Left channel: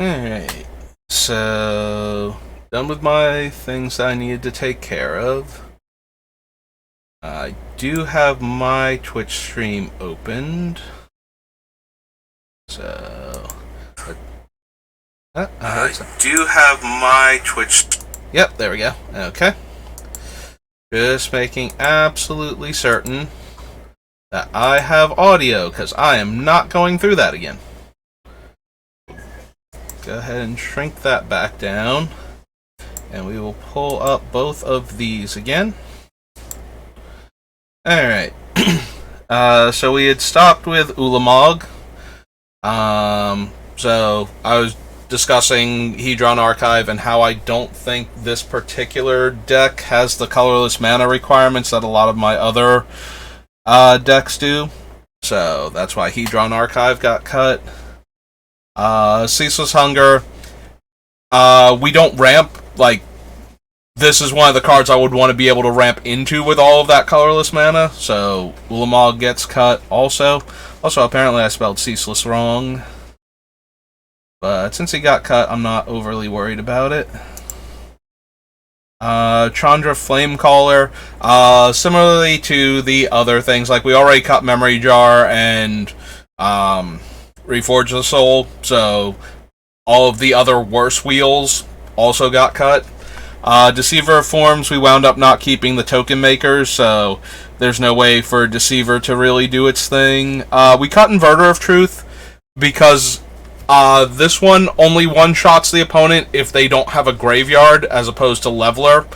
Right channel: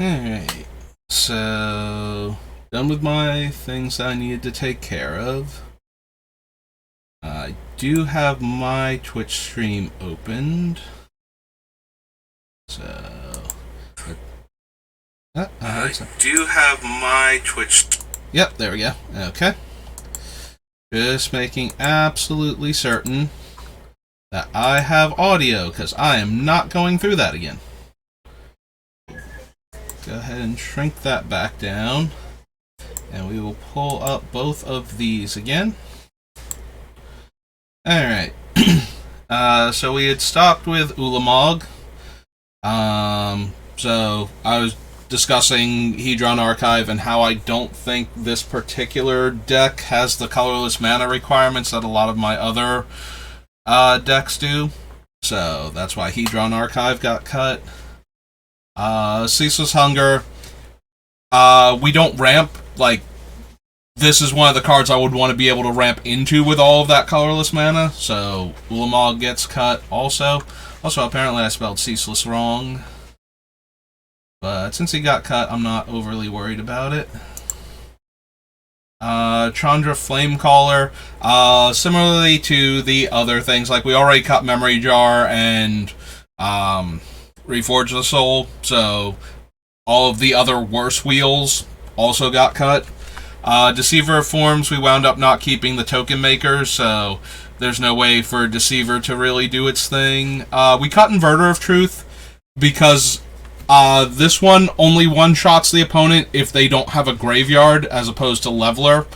Alright, so done with my things that I needed to take care of. I do have my Twitch stream opened. So. I do have my Twitch. Yep, there we go. Okay. Just making absolutely certain that I have audio, because I am not going through that again. Go ahead and shrink that back down, and we will pull up both of these again. Alright. So we had stopped with Ulamog. So I was discussing Hedron Archive and how I don't think this particular deck has the colorless mana requirements that a lot of my other decks do. So that's why Hedron Archive got cut. Ceaseless Hunger. We don't ramp. Like, this is one of the cards I would want to be able to ramp into with all of that colorless mana. So Ulamog gets cut also. Also, apparently I spelled Ceaseless wrong. But since he got cut, I'm not overly worried about it. Chandra Flamecaller. Similarly to the other things, like we already cut Memory Jar and Reforge the Soul, so all of the other worse wheels also got cut. Deceiver of Forms, we wound up not keeping the token makers, so there's no way for Deceiver to really do its thing. We cut Inverter of Truth because this one only one-shots the opponent if they don't have a graveyard, as opposed to Leveler.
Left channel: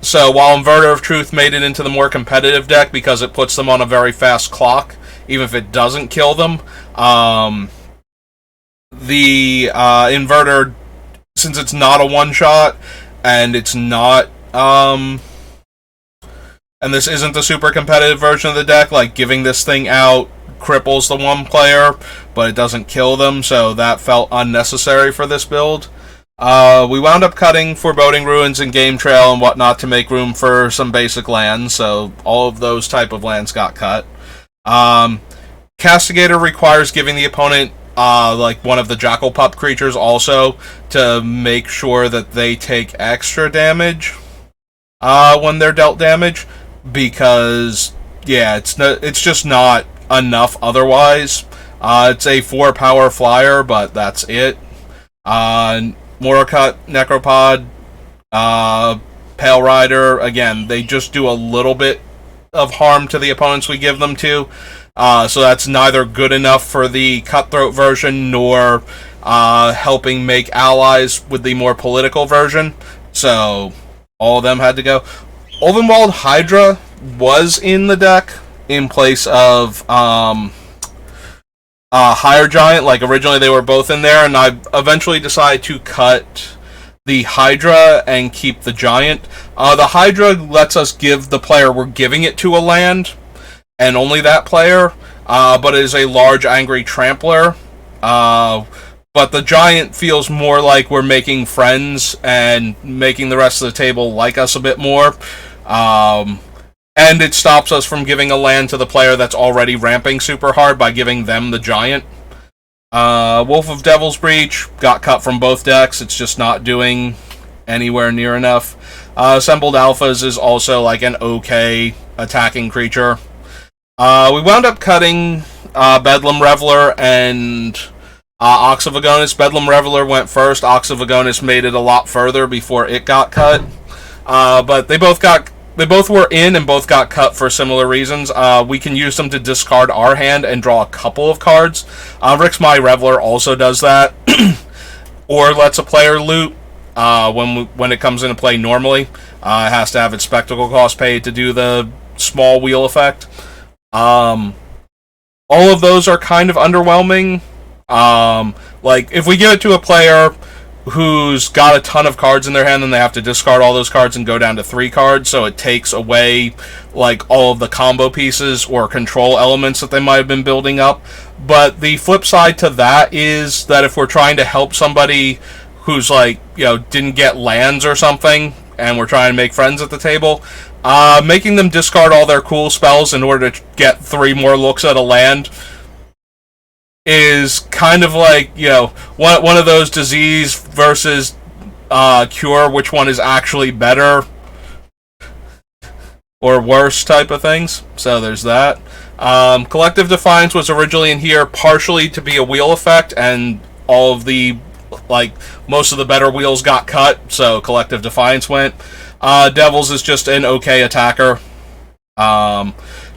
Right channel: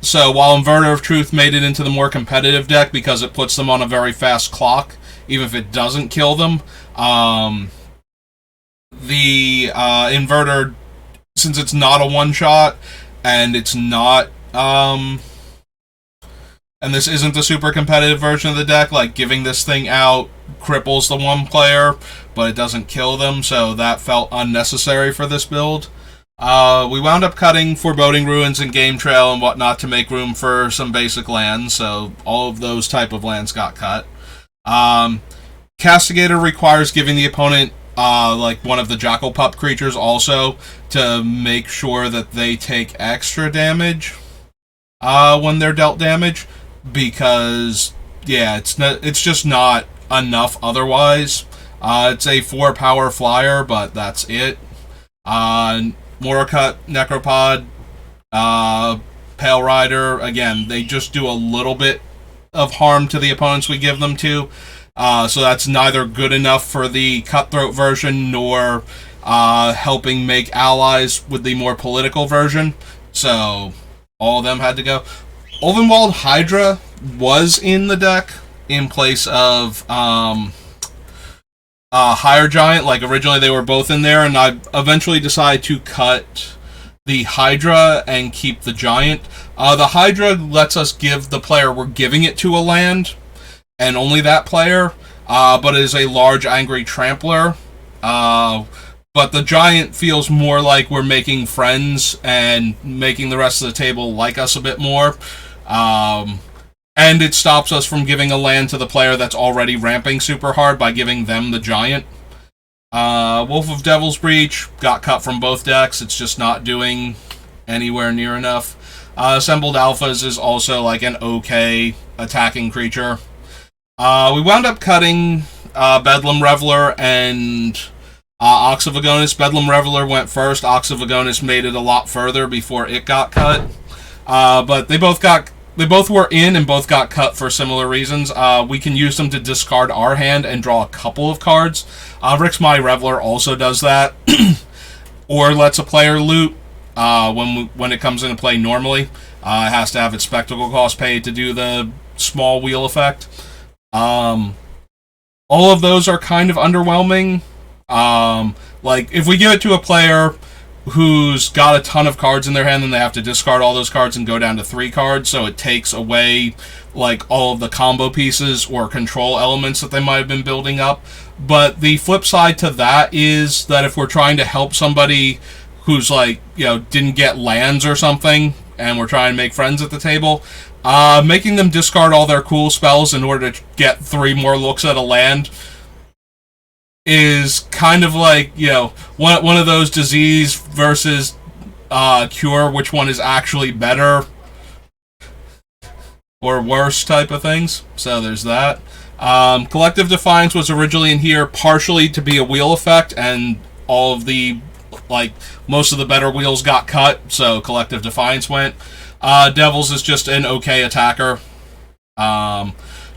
So while Inverter of Truth made it into the more competitive deck because it puts them on a very fast clock, even if it doesn't kill them, the Inverter, since it's not a one-shot, and it's not, and this isn't the super competitive version of the deck, like, giving this thing out cripples the one player, but it doesn't kill them, so that felt unnecessary for this build. We wound up cutting Foreboding Ruins and Game Trail and whatnot to make room for some basic lands, so all of those type of lands got cut. Castigator requires giving the opponent like one of the Jackal Pup creatures also to make sure that they take extra damage when they're dealt damage, because yeah, it's just not enough otherwise. It's a 4-power flyer, but that's it. Morocut, Necropod, Pale Rider, again, they just do a little bit of harm to the opponents we give them to. So that's neither good enough for the Cutthroat version nor helping make allies with the more political version. So all of them had to go. Ulvenwald Hydra was in the deck in place of Higher Giant. Like, originally they were both in there, and I eventually decided to cut the Hydra and keep the Giant. The Hydra lets us give the player we're giving it to a land, and only that player, but it is a large angry trampler. But the Giant feels more like we're making friends and making the rest of the table like us a bit more. And it stops us from giving a land to the player that's already ramping super hard by giving them the Giant. Wolf of Devil's Breach got cut from both decks. It's just not doing anywhere near enough. Assembled Alphas is also like an okay attacking creature. We wound up cutting Bedlam Reveler and Ox of Agonis. Bedlam Reveler went first. Ox of Agonis made it a lot further before it got cut. But they both were in and both got cut for similar reasons. We can use them to discard our hand and draw a couple of cards. Rixmai Reveler also does that. Or lets a player loot when it comes into play normally. It has to have its spectacle cost paid to do the small wheel effect. All of those are kind of underwhelming. Like, if we give it to a player who's got a ton of cards in their hand, then they have to discard all those cards and go down to 3 cards, so it takes away like all of the combo pieces or control elements that they might have been building up. But the flip side to that is that if we're trying to help somebody who's like, didn't get lands or something, and we're trying to make friends at the table, making them discard all their cool spells in order to get 3 more looks at a land is kind of like, one of those disease versus cure, which one is actually better or worse type of things. So there's that. Collective Defiance was originally in here partially to be a wheel effect, and all of the, most of the better wheels got cut, so Collective Defiance went. Devils is just an okay attacker.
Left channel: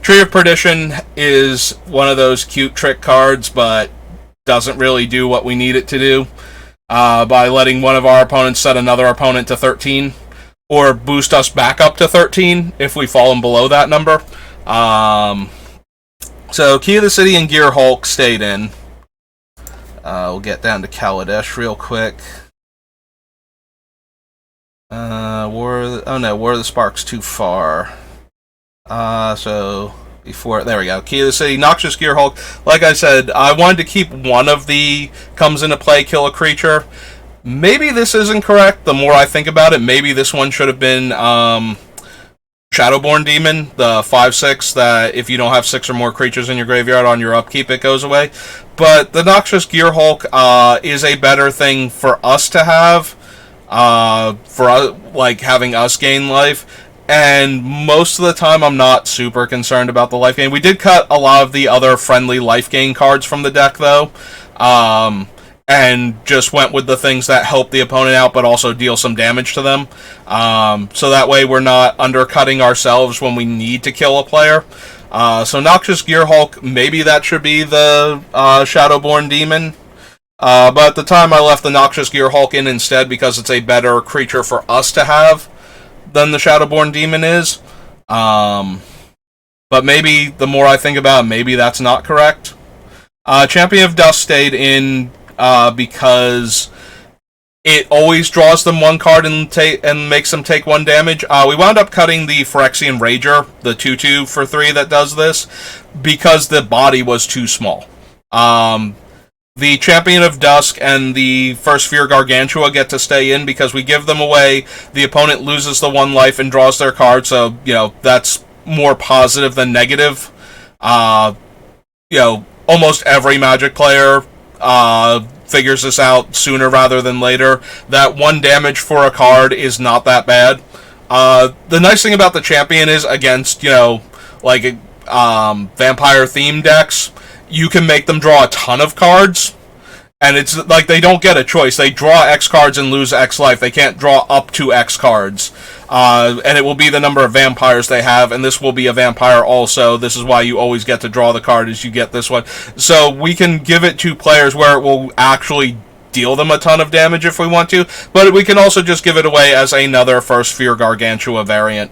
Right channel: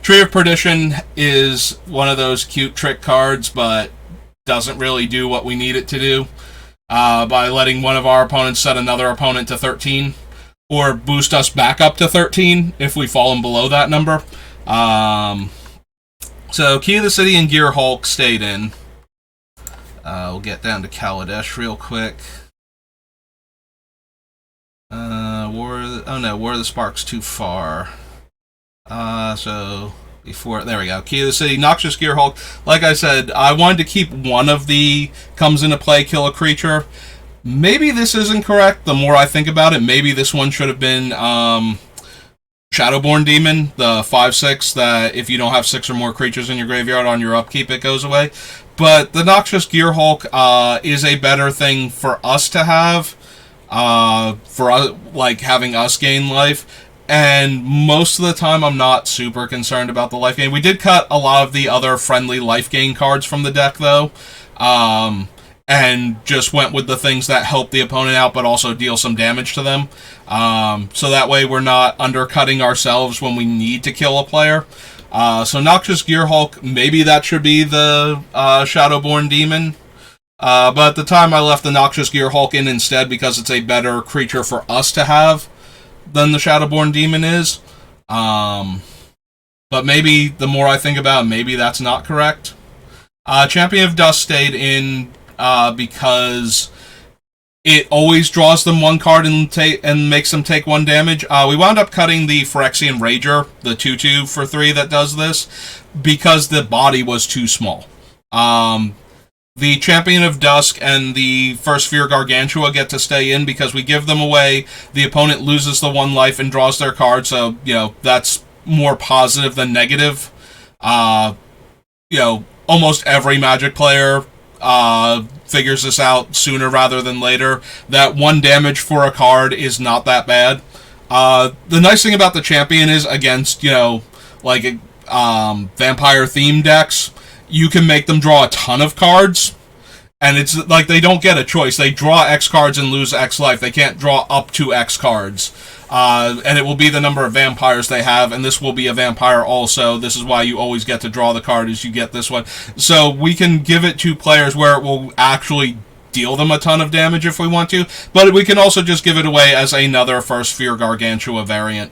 Tree of Perdition is one of those cute trick cards, but doesn't really do what we need it to do by letting one of our opponents set another opponent to 13, or boost us back up to 13 if we fallen below that number. So Key of the City and Gear Hulk stayed in. We'll get down to Kaladesh real quick. War of the Spark's too far. So before, there we go. Key of the City, Noxious Gear Hulk. Like I said, I wanted to keep one of the comes into play, kill a creature. Maybe this isn't correct. The more I think about it, maybe this one should have been Shadowborn Demon, the 5/6 that if you don't have 6 or more creatures in your graveyard on your upkeep, it goes away. But the Noxious Gear Hulk is a better thing for us to have, for having us gain life. And most of the time, I'm not super concerned about the life gain. We did cut a lot of the other friendly life gain cards from the deck, though. And just went with the things that help the opponent out, but also deal some damage to them. So that way we're not undercutting ourselves when we need to kill a player. So Noxious Gear Hulk, maybe that should be the Shadowborn Demon. But at the time I left the Noxious Gear Hulk in instead because it's a better creature for us to have than the Shadowborn Demon is. But maybe the more I think about it, maybe that's not correct. Champion of Dust stayed in because it always draws them one card and makes them take 1 damage. We wound up cutting the Phyrexian Rager, the 2/2 for 3 that does this, because the body was too small. The Champion of Dusk and the First Sphere Gargantua get to stay in because we give them away. The opponent loses the 1 life and draws their card, so, that's more positive than negative. Almost every Magic player figures this out sooner rather than later. That 1 damage for a card is not that bad. The nice thing about the Champion is, against, vampire-themed decks, you can make them draw a ton of cards, and it's like they don't get a choice. They draw X cards and lose X life. They can't draw up to X cards. And it will be the number of vampires they have, and this will be a vampire also. This is why you always get to draw the card, is you get this one. So we can give it to players where it will actually deal them a ton of damage if we want to, but we can also just give it away as another First Sphere Gargantua variant.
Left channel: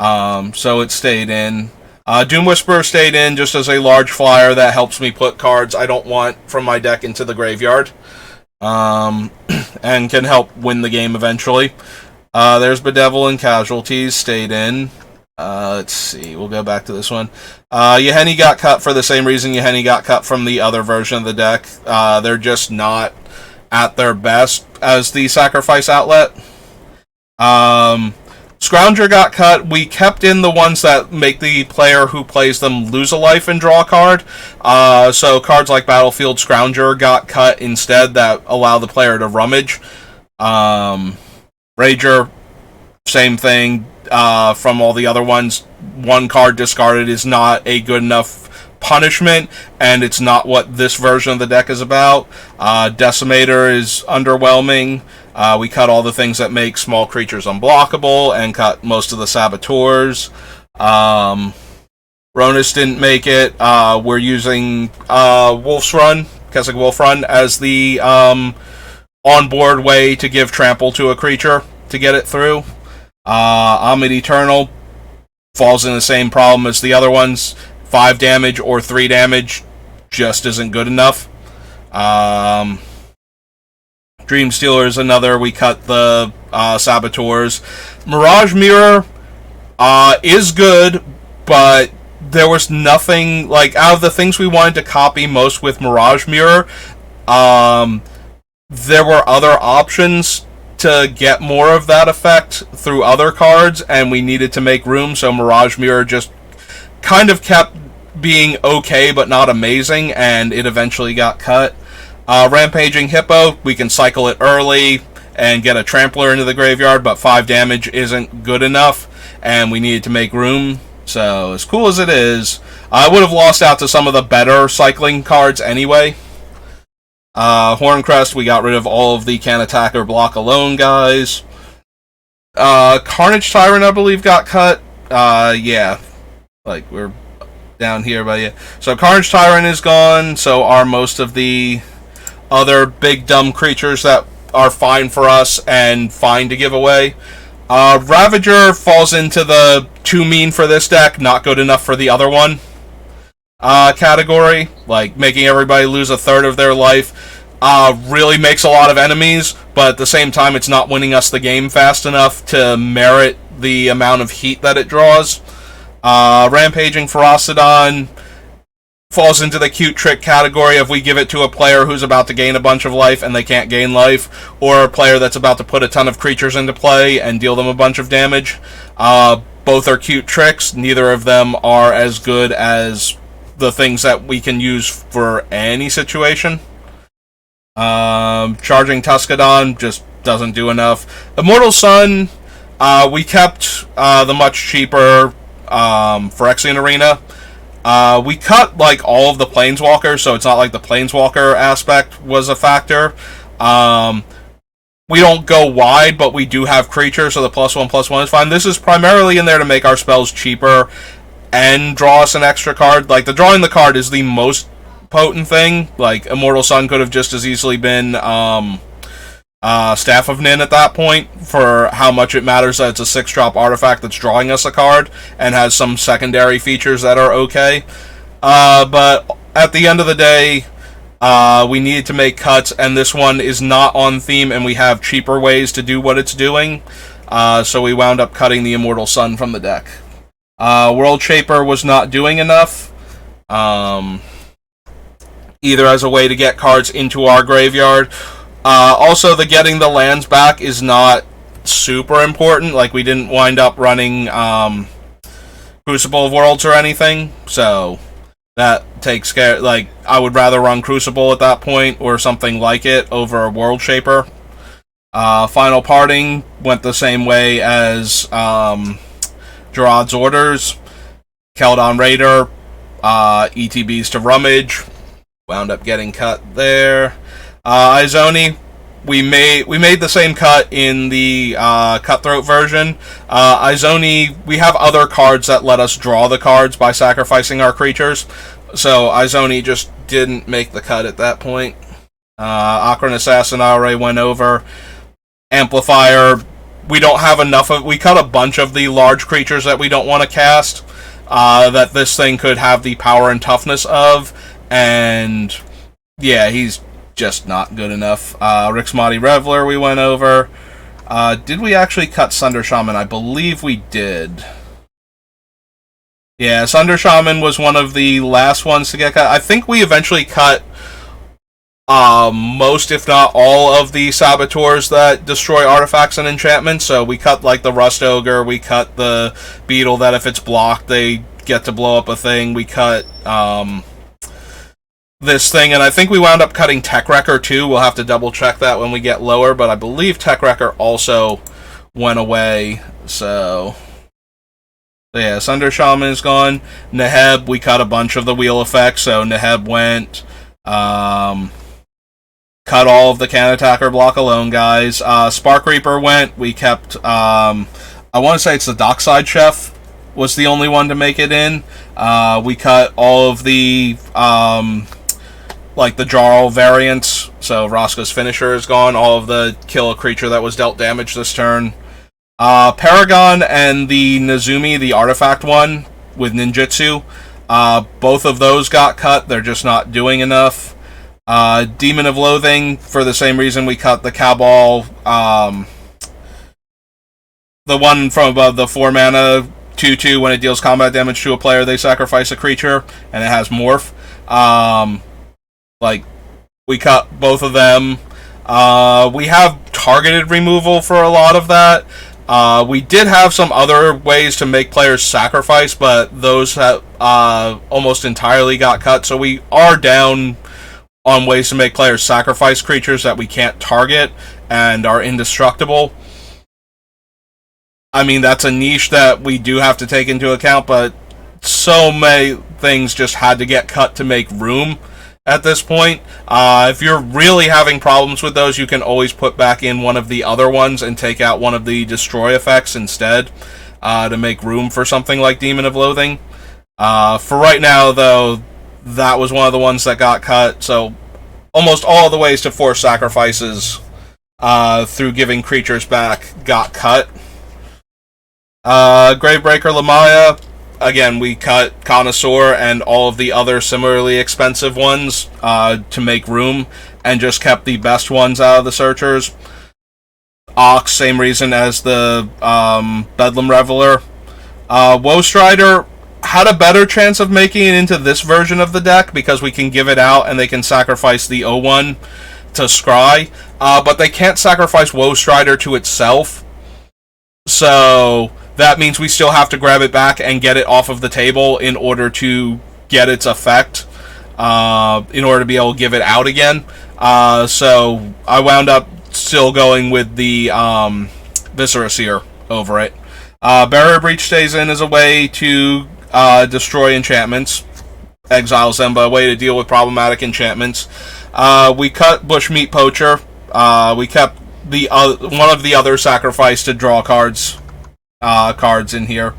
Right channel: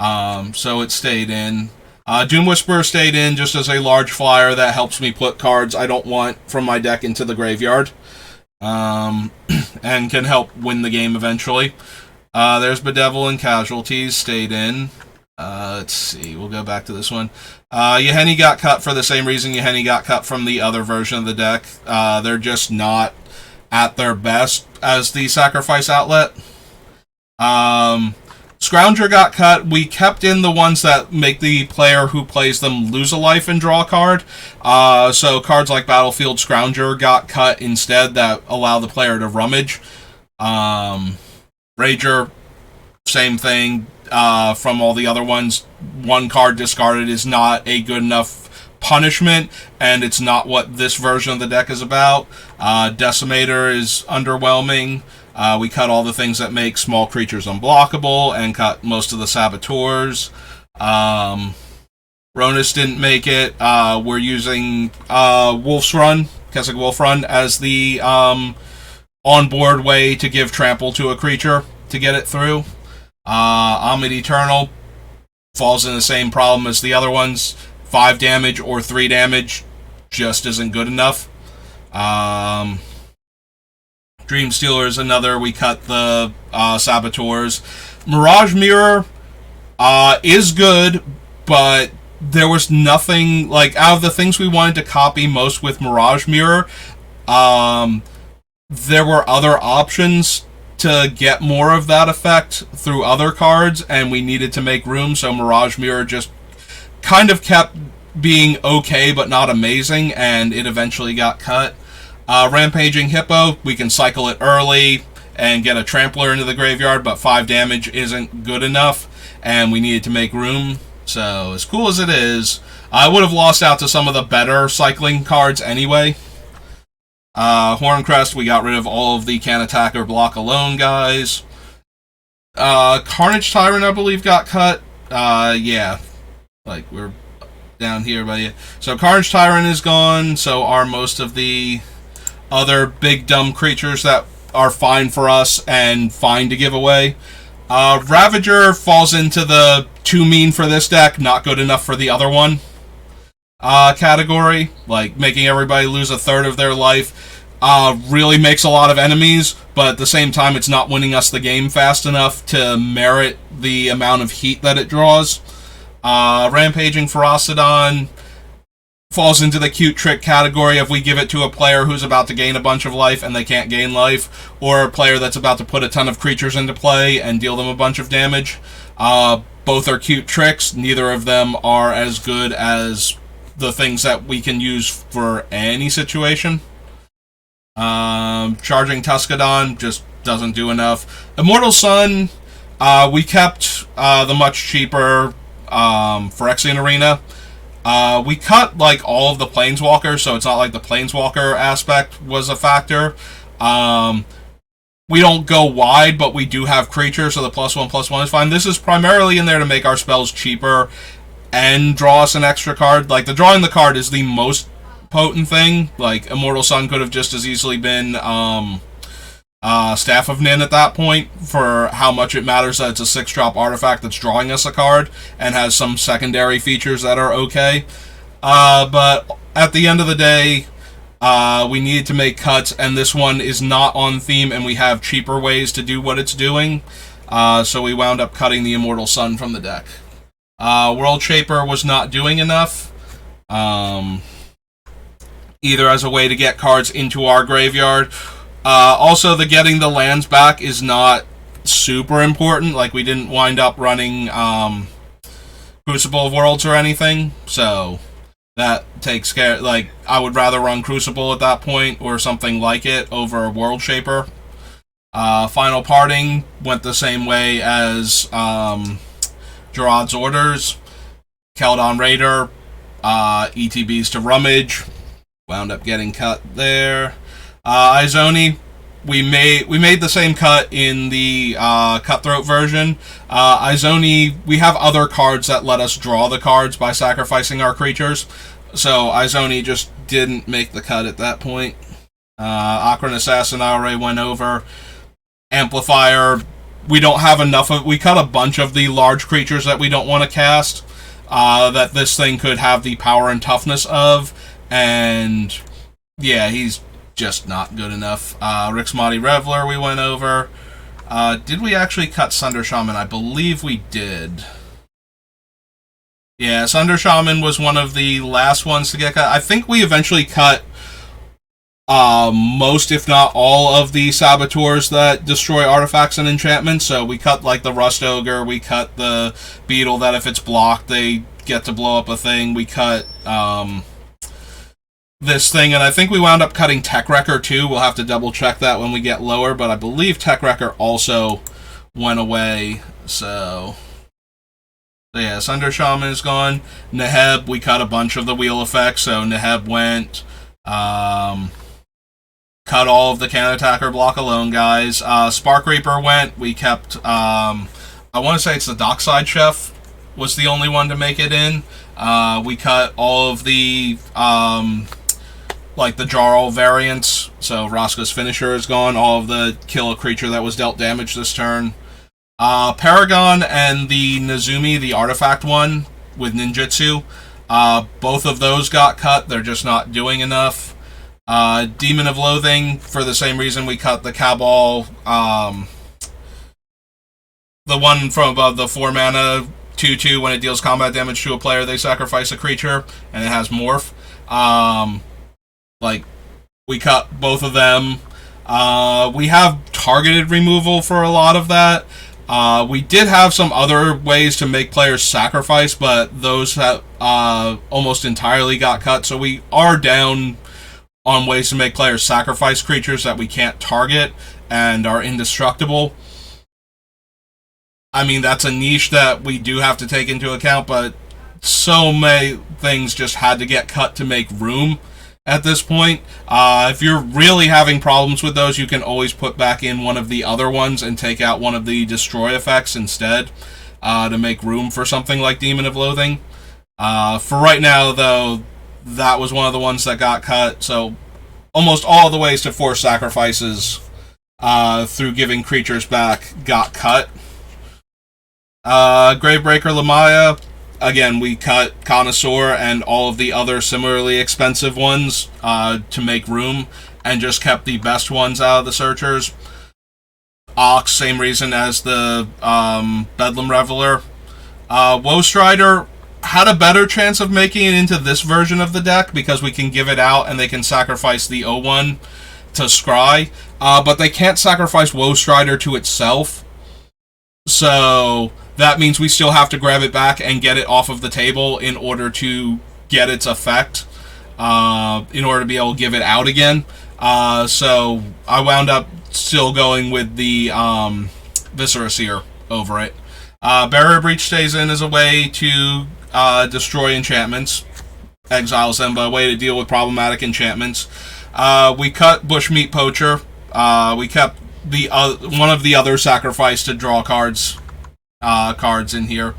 So it stayed in. Doom Whisperer stayed in just as a large flyer that helps me put cards I don't want from my deck into the graveyard, and can help win the game eventually. There's Bedevil and Casualties stayed in. Let's see, we'll go back to this one. Yahenni got cut for the same reason Yahenni got cut from the other version of the deck. They're just not at their best as the sacrifice outlet. Scrounger got cut. We kept in the ones that make the player who plays them lose a life and draw a card. So cards like Battlefield Scrounger got cut instead, that allow the player to rummage. Rager, same thing. From all the other ones, 1 card discarded is not a good enough punishment, and it's not what this version of the deck is about. Decimator is underwhelming. We cut all the things that make small creatures unblockable, and cut most of the Saboteurs. Ronus didn't make it. We're using Wolf's Run, Kessig Wolf Run, as the on-board way to give trample to a creature to get it through. Omid Eternal falls in the same problem as the other ones. 5 damage or 3 damage just isn't good enough. Dream Stealer is another. We cut the Saboteurs. Mirage Mirror is good, but there was nothing, out of the things we wanted to copy most with Mirage Mirror, there were other options to get more of that effect through other cards, and we needed to make room, so Mirage Mirror just kind of kept being okay but not amazing, and it eventually got cut. Rampaging Hippo, we can cycle it early and get a Trampler into the graveyard, but 5 damage isn't good enough, and we needed to make room. So, as cool as it is, I would have lost out to some of the better cycling cards anyway. Horncrest, we got rid of all of the can attack or block alone guys. Carnage Tyrant, I believe, got cut. Yeah. Like, we're down here, but yeah. So, Carnage Tyrant is gone, so are most of the other big dumb creatures that are fine for us and fine to give away. Ravager falls into the too mean for this deck, not good enough for the other one category. Like, making everybody lose a third of their life really makes a lot of enemies, but at the same time it's not winning us the game fast enough to merit the amount of heat that it draws. Rampaging Ferocidon falls into the cute trick category if we give it to a player who's about to gain a bunch of life and they can't gain life, or a player that's about to put a ton of creatures into play and deal them a bunch of damage. Both are cute tricks. Neither of them are as good as the things that we can use for any situation. Charging Tuscadon just doesn't do enough. Immortal Sun, we kept the much cheaper Phyrexian Arena. We cut, like, all of the Planeswalkers, so it's not like the Planeswalker aspect was a factor. We don't go wide, but we do have creatures, so the +1/+1 is fine. This is primarily in there to make our spells cheaper and draw us an extra card. Like, the drawing the card is the most potent thing. Like, Immortal Sun could have just as easily been Staff of Nin at that point, for how much it matters that it's a 6-drop artifact that's drawing us a card and has some secondary features that are okay. But at the end of the day, we needed to make cuts, and this one is not on theme, and we have cheaper ways to do what it's doing. So we wound up cutting the Immortal Sun from the deck. World Shaper was not doing enough. Either as a way to get cards into our graveyard. Also, the getting the lands back is not super important. Like, we didn't wind up running Crucible of Worlds or anything, so that takes care. Like, I would rather run Crucible at that point or something like it over World Shaper. Final Parting went the same way as Gerard's Orders. Keldon Raider, ETBs to Rummage, wound up getting cut there. Izoni, we made the same cut in the Cutthroat version. Izoni, we have other cards that let us draw the cards by sacrificing our creatures, so Izoni just didn't make the cut at that point. Akron Assassin I already went over. Amplifier, we don't have enough of. We cut a bunch of the large creatures that we don't want to cast, that this thing could have the power and toughness of, and yeah, he's just not good enough. Rixmati Reveler we went over. Did we actually cut Sunder Shaman? I believe we did. Yeah, Sunder Shaman was one of the last ones to get cut. I think we eventually cut most, if not all, of the Saboteurs that destroy artifacts and enchantments. So we cut, like, the Rust Ogre, we cut the Beetle that if it's blocked they get to blow up a thing, we cut this thing, and I think we wound up cutting Tech Wrecker too. We'll have to double check that when we get lower, but I believe Tech Wrecker also went away. So yeah, Sunder Shaman is gone. Neheb, we cut a bunch of the wheel effects, so Neheb went. Cut all of the can attacker block alone guys. Spark Reaper went. We kept I want to say it's the Dockside Chef was the only one to make it in. We cut all of the like the Jarl variants, so Roscoe's Finisher is gone, all of the kill a creature that was dealt damage this turn. Paragon and the Nezumi, the artifact one, with Ninjutsu, both of those got cut, they're just not doing enough. Demon of Loathing, for the same reason we cut the Cabal, the one from above, the 4 mana 2/2, when it deals combat damage to a player, they sacrifice a creature, and it has Morph. Like, we cut both of them. We have targeted removal for a lot of that, We did have some other ways to make players sacrifice, but those have almost entirely got cut. So we are down on ways to make players sacrifice creatures that we can't target and are indestructible. I mean, that's a niche that we do have to take into account, but so many things just had to get cut to make room at this point. If you're really having problems with those, you can always put back in one of the other ones and take out one of the destroy effects instead to make room for something like Demon of Loathing. For right now, though, that was one of the ones that got cut, so almost all the ways to force sacrifices through giving creatures back got cut. Gravebreaker Lamaya, again, we cut Connoisseur and all of the other similarly expensive ones to make room, and just kept the best ones out of the Searchers. Ox, same reason as the Bedlam Reveler. Woe Strider had a better chance of making it into this version of the deck, because we can give it out and they can sacrifice the O1 to Scry, but they can't sacrifice Woe Strider to itself. So that means we still have to grab it back and get it off of the table in order to get its effect, in order to be able to give it out again. So I wound up still going with the Viscera Seer over it. Barrier Breach stays in as a way to destroy enchantments, exiles them, but a way to deal with problematic enchantments. We cut Bushmeat Poacher. We kept one of the other sacrifice to draw cards in here.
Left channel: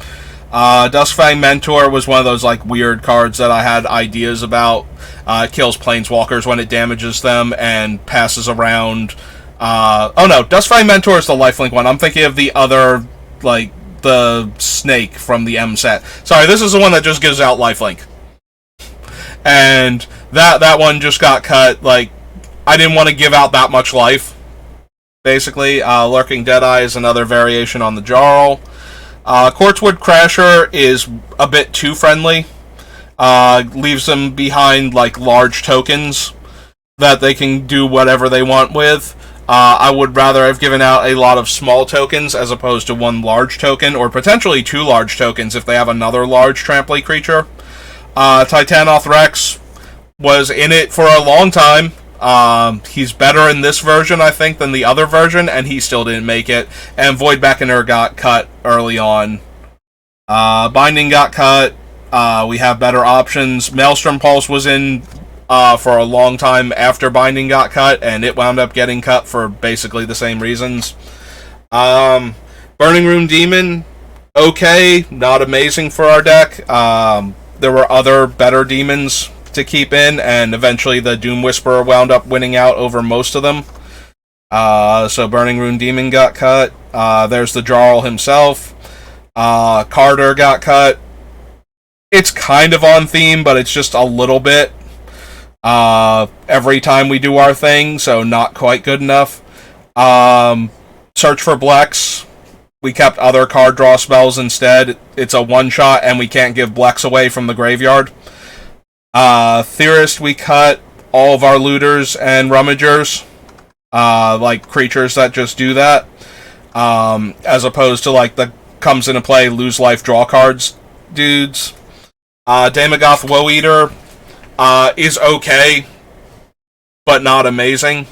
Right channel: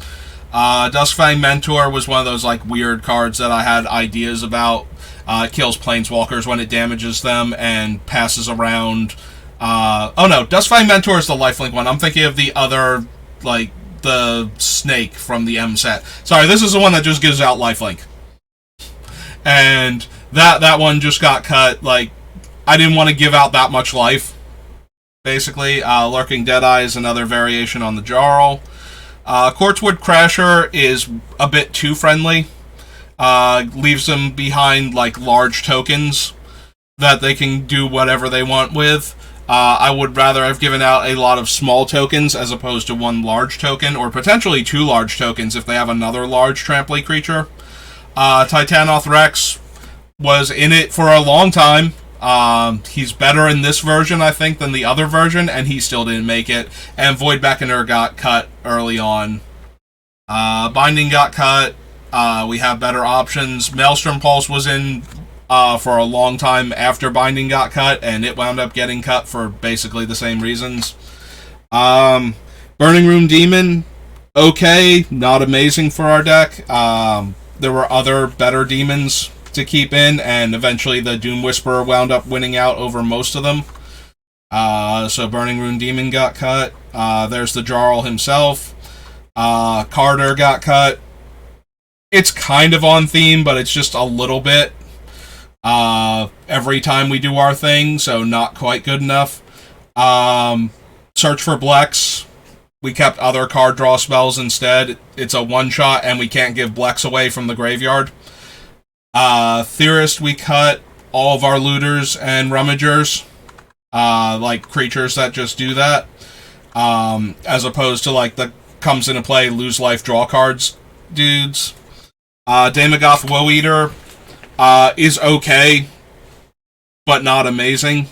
Duskfang Mentor was one of those like weird cards that I had ideas about. It kills planeswalkers when it damages them and passes around. Oh no, Duskfang Mentor is the lifelink one. I'm thinking of the other, like the snake from the M set. Sorry, this is the one that just gives out lifelink. And that one just got cut. Like, I didn't want to give out that much life. Basically, Lurking Deadeye is another variation on the Jarl. Quartzwood Crasher is a bit too friendly. Leaves them behind like large tokens that they can do whatever they want with. I would rather have given out a lot of small tokens as opposed to one large token, or potentially two large tokens if they have another large trample creature. Titanoth Rex was in it for a long time. He's better in this version, I think, than the other version, and he still didn't make it. And Void Beckoner got cut early on. Binding got cut. We have better options. Maelstrom Pulse was in for a long time after Binding got cut, and it wound up getting cut for basically the same reasons. Burning Room Demon, okay, not amazing for our deck. There were other better demons to keep in, and eventually the Doom Whisperer wound up winning out over most of them. So Burning Rune Demon got cut. There's the Jarl himself. Carter got cut. It's kind of on theme, but it's just a little bit every time we do our thing, so not quite good enough. Search for Blex. We kept other card draw spells instead. It's a one-shot, and we can't give Blex away from the graveyard. Theorist, we cut all of our looters and rummagers, like creatures that just do that, as opposed to like the comes into play, lose life, draw cards dudes. Daemogoth Woe Eater is okay, but not amazing.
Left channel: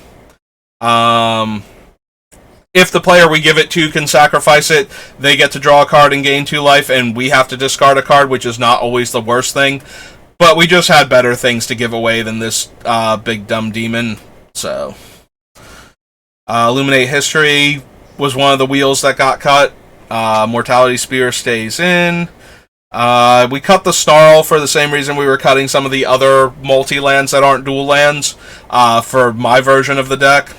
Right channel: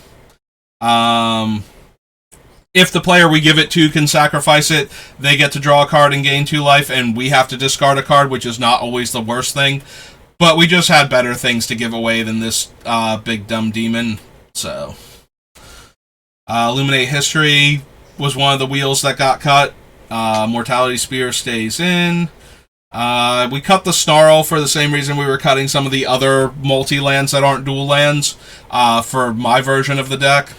If the player we give it to can sacrifice it, they get to draw a card and gain 2 life, and we have to discard a card, which is not always the worst thing. But we just had better things to give away than this big dumb demon. So, Illuminate History was one of the wheels that got cut. Mortality Spear stays in. We cut the Snarl for the same reason we were cutting some of the other multi-lands that aren't dual lands for my version of the deck.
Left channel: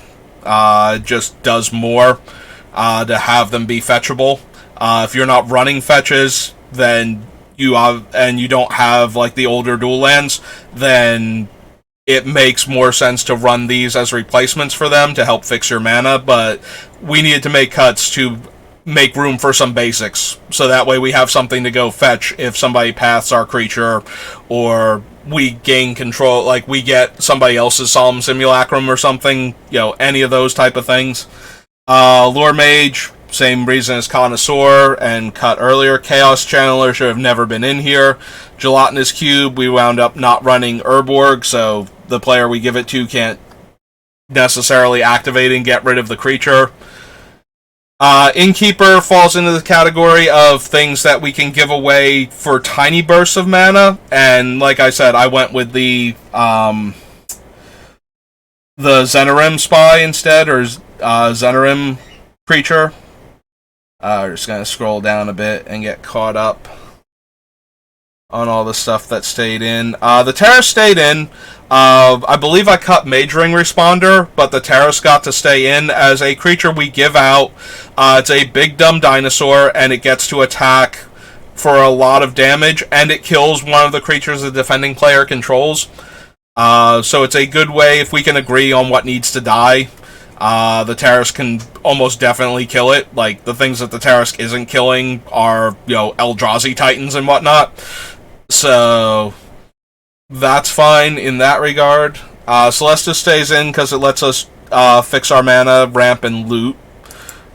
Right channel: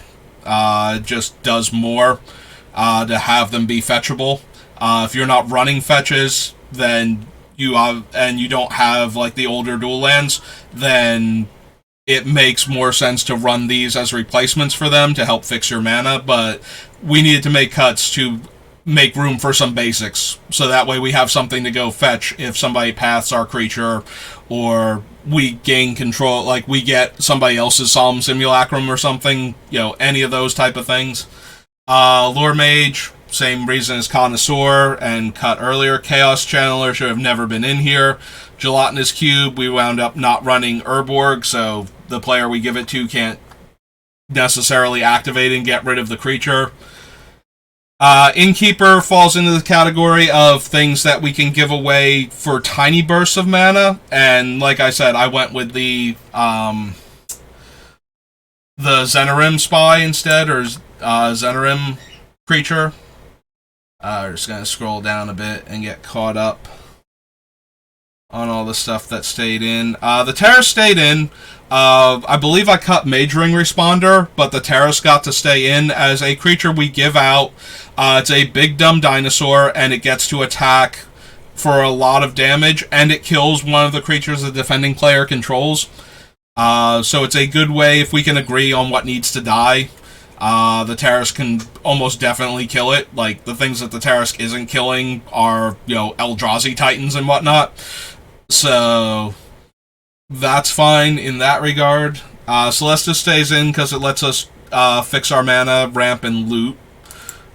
It just does more to have them be fetchable. If you're not running fetches, then you don't have like the older dual lands, then it makes more sense to run these as replacements for them to help fix your mana. But we needed to make cuts to make room for some basics, so that way we have something to go fetch if somebody paths our creature, or we gain control, like we get somebody else's Solemn Simulacrum or something, any of those type of things. Lore Mage same reason as Connoisseur and cut earlier. Chaos Channeler should have never been in here. Gelatinous Cube, we wound up not running Urborg, so the player we give it to can't necessarily activate and get rid of the creature. Innkeeper falls into the category of things that we can give away for tiny bursts of mana, and like I said, I went with the Zenarim Spy instead, or Zenarim Creature. We're just going to scroll down a bit and get caught up on all the stuff that stayed in. The Terrace stayed in. I believe I cut Majoring Responder, but the Terrace got to stay in as a creature we give out. It's a big dumb dinosaur, and it gets to attack for a lot of damage, and it kills one of the creatures the defending player controls. So it's a good way if we can agree on what needs to die. The Terrace can almost definitely kill it. Like, the things that the Terrace isn't killing are, Eldrazi Titans and whatnot. So that's fine in that regard. Celestis stays in because it lets us fix our mana, ramp, and loot.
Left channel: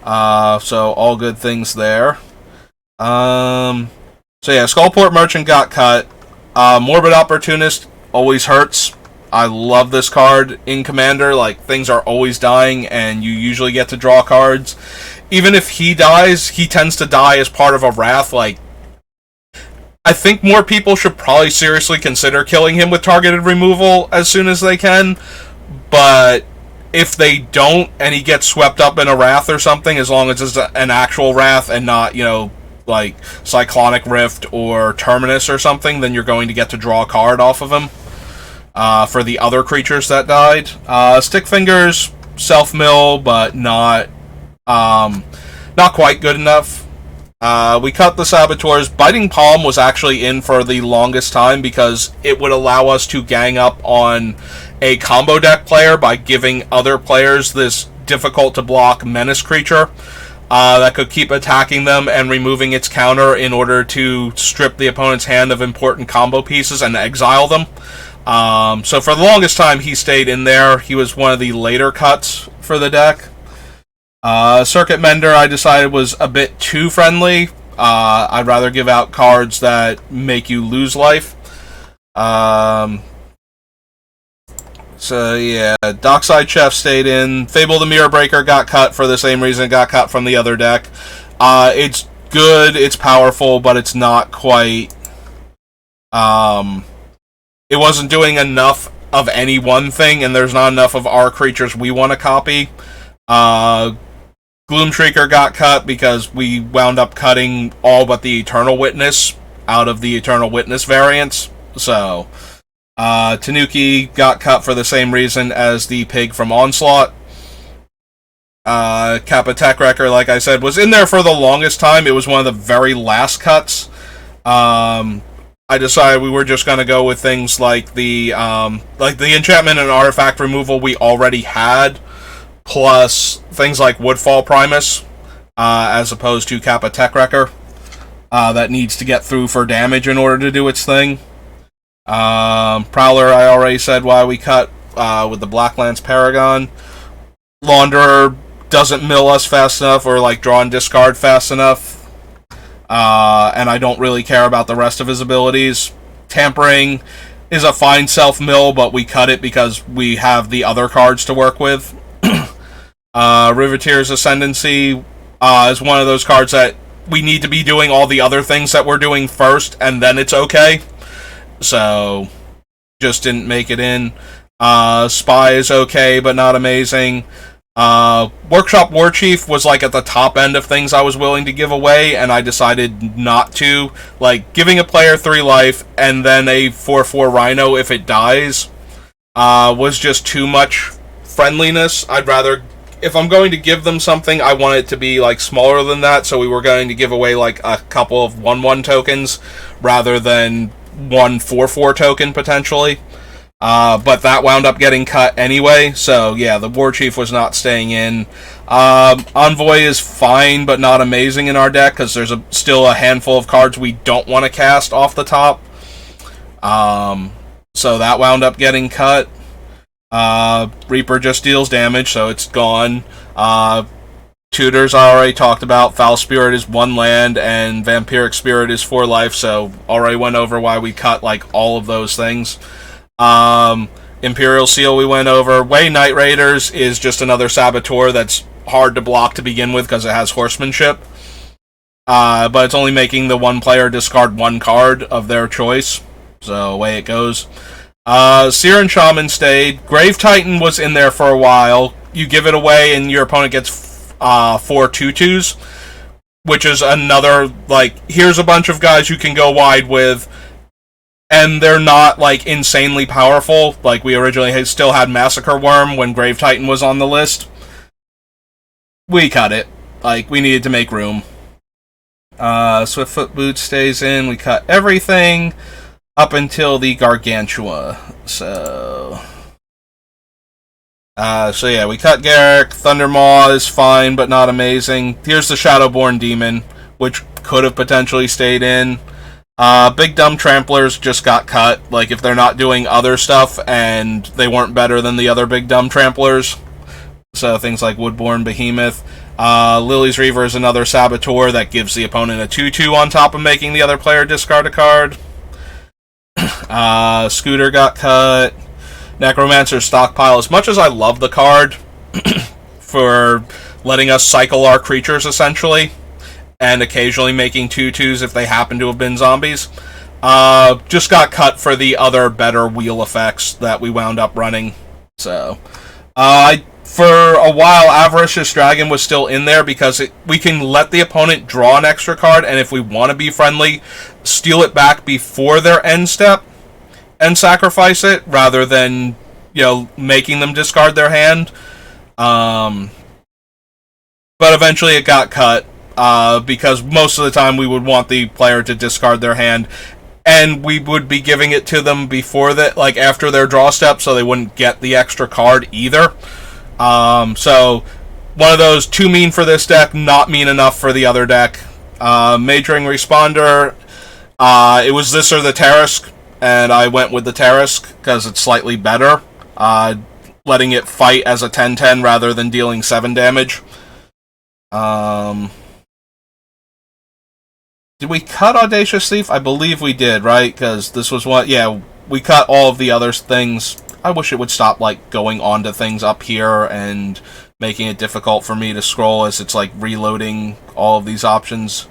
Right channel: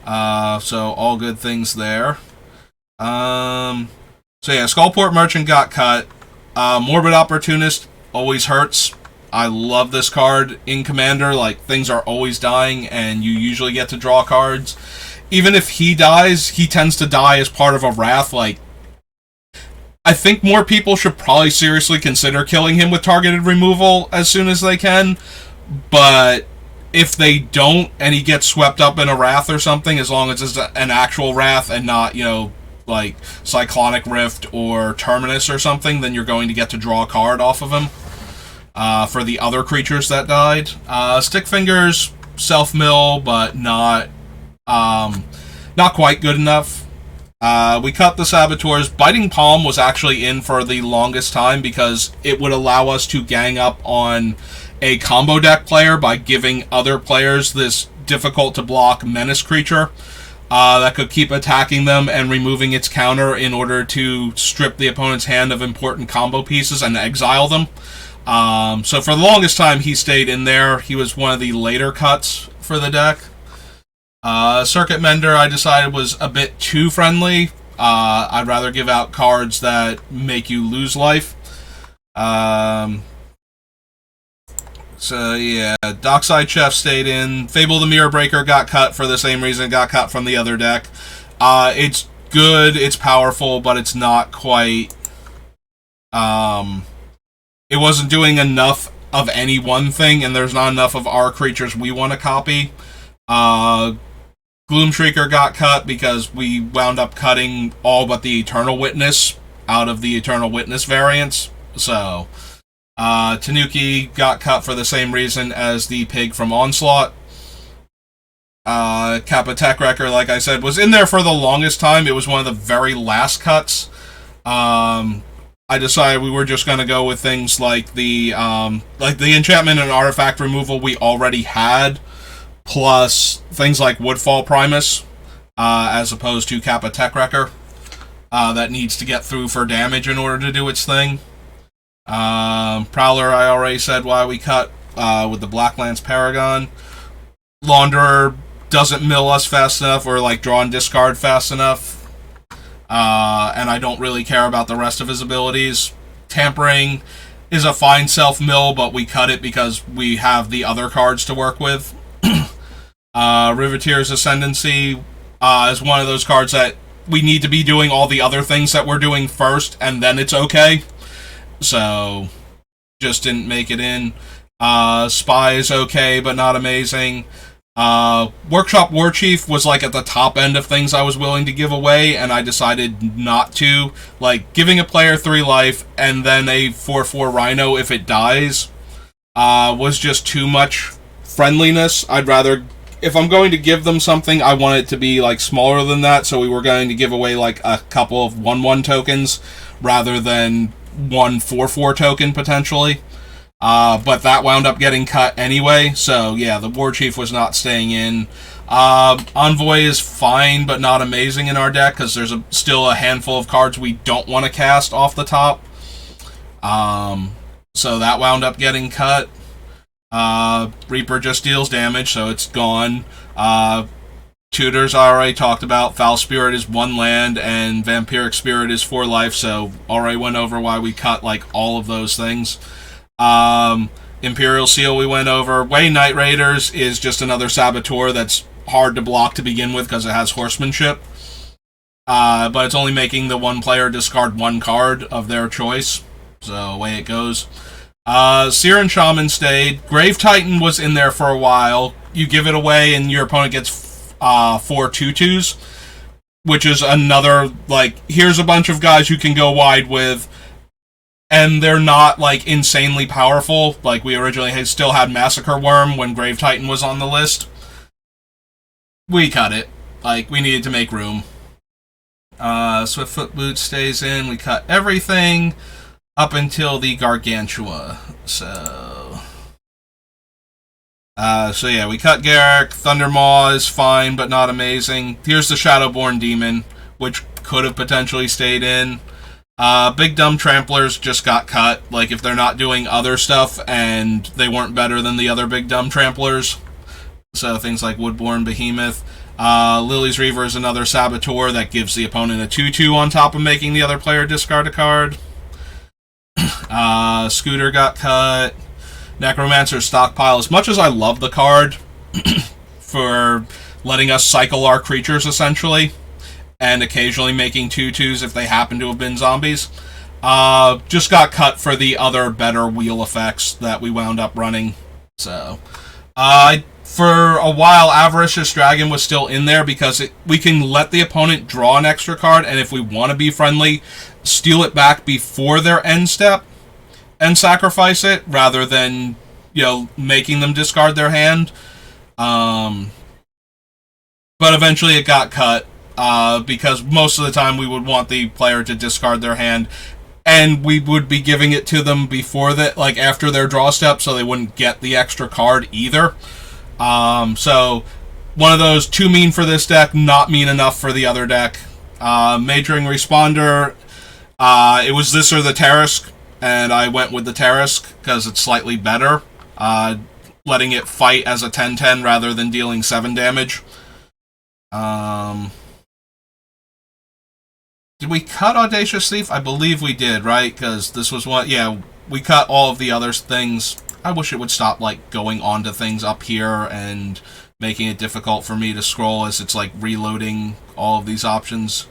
So all good things there. So yeah, Skullport Merchant got cut. Morbid Opportunist always hurts. I love this card in Commander. Like, things are always dying, and you usually get to draw cards. Even if he dies, he tends to die as part of a Wrath. Like, I think more people should probably seriously consider killing him with targeted removal as soon as they can. But if they don't, and he gets swept up in a Wrath or something, as long as it's an actual Wrath and not, like Cyclonic Rift or Terminus or something, then you're going to get to draw a card off of him. For the other creatures that died. Stickfingers, self-mill, but not quite good enough. We cut the Saboteurs. Biting Palm was actually in for the longest time because it would allow us to gang up on a combo deck player by giving other players this difficult-to-block menace creature that could keep attacking them and removing its counter in order to strip the opponent's hand of important combo pieces and exile them. So for the longest time, he stayed in there. He was one of the later cuts for the deck. Circuit Mender, I decided, was a bit too friendly. I'd rather give out cards that make you lose life. So yeah, Dockside Chef stayed in. Fable the Mirror Breaker got cut for the same reason it got cut from the other deck. It's good, it's powerful, but it's not quite... It wasn't doing enough of any one thing, and there's not enough of our creatures we want to copy. Gloom Shrieker got cut because we wound up cutting all but the Eternal Witness out of the Eternal Witness variants. So, Tanuki got cut for the same reason as the pig from Onslaught. Kappa Tech Wrecker, like I said, was in there for the longest time. It was one of the very last cuts. I decided we were just going to go with things like the enchantment and artifact removal we already had, plus things like Woodfall Primus, as opposed to Kappa Tech Wrecker, that needs to get through for damage in order to do its thing. Prowler, I already said why we cut with the Blacklands Paragon. Launderer doesn't mill us fast enough or draw and discard fast enough. And I don't really care about the rest of his abilities. Tampering is a fine self-mill, but we cut it because we have the other cards to work with. Riveteer's Ascendancy is one of those cards that we need to be doing all the other things that we're doing first, and then it's okay. So, just didn't make it in. Spy is okay, but not amazing. Workshop Warchief was at the top end of things I was willing to give away, and I decided not to. Giving a player 3 life and then a 4/4 Rhino if it dies was just too much friendliness. I'd rather, if I'm going to give them something, I want it to be smaller than that, so we were going to give away a couple of 1/1 tokens rather than one 4/4 token potentially. But that wound up getting cut anyway, so yeah, the Warchief was not staying in. Envoy is fine, but not amazing in our deck, because there's still a handful of cards we don't want to cast off the top. So that wound up getting cut. Reaper just deals damage, so it's gone. Tutors I already talked about. Foul Spirit is 1 land, and Vampiric Spirit is 4 life, so already went over why we cut, like, all of those things. Imperial Seal we went over. Way Night Raiders is just another Saboteur that's hard to block to begin with because it has Horsemanship. But it's only making the one player discard 1 card of their choice, so away it goes. Seer and Shaman stayed. Grave Titan was in there for a while. You give it away and your opponent gets 4 2/2s, which is another, like, here's a bunch of guys you can go wide with, and they're not, like, insanely powerful. Like, we originally still had Massacre Worm when Grave Titan was on the list. We cut it. Like, we needed to make room. Swiftfoot Boots stays in. We cut everything up until the Gargantua. So yeah, we cut Garrick. Thundermaw is fine, but not amazing. Here's the Shadowborn Demon, which could have potentially stayed in. Big Dumb Tramplers just got cut. Like, if they're not doing other stuff and they weren't better than the other Big Dumb Tramplers. So things like Woodborn Behemoth. Lily's Reaver is another Saboteur that gives the opponent a 2/2 on top of making the other player discard a card. Scooter got cut. Necromancer's Stockpile. As much as I love the card for letting us cycle our creatures, essentially, and occasionally making 2/2s if they happen to have been zombies, just got cut for the other better wheel effects that we wound up running. So, for a while, Avaricious Dragon was still in there because we can let the opponent draw an extra card, and if we want to be friendly, steal it back before their end step and sacrifice it, rather than, making them discard their hand. But eventually it got cut, because most of the time we would want the player to discard their hand, and we would be giving it to them before that, like, after their draw step, so they wouldn't get the extra card either. So, one of those, too mean for this deck, not mean enough for the other deck. Majoring Responder, it was this or the Tarisk, and I went with the Tarisk because it's slightly better, letting it fight as a 10/10 rather than dealing 7 damage. Did we cut Audacious Thief? I believe we did, right? Because this was what, we cut all of the other things. I wish it would stop, like, going on to things up here and making it difficult for me to scroll as it's, like, reloading all of these options.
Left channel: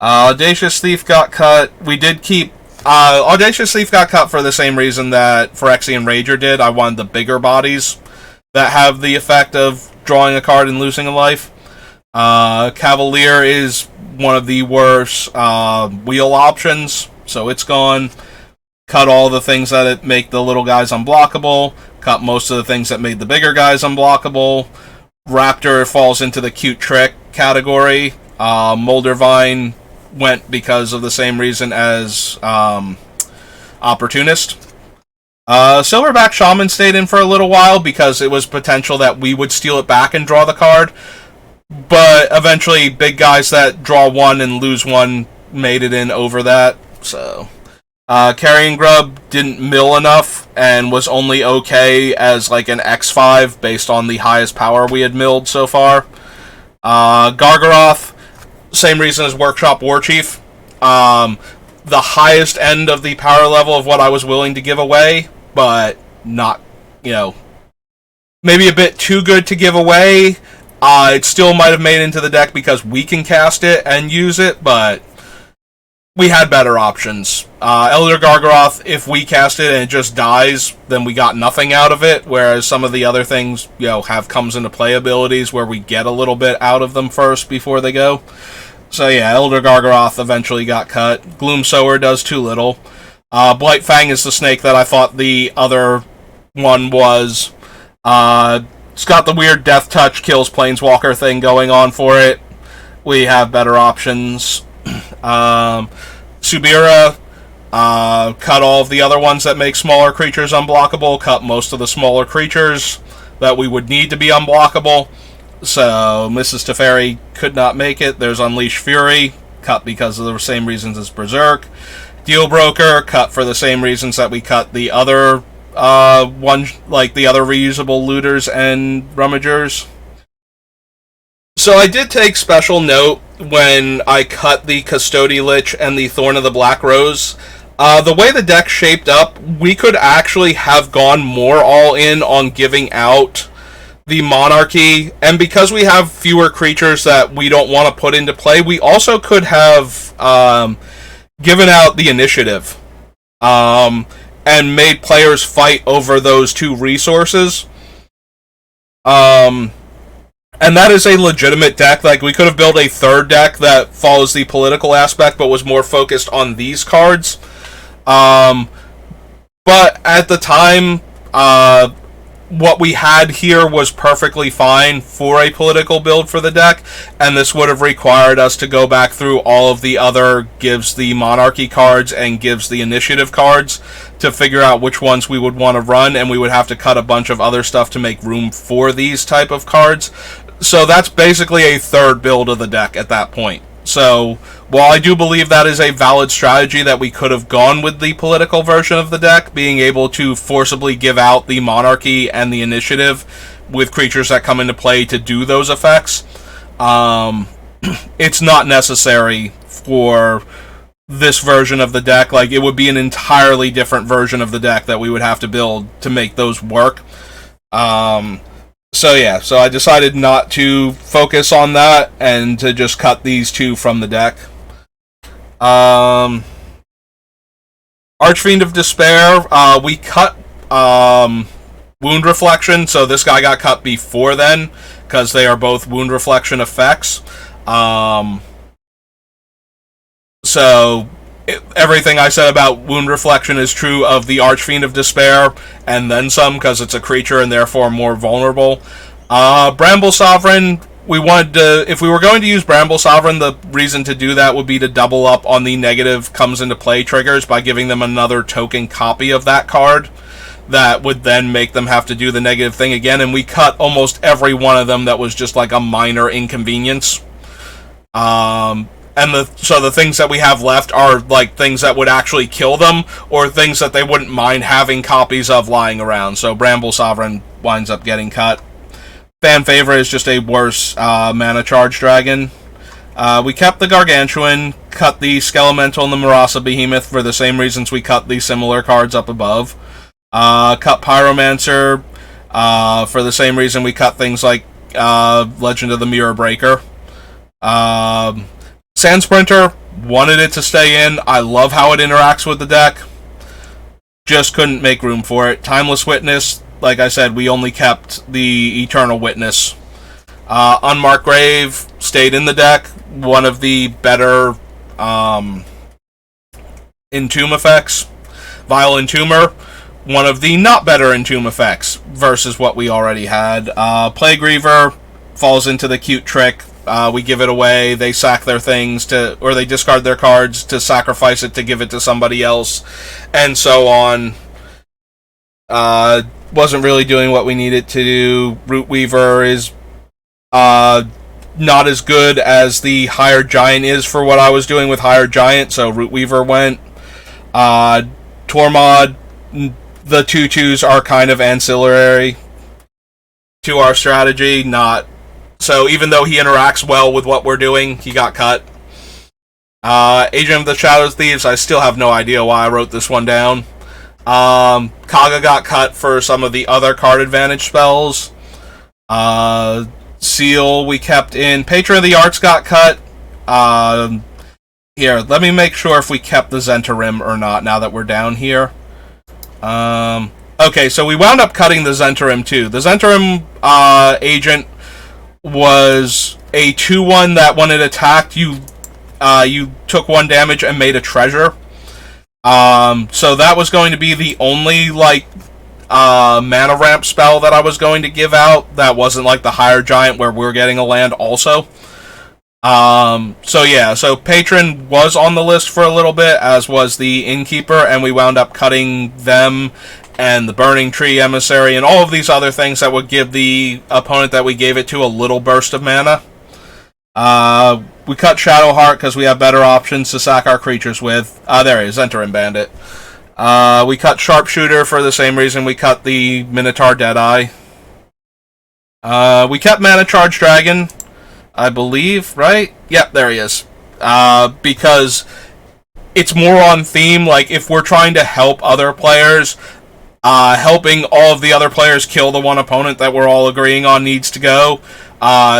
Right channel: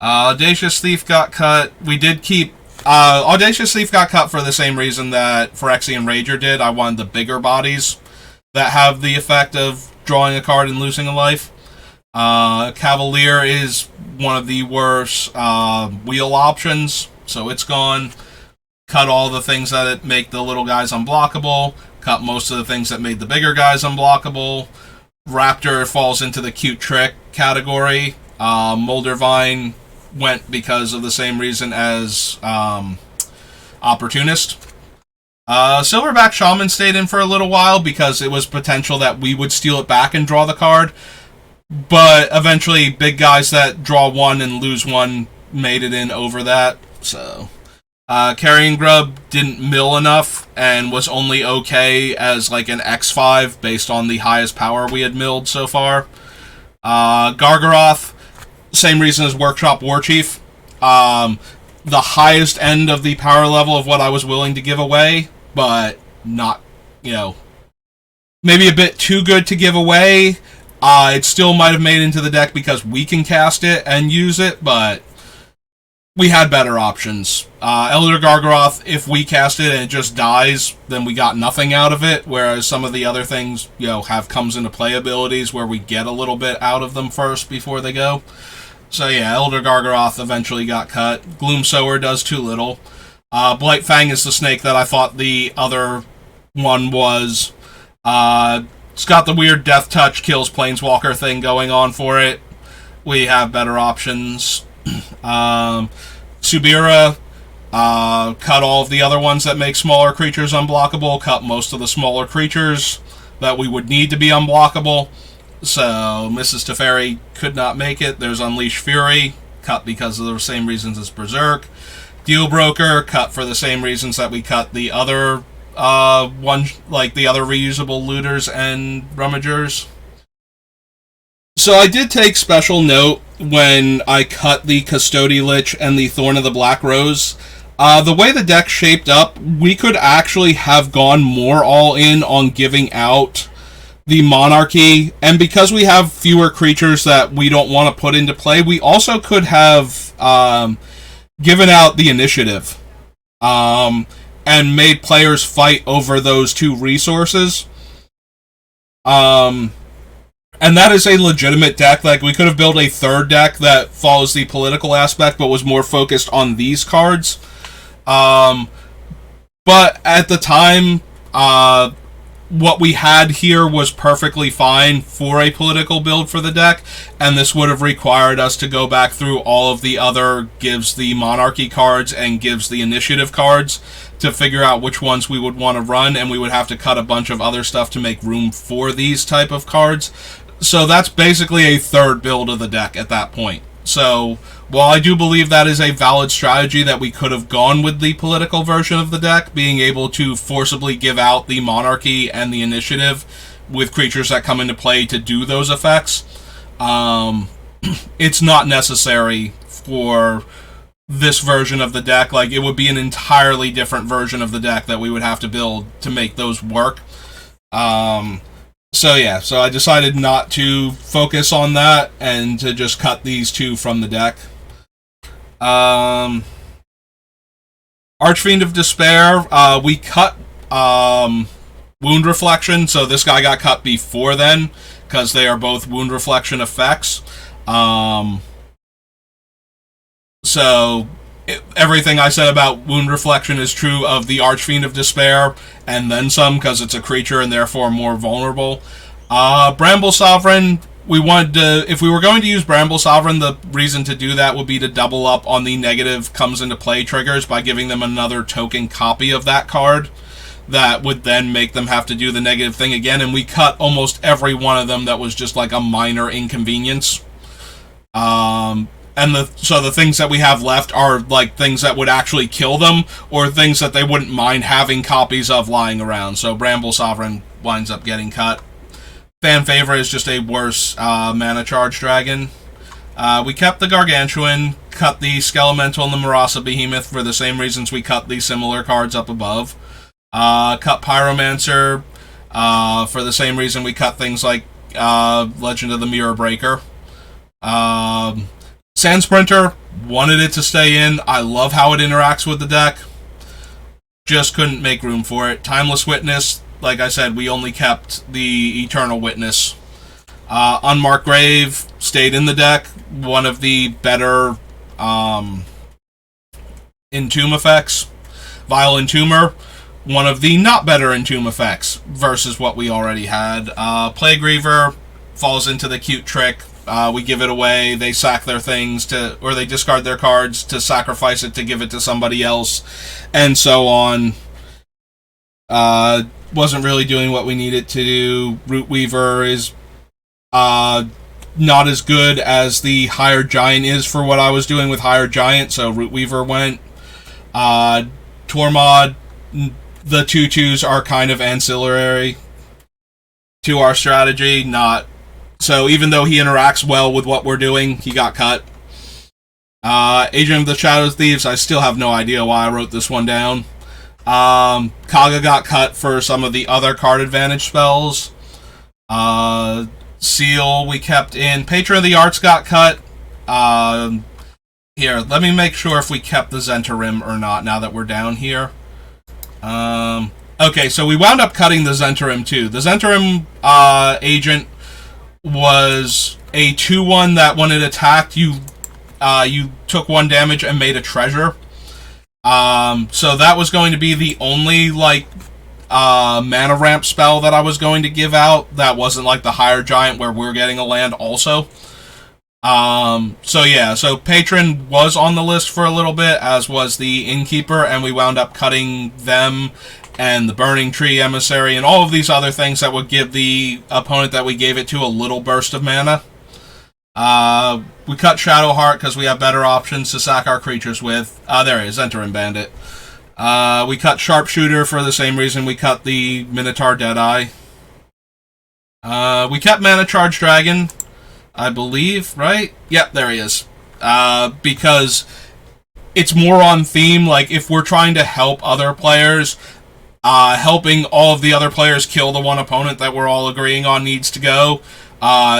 Audacious Thief got cut. We did keep... Audacious Thief got cut for the same reason that Phyrexian Rager did. I wanted the bigger bodies that have the effect of drawing a card and losing a life. Cavalier is one of the worst wheel options, so it's gone. Cut all the things that make the little guys unblockable. Cut most of the things that made the bigger guys unblockable. Raptor falls into the cute trick category. Moldervine went because of the same reason as Opportunist. Silverback Shaman stayed in for a little while because it was potential that we would steal it back and draw the card. But eventually, big guys that draw 1 and lose 1 made it in over that. So, Carrion Grub didn't mill enough and was only okay as like an X5 based on the highest power we had milled so far. Gargaroth, same reason as Workshop Warchief. The highest end of the power level of what I was willing to give away, but not, maybe a bit too good to give away. It still might have made into the deck because we can cast it and use it, but we had better options. Elder Gargaroth, if we cast it and it just dies, then we got nothing out of it, whereas some of the other things, have comes into play abilities where we get a little bit out of them first before they go. So yeah, Elder Gargaroth eventually got cut. Gloomsower does too little. Blightfang is the snake that I thought the other one was. It's got the weird Death Touch kills Planeswalker thing going on for it. We have better options. Subira, cut all of the other ones that make smaller creatures unblockable, cut most of the smaller creatures that we would need to be unblockable. So, Mrs. Teferi could not make it. There's Unleash Fury, cut because of the same reasons as Berserk. Deal Broker, cut for the same reasons that we cut the other the other reusable looters and rummagers. So I did take special note when I cut the Custody Lich and the Thorn of the Black Rose. The way the deck shaped up, we could actually have gone more all in on giving out the Monarchy, and because we have fewer creatures that we don't want to put into play, we also could have given out the Initiative and made players fight over those two resources. And that is a legitimate deck. Like, we could have built a third deck that follows the political aspect, but was more focused on these cards. But at the time, what we had here was perfectly fine for a political build for the deck, and this would have required us to go back through all of the other gives the Monarchy cards and gives the Initiative cards to figure out which ones we would want to run, and we would have to cut a bunch of other stuff to make room for these type of cards. So that's basically a third build of the deck at that point. So while I do believe that is a valid strategy, that we could have gone with the political version of the deck, being able to forcibly give out the Monarchy and the Initiative with creatures that come into play to do those effects, it's not necessary for this version of the deck. Like, it would be an entirely different version of the deck that we would have to build to make those work. So I decided not to focus on that and to just cut these two from the deck. Archfiend of Despair, we cut Wound Reflection, so this guy got cut before then, because they are both Wound Reflection effects. Everything I said about Wound Reflection is true of the Archfiend of Despair, and then some, because it's a creature and therefore more vulnerable. Bramble Sovereign, if we were going to use Bramble Sovereign, the reason to do that would be to double up on the negative comes into play triggers by giving them another token copy of that card that would then make them have to do the negative thing again, and we cut almost every one of them that was just like a minor inconvenience. So the things that we have left are like things that would actually kill them, or things that they wouldn't mind having copies of lying around. So Bramble Sovereign winds up getting cut. Fan favorite is just a worse mana charge dragon. We kept the Gargantuan, cut the Skelemental and the Marasa Behemoth for the same reasons we cut the similar cards up above. Cut Pyromancer for the same reason we cut things like Legend of the Mirror Breaker. Sand Sprinter, wanted it to stay in. I love how it interacts with the deck. Just couldn't make room for it. Timeless Witness, like I said, we only kept the Eternal Witness. Unmarked Grave stayed in the deck. One of the better Entomb effects. Vile Entomber, one of the not better Entomb effects versus what we already had. Plague Reaver falls into the cute trick. We give it away, they sack their things or they discard their cards to sacrifice it to give it to somebody else, and so on. Wasn't really doing what we needed to do. Root Weaver is not as good as the Hired Giant is for what I was doing with Hired Giant, so Root Weaver went. Tormod, the 2/2s are kind of ancillary to our strategy, so even though he interacts well with what we're doing, he got cut. Agent of the Shadow Thieves, I still have no idea why I wrote this one down. Kaga got cut for some of the other card advantage spells. Seal we kept in. Patron of the Arts got cut. Here, let me make sure if we kept the Zentarim or not now that we're down here. Okay, so we wound up cutting the Zentarim too. The Zentarim agent was a 2/1 that when it attacked, you took 1 damage and made a treasure. So that was going to be the only mana ramp spell that I was going to give out. That wasn't like the Higher Giant where we're getting a land also. So Patron was on the list for a little bit, as was the Innkeeper, and we wound up cutting them and the Burning Tree Emissary and all of these other things that would give the opponent that we gave it to a little burst of mana. We cut Shadowheart because we have better options to sack our creatures with. There it is, Zentarim Bandit. We cut Sharpshooter for the same reason we cut the Minotaur Deadeye. We kept Mana Charge Dragon. I believe, right? Yep, there he is. Because it's more on theme. Like, if we're trying to help other players, helping all of the other players kill the one opponent that we're all agreeing on needs to go.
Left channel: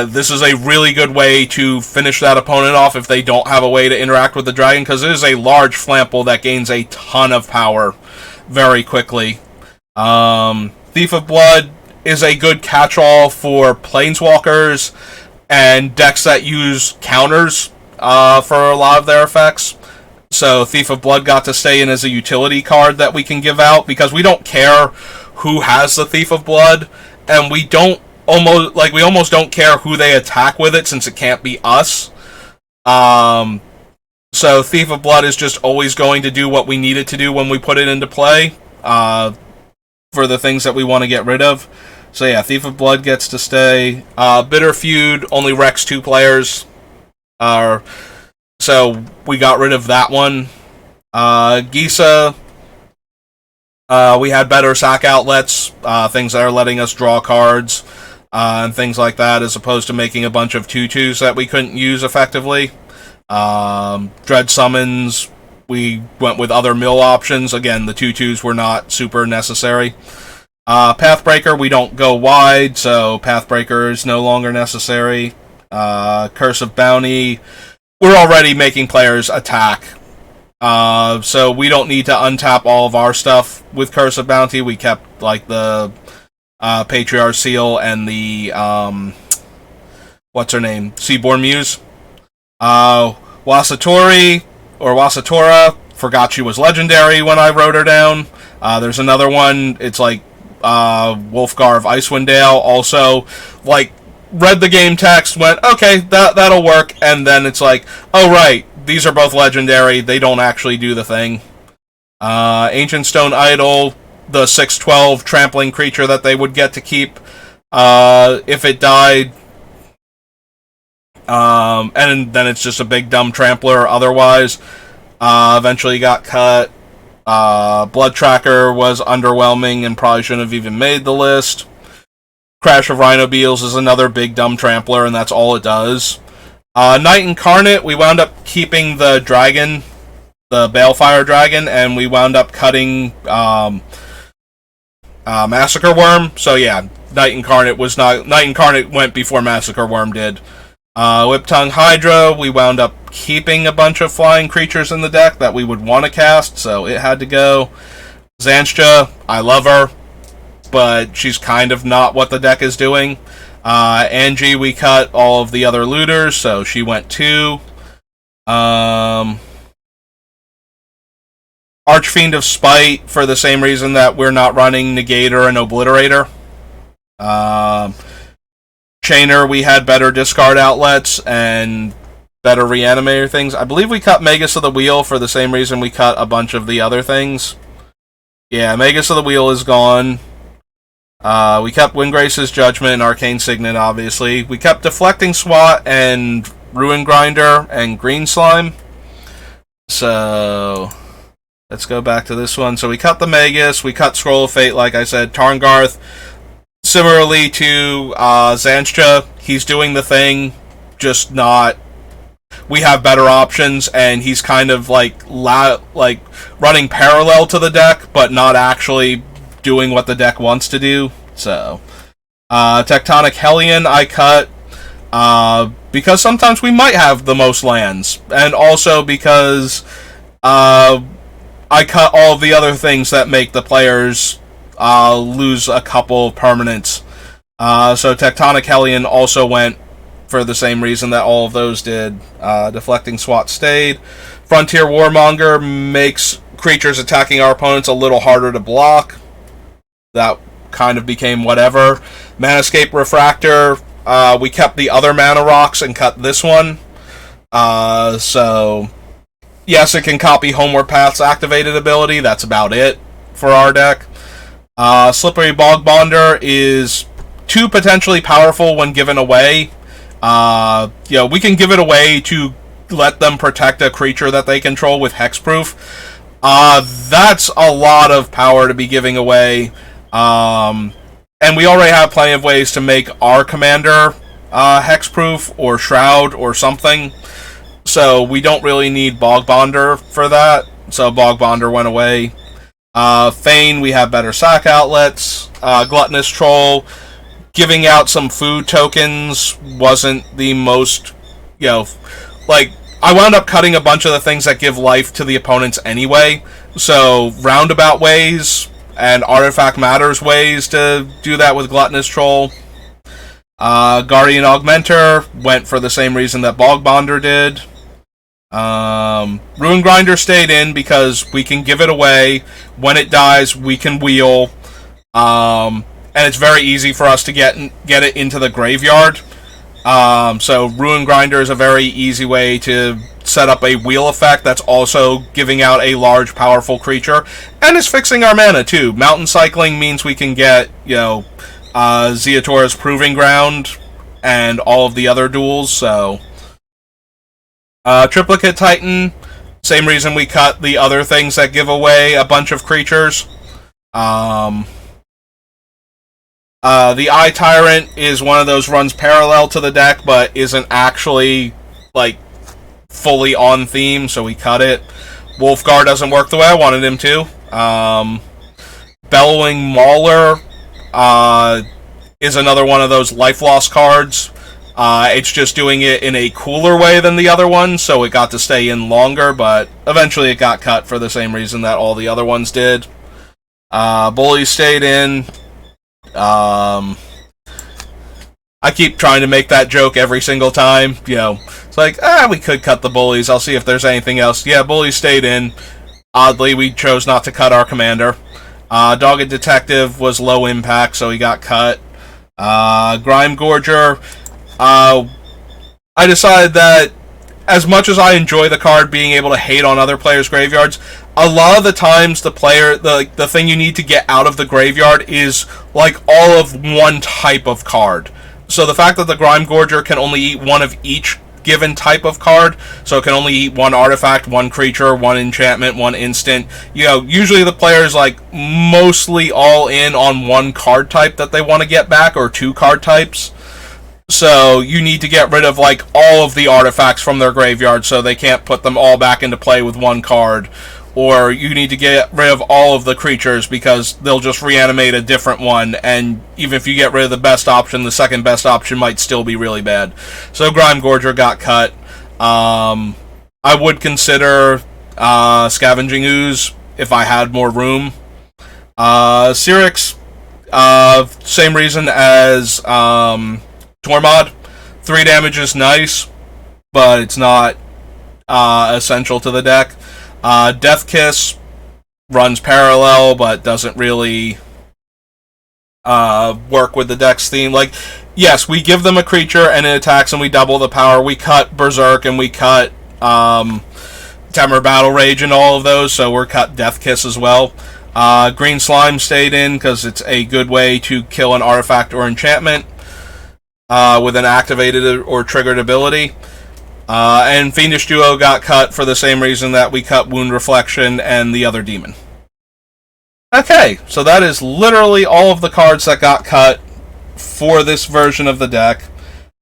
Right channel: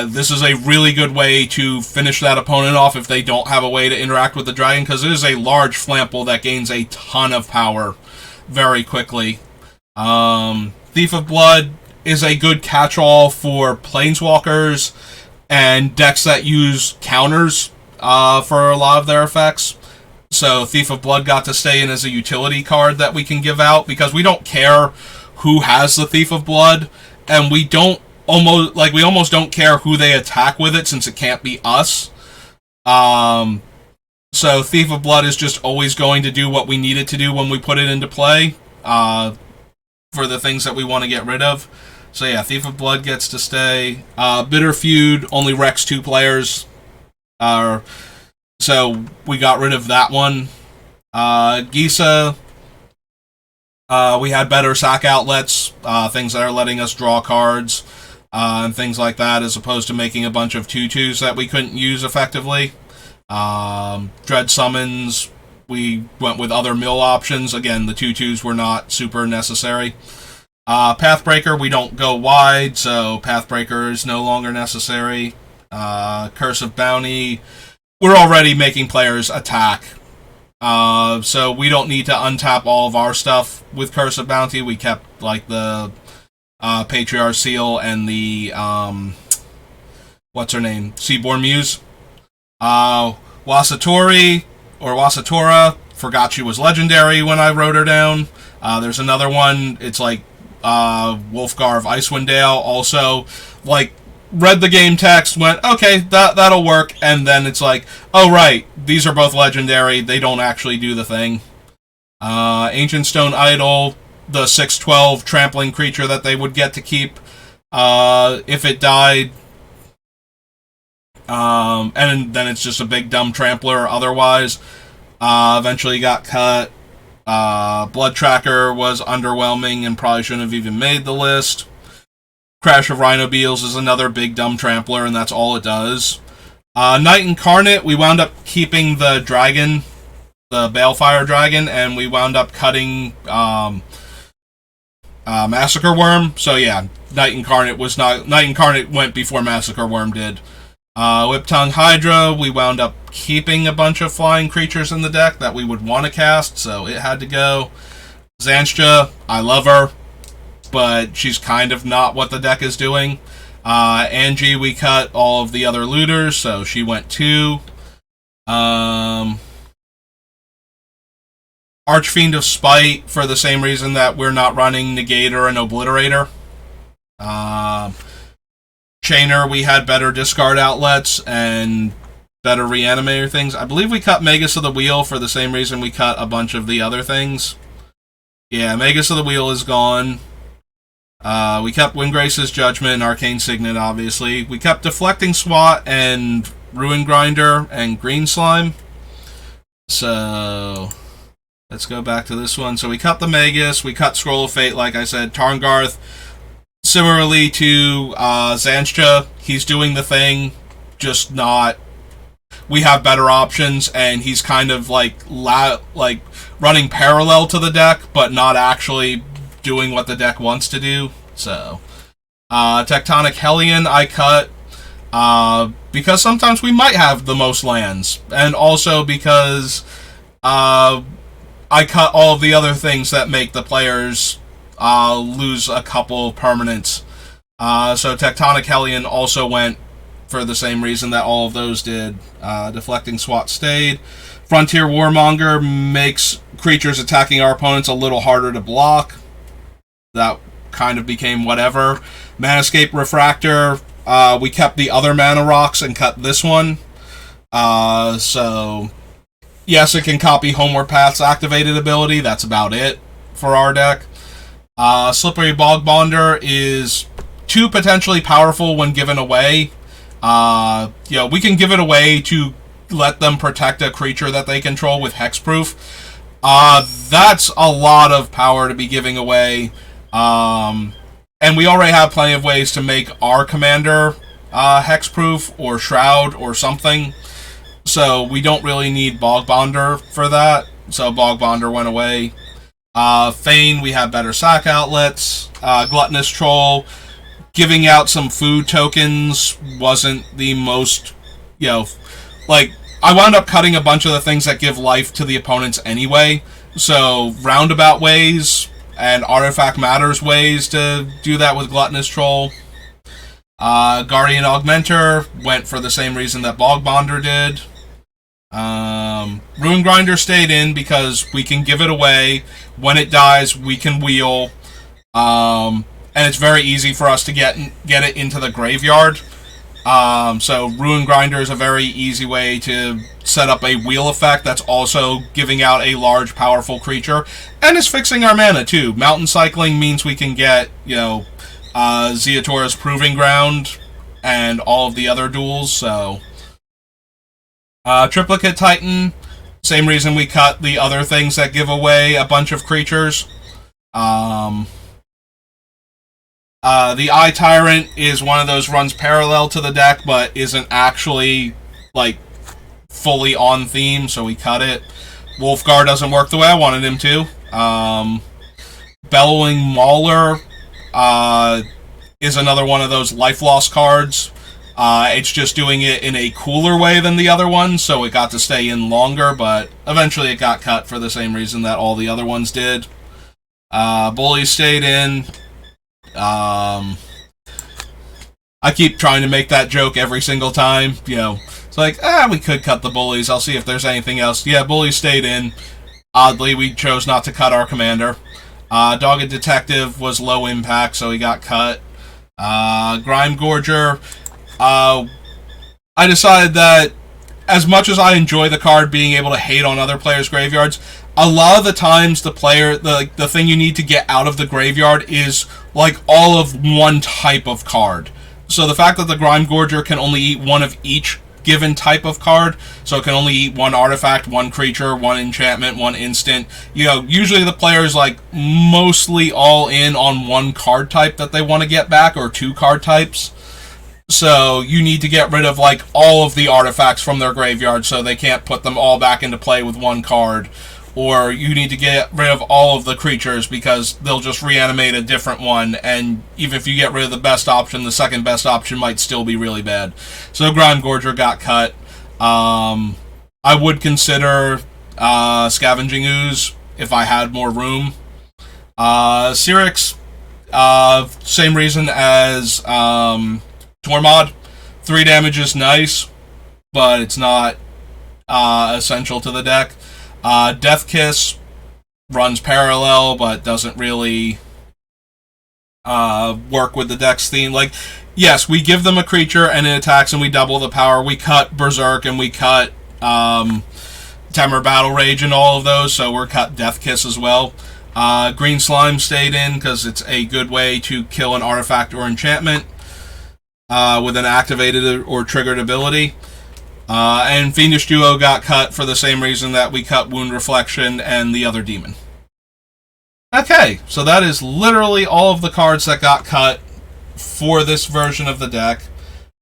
This is a really good way to finish that opponent off if they don't have a way to interact with the dragon, because it is a large flample that gains a ton of power very quickly. Thief of Blood is a good catch-all for planeswalkers and decks that use counters for a lot of their effects. So Thief of Blood got to stay in as a utility card that we can give out, because we don't care who has the Thief of Blood, and we almost don't care who they attack with it, since it can't be us. So Thief of Blood is just always going to do what we need it to do when we put it into play for the things that we want to get rid of. So yeah, Thief of Blood gets to stay. Bitter Feud only wrecks 2 players. So we got rid of that one. Gisa, we had better sack outlets, things that are letting us draw cards, and things like that, as opposed to making a bunch of 2/2s that we couldn't use effectively. Dread Summons, we went with other mill options. Again, the 2/2s were not super necessary. Pathbreaker, we don't go wide, so Pathbreaker is no longer necessary. Curse of Bounty, we're already making players attack. So we don't need to untap all of our stuff with Curse of Bounty. We kept like the Patriarch Seal and the what's her name? Seaborn Muse. Wasatori or Wasatora, forgot she was legendary when I wrote her down. There's another one, it's like Wolfgar of Icewind Dale, also like read the game text, went, okay, that'll work, and then it's like, oh right, these are both legendary, they don't actually do the thing. Ancient Stone Idol, the 6/12 trampling creature that they would get to keep if it died. And then it's just a big dumb trampler otherwise. Eventually got cut. Blood Tracker was underwhelming and probably shouldn't have even made the list. Crash of Rhino Beals is another big dumb trampler, and that's all it does. Night Incarnate, we wound up keeping the dragon, the Balefire Dragon, and we wound up cutting Massacre Worm. So yeah, Night Incarnate went before Massacre Worm did. Whiptongue Hydra, we wound up keeping a bunch of flying creatures in the deck that we would want to cast, so it had to go. Zanstra, I love her, but she's kind of not what the deck is doing. Angie, we cut all of the other looters, so she went too. Archfiend of Spite, for the same reason that we're not running Negator and Obliterator. Chainer, we had better discard outlets and better reanimator things. I believe we cut Magus of the Wheel for the same reason we cut a bunch of the other things. Yeah, Magus of the Wheel is gone. We kept Windgrace's Judgment and Arcane Signet, obviously. We kept Deflecting Swat and Ruin Grinder and Green Slime. So let's go back to this one. So we cut the Magus, we cut Scroll of Fate, like I said. Tarngarth, similarly to Zanstra, he's doing the thing, just not... We have better options, and he's kind of like running parallel to the deck, but not actually doing what the deck wants to do. So, Tectonic Hellion I cut because sometimes we might have the most lands, and also because I cut all of the other things that make the players lose a couple permanents. So Tectonic Hellion also went for the same reason that all of those did. Deflecting Swat stayed. Frontier Warmonger makes creatures attacking our opponents a little harder to block. That kind of became whatever. Manascape Refractor, we kept the other mana rocks and cut this one. So, yes, it can copy Homeward Path's activated ability. That's about it for our deck. Slippery Bog Bonder is too potentially powerful when given away. We can give it away to let them protect a creature that they control with hexproof. That's a lot of power to be giving away. And we already have plenty of ways to make our commander hexproof or shroud or something. So we don't really need Bog Bonder for that. So Bog Bonder went away. Fane, we have better sack outlets. Gluttonous Troll, giving out some food tokens wasn't the most, like, I wound up cutting a bunch of the things that give life to the opponents anyway. So roundabout ways and artifact matters ways to do that with Gluttonous Troll. Guardian Augmenter went for the same reason that Bog Bonder did. Ruin Grinder stayed in because we can give it away. When it dies, we can wheel. And it's very easy for us to get it into the graveyard. So Ruin Grinder is a very easy way to set up a wheel effect that's also giving out a large, powerful creature. And is fixing our mana, too. Mountain Cycling means we can get, Zeatora's Proving Ground and all of the other duels, so... Triplicate Titan, same reason we cut the other things that give away a bunch of creatures. The Eye Tyrant is one of those runs parallel to the deck, but isn't actually, fully on theme, so we cut it. Wolfgar doesn't work the way I wanted him to. Bellowing Mauler is another one of those life loss cards. It's just doing it in a cooler way than the other one, so it got to stay in longer, but eventually it got cut for the same reason that all the other ones did. Bullies stayed in. I keep trying to make that joke every single time, It's like, we could cut the Bullies, I'll see if there's anything else. Yeah, Bullies stayed in. Oddly, we chose not to cut our commander. Dogged Detective was low impact, so he got cut. Grime Gorger... I decided that as much as I enjoy the card being able to hate on other players' graveyards, a lot of the times the thing you need to get out of the graveyard is all of one type of card. So the fact that the Grime Gorger can only eat one of each given type of card, so it can only eat one artifact, one creature, one enchantment, one instant. Usually the player's mostly all in on one card type that they want to get back, or two card types. So you need to get rid of all of the artifacts from their graveyard so they can't put them all back into play with one card. Or you need to get rid of all of the creatures because they'll just reanimate a different one, and even if you get rid of the best option, the second best option might still be really bad. So Grime Gorger got cut. I would consider Scavenging Ooze if I had more room. Cyrix, same reason as Tormod. 3 damage is nice, but it's not essential to the deck. Death Kiss runs parallel, but doesn't really work with the deck's theme. Yes, we give them a creature and it attacks and we double the power. We cut Berserk and we cut Temur Battle Rage and all of those, so we're cut Death Kiss as well. Green Slime stayed in because it's a good way to kill an artifact or enchantment with an activated or triggered ability. And Fiendish Duo got cut for the same reason that we cut Wound Reflection and the other demon. Okay, so that is literally all of the cards that got cut for this version of the deck.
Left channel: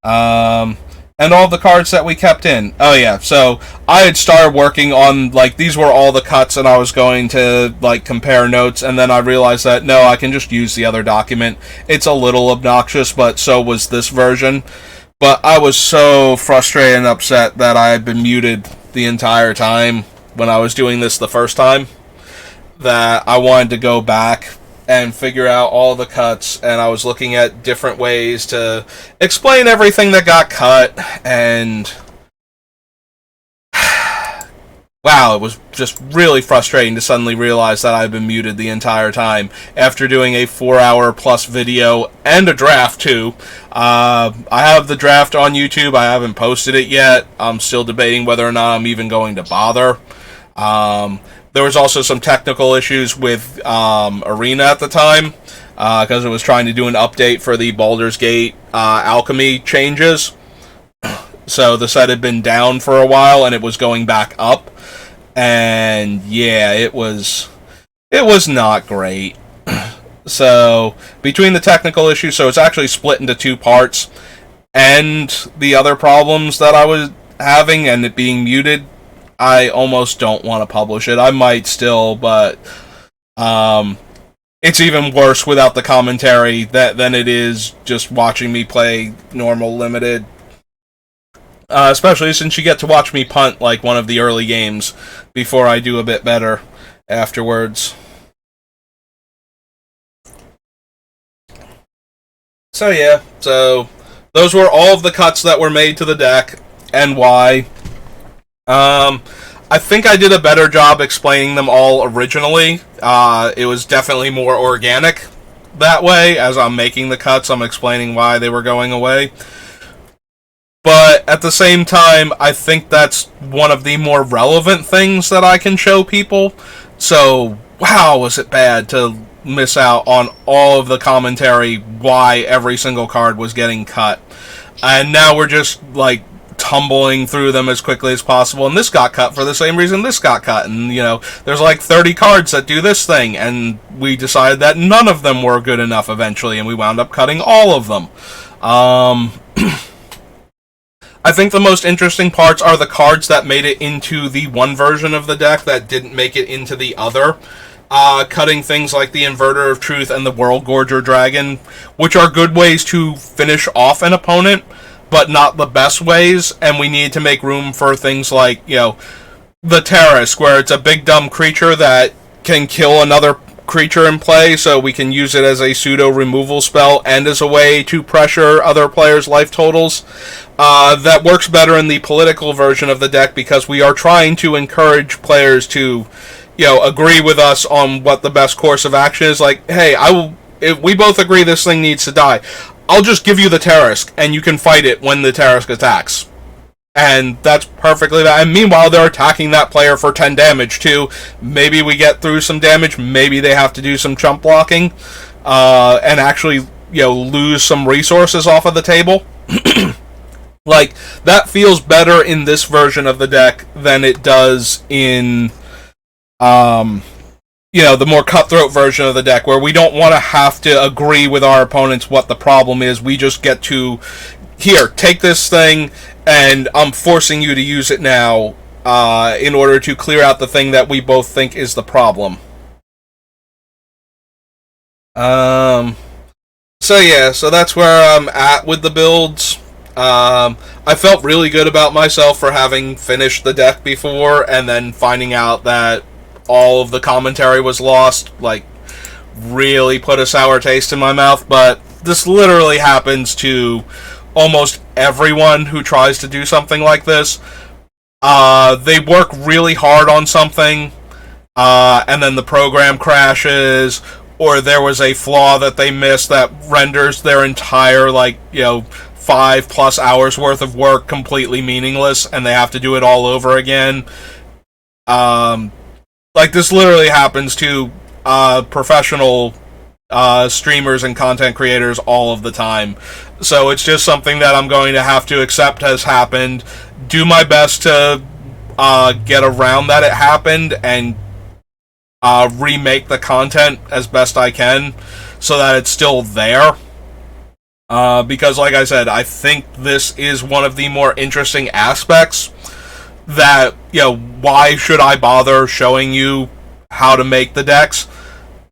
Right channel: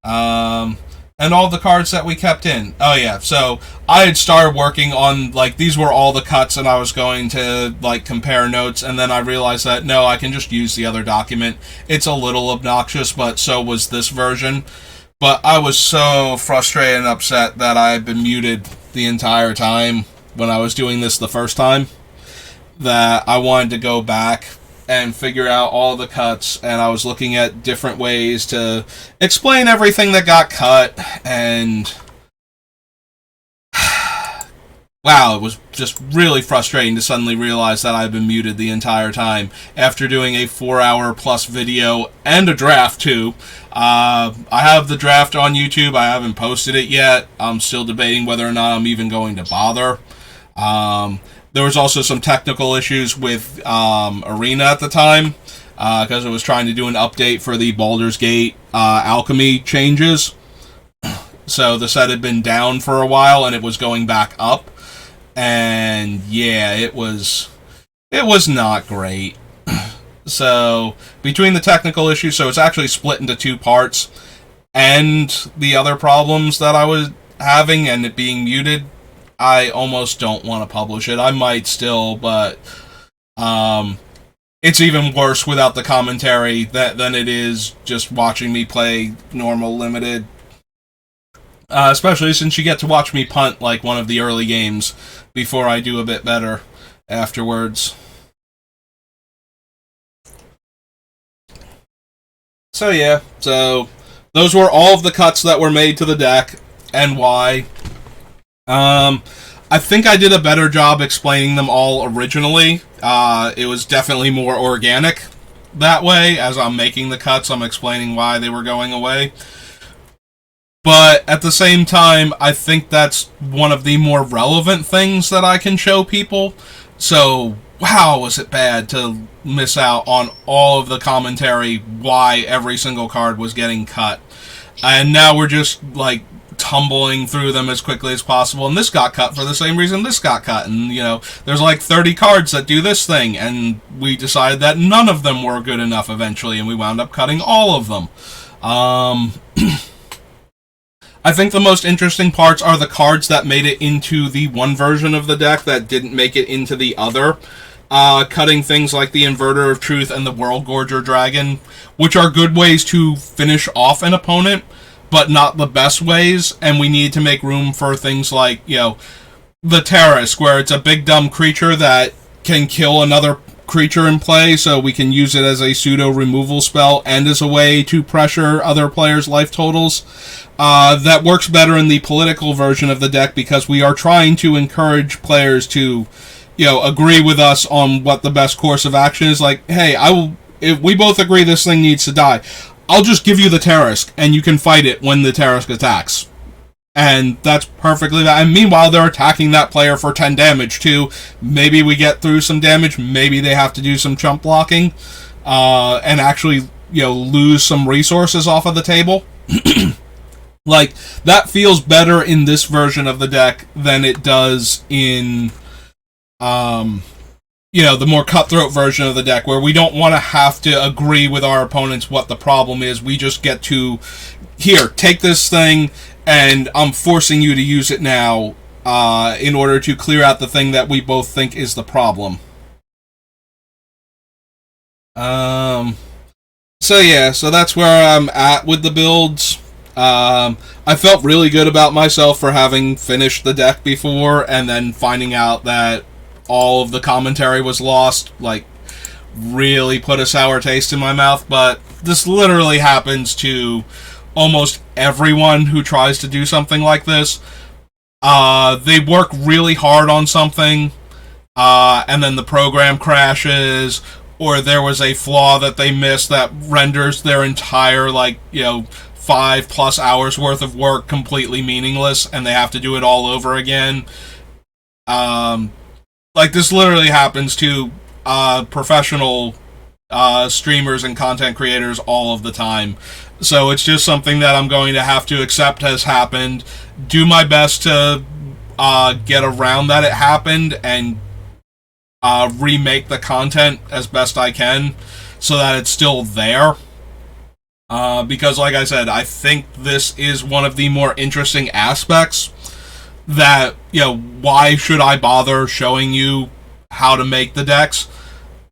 And all the cards that we kept in. Oh yeah, so I had started working on, these were all the cuts and I was going to, compare notes, and then I realized that, no, I can just use the other document. It's a little obnoxious, but so was this version. But I was so frustrated and upset that I had been muted the entire time when I was doing this the first time that I wanted to go back and figure out all the cuts, and I was looking at different ways to explain everything that got cut, and wow, it was just really frustrating to suddenly realize that I've been muted the entire time after doing a 4-hour plus video and a draft too. I have the draft on YouTube. I haven't posted it yet. I'm still debating whether or not I'm even going to bother. There was also some technical issues with Arena at the time because it was trying to do an update for the Baldur's Gate alchemy changes. So the set had been down for a while and it was going back up. And yeah, it was not great. So between the technical issues, so it's actually split into 2 parts. and the other problems that I was having and it being muted, I almost don't want to publish it. I might still, but it's even worse without the commentary than it is just watching me play normal limited. Especially since you get to watch me punt like one of the early games before I do a bit better afterwards. So yeah, so those were all of the cuts that were made to the deck and why. I think I did a better job explaining them all originally. It was definitely more organic that way. As I'm making the cuts, I'm explaining why they were going away. But at the same time, I think that's one of the more relevant things that I can show people. So, wow, was it bad to miss out on all of the commentary why every single card was getting cut. And now we're just, like, tumbling through them as quickly as possible, and this got cut for the same reason this got cut, and, you know, there's like 30 cards that do this thing, and we decided that none of them were good enough eventually, and we wound up cutting all of them. I think the most interesting parts are the cards that made it into the one version of the deck that didn't make it into the other. Cutting things like the Inverter of Truth and the World Gorger Dragon, which are good ways to finish off an opponent, but not the best ways, and we need to make room for things like, you know, the Terrace, where it's a big dumb creature that can kill another creature in play, so we can use it as a pseudo removal spell and as a way to pressure other players' life totals. That works better in the political version of the deck because we are trying to encourage players to, you know, agree with us on what the best course of action is. Like, hey, if we both agree this thing needs to die, I'll just give you the Tarisk, and you can fight it when the Tarisk attacks. And that's perfectly that. And meanwhile, they're attacking that player for 10 damage, too. Maybe we get through some damage. Maybe they have to do some chump blocking. And actually, you know, lose some resources off of the table. Like, that feels better in this version of the deck than it does in, you know, the more cutthroat version of the deck, where we don't want to have to agree with our opponents what the problem is. We just get to, here, take this thing, and I'm forcing you to use it now in order to clear out the thing that we both think is the problem. So yeah, so that's where I'm at with the builds. I felt really good about myself for having finished the deck before, and then finding out that all of the commentary was lost, like, really put a sour taste in my mouth. But this literally happens to almost everyone who tries to do something like this. They work really hard on something, and then the program crashes, or there was a flaw that they missed that renders their entire, like, you know, 5+ hours worth of work completely meaningless, and they have to do it all over again. Like, this literally happens to professional streamers and content creators all of the time. So it's just something that I'm going to have to accept has happened, do my best to get around that it happened, and remake the content as best I can so that it's still there. Because, like I said, I think this is one of the more interesting aspects that, you know, why should I bother showing you how to make the decks?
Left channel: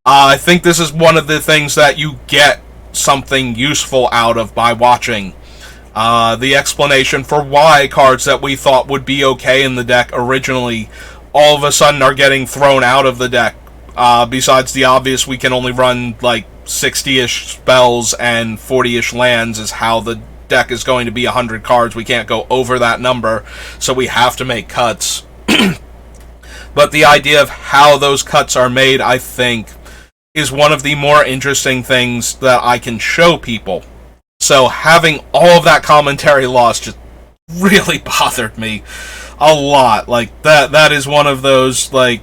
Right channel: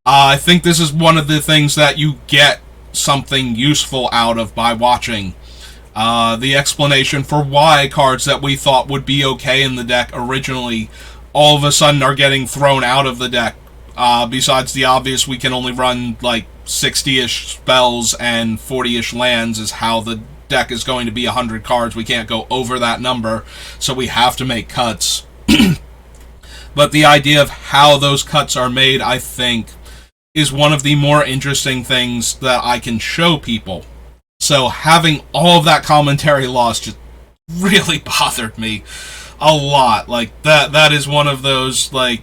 I think this is one of the things that you get something useful out of by watching. The explanation for why cards that we thought would be okay in the deck originally all of a sudden are getting thrown out of the deck. Besides the obvious, we can only run like 60-ish spells and 40-ish lands is how the deck is going to be 100 cards. We can't go over that number, so we have to make cuts. But the idea of how those cuts are made, I think, is one of the more interesting things that I can show people. So having all of that commentary lost just really bothered me a lot. Like, that is one of those, like,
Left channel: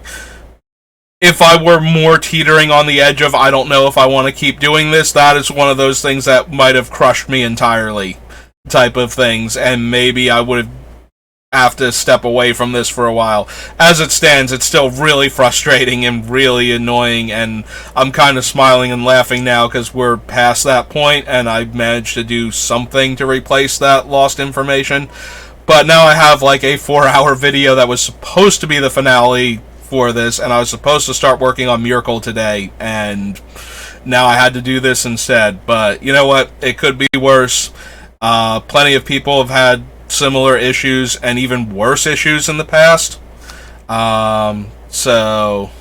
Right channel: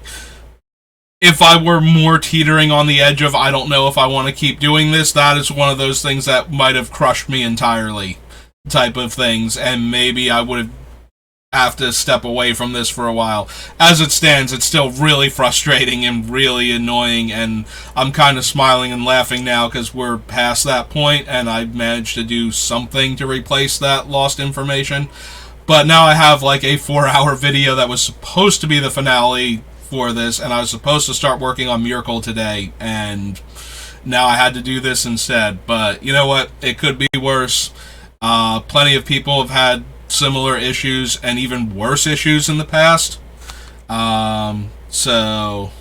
if I were more teetering on the edge of I don't know if I want to keep doing this, that is one of those things that might have crushed me entirely type of things, and maybe I would have have to step away from this for a while. As it stands, it's still really frustrating and really annoying, and I'm kind of smiling and laughing now because we're past that point, and I managed to do something to replace that lost information. But now I have like a 4-hour video that was supposed to be the finale for this, and I was supposed to start working on Miracle today, and now I had to do this instead. But you know what? It could be worse. Plenty of people have had similar issues and even worse issues in the past. So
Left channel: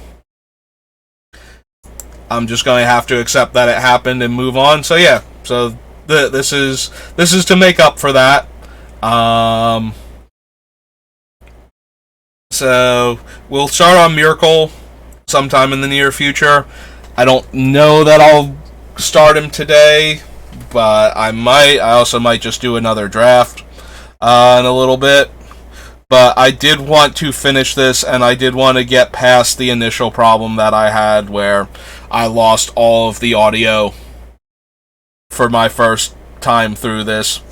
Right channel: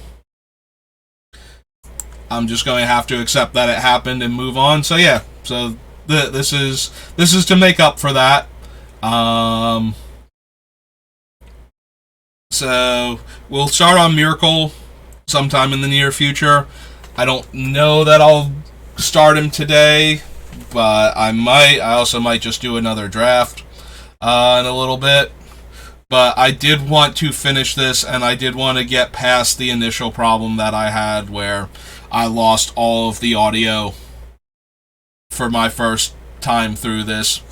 I'm just going to have to accept that it happened and move on. So yeah, so this is to make up for that. So we'll start on Miracle sometime in the near future. I don't know that I'll start him today, but I might. I also might just do another draft in a little bit. But I did want to finish this, and I did want to get past the initial problem that I had where I lost all of the audio for my first time through this.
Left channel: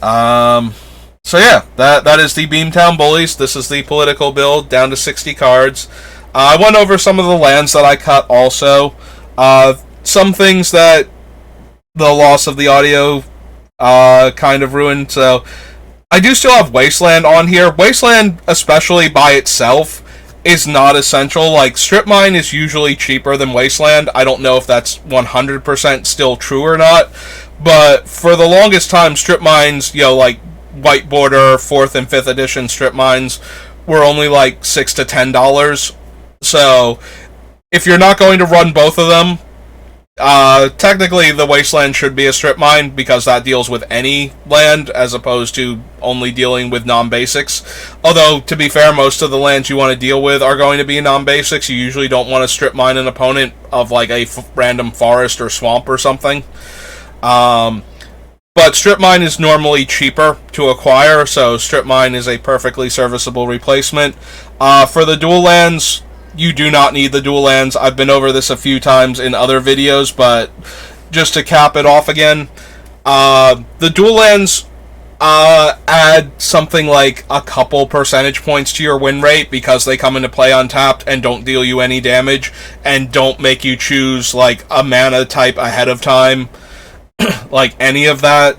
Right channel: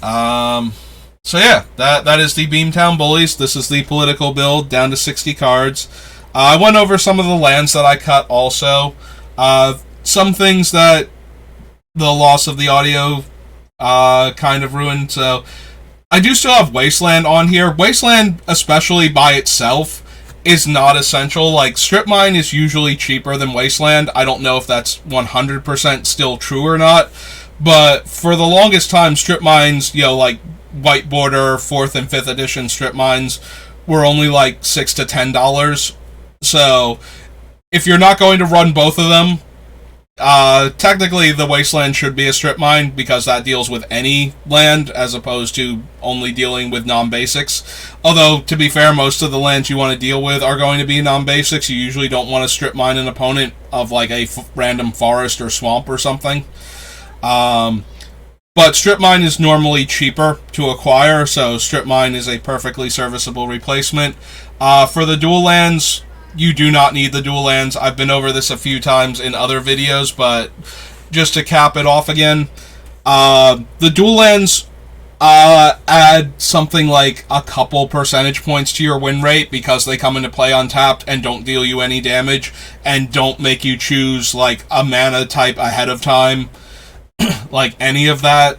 So yeah, that is the Beamtown Bullies. This is the political build, down to 60 cards. I went over some of the lands that I cut also. Some things that the loss of the audio kind of ruined. So I do still have Wasteland on here. Wasteland, especially by itself, is not essential. Like, Strip Mine is usually cheaper than Wasteland. I don't know if that's 100% still true or not. But for the longest time, Strip Mines, like White Border, 4th and 5th edition Strip Mines, were only like $6 to $10. So if you're not going to run both of them, technically the Wasteland should be a strip mine because that deals with any land as opposed to only dealing with non-basics. Although, to be fair, most of the lands you want to deal with are going to be non-basics. You usually don't want to strip mine an opponent of like a random forest or swamp or something. But strip mine is normally cheaper to acquire, so strip mine is a perfectly serviceable replacement. For the dual lands, you do not need the dual lands. I've been over this a few times in other videos, but just to cap it off again, the dual lands add something like a couple percentage points to your win rate because they come into play untapped and don't deal you any damage and don't make you choose like a mana type ahead of time, like any of that.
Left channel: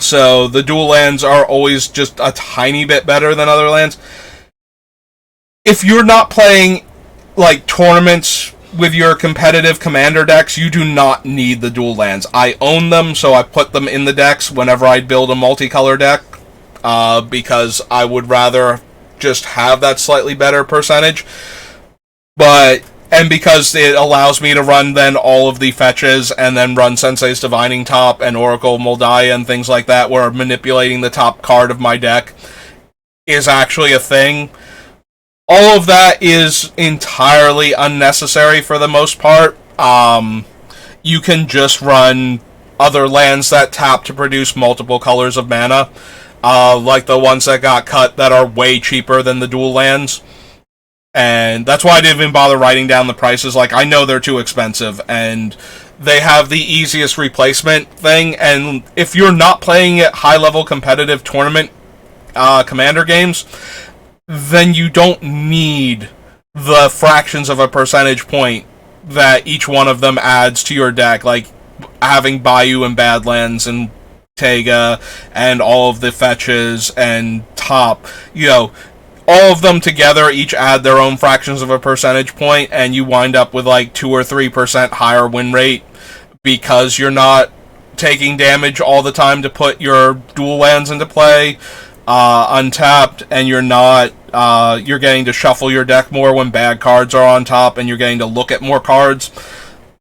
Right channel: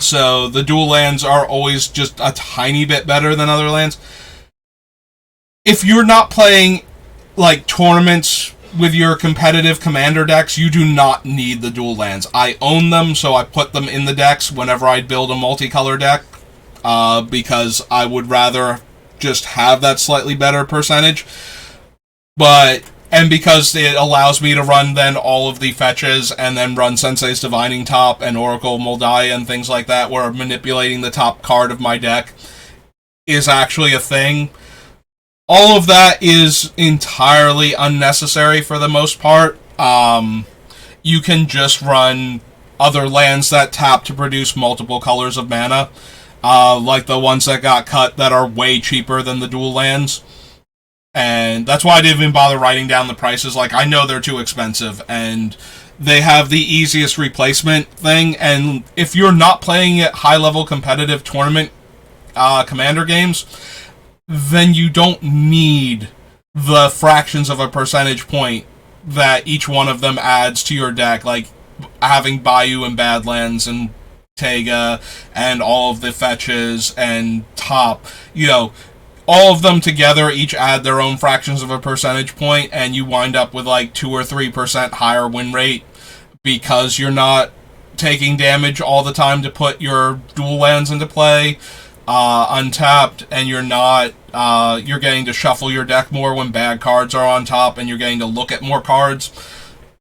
So the dual lands are always just a tiny bit better than other lands. If you're not playing like tournaments with your competitive commander decks, you do not need the dual lands. I own them, so I put them in the decks whenever I build a multicolor deck, because I would rather just have that slightly better percentage. And because it allows me to run then all of the fetches and then run Sensei's Divining Top and Oracle Moldiah and things like that, where manipulating the top card of my deck is actually a thing. All of that is entirely unnecessary for the most part. You can just run other lands that tap to produce multiple colors of mana, like the ones that got cut that are way cheaper than the dual lands. And that's why I didn't even bother writing down the prices. Like, I know they're too expensive, and they have the easiest replacement thing. And if you're not playing at high-level competitive tournament commander games, then you don't need the fractions of a percentage point that each one of them adds to your deck, like having Bayou and Badlands and Tega and all of the fetches and top. All of them together each add their own fractions of a percentage point, and you wind up with like 2 or 3% higher win rate because you're not taking damage all the time to put your dual lands into play. Untapped, and you're getting to shuffle your deck more when bad cards are on top, and you're getting to look at more cards.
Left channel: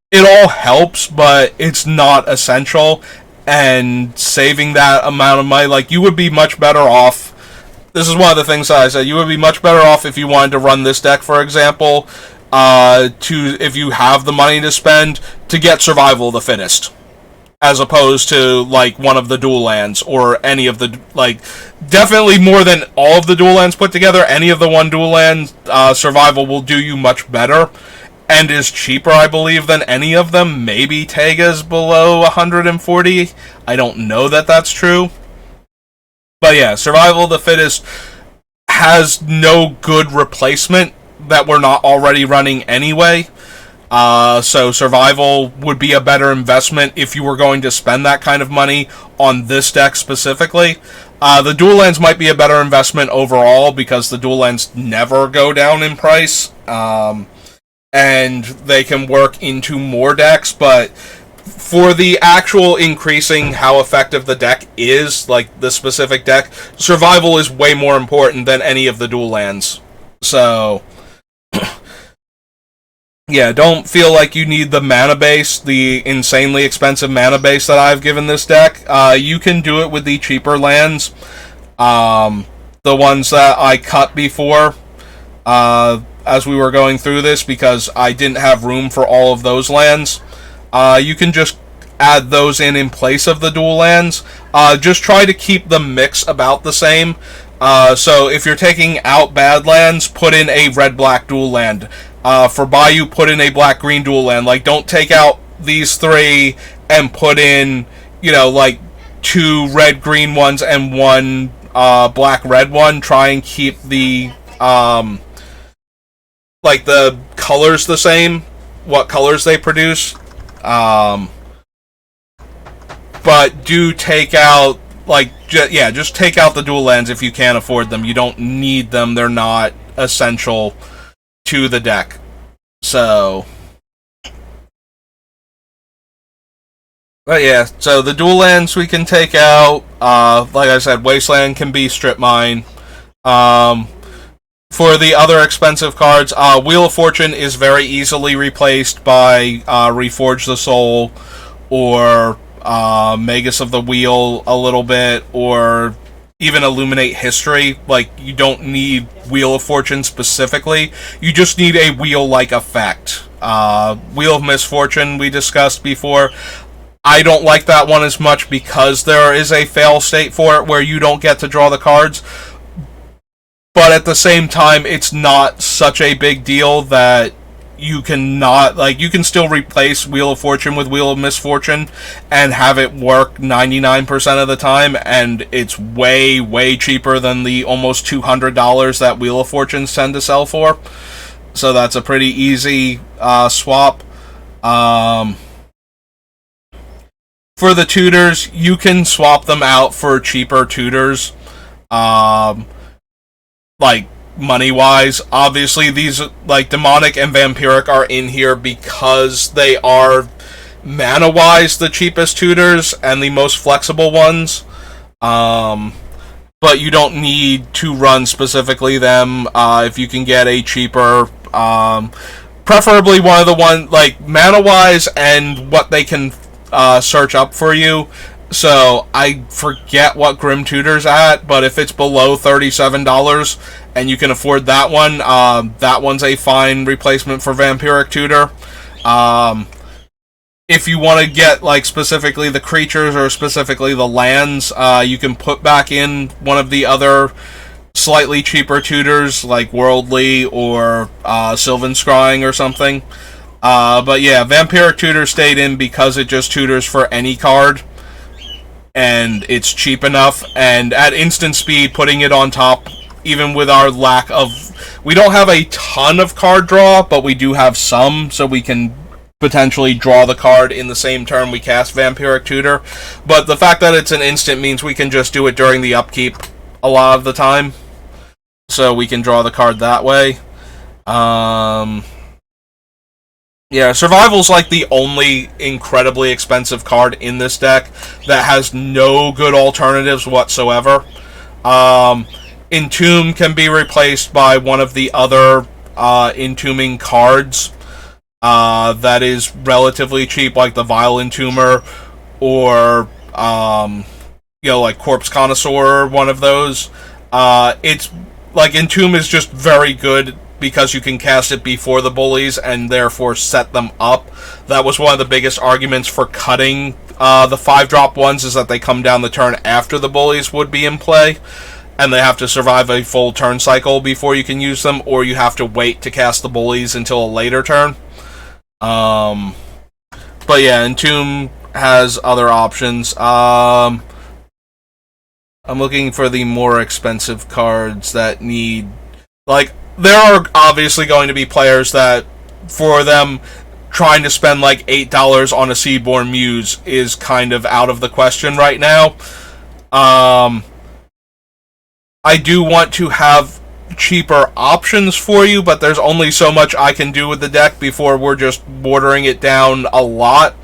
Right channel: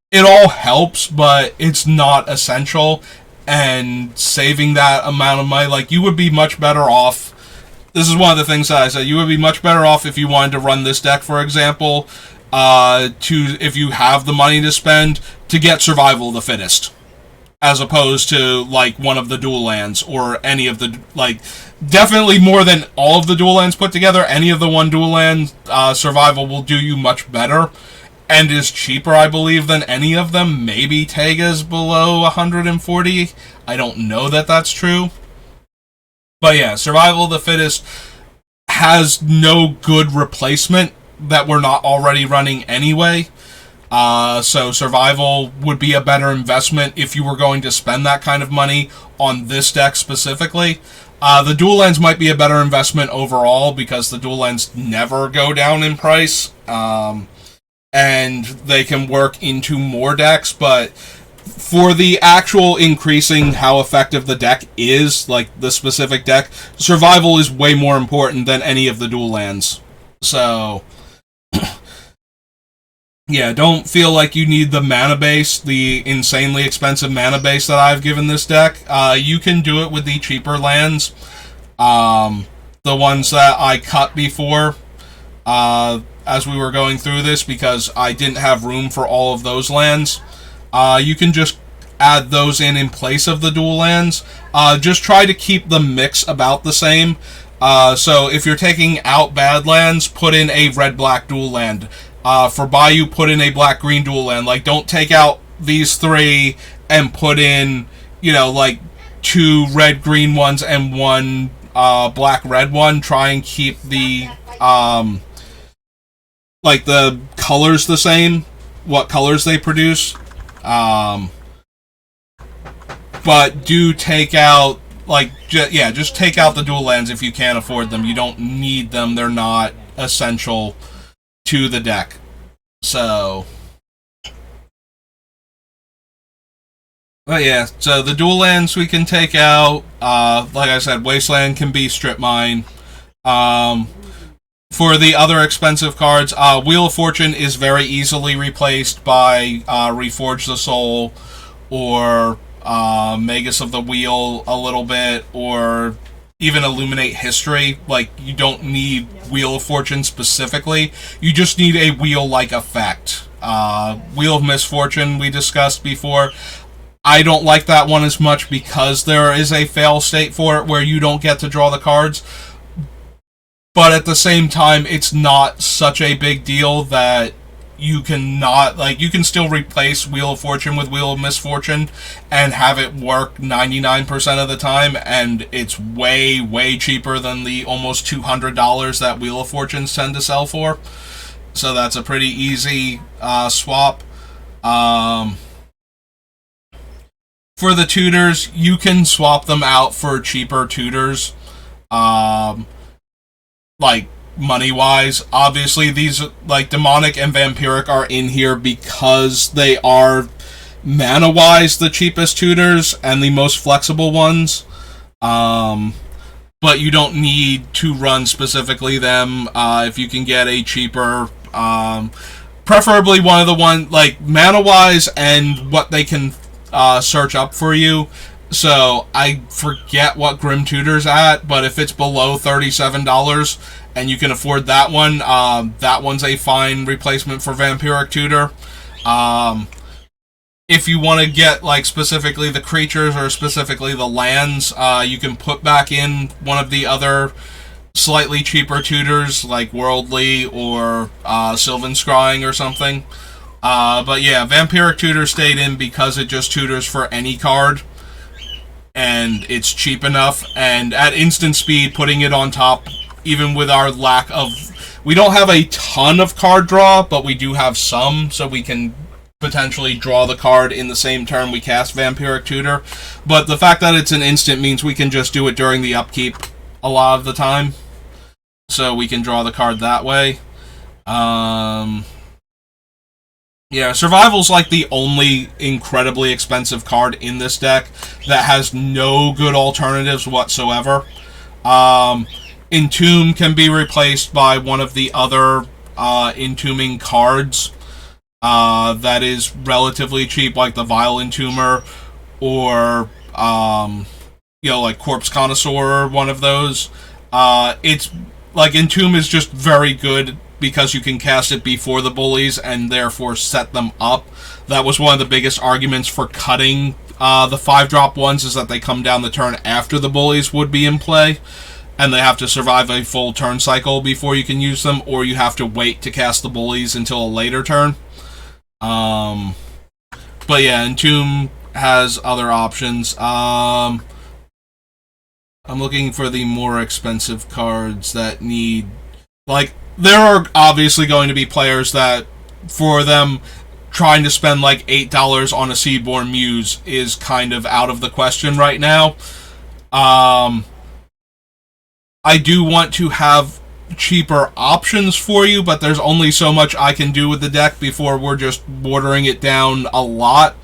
It all helps, but it's not essential, and saving that amount of money, like, you would be much better off. This is one of the things that I said. You would be much better off if you wanted to run this deck, for example, if you have the money to spend, to get Survival of the Fittest, as opposed to, like, one of the dual lands, or any of the, like, definitely more than all of the dual lands put together. Any of the one dual land Survival will do you much better, and is cheaper, I believe, than any of them. Maybe Tega's below 140. I don't know that that's true. But yeah, Survival of the Fittest has no good replacement that we're not already running anyway. So Survival would be a better investment if you were going to spend that kind of money on this deck specifically. The dual lands might be a better investment overall because the dual lands never go down in price. And they can work into more decks, but for the actual increasing how effective the deck is, like the specific deck, Survival is way more important than any of the dual lands. So, yeah, don't feel like you need the mana base, the insanely expensive mana base that I've given this deck. You can do it with the cheaper lands. The ones that I cut before, as we were going through this, because I didn't have room for all of those lands. You can just add those in place of the dual lands. Just try to keep the mix about the same. So if you're taking out bad lands, put in a red-black dual land. For Bayou, put in a black-green dual land. Like, don't take out these three and put in, like 2 red-green ones and 1 black-red one. Try and keep the the colors the same, what colors they produce. But do take out, just take out the dual lands if you can't afford them. You don't need them. They're not essential to the deck. So, but yeah, so the dual lands we can take out. Like I said, Wasteland can be strip mine. For the other expensive cards, Wheel of Fortune is very easily replaced by Reforge the Soul or Magus of the Wheel a little bit, or even Illuminate History. Like, you don't need Wheel of Fortune specifically. You just need a wheel-like effect. Wheel of Misfortune we discussed before. I don't like that one as much because there is a fail state for it where you don't get to draw the cards. But at the same time, it's not such a big deal that you can still replace Wheel of Fortune with Wheel of Misfortune and have it work 99% of the time, and it's way, way cheaper than the almost $200 that Wheel of Fortunes tend to sell for. So that's a pretty easy swap. For the tutors, you can swap them out for cheaper tutors. Money-wise, obviously these, Demonic and Vampiric are in here because they are, mana-wise, the cheapest tutors and the most flexible ones. But you don't need to run specifically them. If you can get a cheaper, preferably one of the mana-wise and what they can search up for you. So, I forget what Grim Tutor's at, but if it's below $37 and you can afford that one, that one's a fine replacement for Vampiric Tutor. If you want to get, specifically the creatures or specifically the lands, you can put back in one of the other slightly cheaper tutors, like Worldly or Sylvan Scrying or something. But yeah, Vampiric Tutor stayed in because it just tutors for any card. And it's cheap enough, and at instant speed, putting it on top, even with our lack of... We don't have a ton of card draw, but we do have some, so we can potentially draw the card in the same turn we cast Vampiric Tutor. But the fact that it's an instant means we can just do it during the upkeep a lot of the time. So we can draw the card that way. Yeah, Survival's the only incredibly expensive card in this deck that has no good alternatives whatsoever. Entomb can be replaced by one of the other entombing cards that is relatively cheap, like the Vile Entomber or Corpse Connoisseur, one of those. It's Entomb is just very good because you can cast it before the Bullies and therefore set them up. That was one of the biggest arguments for cutting the 5-drop ones, is that they come down the turn after the Bullies would be in play, and they have to survive a full turn cycle before you can use them, or you have to wait to cast the Bullies until a later turn. But yeah, Entomb has other options. I'm looking for the more expensive cards that need... Like, there are obviously going to be players that, for them, trying to spend like $8 on a Seaborn Muse is kind of out of the question right now. I do want to have cheaper options for you, but there's only so much I can do with the deck before we're just watering it down a lot.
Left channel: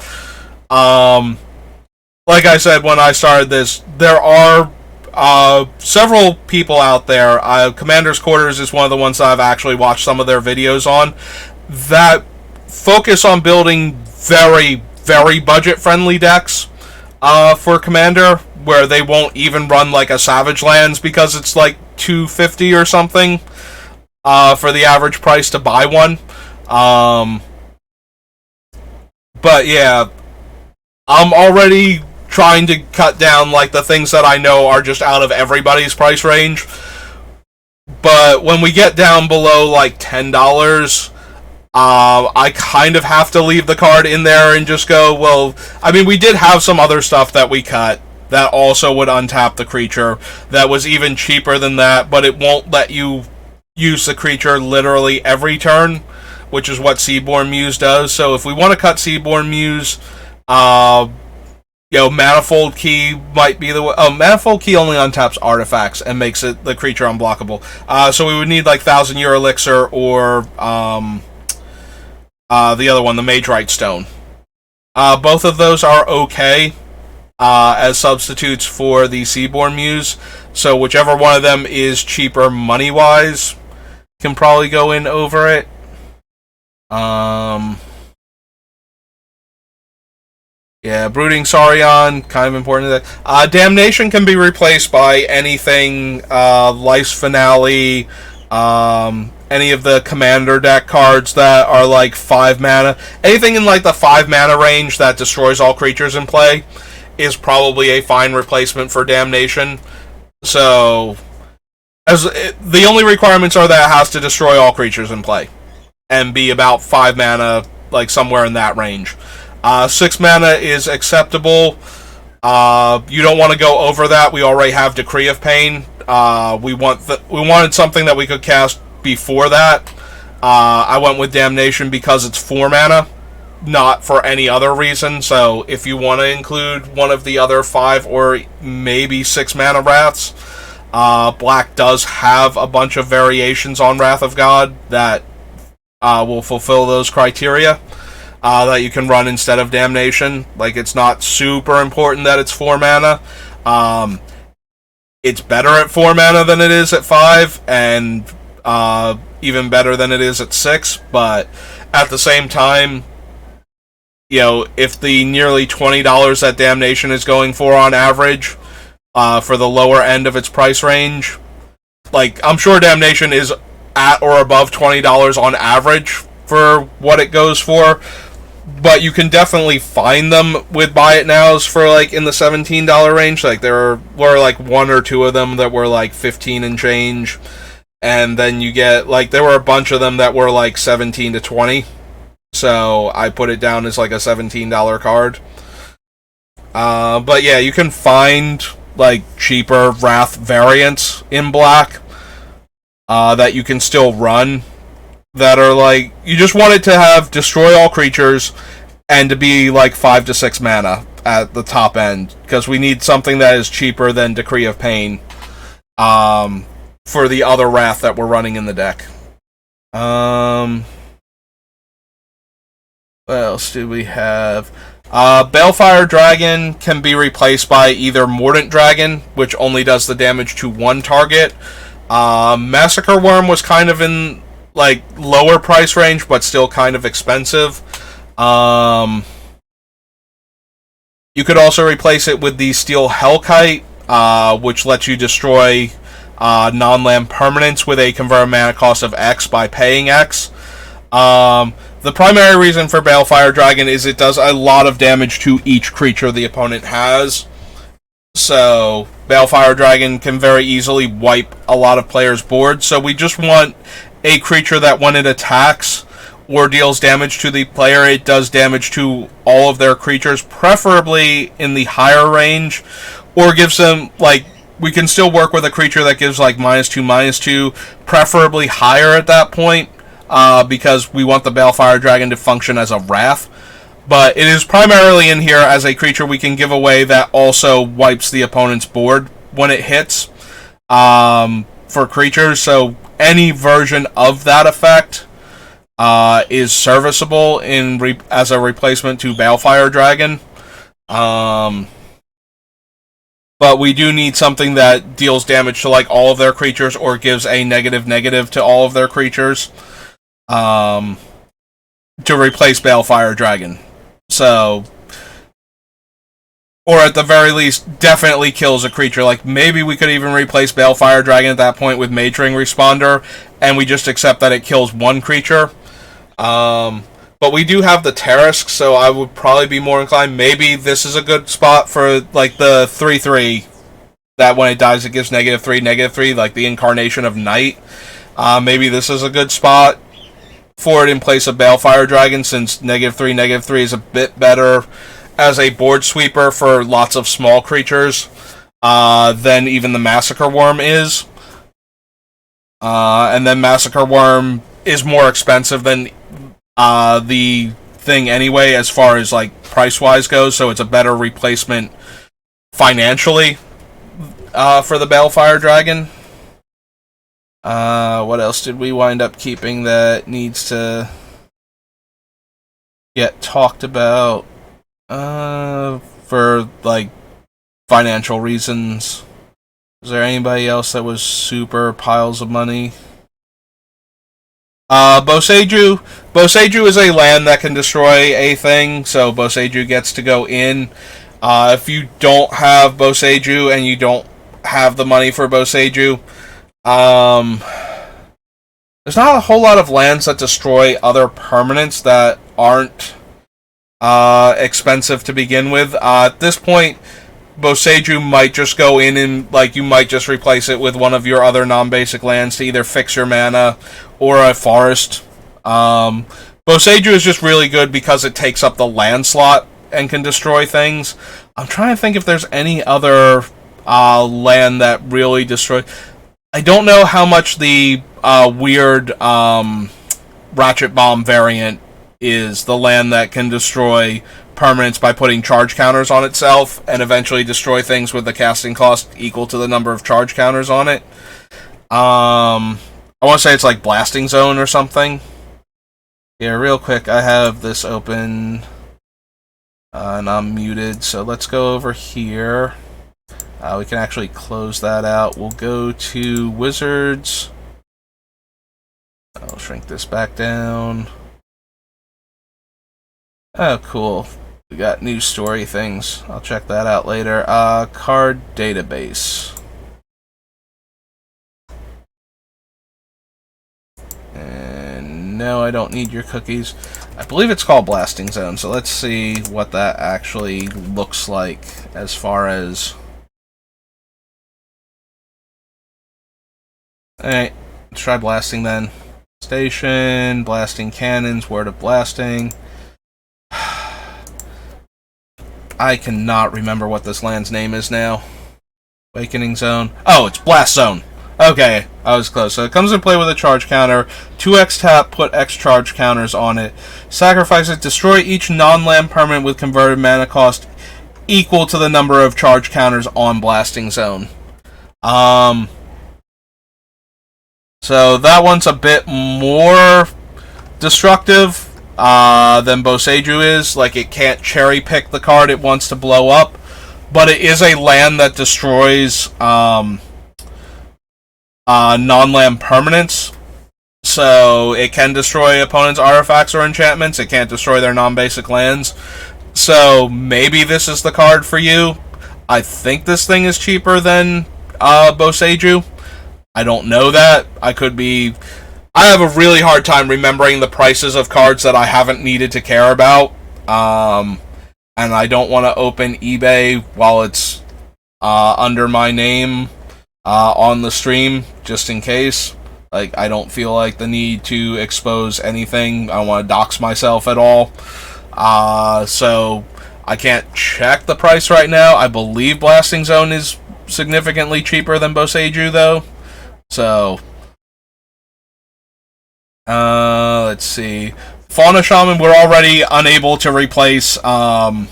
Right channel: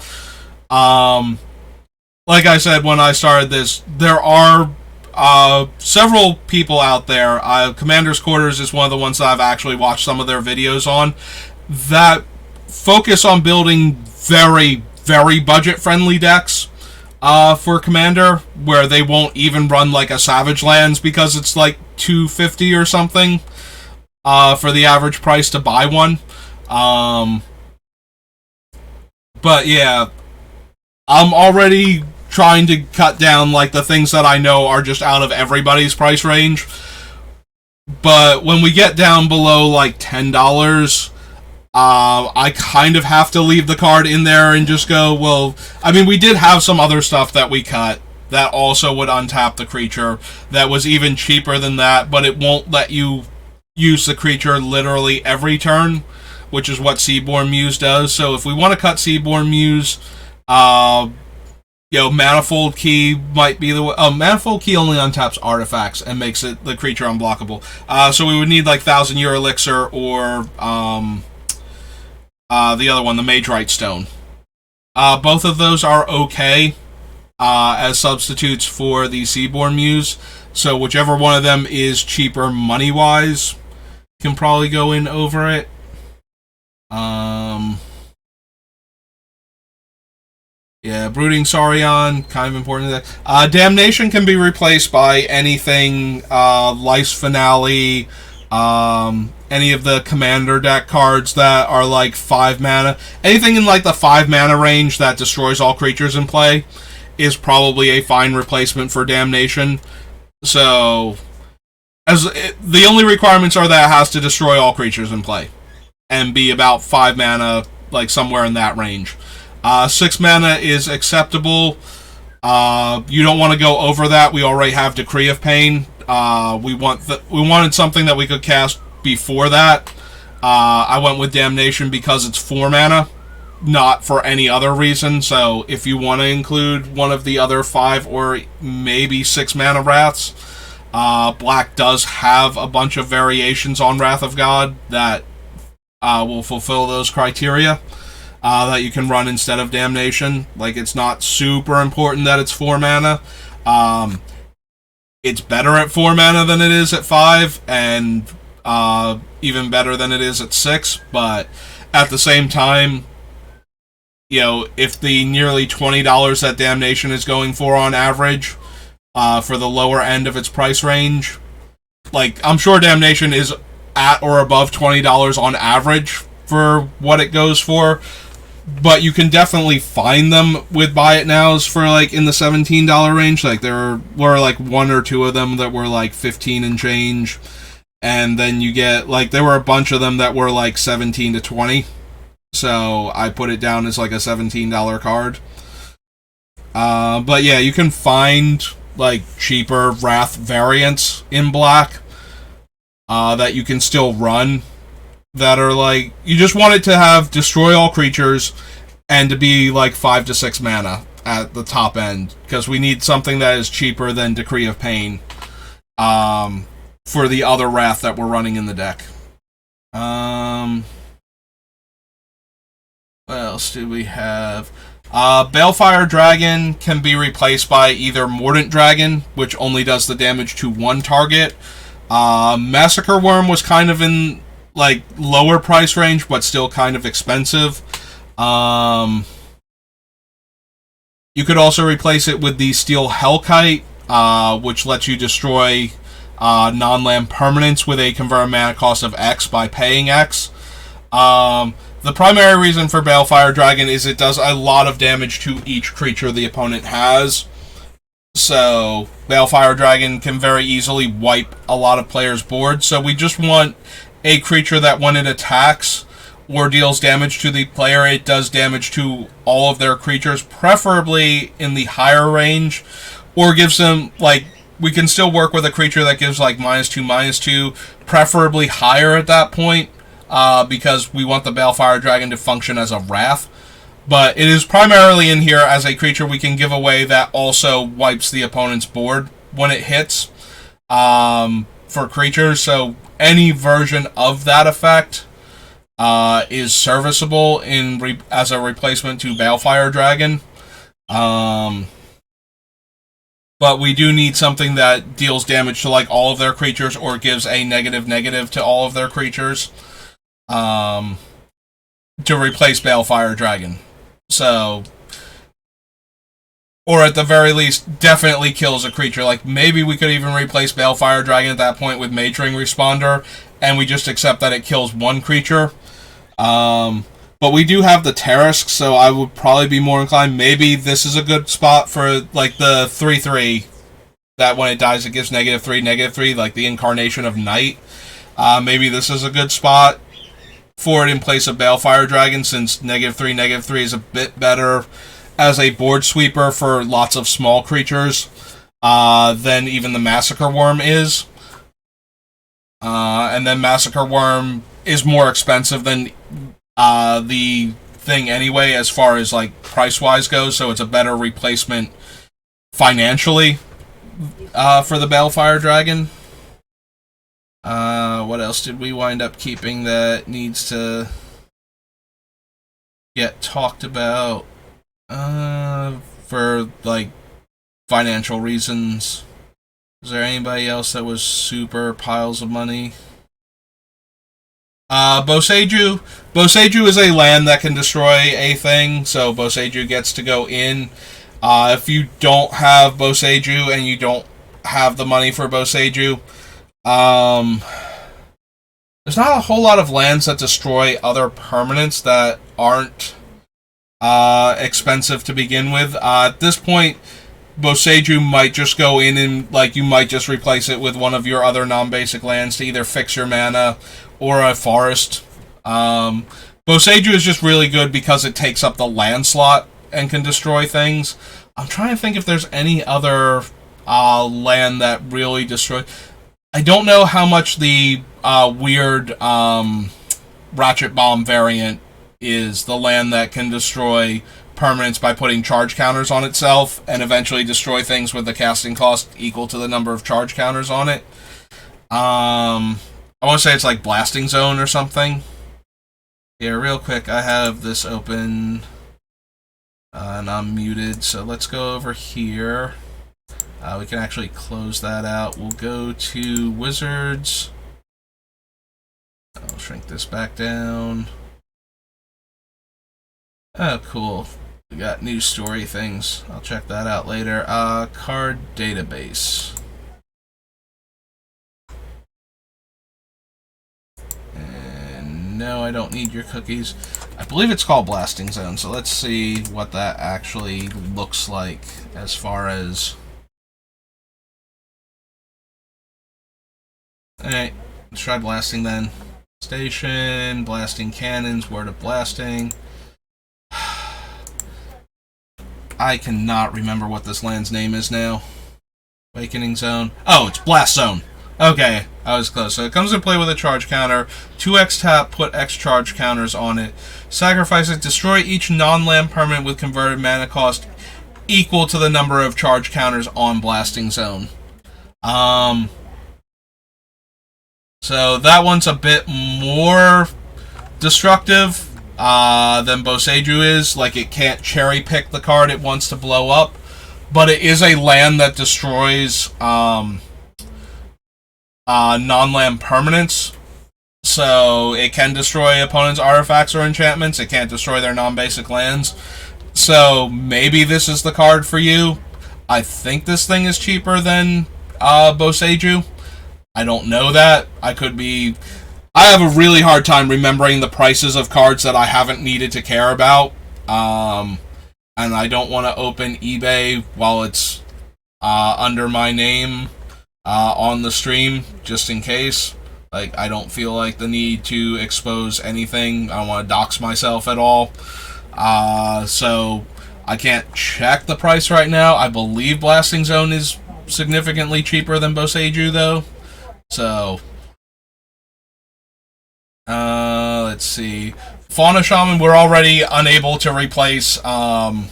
Like I said when I started this, there are several people out there. Commander's Quarters is one of the ones that I've actually watched some of their videos on, that focus on building very, very budget-friendly decks for Commander, where they won't even run like a Savage Lands because it's like $250 or something for the average price to buy one. But yeah, I'm already trying to cut down like the things that I know are just out of everybody's price range. But when we get down below like $10, I kind of have to leave the card in there and just go, well, I mean, we did have some other stuff that we cut that also would untap the creature that was even cheaper than that, but it won't let you use the creature literally every turn, which is what Seaborn Muse does. So if we want to cut Seaborn Muse, Manifold Key might be the way. Oh, Manifold Key only untaps artifacts and makes it the creature unblockable. So we would need like 1,000-Year Elixir or the other one, the Mage Right Stone. Both of those are okay as substitutes for the Seaborn Muse. So whichever one of them is cheaper money-wise can probably go in over it. Yeah, Brooding Saurian, kind of important. Damnation can be replaced by anything, Life's Finale, any of the Commander deck cards that are like 5 mana. Anything in like the 5 mana range that destroys all creatures in play is probably a fine replacement for Damnation. So, the only requirements are that it has to destroy all creatures in play and be about 5 mana, like somewhere in that range. 6 mana is acceptable. You don't want to go over that. We already have Decree of Pain. We wanted something that we could cast before that. I went with Damnation because it's 4 mana, not for any other reason. So if you want to include one of the other 5 or maybe 6 mana Wraths, Black does have a bunch of variations on Wrath of God that will fulfill those criteria. That you can run instead of Damnation. Like, it's not super important that it's 4 mana. It's better at 4 mana than it is at 5, and even better than it is at 6, but at the same time, if the nearly $20 that Damnation is going for on average, for the lower end of its price range, like, I'm sure Damnation is at or above $20 on average for what it goes for, but you can definitely find them with Buy It Nows for like in the $17 range. Like there were like 1 or 2 of them that were like 15 and change, and then you get like there were a bunch of them that were like 17 to 20. So I put it down as like a $17 card. But yeah, you can find like cheaper Wrath variants in Black that you can still run. That are like, you just want it to have destroy all creatures and to be like 5 to 6 mana at the top end, because we need something that is cheaper than Decree of Pain for the other Wrath that we're running in the deck. What else do we have? Balefire Dragon can be replaced by either Mordant Dragon, which only does the damage to 1 target. Massacre Worm was kind of in like lower price range, but still kind of expensive. You could also replace it with the Steel Hellkite, which lets you destroy non-land permanents with a convert mana cost of X by paying X. The primary reason for Balefire Dragon is it does a lot of damage to each creature the opponent has. So Balefire Dragon can very easily wipe a lot of players' boards. So we just want a creature that when it attacks or deals damage to the player, it does damage to all of their creatures, preferably in the higher range, or gives them, like, we can still work with a creature that gives like -2/-2, preferably higher at that point, because we want the Balefire Dragon to function as a Wrath. But it is primarily in here as a creature we can give away that also wipes the opponent's board when it hits, for creatures. So any version of that effect is serviceable as a replacement to Balefire Dragon. But we do need something that deals damage to like all of their creatures or gives a -/- to all of their creatures, to replace Balefire Dragon. So, or at the very least, definitely kills a creature. Like, maybe we could even replace Balefire Dragon at that point with Mage Ring Responder, and we just accept that it kills one creature. But we do have the Tarisk, so I would probably be more inclined. Maybe this is a good spot for, like, the 3/3, that when it dies it gives -3/-3, like the Incarnation of Night. Maybe this is a good spot for it in place of Balefire Dragon, since -3/-3 is a bit better as a board sweeper for lots of small creatures than even the Massacre Worm is. And then Massacre Worm is more expensive than the thing anyway, as far as like price-wise goes, so it's a better replacement financially for the Balefire Dragon. What else did we wind up keeping that needs to get talked about for like financial reasons? Is there anybody else that was super piles of money? Boseiju. Boseiju is a land that can destroy a thing, so Boseiju gets to go in. If you don't have Boseiju and you don't have the money for Boseiju, there's not a whole lot of lands that destroy other permanents that aren't expensive to begin with. At this point, Boseiju might just go in and, like, you might just replace it with one of your other non-basic lands to either fix your mana or a forest. Boseiju is just really good because it takes up the land slot and can destroy things. I'm trying to think if there's any other land that really destroys. I don't know how much the weird Ratchet Bomb variant is, the land that can destroy permanents by putting charge counters on itself and eventually destroy things with a casting cost equal to the number of charge counters on it. I want to say it's like Blasting Zone or something. Yeah, real quick, I have this open and I'm muted, so let's go over here. We can actually close that out. We'll go to Wizards. I'll shrink this back down. Oh, cool. We got new story things. I'll check that out later. Card database. And no, I don't need your cookies. I believe it's called Blasting Zone, so let's see what that actually looks like as far as... Alright, let's try blasting then. Station, blasting cannons, word of blasting. I cannot remember what this land's name is now. Awakening Zone. Oh, it's Blast Zone. Okay, I was close. So it comes in play with a charge counter. 2x tap, put X charge counters on it. Sacrifice it, destroy each non-land permanent with converted mana cost equal to the number of charge counters on Blasting Zone. So that one's a bit more destructive than Boseiju is. Like, it can't cherry pick the card it wants to blow up, but it is a land that destroys non-land permanents. So it can destroy opponents' artifacts or enchantments. It can't destroy their non-basic lands. So maybe this is the card for you. I think this thing is cheaper than Boseiju. I don't know that. I have a really hard time remembering the prices of cards that I haven't needed to care about. And I don't want to open eBay while it's under my name on the stream, just in case. Like, I don't feel like the need to expose anything. I don't want to dox myself at all. So I can't check the price right now. I believe Blasting Zone is significantly cheaper than Boseiju, though. So, let's see. Fauna Shaman, we're already unable to replace the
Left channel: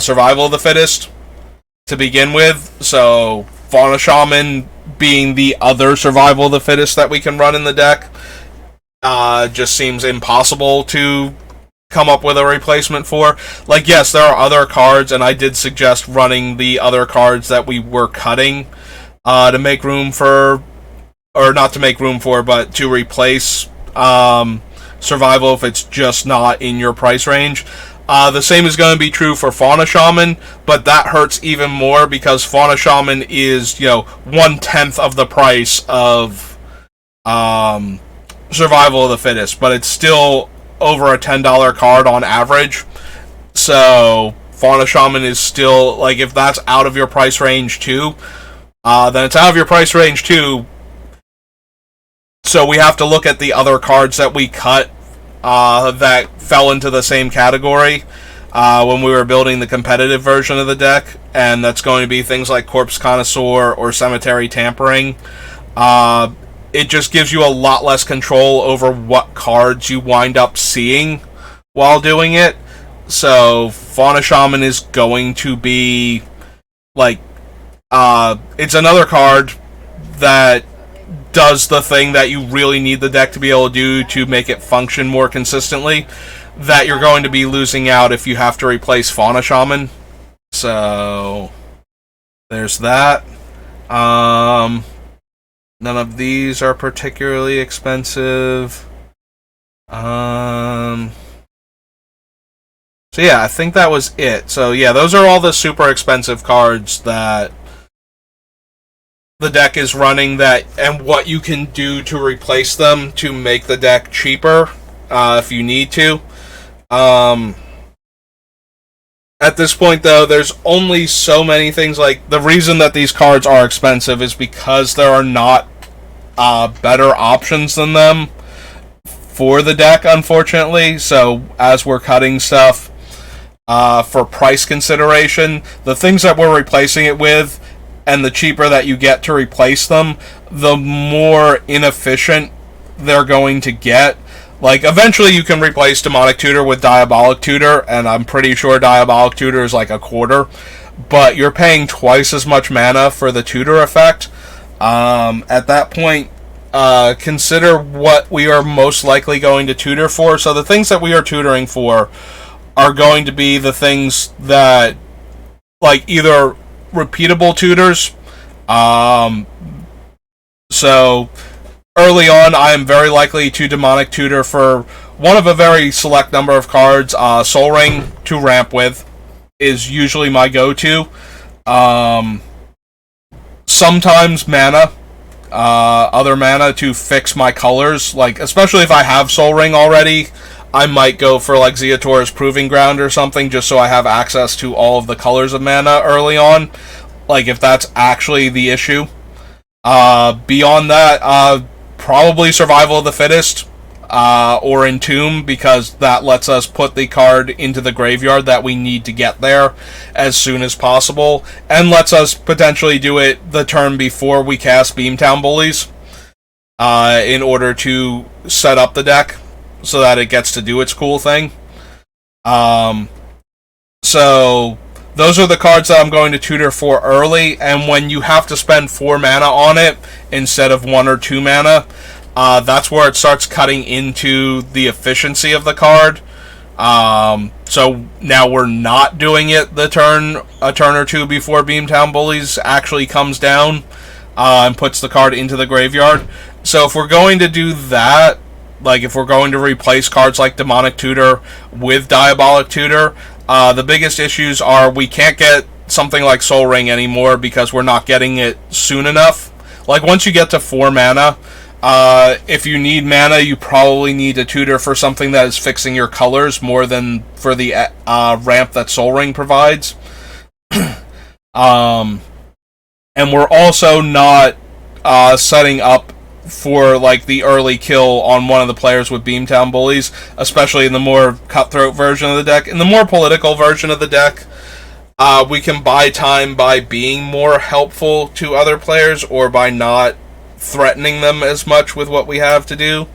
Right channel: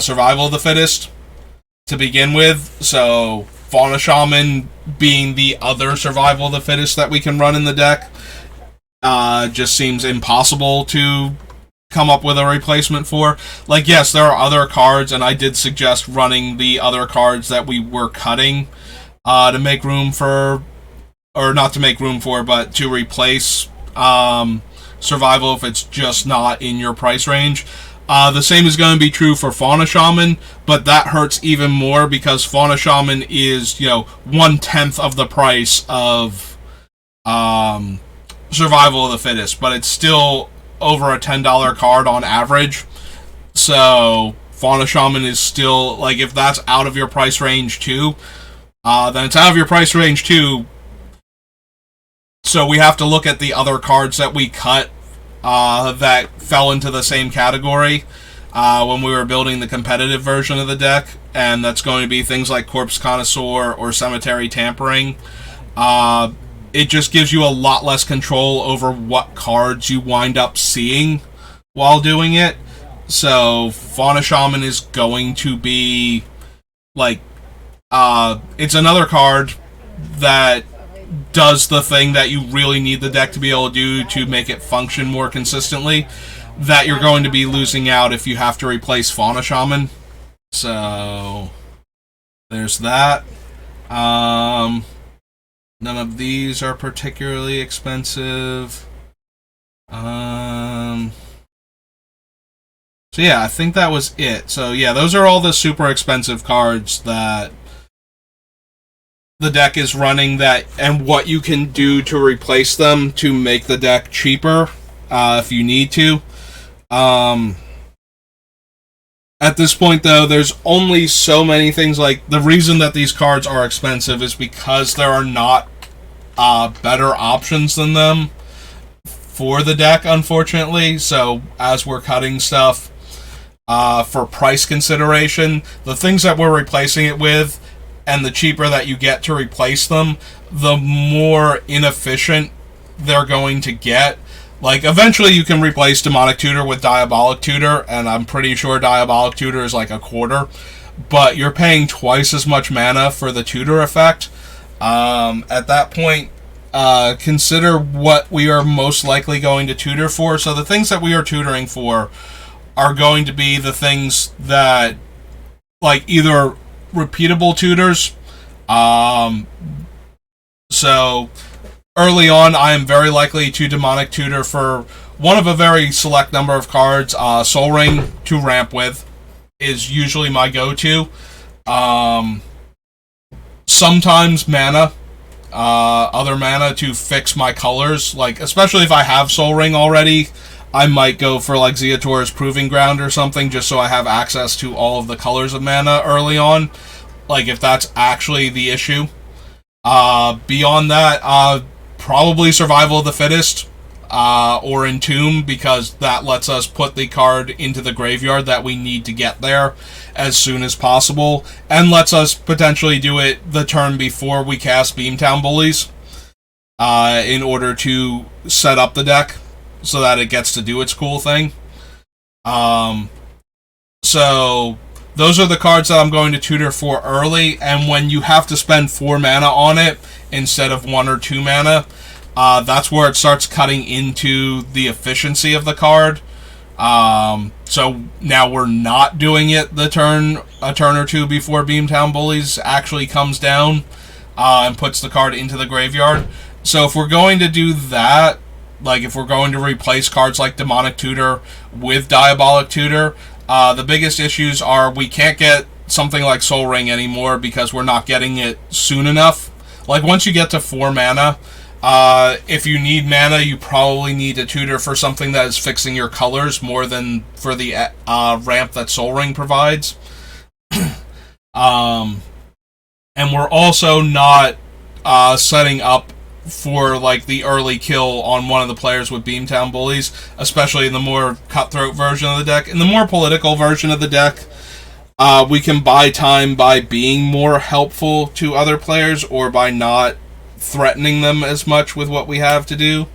Survival of the Fittest to begin with. So, Fauna Shaman being the other Survival of the Fittest that we can run in the deck just seems impossible to come up with a replacement for. Like, yes, there are other cards, and I did suggest running the other cards that we were cutting to make room for, or not to make room for, but to replace Survival if it's just not in your price range. The same is going to be true for Fauna Shaman, but that hurts even more because Fauna Shaman is, 1/10 of the price of Survival of the Fittest, but it's still over a $10 card on average. So Fauna Shaman is still, like, if that's out of your price range too, then it's out of your price range too. So we have to look at the other cards that we cut that fell into the same category when we were building the competitive version of the deck, and that's going to be things like Corpse Connoisseur or Cemetery Tampering. It just gives you a lot less control over what cards you wind up seeing while doing it. So Fauna Shaman is going to be like it's another card that does the thing that you really need the deck to be able to do to make it function more consistently, that you're going to be losing out if you have to replace Fauna Shaman. So there's that. None of these are particularly expensive. So yeah, I think that was it. So yeah, those are all the super expensive cards that the deck is running, that and what you can do to replace them to make the deck cheaper if you need to. At this point, though, there's only so many things. Like, the reason that these cards are expensive is because there are not better options than them for the deck, unfortunately. So, as we're cutting stuff for price consideration, the things that we're replacing it with, and the cheaper that you get to replace them, the more inefficient they're going to get. Like, eventually you can replace Demonic Tutor with Diabolic Tutor, and I'm pretty sure Diabolic Tutor is like a quarter, but you're paying twice as much mana for the tutor effect. At that point, consider what we are most likely going to tutor for. So the things that we are tutoring for are going to be the things that, like, either repeatable tutors. So early on, I am very likely to Demonic Tutor for one of a very select number of cards. Soul Ring to ramp with is usually my go-to. Sometimes mana, other mana to fix my colors. Like, especially if I have Soul Ring already, I might go for like Zeator's Proving Ground or something, just so I have access to all of the colors of mana early on. Like, if that's actually the issue. Beyond that, probably Survival of the Fittest, or Entomb, because that lets us put the card into the graveyard that we need to get there as soon as possible, and lets us potentially do it the turn before we cast Beamtown Bullies, in order to set up the deck so that it gets to do its cool thing. So those are the cards that I'm going to tutor for early, and when you have to spend 4 mana on it instead of 1 or 2 mana, that's where it starts cutting into the efficiency of the card. So now we're not doing it a turn or two before Beamtown Bullies actually comes down and puts the card into the graveyard. So if we're going to do that, like if we're going to replace cards like Demonic Tutor with Diabolic Tutor, the biggest issues are we can't get something like Soul Ring anymore because we're not getting it soon enough. Like, once you get to 4 mana, if you need mana, you probably need a tutor for something that is fixing your colors more than for the ramp that Soul Ring provides. And we're also not setting up for like the early kill on one of the players with Beamtown Bullies, especially in the more cutthroat version of the deck. In the more political version of the deck, we can buy time by being more helpful to other players or by not threatening them as much with what we have to do.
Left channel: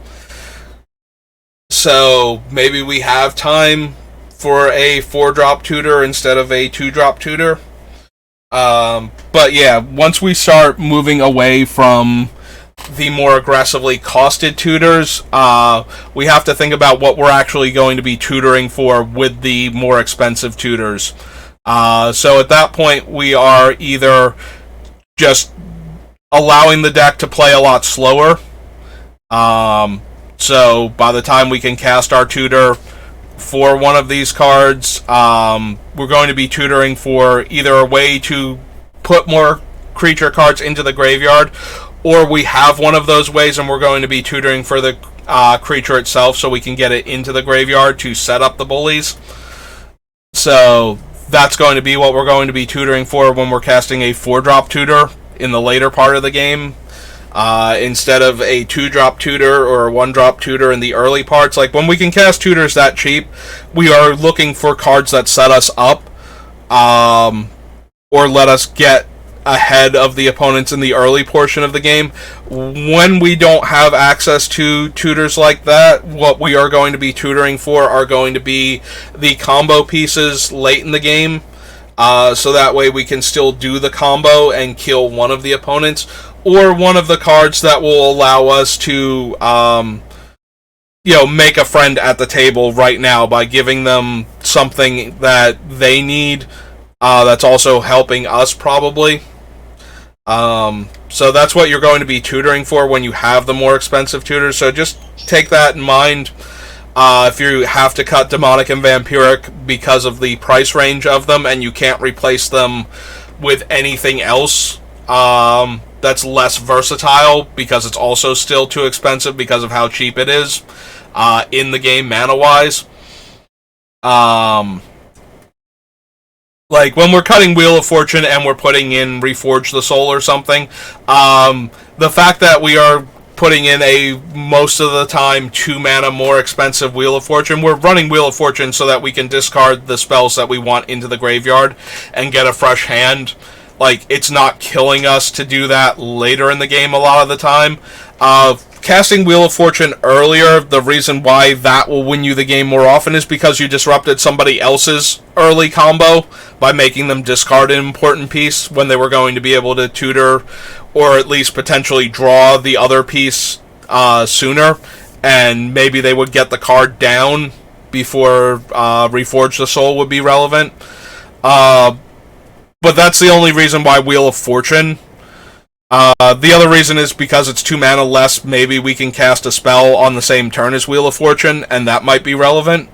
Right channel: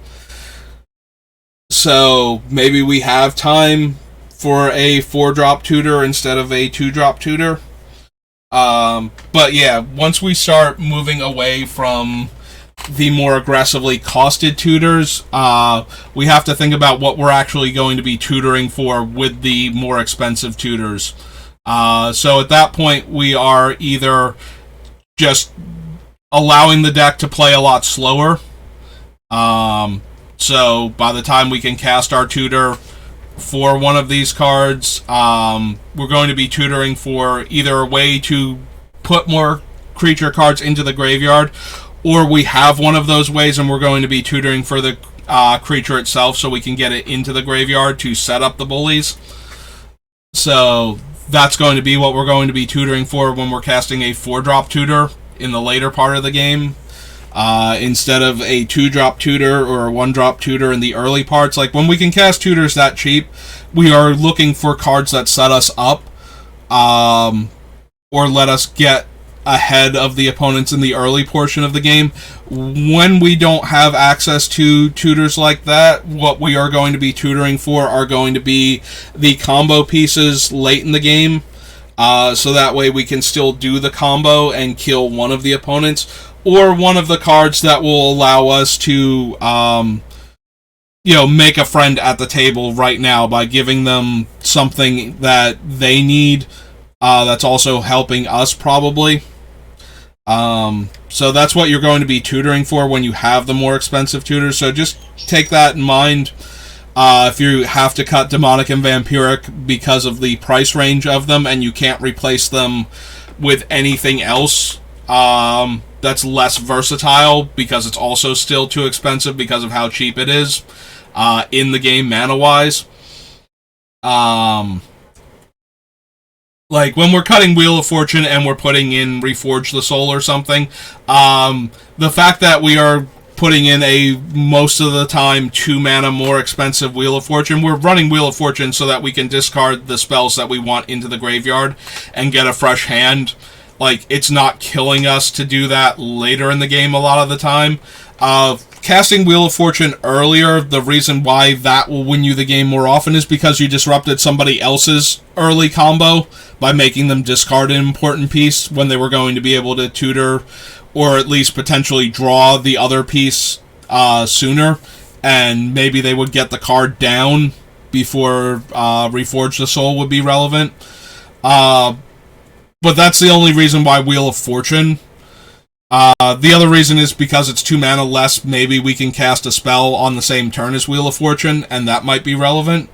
So maybe we have time for a 4-drop tutor instead of a 2-drop tutor. But yeah, once we start moving away from the more aggressively costed tutors, we have to think about what we're actually going to be tutoring for with the more expensive tutors. So at that point, we are either just allowing the deck to play a lot slower. So by the time we can cast our tutor for one of these cards, we're going to be tutoring for either a way to put more creature cards into the graveyard, or we have one of those ways and we're going to be tutoring for the creature itself so we can get it into the graveyard to set up the bullies. So that's going to be what we're going to be tutoring for when we're casting a 4-drop tutor in the later part of the game. Instead of a 2-drop tutor or a 1-drop tutor in the early parts. Like, when we can cast tutors that cheap, we are looking for cards that set us up, or let us get ahead of the opponents in the early portion of the game. When we don't have access to tutors like that, what we are going to be tutoring for are going to be the combo pieces late in the game, so that way we can still do the combo and kill one of the opponents, or one of the cards that will allow us to, make a friend at the table right now by giving them something that they need, that's also helping us probably. So that's what you're going to be tutoring for when you have the more expensive tutors. So just take that in mind. If you have to cut Demonic and Vampiric because of the price range of them and you can't replace them with anything else that's less versatile because it's also still too expensive because of how cheap it is in the game mana-wise. Like, when we're cutting Wheel of Fortune and we're putting in Reforge the Soul or something, the fact that we are putting in a, most of the time, 2 mana more expensive Wheel of Fortune, we're running Wheel of Fortune so that we can discard the spells that we want into the graveyard and get a fresh hand. Like, it's not killing us to do that later in the game a lot of the time. Casting Wheel of Fortune earlier, the reason why that will win you the game more often is because you disrupted somebody else's early combo by making them discard an important piece when they were going to be able to tutor or at least potentially draw the other piece sooner, and maybe they would get the card down before Reforge the Soul would be relevant. But that's the only reason why Wheel of Fortune. The other reason is because it's 2 mana less, maybe we can cast a spell on the same turn as Wheel of Fortune, and that might be relevant.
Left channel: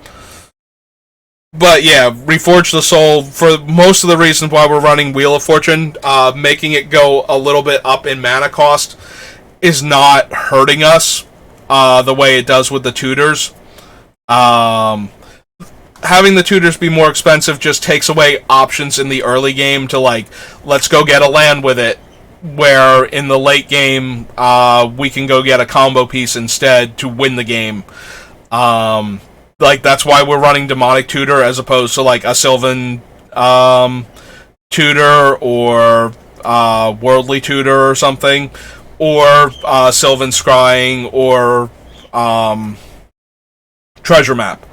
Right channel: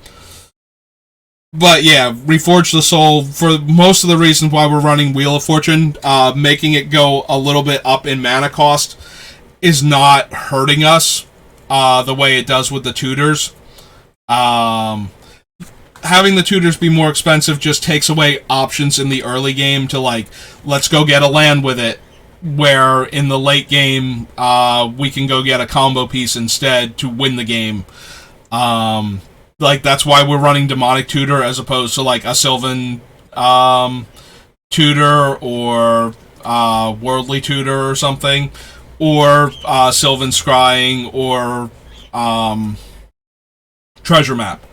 But yeah, Reforge the Soul, for most of the reasons why we're running Wheel of Fortune, making it go a little bit up in mana cost is not hurting us the way it does with the tutors. Having the tutors be more expensive just takes away options in the early game to, like, let's go get a land with it, where in the late game, we can go get a combo piece instead to win the game. Like, that's why we're running Demonic Tutor as opposed to, like, a Sylvan Tutor or Worldly Tutor or something, or Sylvan Scrying or Treasure Map.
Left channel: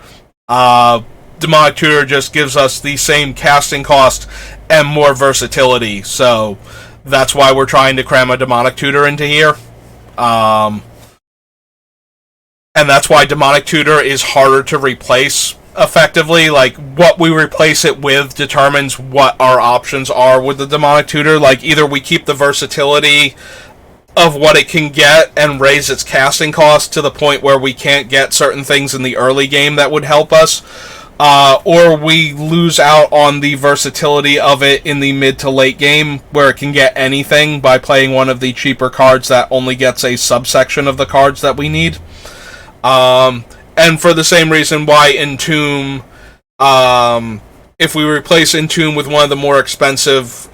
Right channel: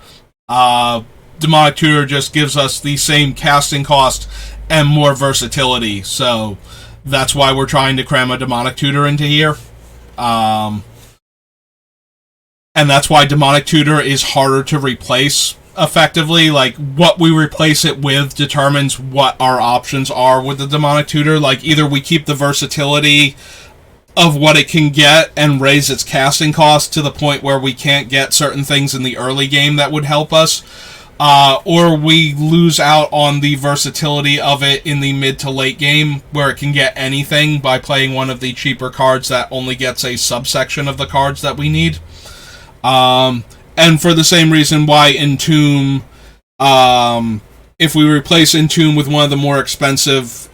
Demonic Tutor just gives us the same casting cost and more versatility, so that's why we're trying to cram a Demonic Tutor into here. And that's why Demonic Tutor is harder to replace effectively. Like, what we replace it with determines what our options are with the Demonic Tutor. Like, either we keep the versatility of what it can get and raise its casting cost to the point where we can't get certain things in the early game that would help us, or we lose out on the versatility of it in the mid to late game, where it can get anything by playing one of the cheaper cards that only gets a subsection of the cards that we need. And for the same reason why Entomb, if we replace Entomb with one of the more expensive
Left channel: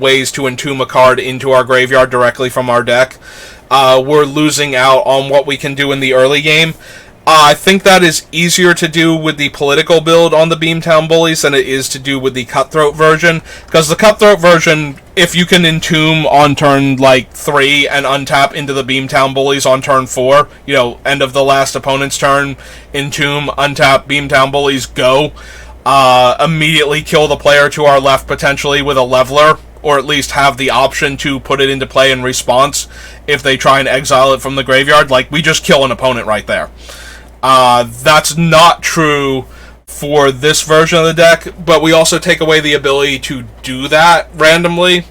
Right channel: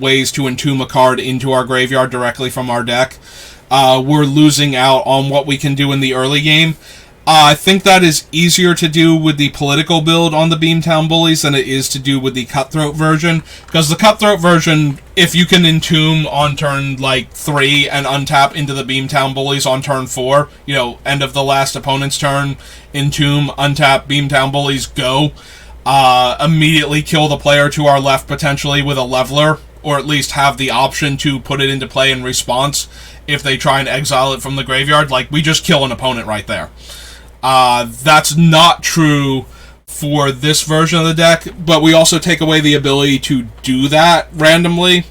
ways to Entomb a card into our graveyard directly from our deck, we're losing out on what we can do in the early game. I think that is easier to do with the political build on the Beamtown Bullies than it is to do with the Cutthroat version. Because the Cutthroat version, if you can entomb on turn, 3 and untap into the Beamtown Bullies on turn 4, end of the last opponent's turn, entomb, untap, Beamtown Bullies, go. Immediately kill the player to our left, potentially, with a leveler, or at least have the option to put it into play in response if they try and exile it from the graveyard. We just kill an opponent right there. That's not true for this version of the deck, but we also take away the ability to do that randomly,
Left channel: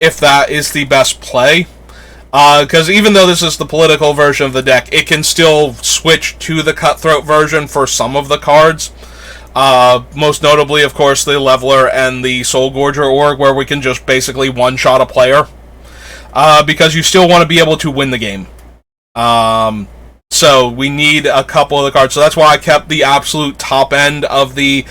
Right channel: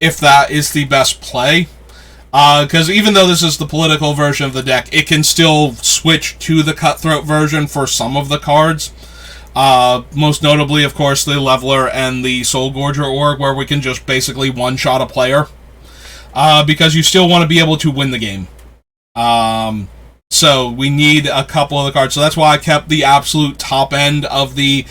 if that is the best play. Because even though this is the political version of the deck, it can still switch to the Cutthroat version for some of the cards. Most notably, of course, the Leveler and the Soul Gorger Org, where we can just basically one-shot a player. Because you still want to be able to win the game. So we need a couple of the cards. So that's why I kept the absolute top end of the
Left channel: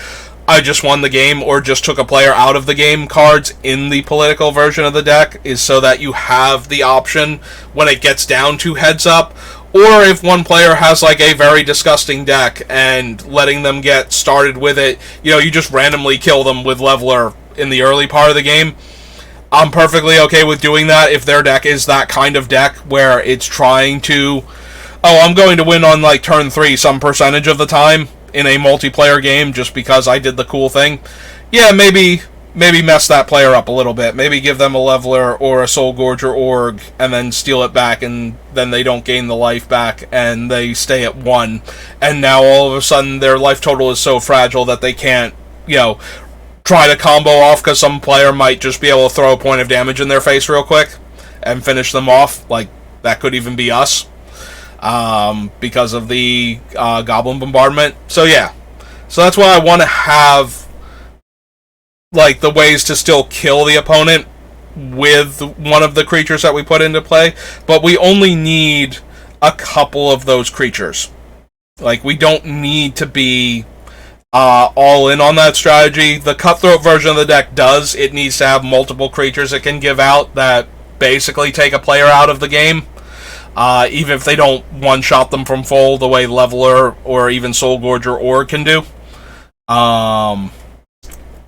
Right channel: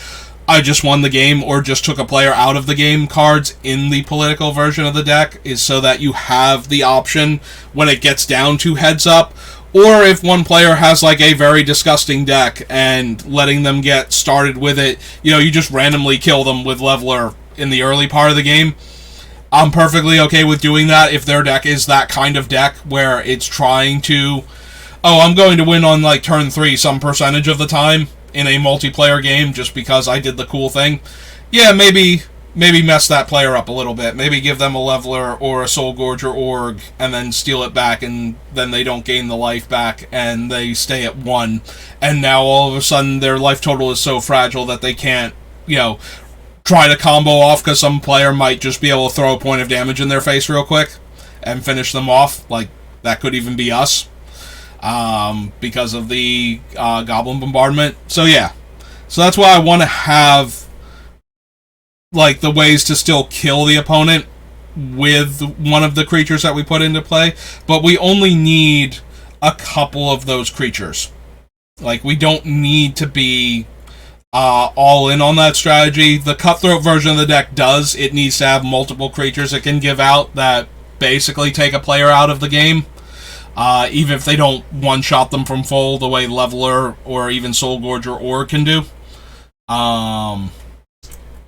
I just won the game or just took a player out of the game cards in the political version of the deck, is so that you have the option when it gets down to heads up. Or if one player has a very disgusting deck and letting them get started with it, you just randomly kill them with Leveler in the early part of the game. I'm perfectly okay with doing that if their deck is that kind of deck where it's trying to, I'm going to win on turn 3 some percentage of the time in a multiplayer game just because I did the cool thing. Yeah, maybe mess that player up a little bit. Maybe give them a Leveler or a Soul Gorger Org and then steal it back, and then they don't gain the life back and they stay at 1. And now all of a sudden their life total is so fragile that they can't, try to combo off, because some player might just be able to throw a point of damage in their face real quick and finish them off. That could even be us. Because of the Goblin Bombardment. So yeah. So that's why I want to have the ways to still kill the opponent with one of the creatures that we put into play. But we only need a couple of those creatures. We don't need to be all in on that strategy. The Cutthroat version of the deck does. It needs to have multiple creatures it can give out that basically take a player out of the game. Even if they don't one-shot them from full the way Leveler or even Soul Gorger Org can do.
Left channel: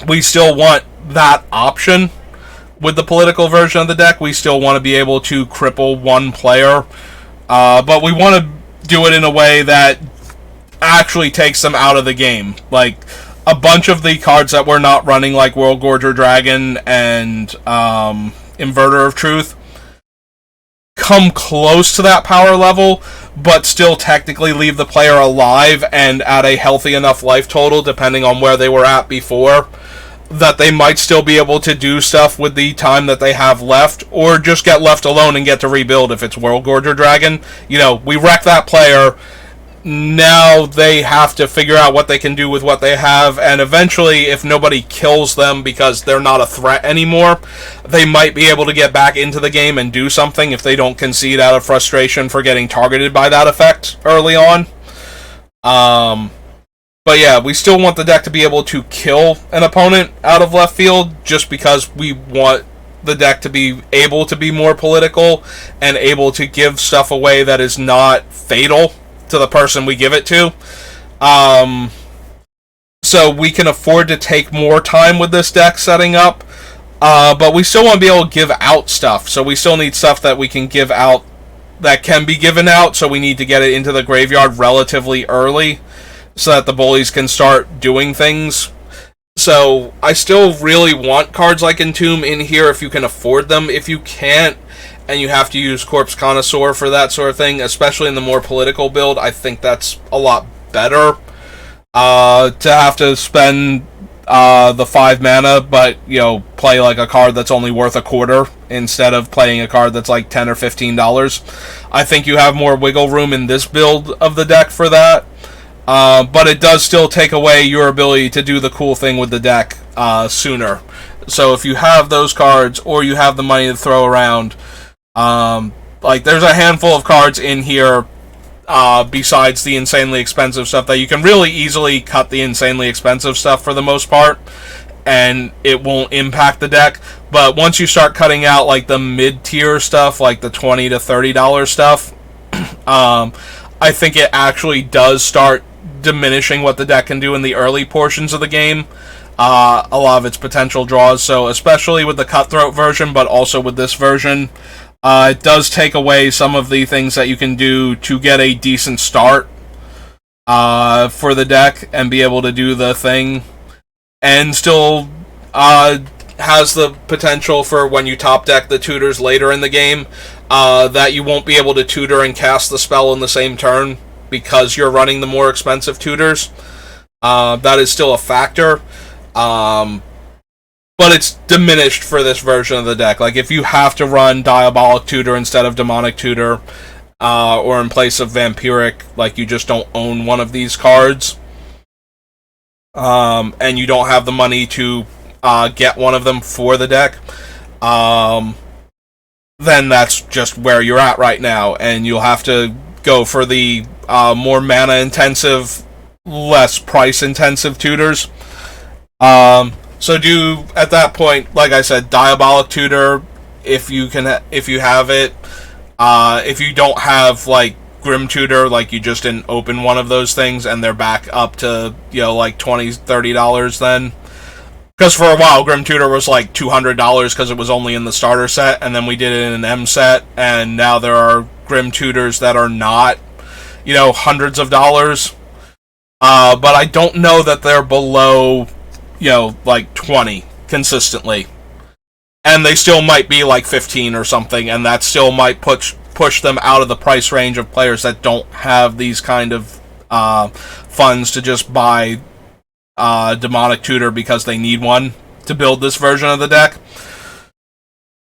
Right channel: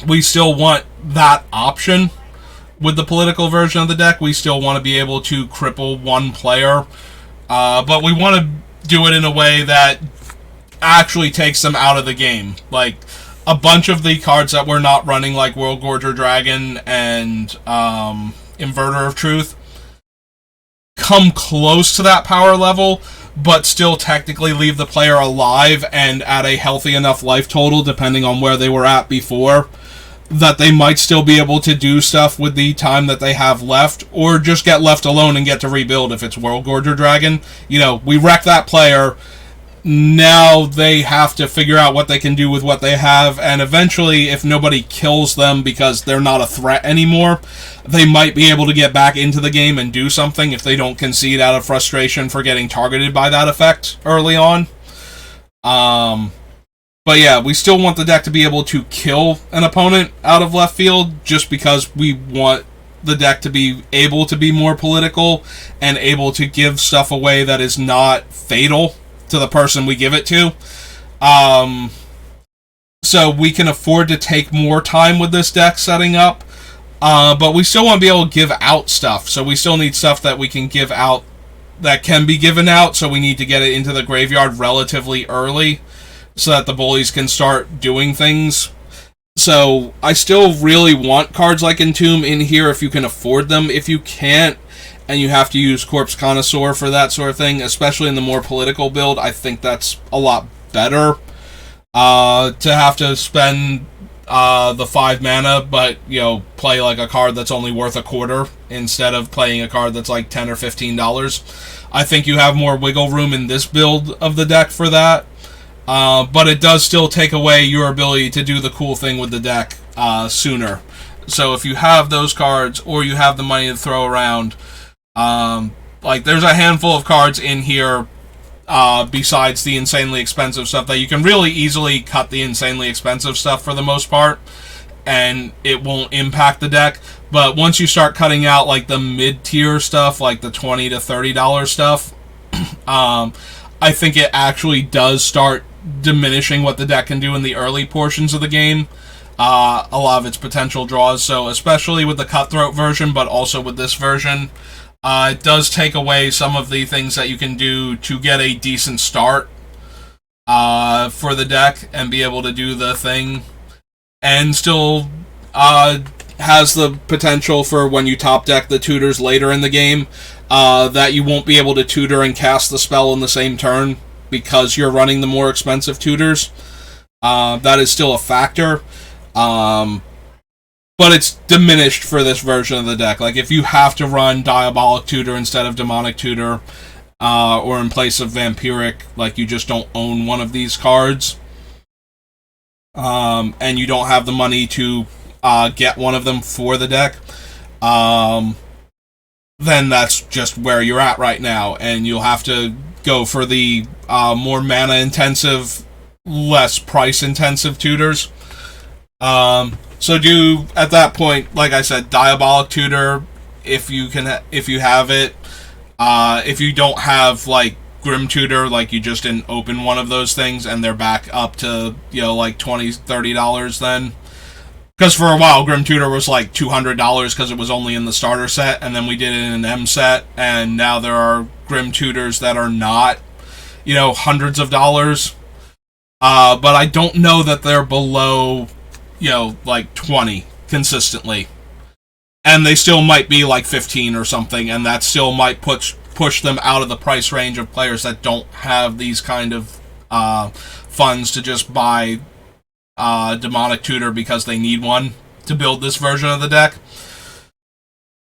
We still want that option with the political version of the deck. We still want to be able to cripple one player. But we want to do it in a way that actually takes them out of the game. A bunch of the cards that we're not running, like World Gorger Dragon and Inverter of Truth, come close to that power level, but still technically leave the player alive and at a healthy enough life total, depending on where they were at before, that they might still be able to do stuff with the time that they have left, or just get left alone and get to rebuild if it's World Gorger Dragon. We wreck that player. Now they have to figure out what they can do with what they have, and eventually, if nobody kills them because they're not a threat anymore, they might be able to get back into the game and do something if they don't concede out of frustration for getting targeted by that effect early on. But yeah, we still want the deck to be able to kill an opponent out of left field, just because we want the deck to be able to be more political and able to give stuff away that is not fatal to the person we give it to. So we can afford to take more time with this deck setting up, but we still want to be able to give out stuff. So we still need stuff that we can give out that can be given out, so we need to get it into the graveyard relatively early so that the Bullies can start doing things. So I still really want cards like Entomb in here if you can afford them. If you can't, and you have to use Corpse Connoisseur for that sort of thing, especially in the more political build, I think that's a lot better. To have to spend the 5 mana, but, play a card that's only worth a quarter, instead of playing a card that's $10 or $15. I think you have more wiggle room in this build of the deck for that. But it does still take away your ability to do the cool thing with the deck sooner. So if you have those cards, or you have the money to throw around, there's a handful of cards in here besides the insanely expensive stuff that you can really easily cut the insanely expensive stuff for the most part, and it won't impact the deck. But once you start cutting out like the mid-tier stuff, like the $20 to $30 stuff, I think it actually does start diminishing what the deck can do in the early portions of the game. A lot of its potential draws. So especially with the Cutthroat version, but also with this version, it does take away some of the things that you can do to get a decent start for the deck and be able to do the thing, and still has the potential for when you top deck the tutors later in the game that you won't be able to tutor and cast the spell in the same turn because you're running the more expensive tutors. That is still a factor. But it's diminished for this version of the deck. Like, if you have to run Diabolic Tutor instead of Demonic Tutor, or in place of Vampiric, like, you just don't own one of these cards, and you don't have the money to get one of them for the deck, then that's just where you're at right now, and you'll have to go for the more mana-intensive, less price-intensive tutors. So do, at that point, like I said, Diabolic Tutor if you have it. If you don't have like Grim Tutor, like you just didn't open one of those things and they're back up to, like $20, $30 then. Because for a while Grim Tutor was like $200 because it was only in the starter set, and then we did it in an M set, and now there are Grim Tutors that are not, hundreds of dollars. But I don't know that they're below like 20 consistently. And they still might be like 15 or something, and that still might push them out of the price range of players that don't have these kind of funds to just buy Demonic Tutor because they need one to build this version of the deck.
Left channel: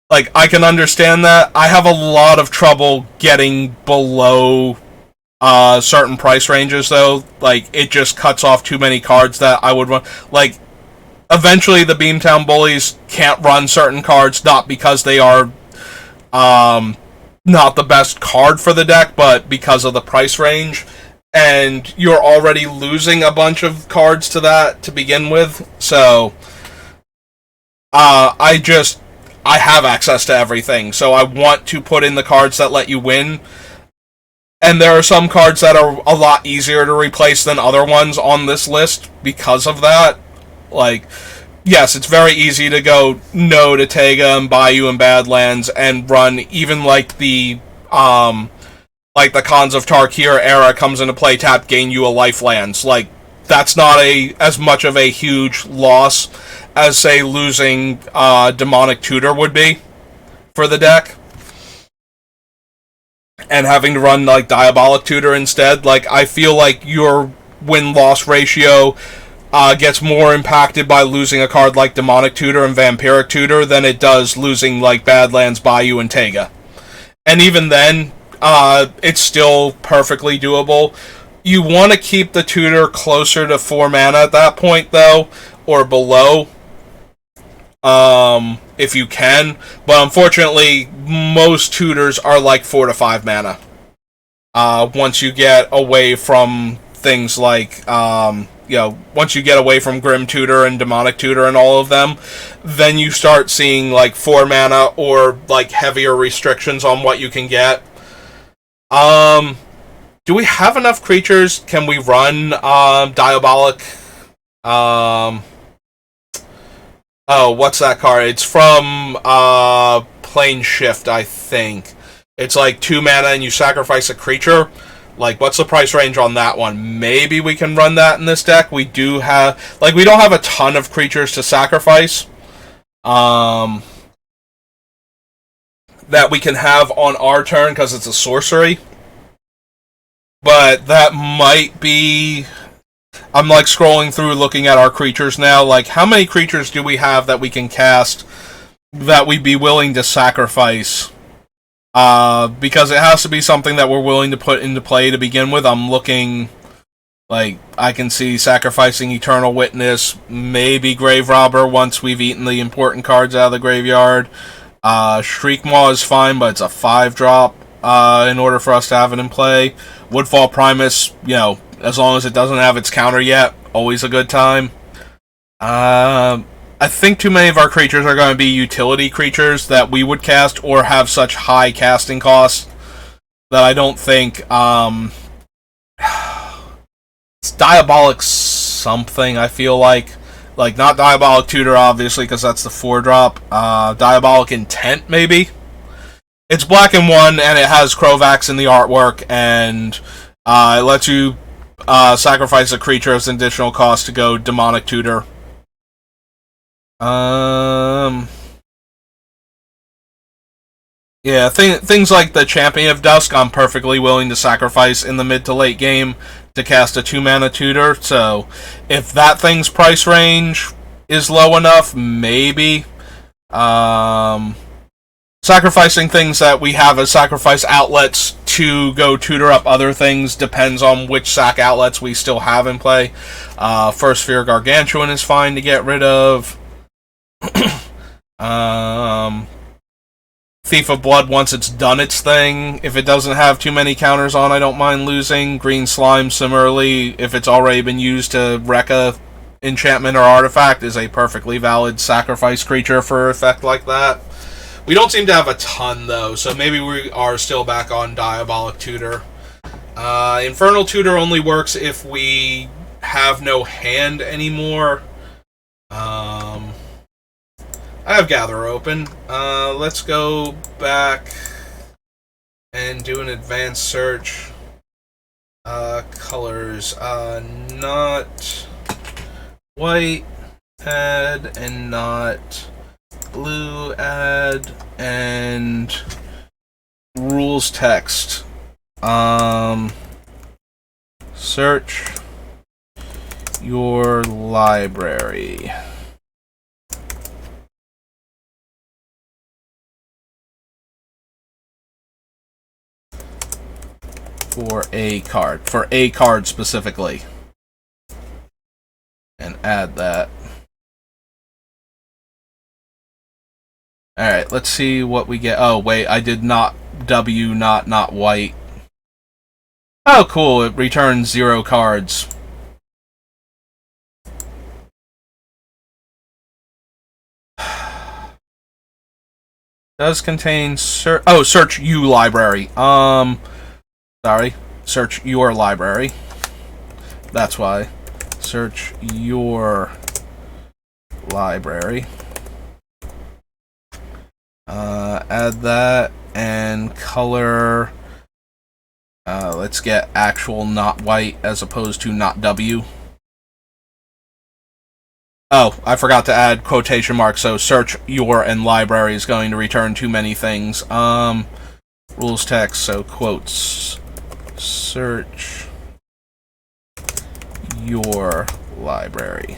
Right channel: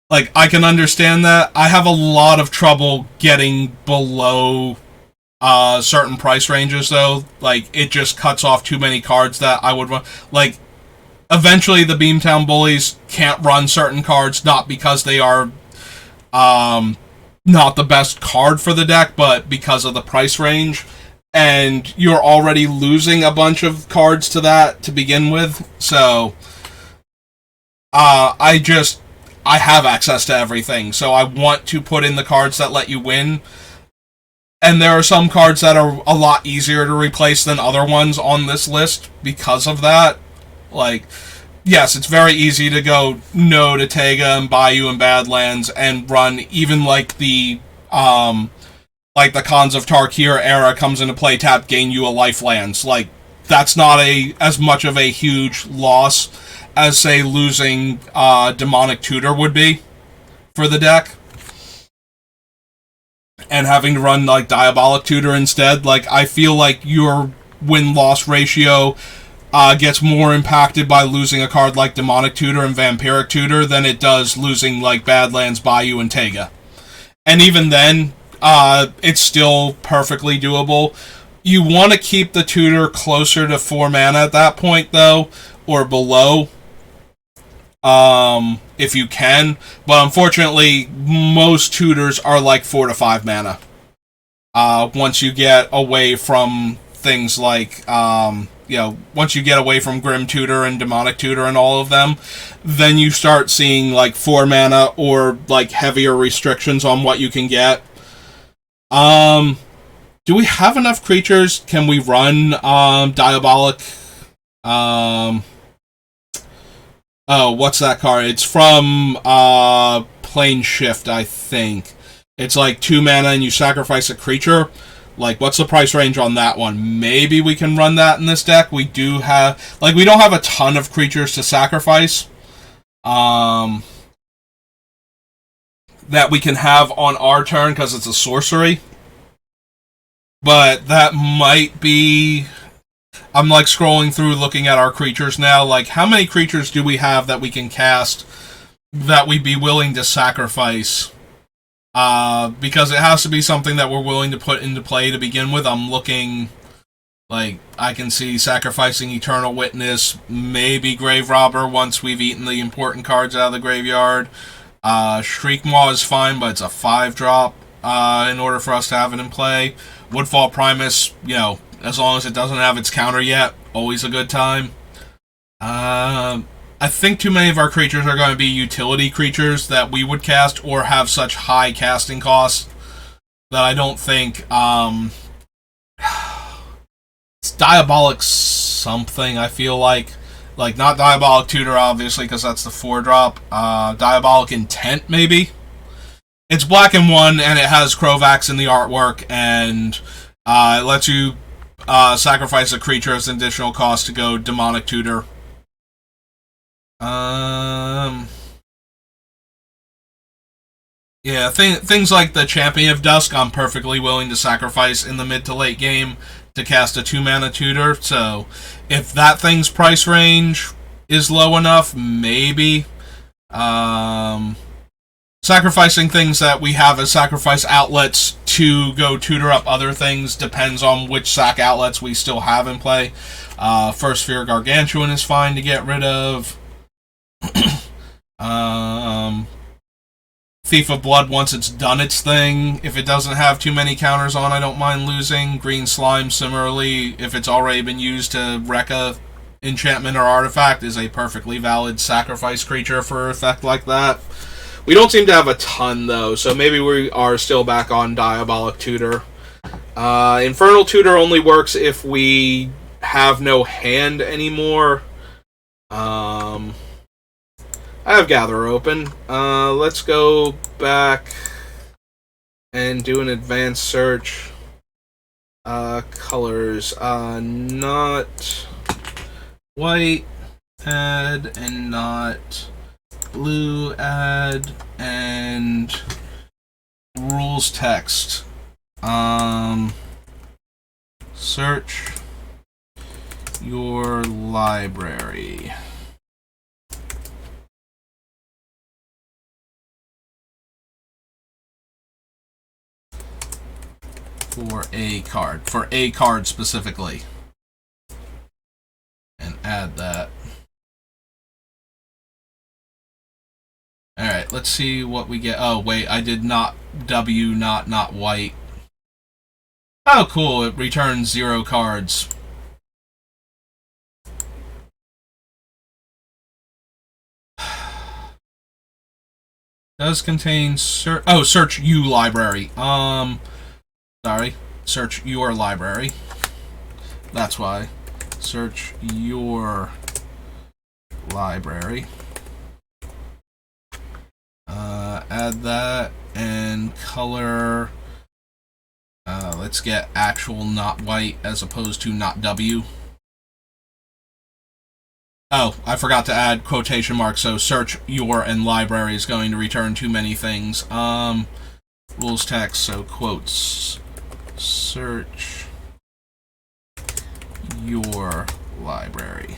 Like, I can understand that. I have a lot of trouble getting below certain price ranges, though. Like, it just cuts off too many cards that I would run. Like, eventually the Beamtown Bullies can't run certain cards, not because they are not the best card for the deck, but because of the price range. And you're already losing a bunch of cards to that to begin with. So, I have access to everything. So I want to put in the cards that let you win. And there are some cards that are a lot easier to replace than other ones on this list because of that. Like, yes, it's very easy to go no to Tega and Bayou and Badlands and run even like the Khans of Tarkir era comes into play, tap, gain you a lifelands. Like, that's not as much of a huge loss as, say, losing Demonic Tutor would be for the deck. And having to run like Diabolic Tutor instead. Like, I feel like your win-loss ratio gets more impacted by losing a card like Demonic Tutor and Vampiric Tutor than it does losing like Badlands, Bayou, and Tega. And even then, it's still perfectly doable. You want to keep the tutor closer to 4 mana at that point, though, or below, if you can. But unfortunately, most tutors are like 4 to 5 mana. Once you get away from things like once you get away from Grim Tutor and Demonic Tutor and all of them, then you start seeing like 4 mana or like heavier restrictions on what you can get. Do we have enough creatures? Can we run Diabolic? Oh, what's that card? It's from Plane Shift, I think. It's like 2 mana and you sacrifice a creature. Like, what's the price range on that one? Maybe we can run that in this deck. We do have... Like, we don't have a ton of creatures to sacrifice. That we can have on our turn, because it's a sorcery. But that might be... I'm, like, scrolling through looking at our creatures now. Like, how many creatures do we have that we can cast that we'd be willing to sacrifice? Because it has to be something that we're willing to put into play to begin with. I'm looking, like, I can see sacrificing Eternal Witness, maybe Grave Robber once we've eaten the important cards out of the graveyard. Shriekmaw is fine, but it's a 5-drop in order for us to have it in play. Woodfall Primus, as long as it doesn't have its counter yet, always a good time. I think too many of our creatures are going to be utility creatures that we would cast or have such high casting costs that I don't think it's Diabolic something. I feel like not Diabolic Tutor obviously because that's the 4-drop. Diabolic Intent maybe. It's black and 1 and it has Krovax in the artwork and it lets you sacrifice a creature as an additional cost to go Demonic Tutor. Yeah, things like the Champion of Dusk, I'm perfectly willing to sacrifice in the mid to late game to cast a 2-mana tutor. So, if that thing's price range is low enough, maybe. Sacrificing things that we have as sacrifice outlets to go tutor up other things depends on which sack outlets we still have in play. First Sphere Gargantuan is fine to get rid of. Thief of Blood, once it's done its thing, if it doesn't have too many counters on, I don't mind losing. Green Slime, similarly, if it's already been used to wreck a enchantment or artifact, is a perfectly valid sacrifice creature for an effect like that. We don't seem to have a ton, though, so maybe we are still back on Diabolic Tutor. Infernal Tutor only works if we have no hand anymore. I have Gather open. Let's go back and do an advanced search. Colors. Not white, add, and not blue, add, and rules text. Search your library. For a card specifically, and add that. Alright, let's see what we get. Oh, wait, I did not W, not white. Oh, cool, it returns 0 cards. Does contain search you library. Sorry, search your library. That's why. Search your library. Add that and color. Let's get actual not white as opposed to not W. Oh, I forgot to add quotation marks, so search your and library is going to return too many things. Rules text, so quotes. Search your library.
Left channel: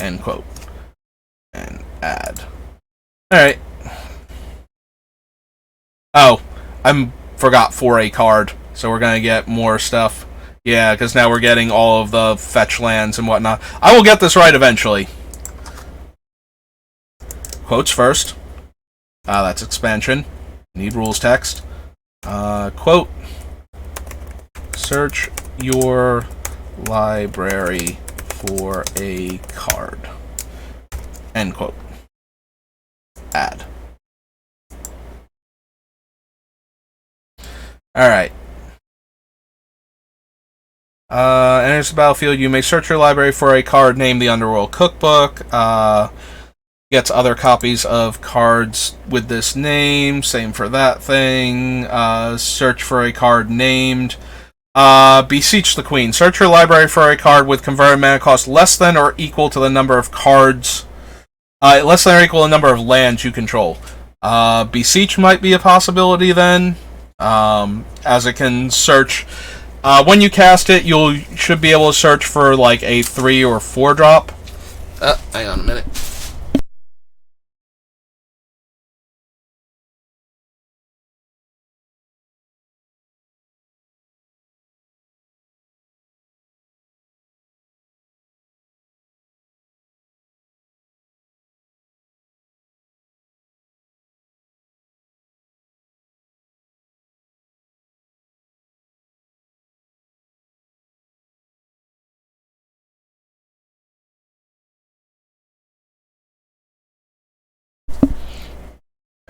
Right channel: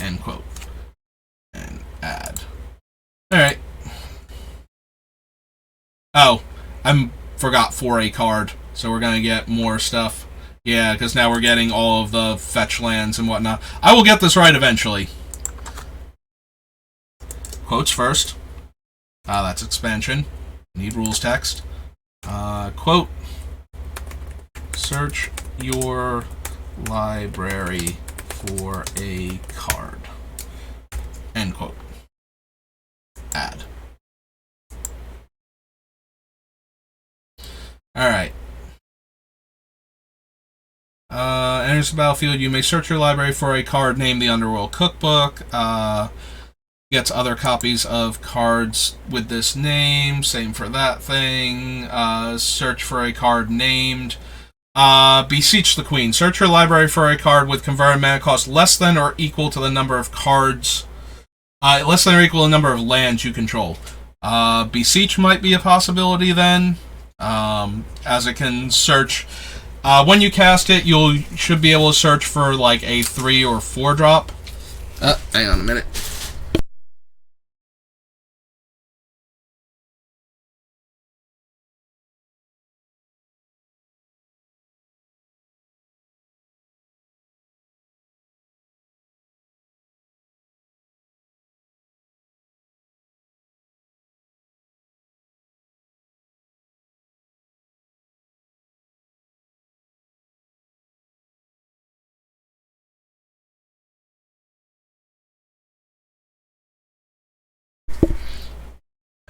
End quote. And add. Alright. Oh, I forgot for a card, so we're gonna get more stuff. Yeah, because now we're getting all of the fetch lands and whatnot. I will get this right eventually. Quotes first. That's expansion. Need rules text. Quote. Search your library for a card. End quote. Add. Alright. Enters the battlefield. You may search your library for a card named the Underworld Cookbook. Gets other copies of cards with this name. Same for that thing. Search for a card named Beseech the Queen. Search your library for a card with converted mana cost less than or equal to the number of cards. Less than or equal to the number of lands you control. Beseech might be a possibility then, as it can search. When you cast it, you should be able to search for like a 3 or 4 drop. Hang on a minute.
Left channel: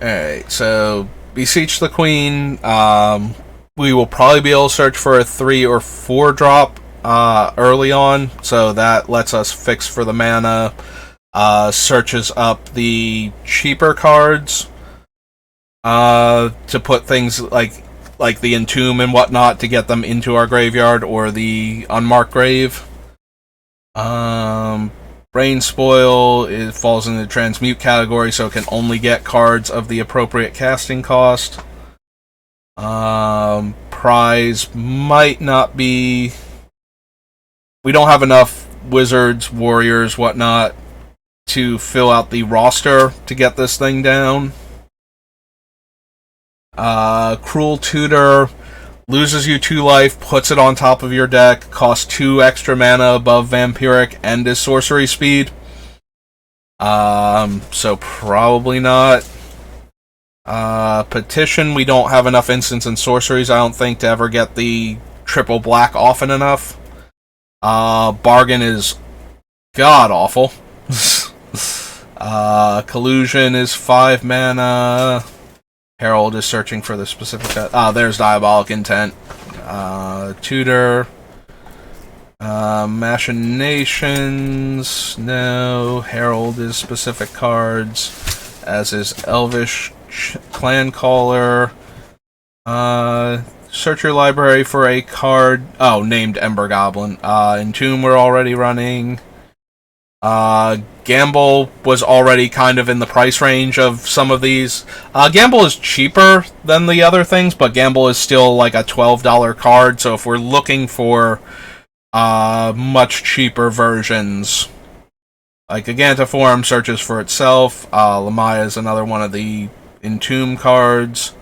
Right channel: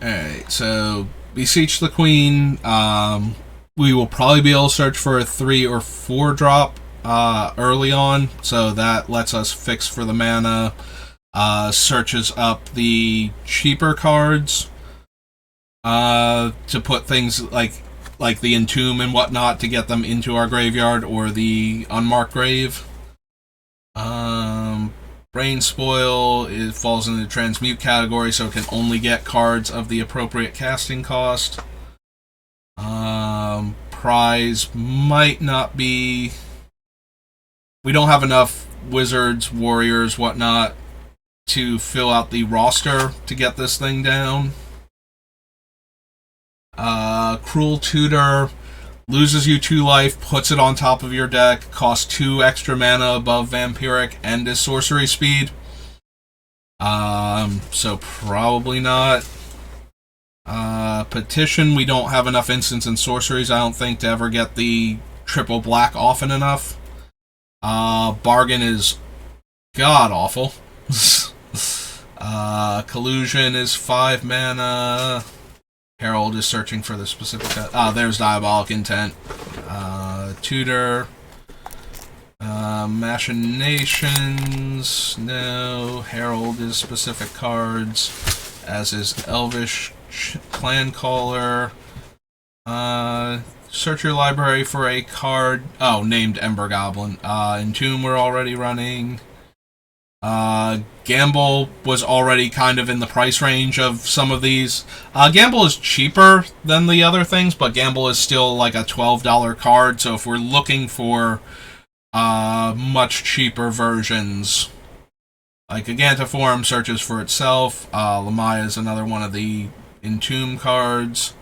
Alright, so Beseech the Queen. We will probably be able to search for a 3 or 4 drop early on, so that lets us fix for the mana. Searches up the cheaper cards to put things like the Entomb and whatnot to get them into our graveyard or the unmarked grave. Brain Spoil, it falls in the Transmute category, so it can only get cards of the appropriate casting cost. Prize might not be... We don't have enough Wizards, Warriors, whatnot to fill out the roster to get this thing down. Cruel Tutor loses you 2 life, puts it on top of your deck, costs 2 extra mana above Vampiric, and is sorcery speed. So probably not. Petition, we don't have enough instants and sorceries, I don't think, to ever get the triple black often enough. Bargain is god awful. Collusion is 5 mana. Herald is searching for the specific... there's Diabolic Intent. Tutor. Machinations. No. Herald is specific cards. As is Elvish Clan Caller. Search your library for a card... named Ember Goblin. Entomb we're already running. Gamble was already kind of in the price range of some of these. Gamble is cheaper than the other things, but Gamble is still like a $12 card, so if we're looking for much cheaper versions, like Gigantiform searches for itself. Lamaya is another one of the Entomb cards.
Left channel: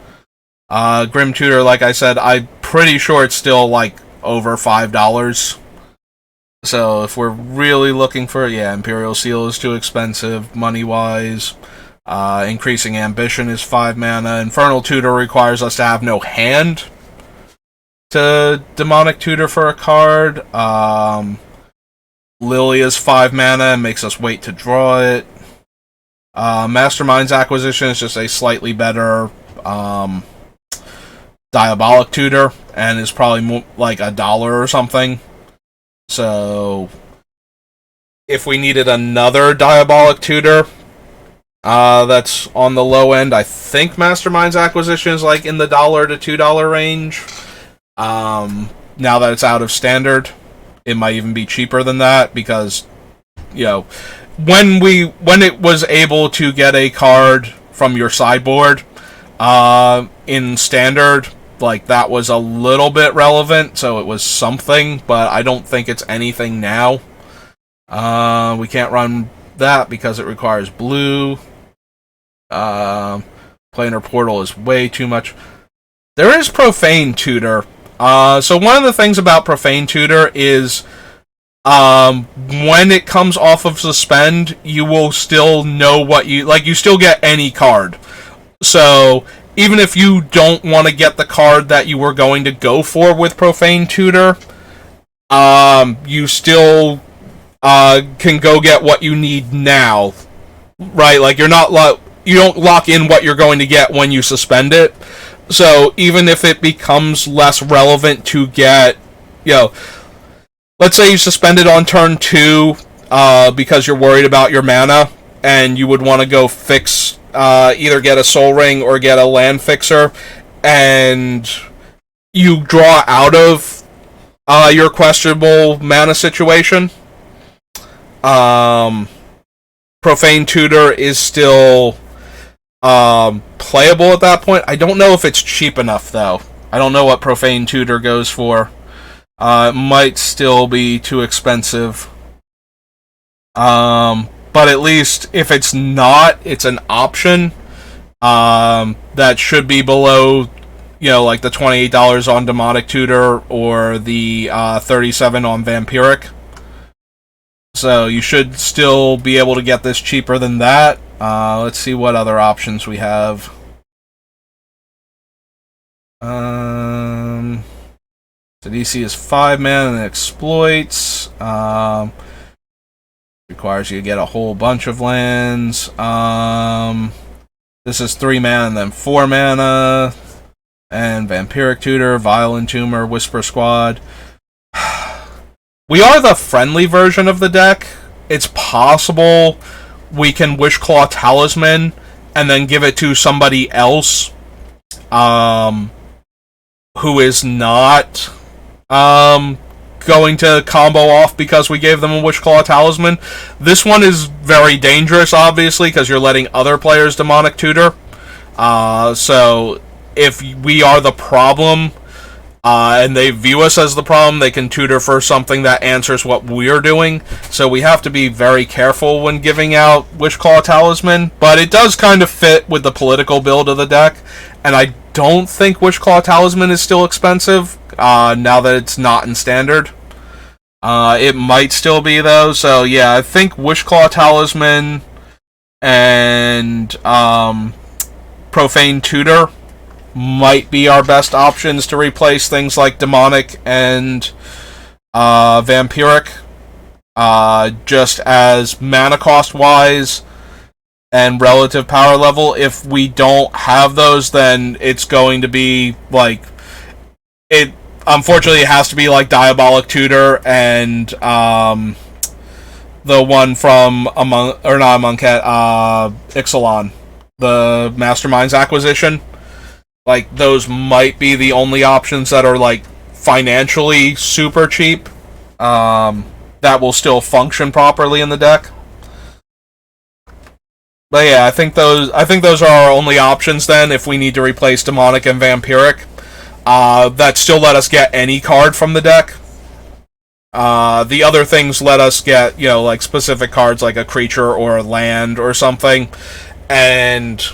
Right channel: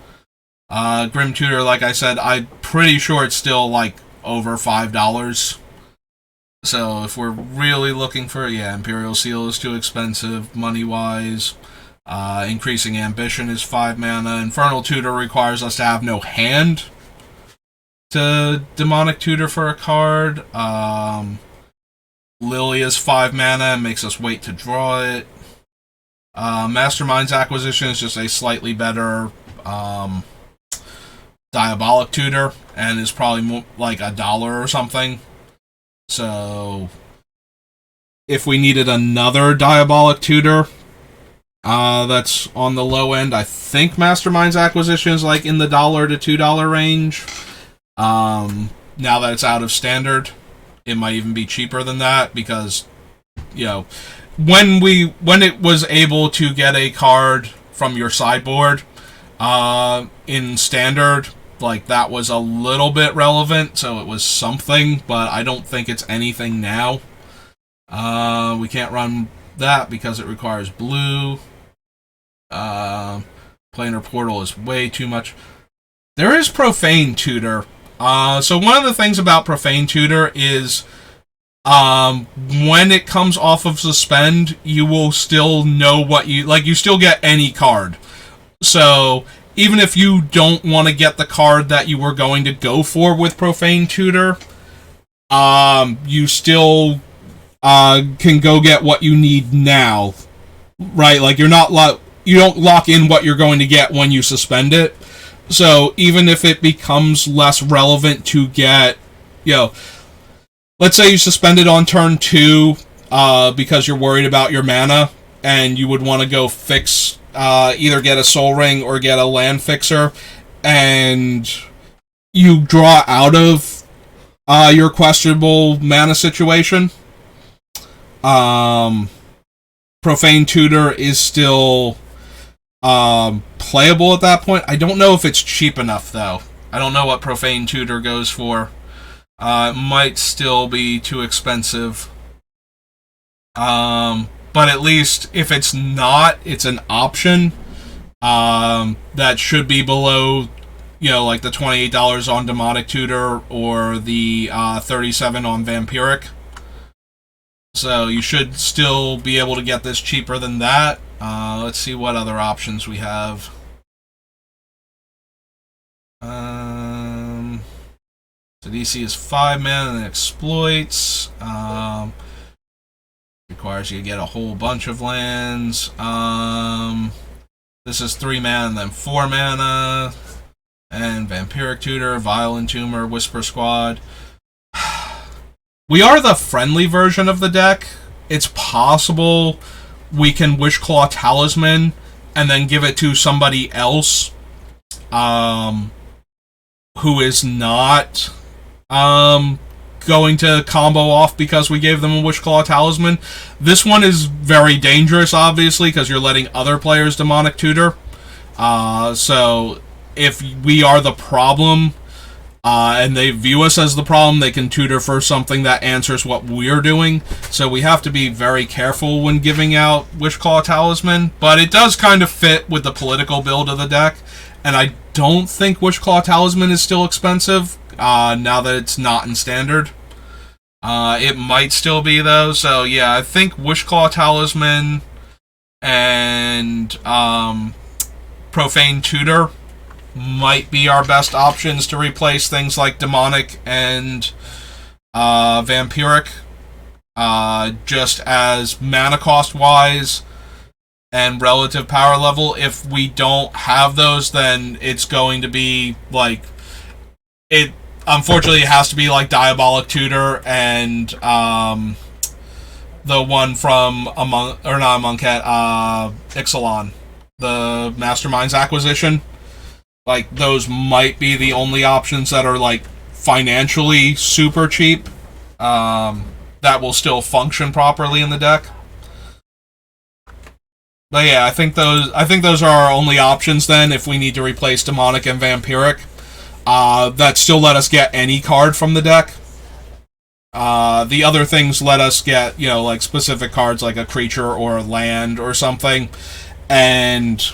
Grim Tutor, like I said, I'm pretty sure it's still like over $5. So if we're really looking for, Imperial Seal is too expensive money-wise. Increasing Ambition is 5 mana. Infernal Tutor requires us to have no hand to Demonic Tutor for a card. Lily is 5 mana and makes us wait to draw it. Mastermind's Acquisition is just a slightly better Diabolic Tutor and is probably more like $1 or something. So, if we needed another Diabolic Tutor that's on the low end, I think Mastermind's Acquisition is like in the $1 to $2 range. Now that it's out of Standard, it might even be cheaper than that because, when it was able to get a card from your sideboard in Standard, like, that was a little bit relevant, so it was something, but I don't think it's anything now. We can't run that because it requires blue. Planar Portal is way too much. There is Profane Tutor. So one of the things about Profane Tutor is when it comes off of Suspend, you will still know what you still get any card. So even if you don't want to get the card that you were going to go for with Profane Tutor, you still can go get what you need now, right? Like, you don't lock in what you're going to get when you suspend it. So even if it becomes less relevant to get, let's say you suspend it on turn 2 because you're worried about your mana, and you would want to go fix... either get a Soul Ring or get a Land Fixer, and you draw out of your questionable mana situation. Profane Tutor is still playable at that point. I don't know if it's cheap enough, though. I don't know what Profane Tutor goes for. It might still be too expensive. But at least if it's not, it's an option that should be below, like the $28 on Demonic Tutor or the $37 on Vampiric. So you should still be able to get this cheaper than that. Let's see what other options we have. So DC is 5 mana and exploits. Requires you to get a whole bunch of lands. This is 3 mana and then 4 mana. And Vampiric Tutor, Violent Tumor, Whisper Squad. We are the friendly version of the deck. It's possible we can Wishclaw Talisman and then give it to somebody else who is not going to combo off because we gave them a Wishclaw Talisman. This one is very dangerous, obviously, because you're letting other players Demonic Tutor. So if we are the problem, and they view us as the problem, they can tutor for something that answers what we're doing. So we have to be very careful when giving out Wishclaw Talisman. But it does kind of fit with the political build of the deck. And I don't think Wishclaw Talisman is still expensive, now that it's not in Standard. It might still be, though. So yeah, I think Wishclaw Talisman and Profane Tutor might be our best options to replace things like Demonic and Vampiric, just as mana cost wise and relative power level. If we don't have those, then it's going to be like it. Unfortunately, it has to be like Diabolic Tutor and the one from Ixalan, the Masterminds acquisition. Like, those might be the only options that are, like, financially super cheap, that will still function properly in the deck. But yeah, I think those are our only options then if we need to replace Demonic and Vampiric. That still let us get any card from the deck. The other things let us get, like specific cards like a creature or a land or something. And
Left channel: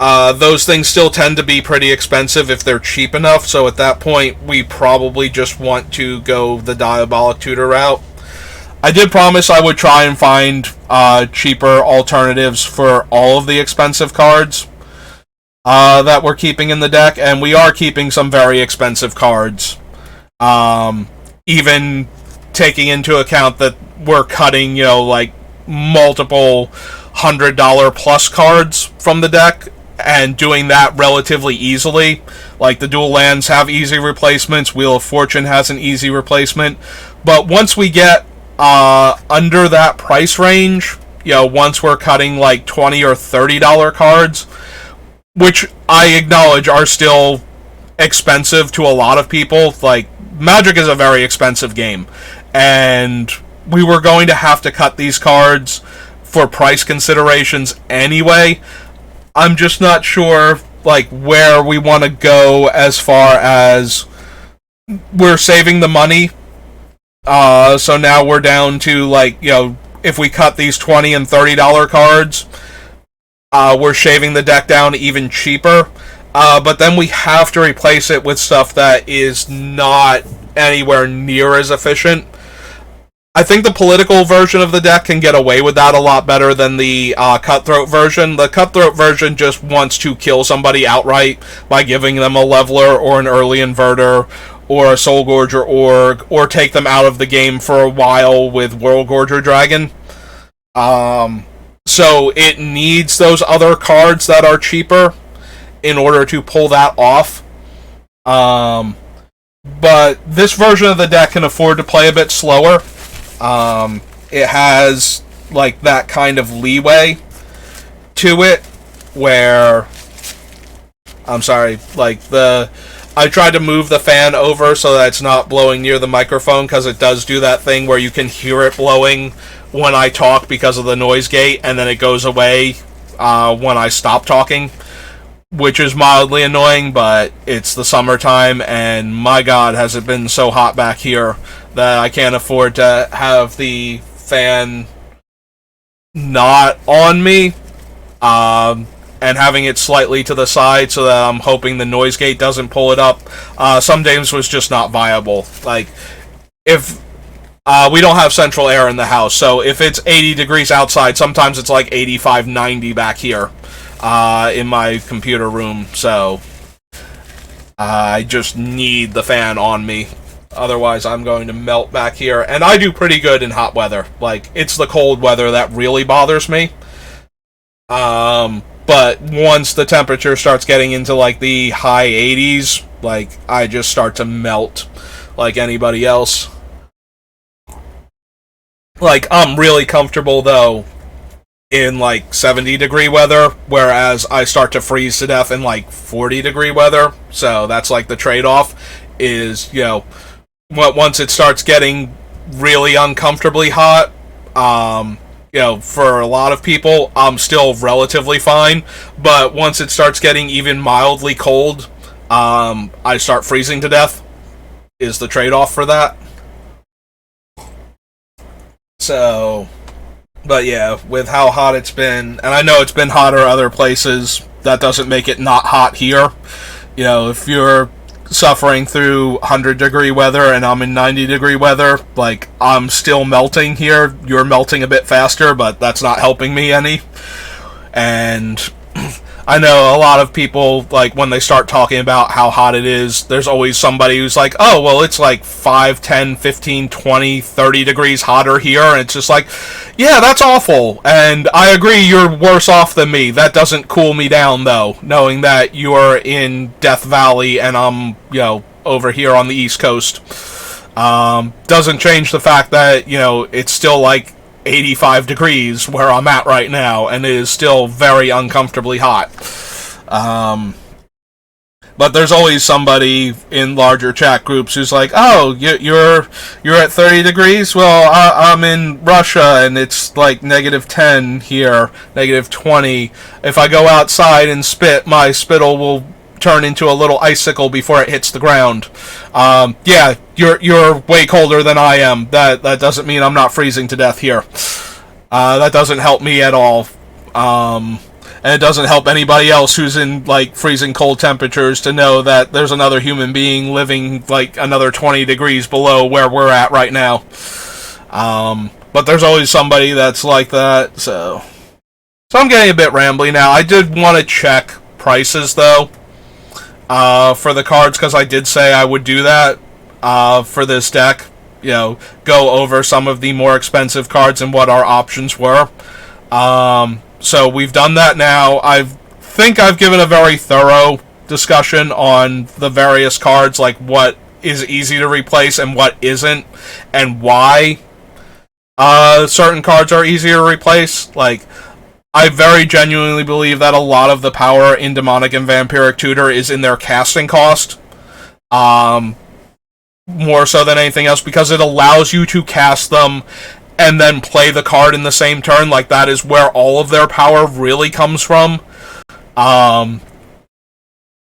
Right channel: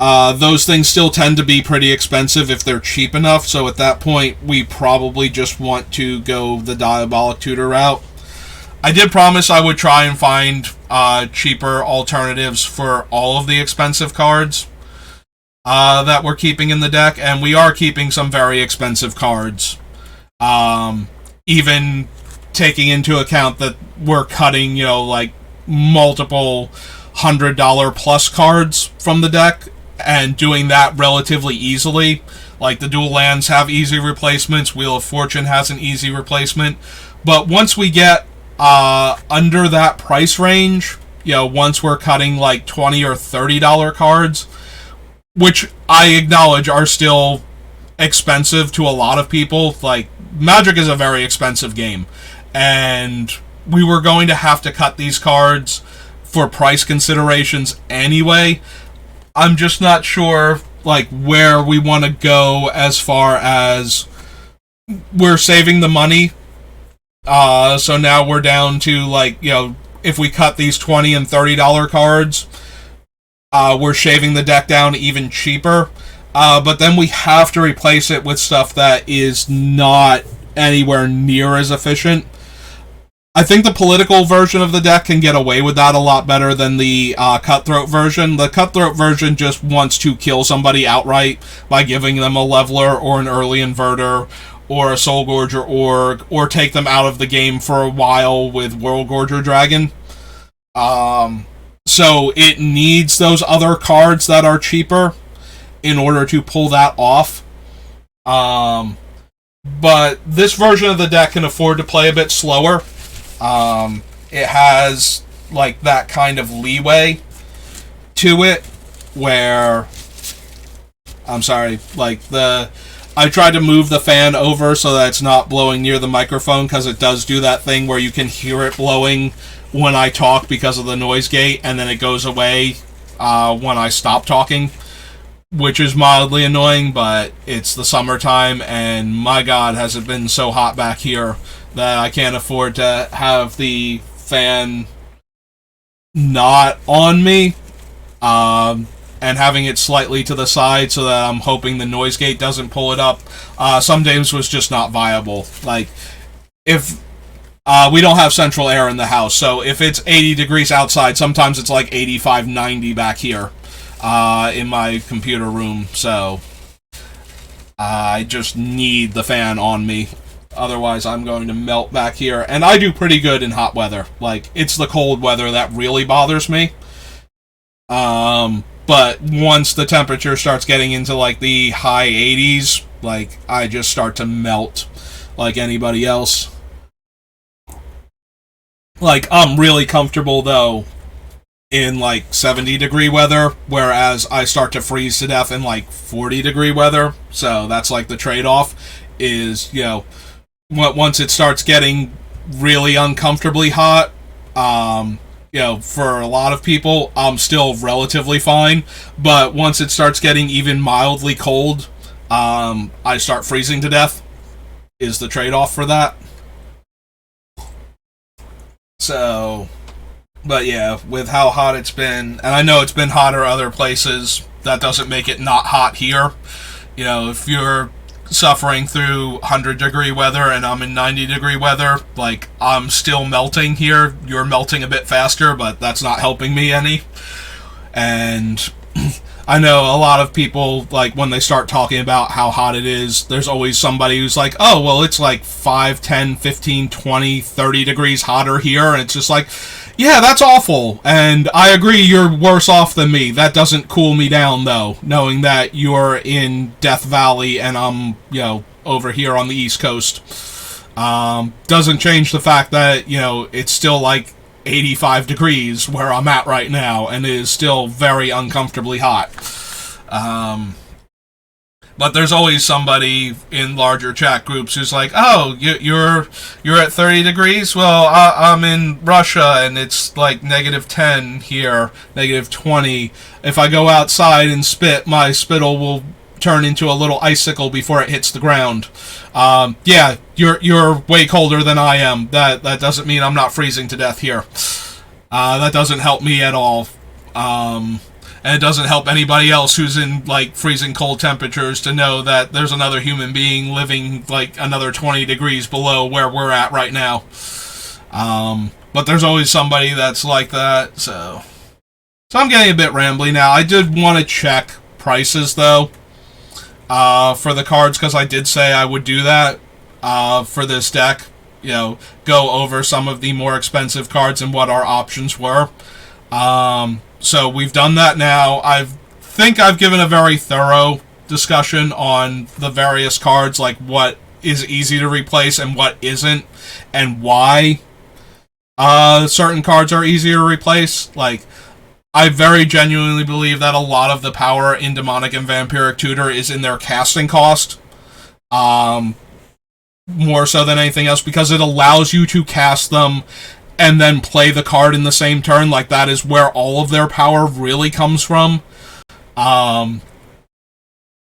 those things still tend to be pretty expensive if they're cheap enough, so at that point, we probably just want to go the Diabolic Tutor route. I did promise I would try and find cheaper alternatives for all of the expensive cards that we're keeping in the deck, and we are keeping some very expensive cards. Even taking into account that we're cutting, like, multiple $100 plus cards from the deck, and doing that relatively easily. Like, the dual lands have easy replacements, Wheel of Fortune has an easy replacement, but once we get under that price range, once we're cutting like $20 or $30 cards, which I acknowledge are still expensive to a lot of people. Like, Magic is a very expensive game, and we were going to have to cut these cards for price considerations anyway. I'm just not sure, like, where we want to go as far as we're saving the money. So now we're down to, like, if we cut these $20 and $30 cards, we're shaving the deck down even cheaper. But then we have to replace it with stuff that is not anywhere near as efficient. I think the political version of the deck can get away with that a lot better than the Cutthroat version. The Cutthroat version just wants to kill somebody outright by giving them a Leveler or an early Inverter or a Soul Gorger or take them out of the game for a while with World Gorger Dragon. So it needs those other cards that are cheaper in order to pull that off. But this version of the deck can afford to play a bit slower. It has, like, that kind of leeway to it where, I'm sorry, like, I tried to move the fan over so that it's not blowing near the microphone, because it does do that thing where you can hear it blowing when I talk because of the noise gate, and then it goes away when I stop talking, which is mildly annoying, but it's the summertime, and my god, has it been so hot back here that I can't afford to have the fan not on me, and having it slightly to the side so that I'm hoping the noise gate doesn't pull it up. Some days was just not viable. Like, if we don't have central air in the house, so if it's 80 degrees outside, sometimes it's like 85, 90 back here in my computer room, so I just need the fan on me. Otherwise, I'm going to melt back here. And I do pretty good in hot weather. Like, it's the cold weather that really bothers me. But once the temperature starts getting into like the high 80s, like I just start to melt like anybody else. Like I'm really comfortable though in like 70-degree weather, whereas I start to freeze to death in like 40-degree weather. So that's like the trade off is, once it starts getting really uncomfortably hot, for a lot of people, I'm still relatively fine. But once it starts getting even mildly cold, I start freezing to death, is the trade off for that. So, but yeah, with how hot it's been, and I know it's been hotter other places, that doesn't make it not hot here. If you're suffering through 100-degree weather and I'm in 90-degree weather, like, I'm still melting here. You're melting a bit faster, but that's not helping me any. And I know a lot of people, like, when they start talking about how hot it is, there's always somebody who's like, oh, well, it's like 5, 10, 15, 20, 30 degrees hotter here. And it's just like, yeah, that's awful. And I agree you're worse off than me. That doesn't cool me down, though, knowing that you're in Death Valley and I'm, over here on the East Coast. Doesn't change the fact that, it's still like 85 degrees where I'm at right now, and it is still very uncomfortably hot. But there's always somebody in larger chat groups who's like, "Oh, you're at 30 degrees. Well, I'm in Russia, and it's like -10 here, -20. If I go outside and spit, my spittle will turn into a little icicle before it hits the ground." Yeah, you're way colder than I am. That doesn't mean I'm not freezing to death here. That doesn't help me at all. And it doesn't help anybody else who's in like freezing cold temperatures to know that there's another human being living like another 20 degrees below where we're at right now. But there's always somebody that's like that. So I'm getting a bit rambly now. I did want to check prices though. For the cards, because I did say I would do that for this deck. Go over some of the more expensive cards and what our options were. So we've done that now. I think I've given a very thorough discussion on the various cards, like what is easy to replace and what isn't, and why certain cards are easier to replace. Like, I very genuinely believe that a lot of the power in Demonic and Vampiric Tutor is in their casting cost. More so than anything else, because it allows you to cast them and then play the card in the same turn. Like, that is where all of their power really comes from.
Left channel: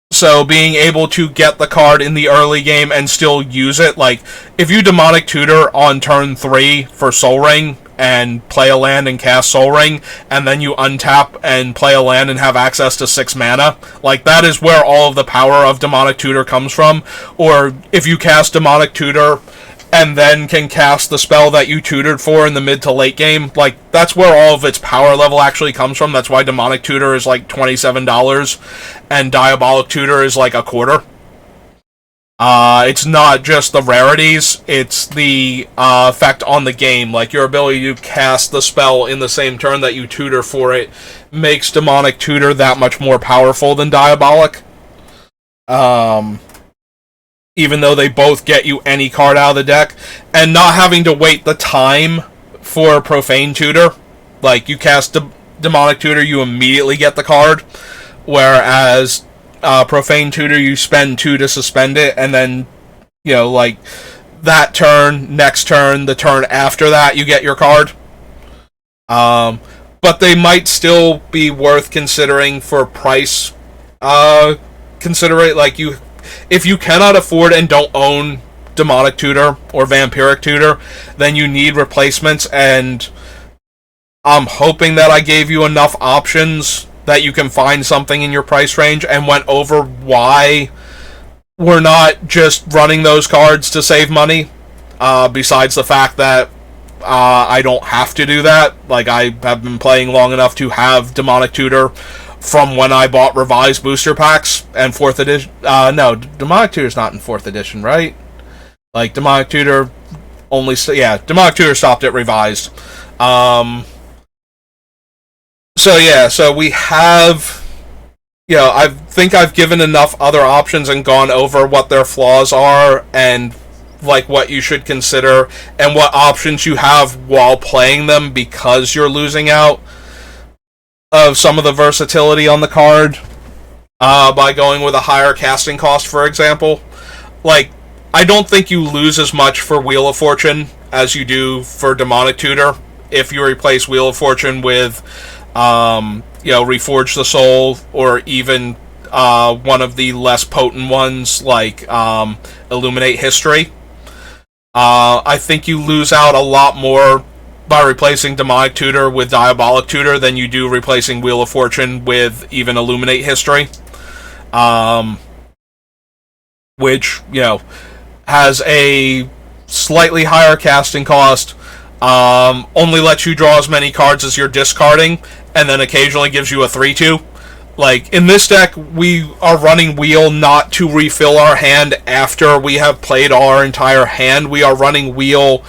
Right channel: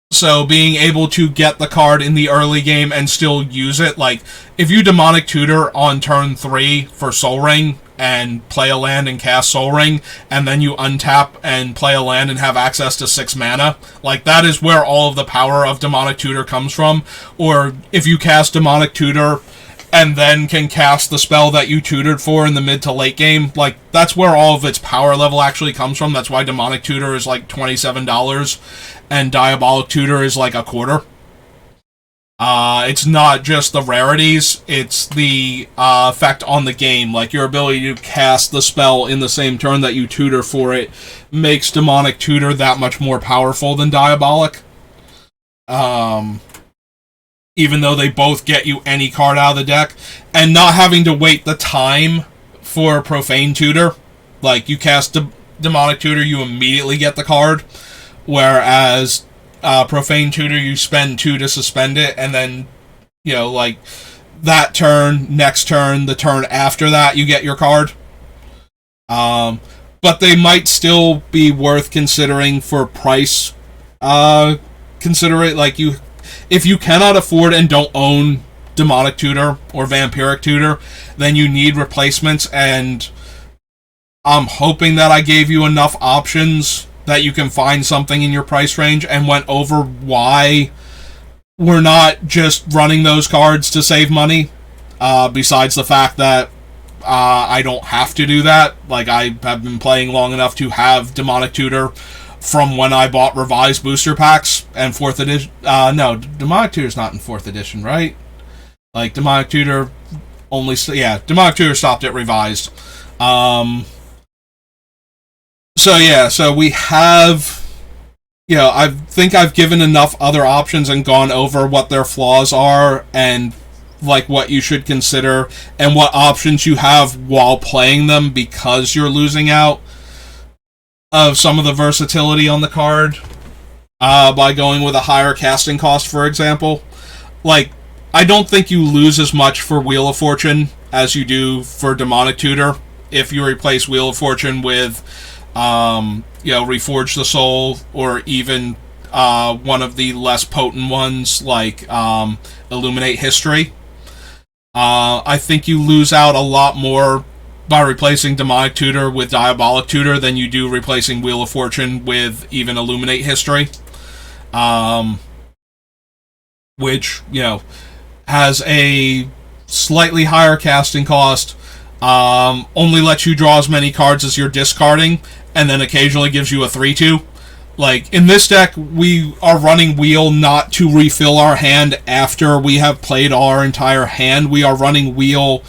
So being able to get the card in the early game and still use it, like, if you Demonic Tutor on turn 3 for Soul Ring, and play a land and cast Soul Ring, and then you untap and play a land and have access to 6 mana. Like, that is where all of the power of Demonic Tutor comes from. Or if you cast Demonic Tutor and then can cast the spell that you tutored for in the mid to late game, like, that's where all of its power level actually comes from. That's why Demonic Tutor is like $27 and Diabolic Tutor is like a quarter. It's not just the rarities, it's the effect on the game. Like, your ability to cast the spell in the same turn that you tutor for it makes Demonic Tutor that much more powerful than Diabolic. Even though they both get you any card out of the deck. And not having to wait the time for Profane Tutor. Like, you cast Demonic Tutor, you immediately get the card. Whereas Profane Tutor, you spend 2 to suspend it, and then, like, that turn, next turn, the turn after that, you get your card. But they might still be worth considering for price. Consider it, like, if you cannot afford and don't own Demonic Tutor or Vampiric Tutor, then you need replacements, and I'm hoping that I gave you enough options that you can find something in your price range, and went over why we're not just running those cards to save money, besides the fact that I don't have to do that. Like, I have been playing long enough to have Demonic Tutor from when I bought revised booster packs and 4th edition. No, Demonic Tutor's not in 4th edition, right? Like, Demonic Tutor Demonic Tutor stopped at revised. So we have, I think I've given enough other options and gone over what their flaws are and like what you should consider and what options you have while playing them because you're losing out of some of the versatility on the card by going with a higher casting cost, for example. Like, I don't think you lose as much for Wheel of Fortune as you do for Demonic Tutor if you replace Wheel of Fortune with, Reforge the Soul, or even one of the less potent ones like Illuminate History. I think you lose out a lot more by replacing Demonic Tutor with Diabolic Tutor than you do replacing Wheel of Fortune with even Illuminate History. Which, has a slightly higher casting cost, only lets you draw as many cards as you're discarding, and then occasionally gives you a 3-2. Like, in this deck, we are running Wheel not to refill our hand after we have played all our entire hand. We are running Wheel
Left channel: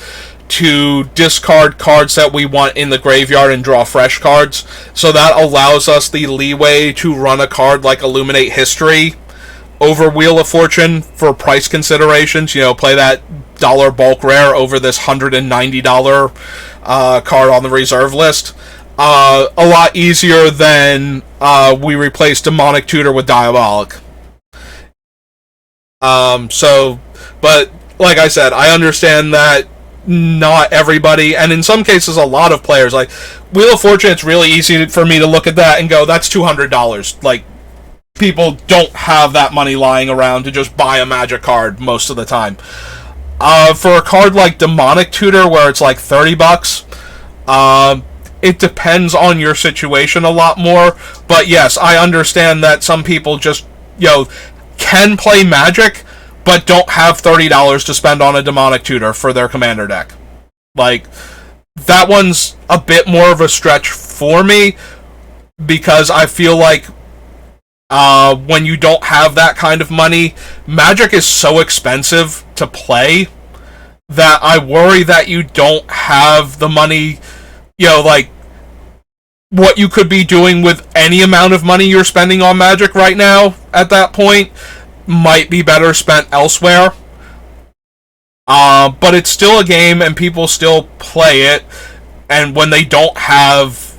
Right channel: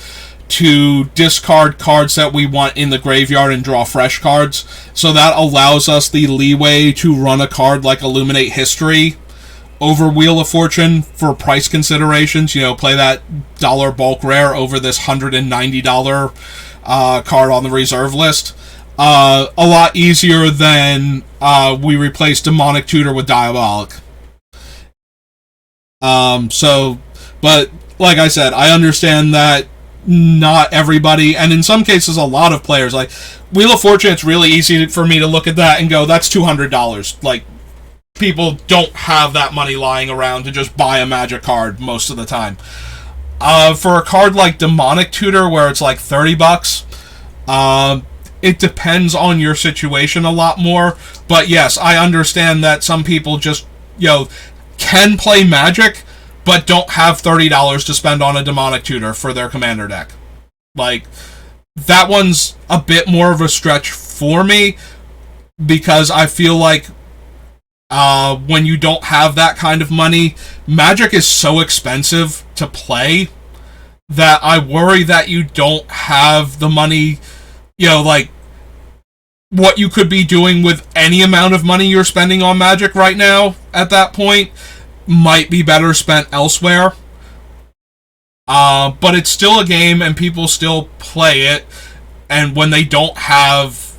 to discard cards that we want in the graveyard and draw fresh cards. So that allows us the leeway to run a card like Illuminate History over Wheel of Fortune for price considerations. Play that dollar bulk rare over this $190 card on the reserve list. A lot easier than we replace Demonic Tutor with Diabolic. But like I said, I understand that not everybody, and in some cases a lot of players, like Wheel of Fortune, it's really easy for me to look at that and go, that's $200. Like, people don't have that money lying around to just buy a Magic card most of the time. For a card like Demonic Tutor, where it's like $30, it depends on your situation a lot more. But yes, I understand that some people just, can play Magic, but don't have $30 to spend on a Demonic Tutor for their Commander deck. Like, that one's a bit more of a stretch for me, because I feel like when you don't have that kind of money, Magic is so expensive to play that I worry that you don't have the money, like, what you could be doing with any amount of money you're spending on Magic right now at that point might be better spent elsewhere. But it's still a game and people still play it, and when they don't have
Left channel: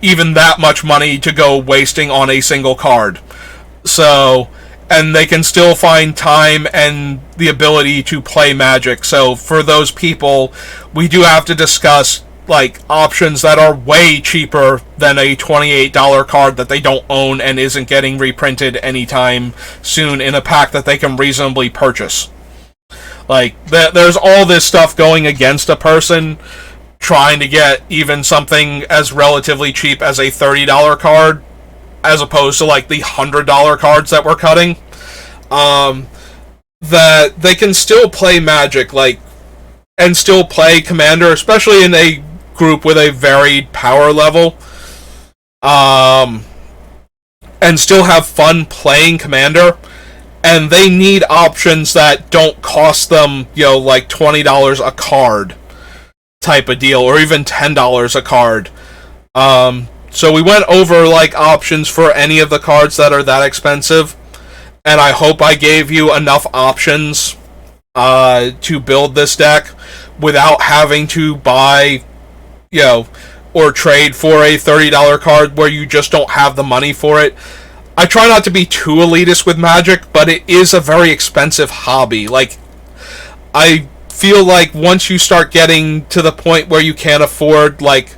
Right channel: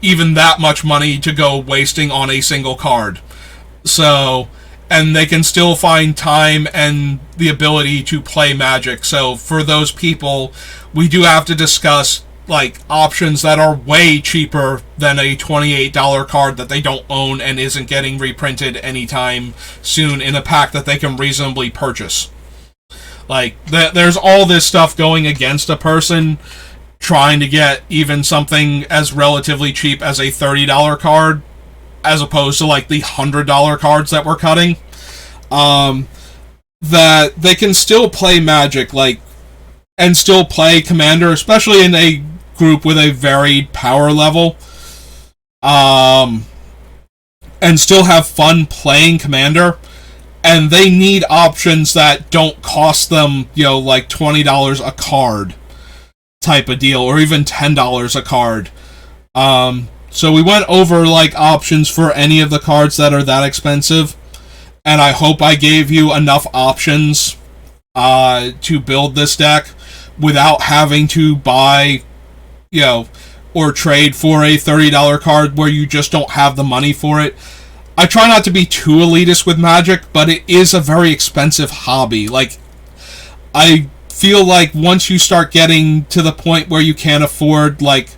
even that much money to go wasting on a single card. So, and they can still find time and the ability to play Magic. So for those people, we do have to discuss like options that are way cheaper than a $28 card that they don't own and isn't getting reprinted anytime soon in a pack that they can reasonably purchase. Like, there's all this stuff going against a person trying to get even something as relatively cheap as a $30 card, as opposed to like the $100 cards that we're cutting. That they can still play Magic, like, and still play Commander, especially in a group with a varied power level, and still have fun playing Commander. And they need options that don't cost them, like $20 a card type of deal, or even $10 a card. So we went over like options for any of the cards that are that expensive, and I hope I gave you enough options to build this deck without having to buy, or trade for a $30 card where you just don't have the money for it. I try not to be too elitist with Magic, but it is a very expensive hobby. Like, I feel like once you start getting to the point where you can't afford, like,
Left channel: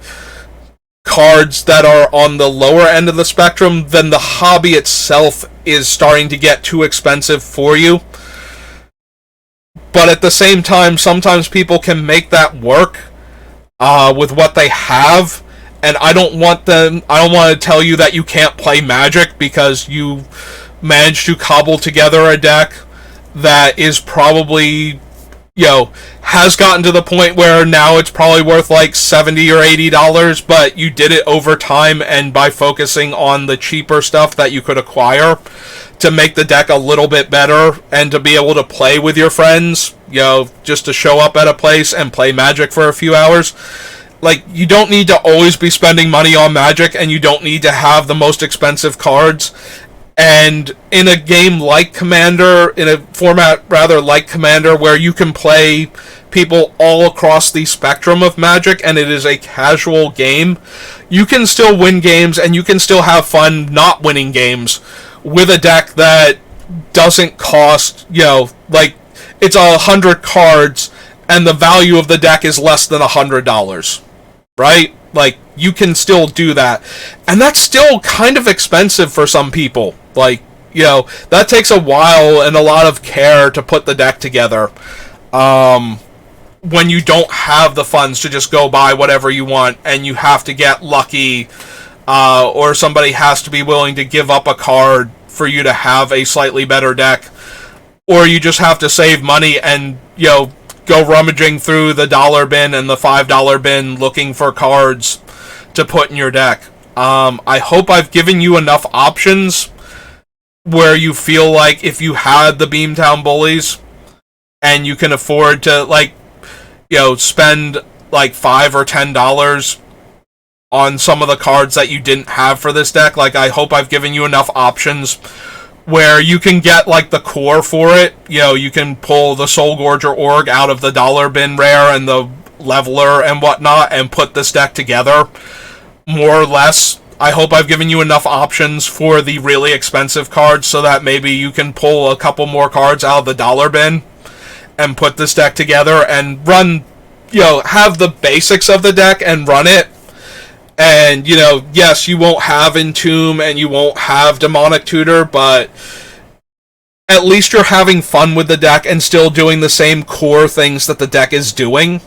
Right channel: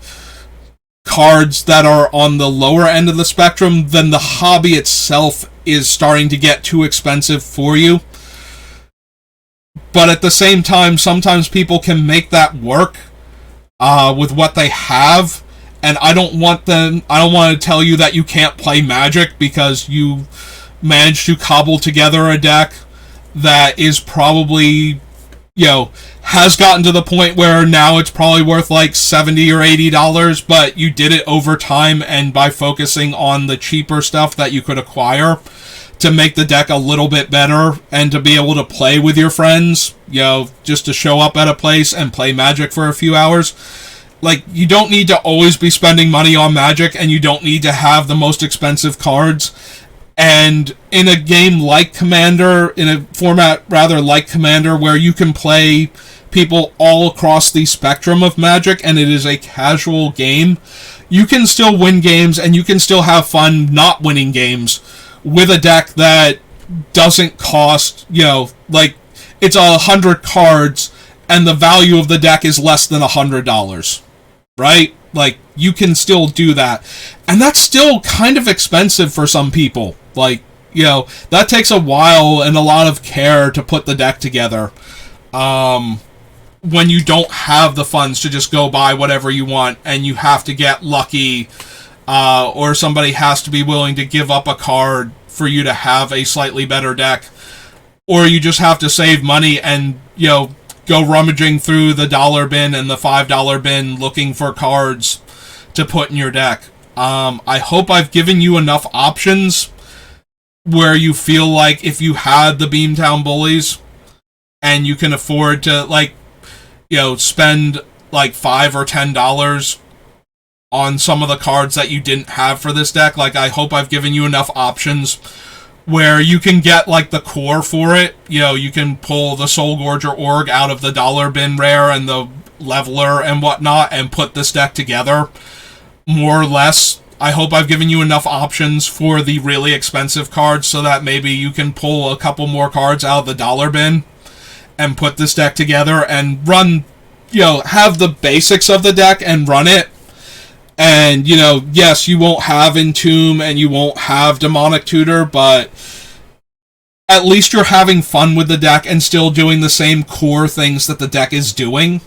cards that are on the lower end of the spectrum, then the hobby itself is starting to get too expensive for you. But at the same time, sometimes people can make that work with what they have. And I don't want to tell you that you can't play Magic because you managed to cobble together a deck that is probably, has gotten to the point where now it's probably worth like $70 or $80, but you did it over time and by focusing on the cheaper stuff that you could acquire to make the deck a little bit better and to be able to play with your friends, just to show up at a place and play Magic for a few hours. like, you don't need to always be spending money on Magic, and you don't need to have the most expensive cards. And in a game like Commander, in a format rather like Commander, where you can play people all across the spectrum of Magic, and it is a casual game, you can still win games, and you can still have fun not winning games with a deck that doesn't cost, like, it's 100 cards, and the value of the deck is less than $100, right? Like, you can still do that. And that's still kind of expensive for some people. Like, that takes a while and a lot of care to put the deck together. When you don't have the funds to just go buy whatever you want, and you have to get lucky, or somebody has to be willing to give up a card for you to have a slightly better deck, or you just have to save money and, go rummaging through the dollar bin and the $5 bin looking for cards to put in your deck. I hope I've given you enough options where you feel like if you had the Beamtown Bullies and you can afford to, spend like $5 or $10 on some of the cards that you didn't have for this deck, I hope I've given you enough options where you can get, the core for it. You can pull the Soul Gorger Org out of the dollar bin rare and the Leveler and whatnot and put this deck together, more or less. I hope I've given you enough options for the really expensive cards so that maybe you can pull a couple more cards out of the dollar bin and put this deck together and run, have the basics of the deck and run it. And, yes, you won't have Entomb and you won't have Demonic Tutor, but at least you're having fun with the deck and still doing the same core things that the deck is doing,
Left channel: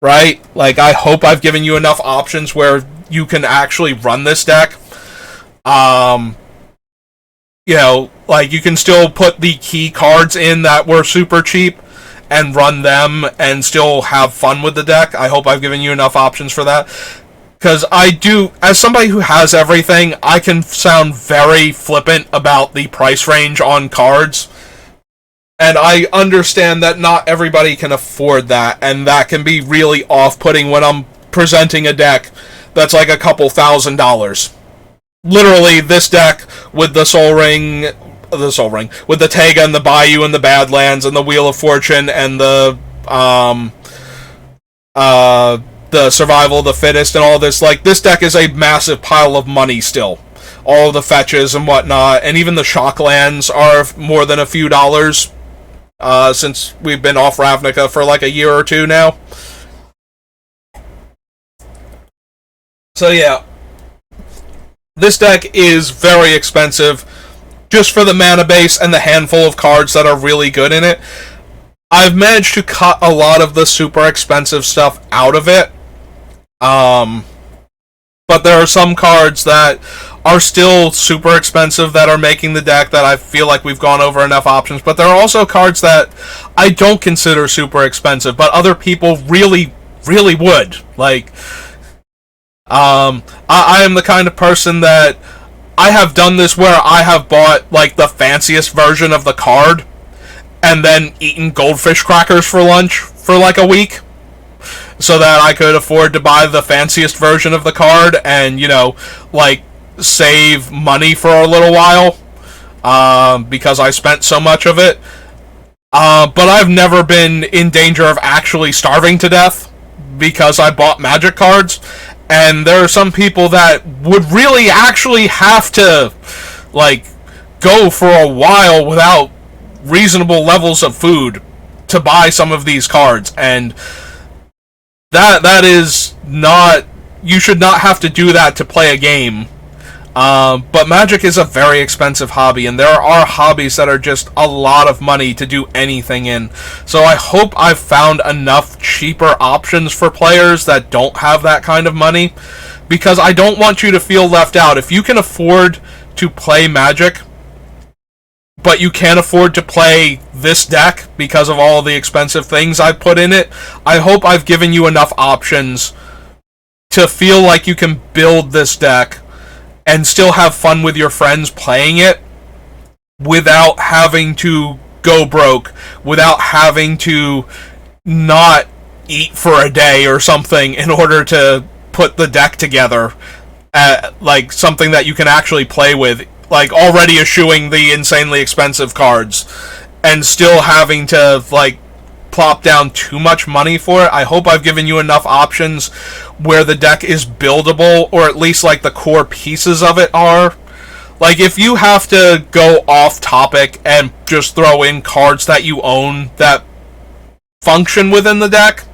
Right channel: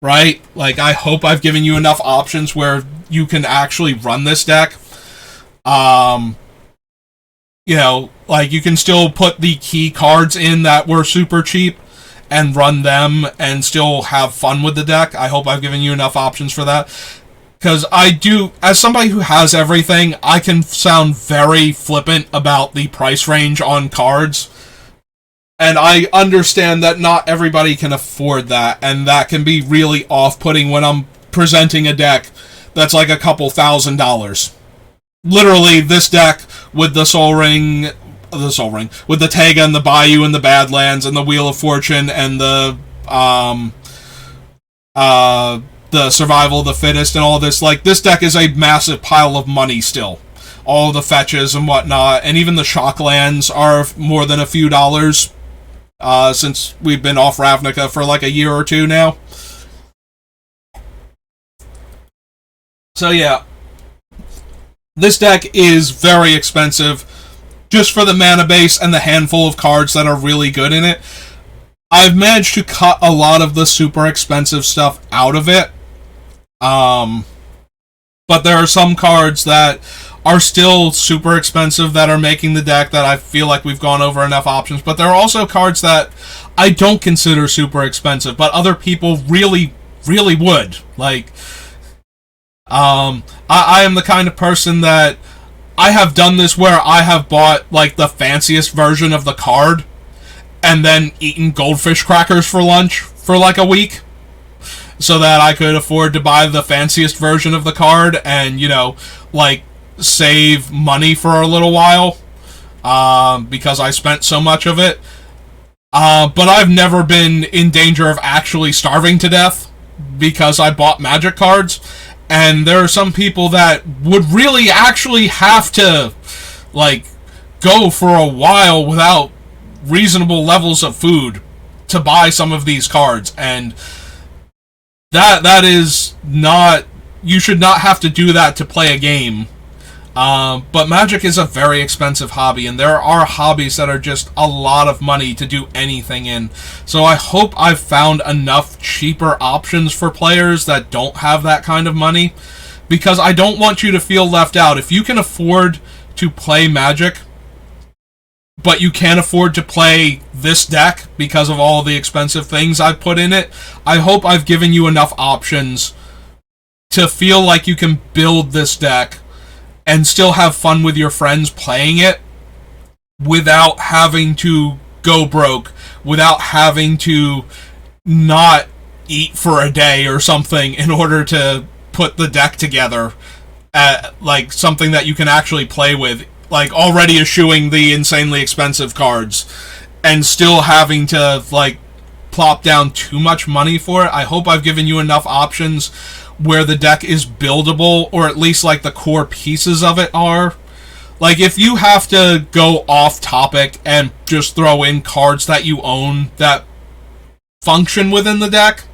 right? I hope I've given you enough options where you can actually run this deck. You can still put the key cards in that were super cheap and run them and still have fun with the deck. I hope I've given you enough options for that. Because I do, as somebody who has everything, I can sound very flippant about the price range on cards. And I understand that not everybody can afford that, and that can be really off-putting when I'm presenting a deck that's like a couple $1,000s. Literally, this deck with the Sol Ring, with the Tega and the Bayou and the Badlands and the Wheel of Fortune and the Survival of the Fittest and all this, this deck is a massive pile of money still. All the fetches and whatnot, and even the Shocklands are more than a few dollars, since we've been off Ravnica for a year or two now. So yeah, this deck is very expensive, just for the mana base and the handful of cards that are really good in it. I've managed to cut a lot of the super expensive stuff out of it. But there are some cards that are still super expensive that are making the deck that I feel like we've gone over enough options. But there are also cards that I don't consider super expensive, but other people really, really would. I am the kind of person that I have done this where I have bought, the fanciest version of the card and then eaten goldfish crackers for lunch for a week, so that I could afford to buy the fanciest version of the card and, save money for a little while, because I spent so much of it. But I've never been in danger of actually starving to death because I bought Magic cards, and there are some people that would really actually have to, go for a while without reasonable levels of food to buy some of these cards, and that is not, you should not have to do that to play a game. But Magic is a very expensive hobby, and there are hobbies that are just a lot of money to do anything in. So I hope I've found enough cheaper options for players that don't have that kind of money, because I don't want you to feel left out. If you can afford to play Magic, but you can't afford to play this deck because of all the expensive things I've put in it, I hope I've given you enough options to feel like you can build this deck and still have fun with your friends playing it without having to go broke, without having to not eat for a day or something in order to put the deck together at, like, something that you can actually play with, like, already eschewing the insanely expensive cards and still having to, like, plop down too much money for it. I hope I've given you enough options where the deck is buildable, or at least, like, the core pieces of it are. Like, if you have to go off topic and just throw in cards that you own that function within the deck,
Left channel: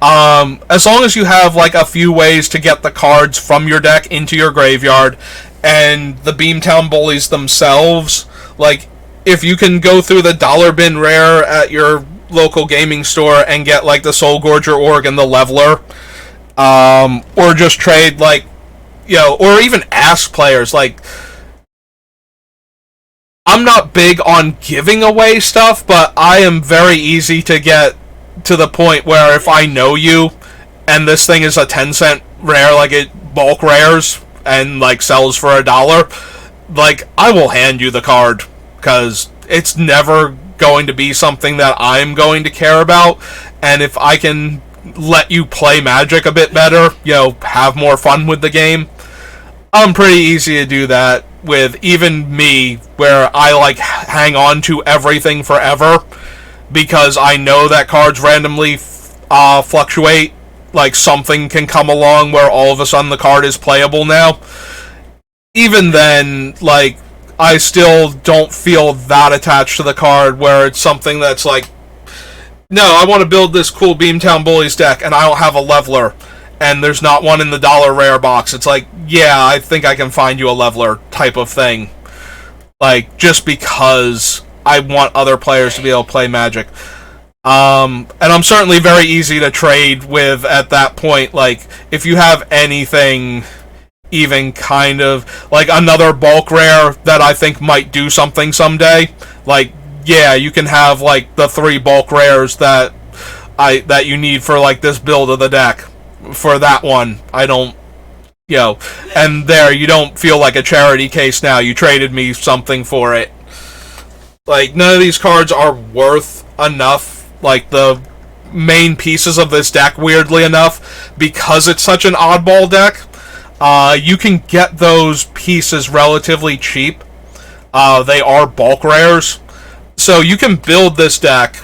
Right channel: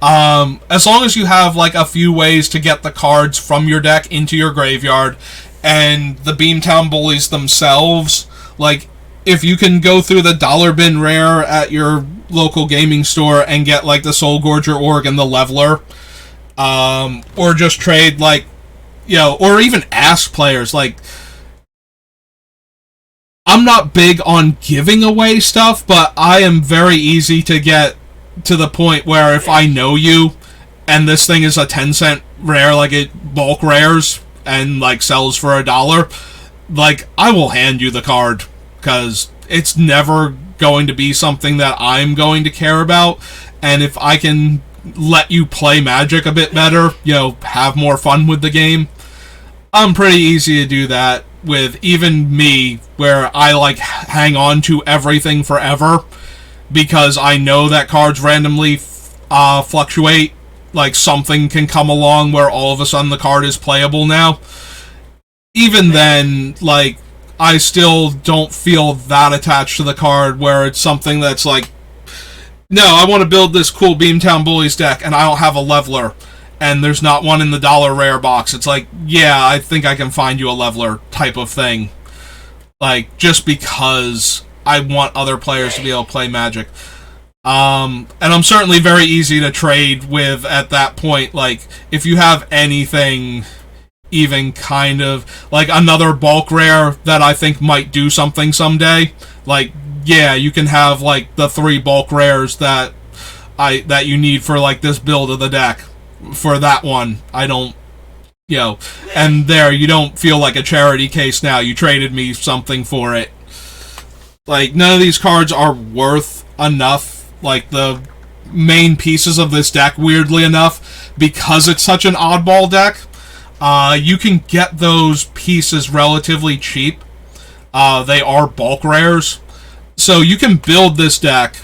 as long as you have, like, a few ways to get the cards from your deck into your graveyard, and the Beamtown Bullies themselves, like, if you can go through the dollar bin rare at your local gaming store and get, like, the Soul Gorger Org and the Leveler, or just trade, like, you know, or even ask players, like, I'm not big on giving away stuff, but I am very easy to get to the point where if I know you and this thing is a 10-cent rare, like it bulk rares and, like, sells for $1, like, I will hand you the card, because it's never going to be something that I'm going to care about. And if I can let you play Magic a bit better, you know, have more fun with the game, I'm pretty easy to do that with even me, where I, like, hang on to everything forever because I know that cards randomly fluctuate. Like, something can come along where all of a sudden the card is playable now. Even then, like, I still don't feel that attached to the card, where it's something that's like, no, I want to build this cool Beamtown Bullies deck, and I don't have a Leveler, and there's not one in the dollar rare box. It's like, yeah, I think I can find you a Leveler type of thing. Like, just because I want other players to be able to play Magic. And I'm certainly very easy to trade with at that point. Like, if you have anything even kind of, like, another bulk rare that I think might do something someday, like, yeah, you can have, like, the 3 bulk rares that you need for, like, this build of the deck. For that one, I don't, you know, and there, you don't feel like a charity case now. You traded me something for it. Like, none of these cards are worth enough, like, the main pieces of this deck, weirdly enough, because it's such an oddball deck. You can get those pieces relatively cheap. They are bulk rares. So you can build this deck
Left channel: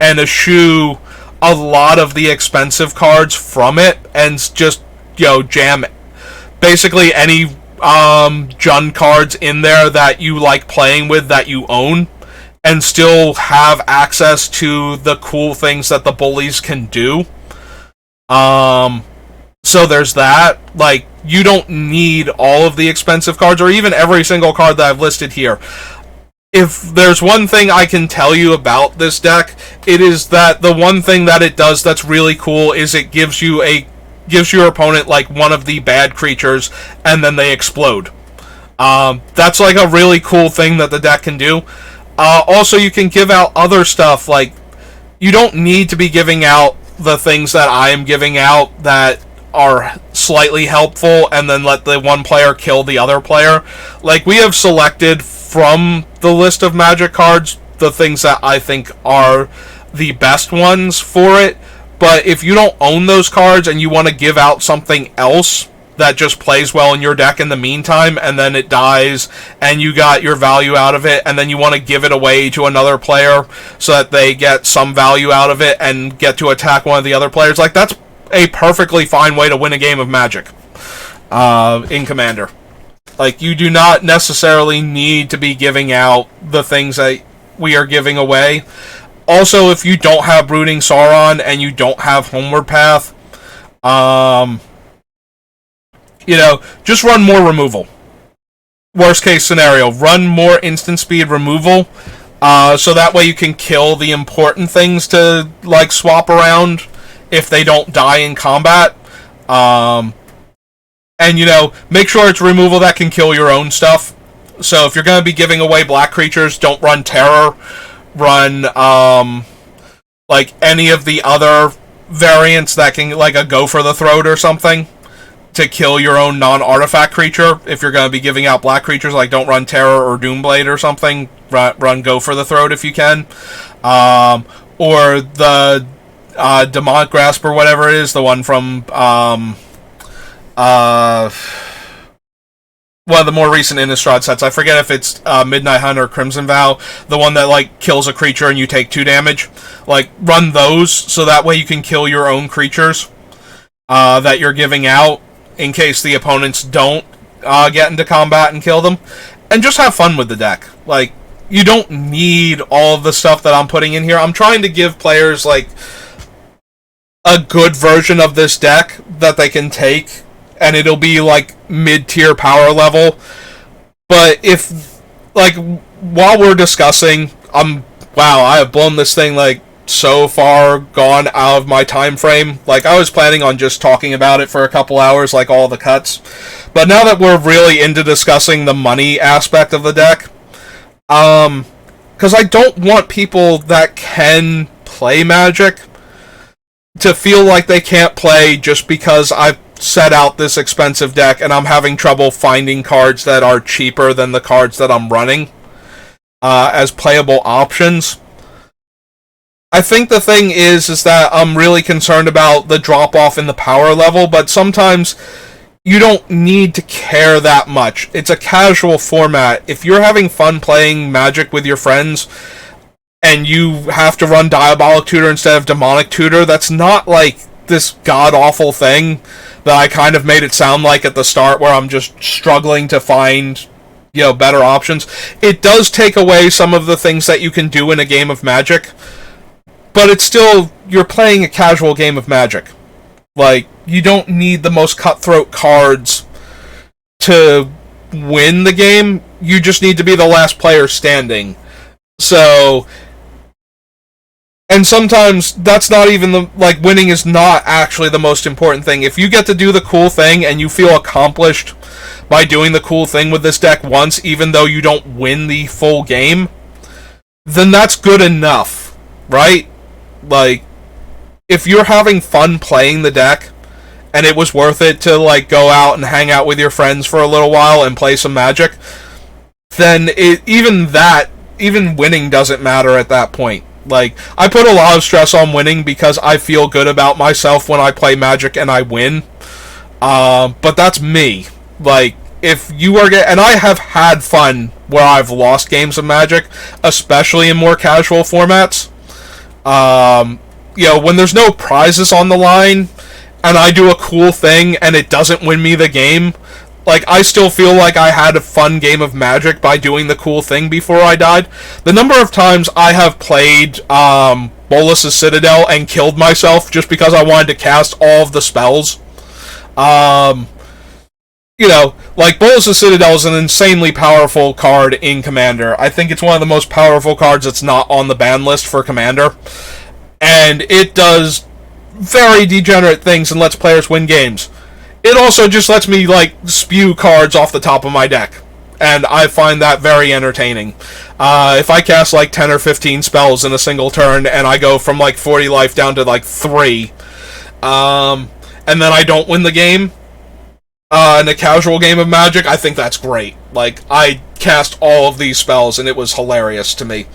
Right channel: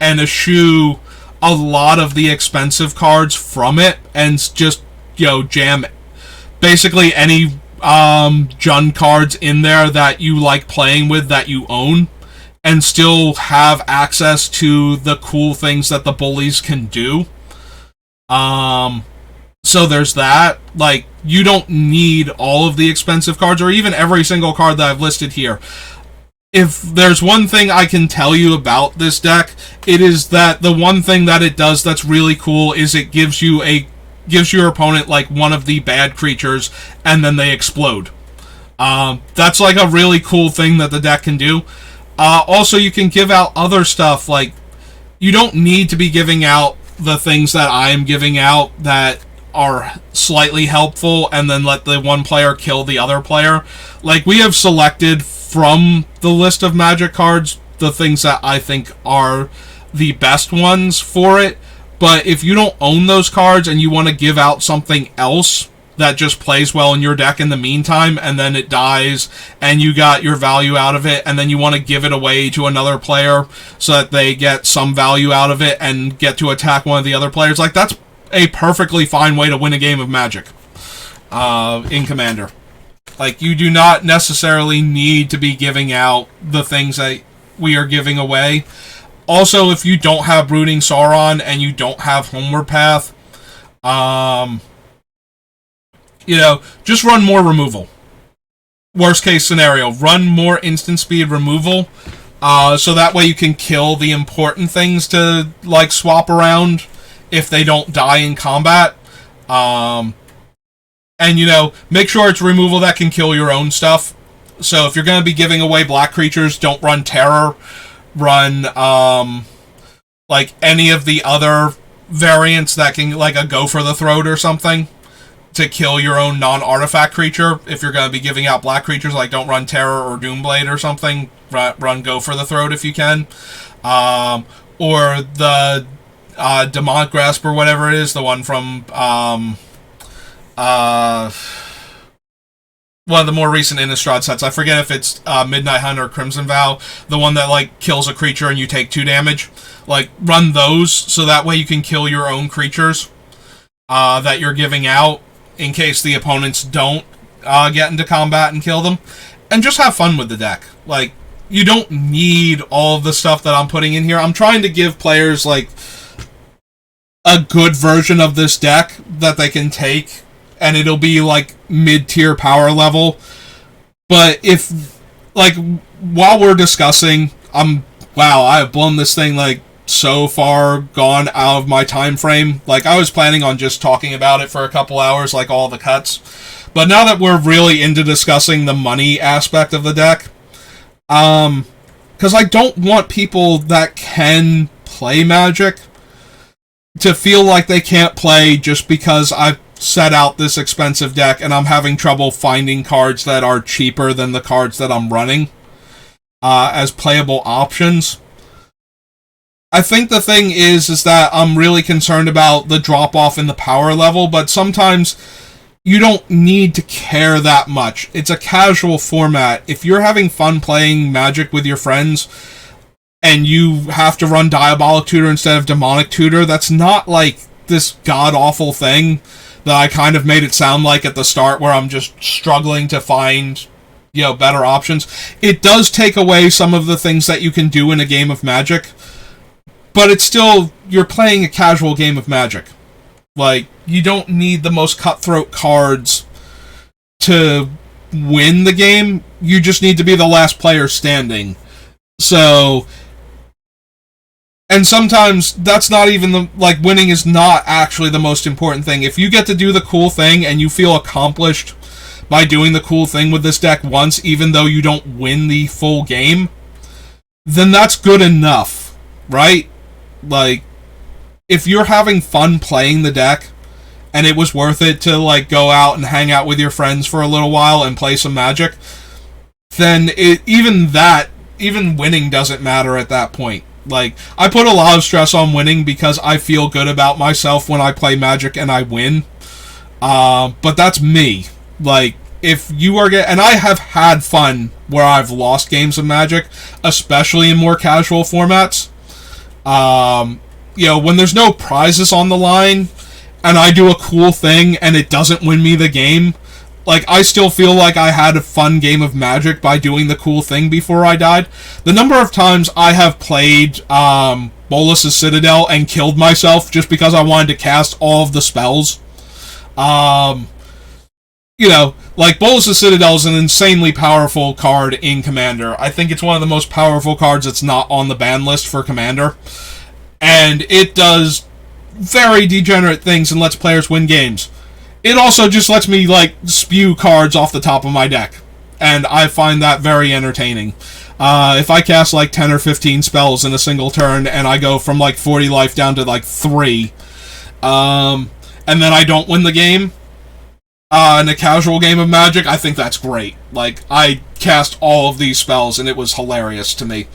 and eschew a lot of the expensive cards from it and just, you know, jam basically any Jund cards in there that you like playing with that you own, and still have access to the cool things that the Bullies can do. So there's that. Like, you don't need all of the expensive cards, or even every single card that I've listed here. If there's one thing I can tell you about this deck, it is that the one thing that it does that's really cool is it gives your opponent, like, one of the bad creatures, and then they explode. That's, like, a really cool thing that the deck can do. Also, you can give out other stuff. Like, you don't need to be giving out the things that I am giving out that are slightly helpful and then let the one player kill the other player. Like, we have selected from the list of Magic cards the things that I think are the best ones for it. But if you don't own those cards and you want to give out something else that just plays well in your deck in the meantime, and then it dies and you got your value out of it, and then you want to give it away to another player so that they get some value out of it and get to attack one of the other players, like, that's a perfectly fine way to win a game of Magic in Commander. Like, you do not necessarily need to be giving out the things that we are giving away. Also, if you don't have Brooding Sauron and you don't have Homeward Path, you know, just run more removal. Worst case scenario, run more instant speed removal, so that way you can kill the important things to, like, swap around if they don't die in combat. And, you know, make sure it's removal that can kill your own stuff. So if you're going to be giving away black creatures, don't run Terror. Run, like, any of the other variants that can, like, a Go for the Throat or something to kill your own non-artifact creature. If you're going to be giving out black creatures, like, don't run Terror or Doomblade or something. Run Go for the Throat if you can. Or the Demonic Grasp or whatever it is, the one from one of the more recent Innistrad sets. I forget if it's Midnight Hunt or Crimson Vow, the one that like kills a creature and you take 2 damage. Like, run those so that way you can kill your own creatures that you're giving out in case the opponents don't get into combat and kill them. And just have fun with the deck. Like, you don't need all of the stuff that I'm putting in here. I'm trying to give players like a good version of this deck that they can take, and it'll be like mid-tier power level. But if, like, while we're discussing, wow, I have blown this thing like so far gone out of my time frame. Like, I was planning on just talking about it for a couple hours, like all the cuts. But now that we're really into discussing the money aspect of the deck, because I don't want people that can play Magic to feel like they can't play just because I've set out this expensive deck and I'm having trouble finding cards that are cheaper than the cards that I'm running as playable options. I think the thing is that I'm really concerned about the drop-off in the power level, but sometimes you don't need to care that much. It's a casual format. If you're having fun playing Magic with your friends and you have to run Diabolic Tutor instead of Demonic Tutor, that's not like this god-awful thing that I kind of made it sound like at the start, where I'm just struggling to find, better options. It does take away some of the things that you can do in a game of Magic, but it's still, you're playing a casual game of Magic. Like, you don't need the most cutthroat cards to win the game. You just need to be the last player standing. So, and sometimes that's not even winning is not actually the most important thing. If you get to do the cool thing and you feel accomplished by doing the cool thing with this deck once, even though you don't win the full game, then that's good enough, right? Like, if you're having fun playing the deck and it was worth it to go out and hang out with your friends for a little while and play some Magic, then even winning doesn't matter at that point. Like, I put a lot of stress on winning because I feel good about myself when I play Magic and I win. But that's me. Like, if you are and I have had fun where I've lost games of Magic, especially in more casual formats. When there's no prizes on the line and I do a cool thing and it doesn't win me the game, I still feel like I had a fun game of Magic by doing the cool thing before I died. The number of times I have played Bolas' Citadel and killed myself just because I wanted to cast all of the spells. Bolas' Citadel is an insanely powerful card in Commander. I think it's one of the most powerful cards that's not on the ban list for Commander. And it does very degenerate things and lets players win games. It also just lets me, spew cards off the top of my deck. And I find that very entertaining. If I cast, 10 or 15 spells in a single turn, and I go from, 40 life down to, 3, and then I don't win the game, in a casual game of Magic, I think that's great. I cast all of these spells, and it was hilarious to me.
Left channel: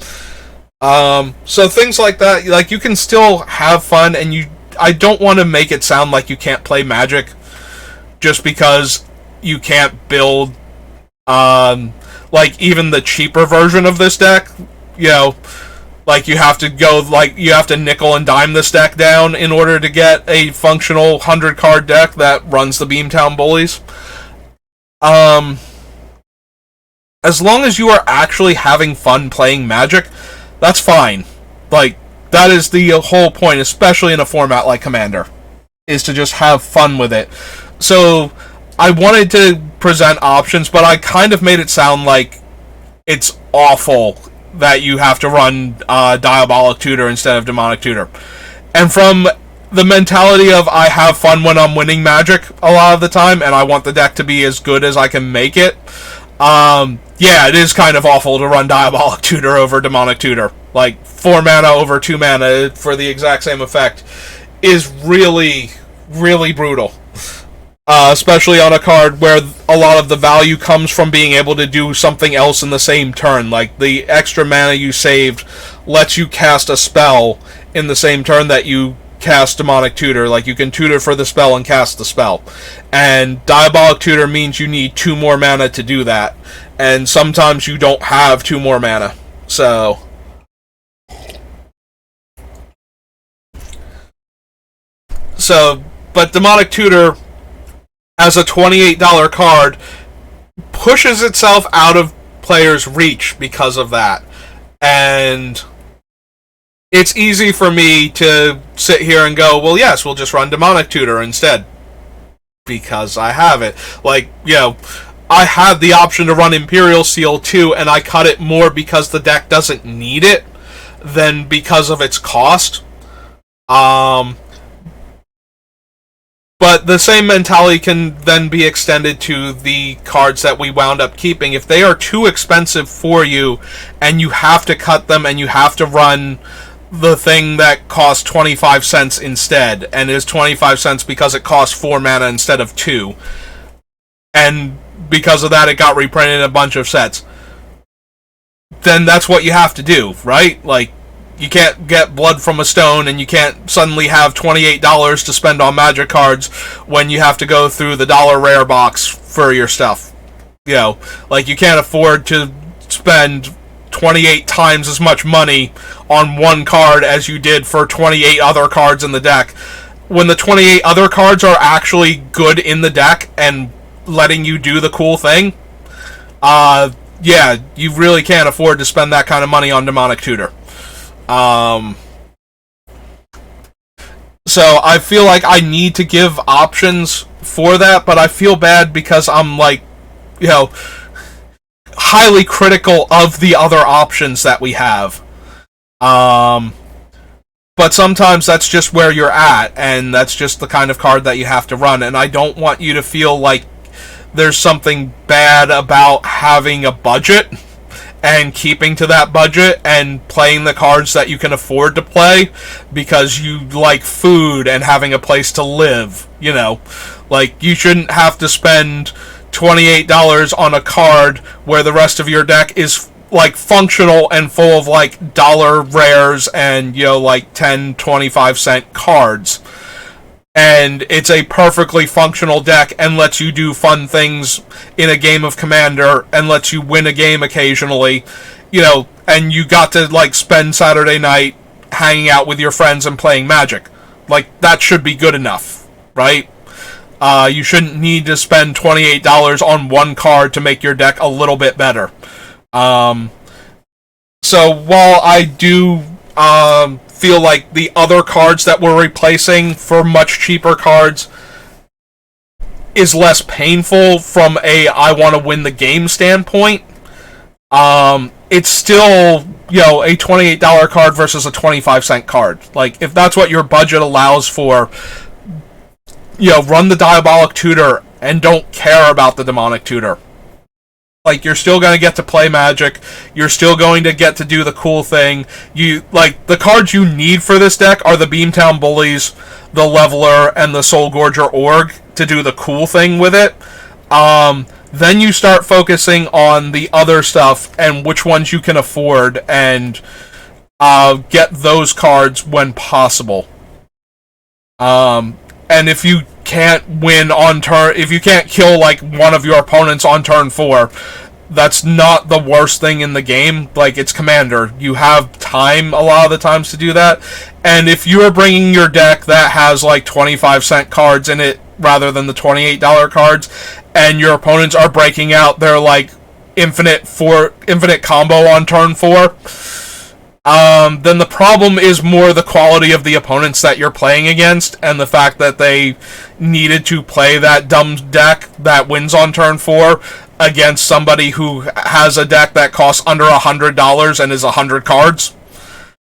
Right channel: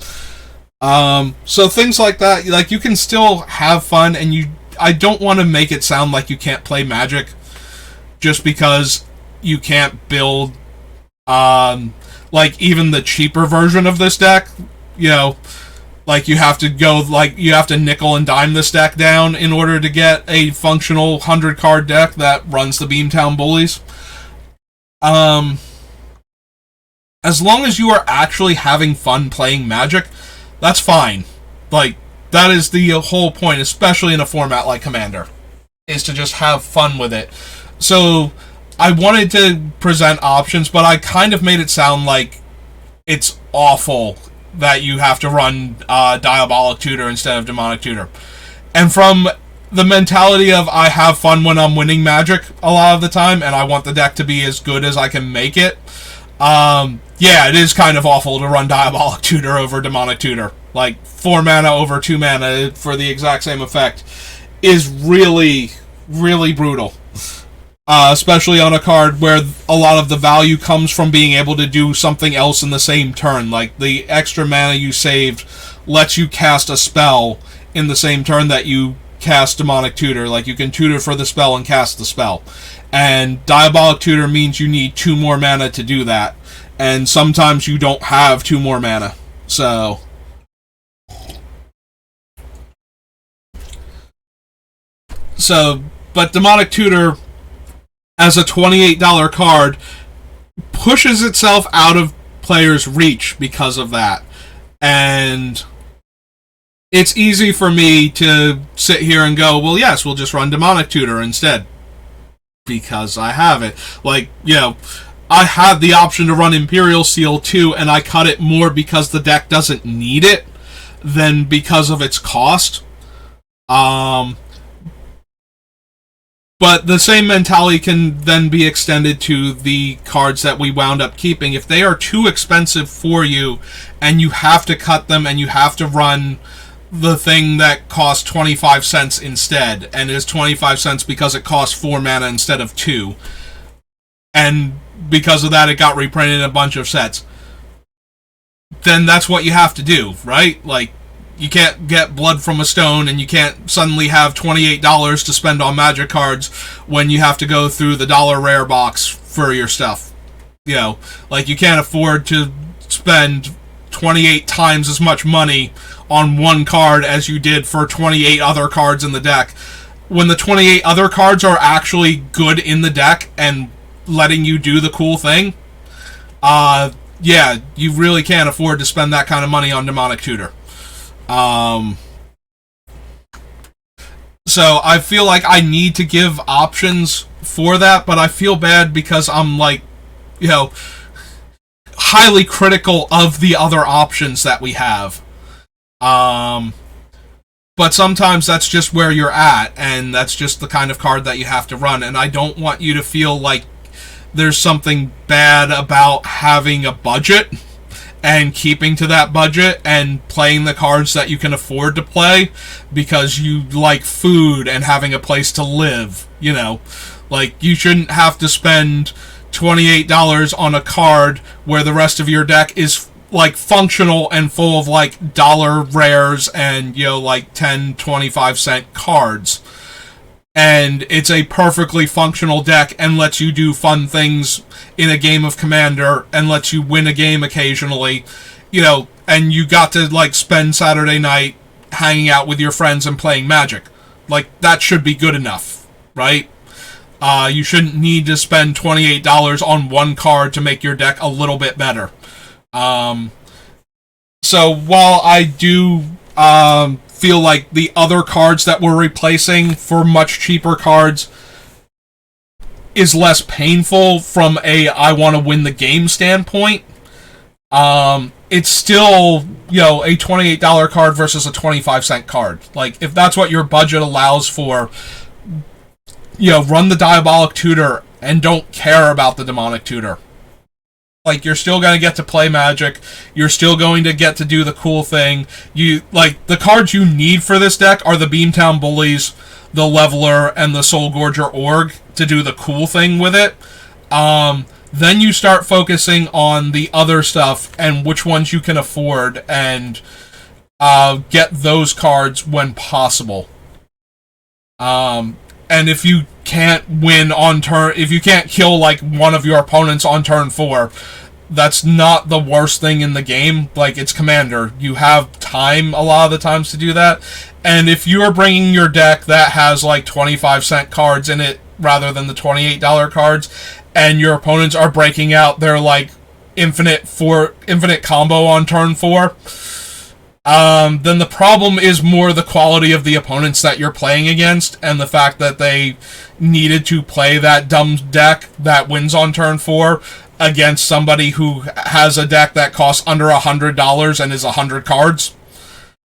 So things like that, you can still have fun, and I don't want to make it sound like you can't play Magic just because you can't build, even the cheaper version of this deck. You have to go, you have to nickel and dime this deck down in order to get a functional 100-card deck that runs the Beamtown Bullies. As long as you are actually having fun playing Magic, that's fine. That is the whole point, especially in a format like Commander, is to just have fun with it. So, I wanted to present options, but I kind of made it sound like it's awful that you have to run Diabolic Tutor instead of Demonic Tutor. And from the mentality of I have fun when I'm winning Magic a lot of the time, and I want the deck to be as good as I can make it, it is kind of awful to run Diabolic Tutor over Demonic Tutor. 4 mana over 2 mana for the exact same effect is really, really brutal. Especially on a card where a lot of the value comes from being able to do something else in the same turn. The extra mana you saved lets you cast a spell in the same turn that you cast Demonic Tutor. Like, you can tutor for the spell and cast the spell. And Diabolic Tutor means you need 2 more mana to do that. And sometimes you don't have 2 more mana. So... but Demonic Tutor, as a $28 card, pushes itself out of players' reach because of that. And it's easy for me to sit here and go, well, yes, we'll just run Demonic Tutor instead. Because I have it. Like, you know, I had the option to run Imperial Seal too, and I cut it more because the deck doesn't need it than because of its cost. But the same mentality can then be extended to the cards that we wound up keeping. If they are too expensive for you, and you have to cut them, and you have to run the thing that costs 25 cents instead, and is 25 cents because it costs 4 mana instead of 2, and because of that it got reprinted in a bunch of sets, then that's what you have to do, right? Like, you can't get Blood from a Stone, and you can't suddenly have $28 to spend on Magic cards when you have to go through the dollar rare box for your stuff. You know, like, you can't afford to spend 28 times as much money on one card as you did for 28 other cards in the deck, when the 28 other cards are actually good in the deck and letting you do the cool thing. Yeah, you really can't afford to spend that kind of money on Demonic Tutor. So I feel like I need to give options for that, but I feel bad because I'm, like, you know, highly critical of the other options that we have. But sometimes that's just where you're at, and that's just the kind of card that you have to run, and I don't want you to feel like there's something bad about having a budget and keeping to that budget and playing the cards that you can afford to play because you like food and having a place to live, you know. Like, you shouldn't have to spend $28 on a card where the rest of your deck is, like, functional and full of, like, dollar rares and, you know, like 10, 25 cent cards. And it's a perfectly functional deck and lets you do fun things in a game of Commander and lets you win a game occasionally, you know, and you got to, like, spend Saturday night hanging out with your friends and playing Magic. Like, that should be good enough, right? You shouldn't need to spend $28 on one card to make your deck a little bit better. So while I do feel like the other cards that we're replacing for much cheaper cards is less painful from a I want to win the game standpoint, it's still, you know, a $28 card versus a 25 cent card. Like, if that's what your budget allows for, you know, run the Diabolic Tutor and don't care about the Demonic Tutor. Like, you're still going to get to play Magic. You're still going to get to do the cool thing. You, like, the cards you need for this deck are the Beamtown Bullies, the Leveler, and the Soul Gorger Org to do the cool thing with it. Then you start focusing on the other stuff and which ones you can afford and get those cards when possible. And if you can't win on turn, if you can't kill, like, one of your opponents on turn 4, that's not the worst thing in the game. Like, it's Commander. You have time a lot of the times to do that. And if you're bringing your deck that has, like, 25 cent cards in it rather than the $28 cards, and your opponents are breaking out their, like, infinite combo on turn 4, then the problem is more the quality of the opponents that you're playing against and the fact that they needed to play that dumb deck that wins on turn 4 against somebody who has a deck that costs under $100 and is 100 cards.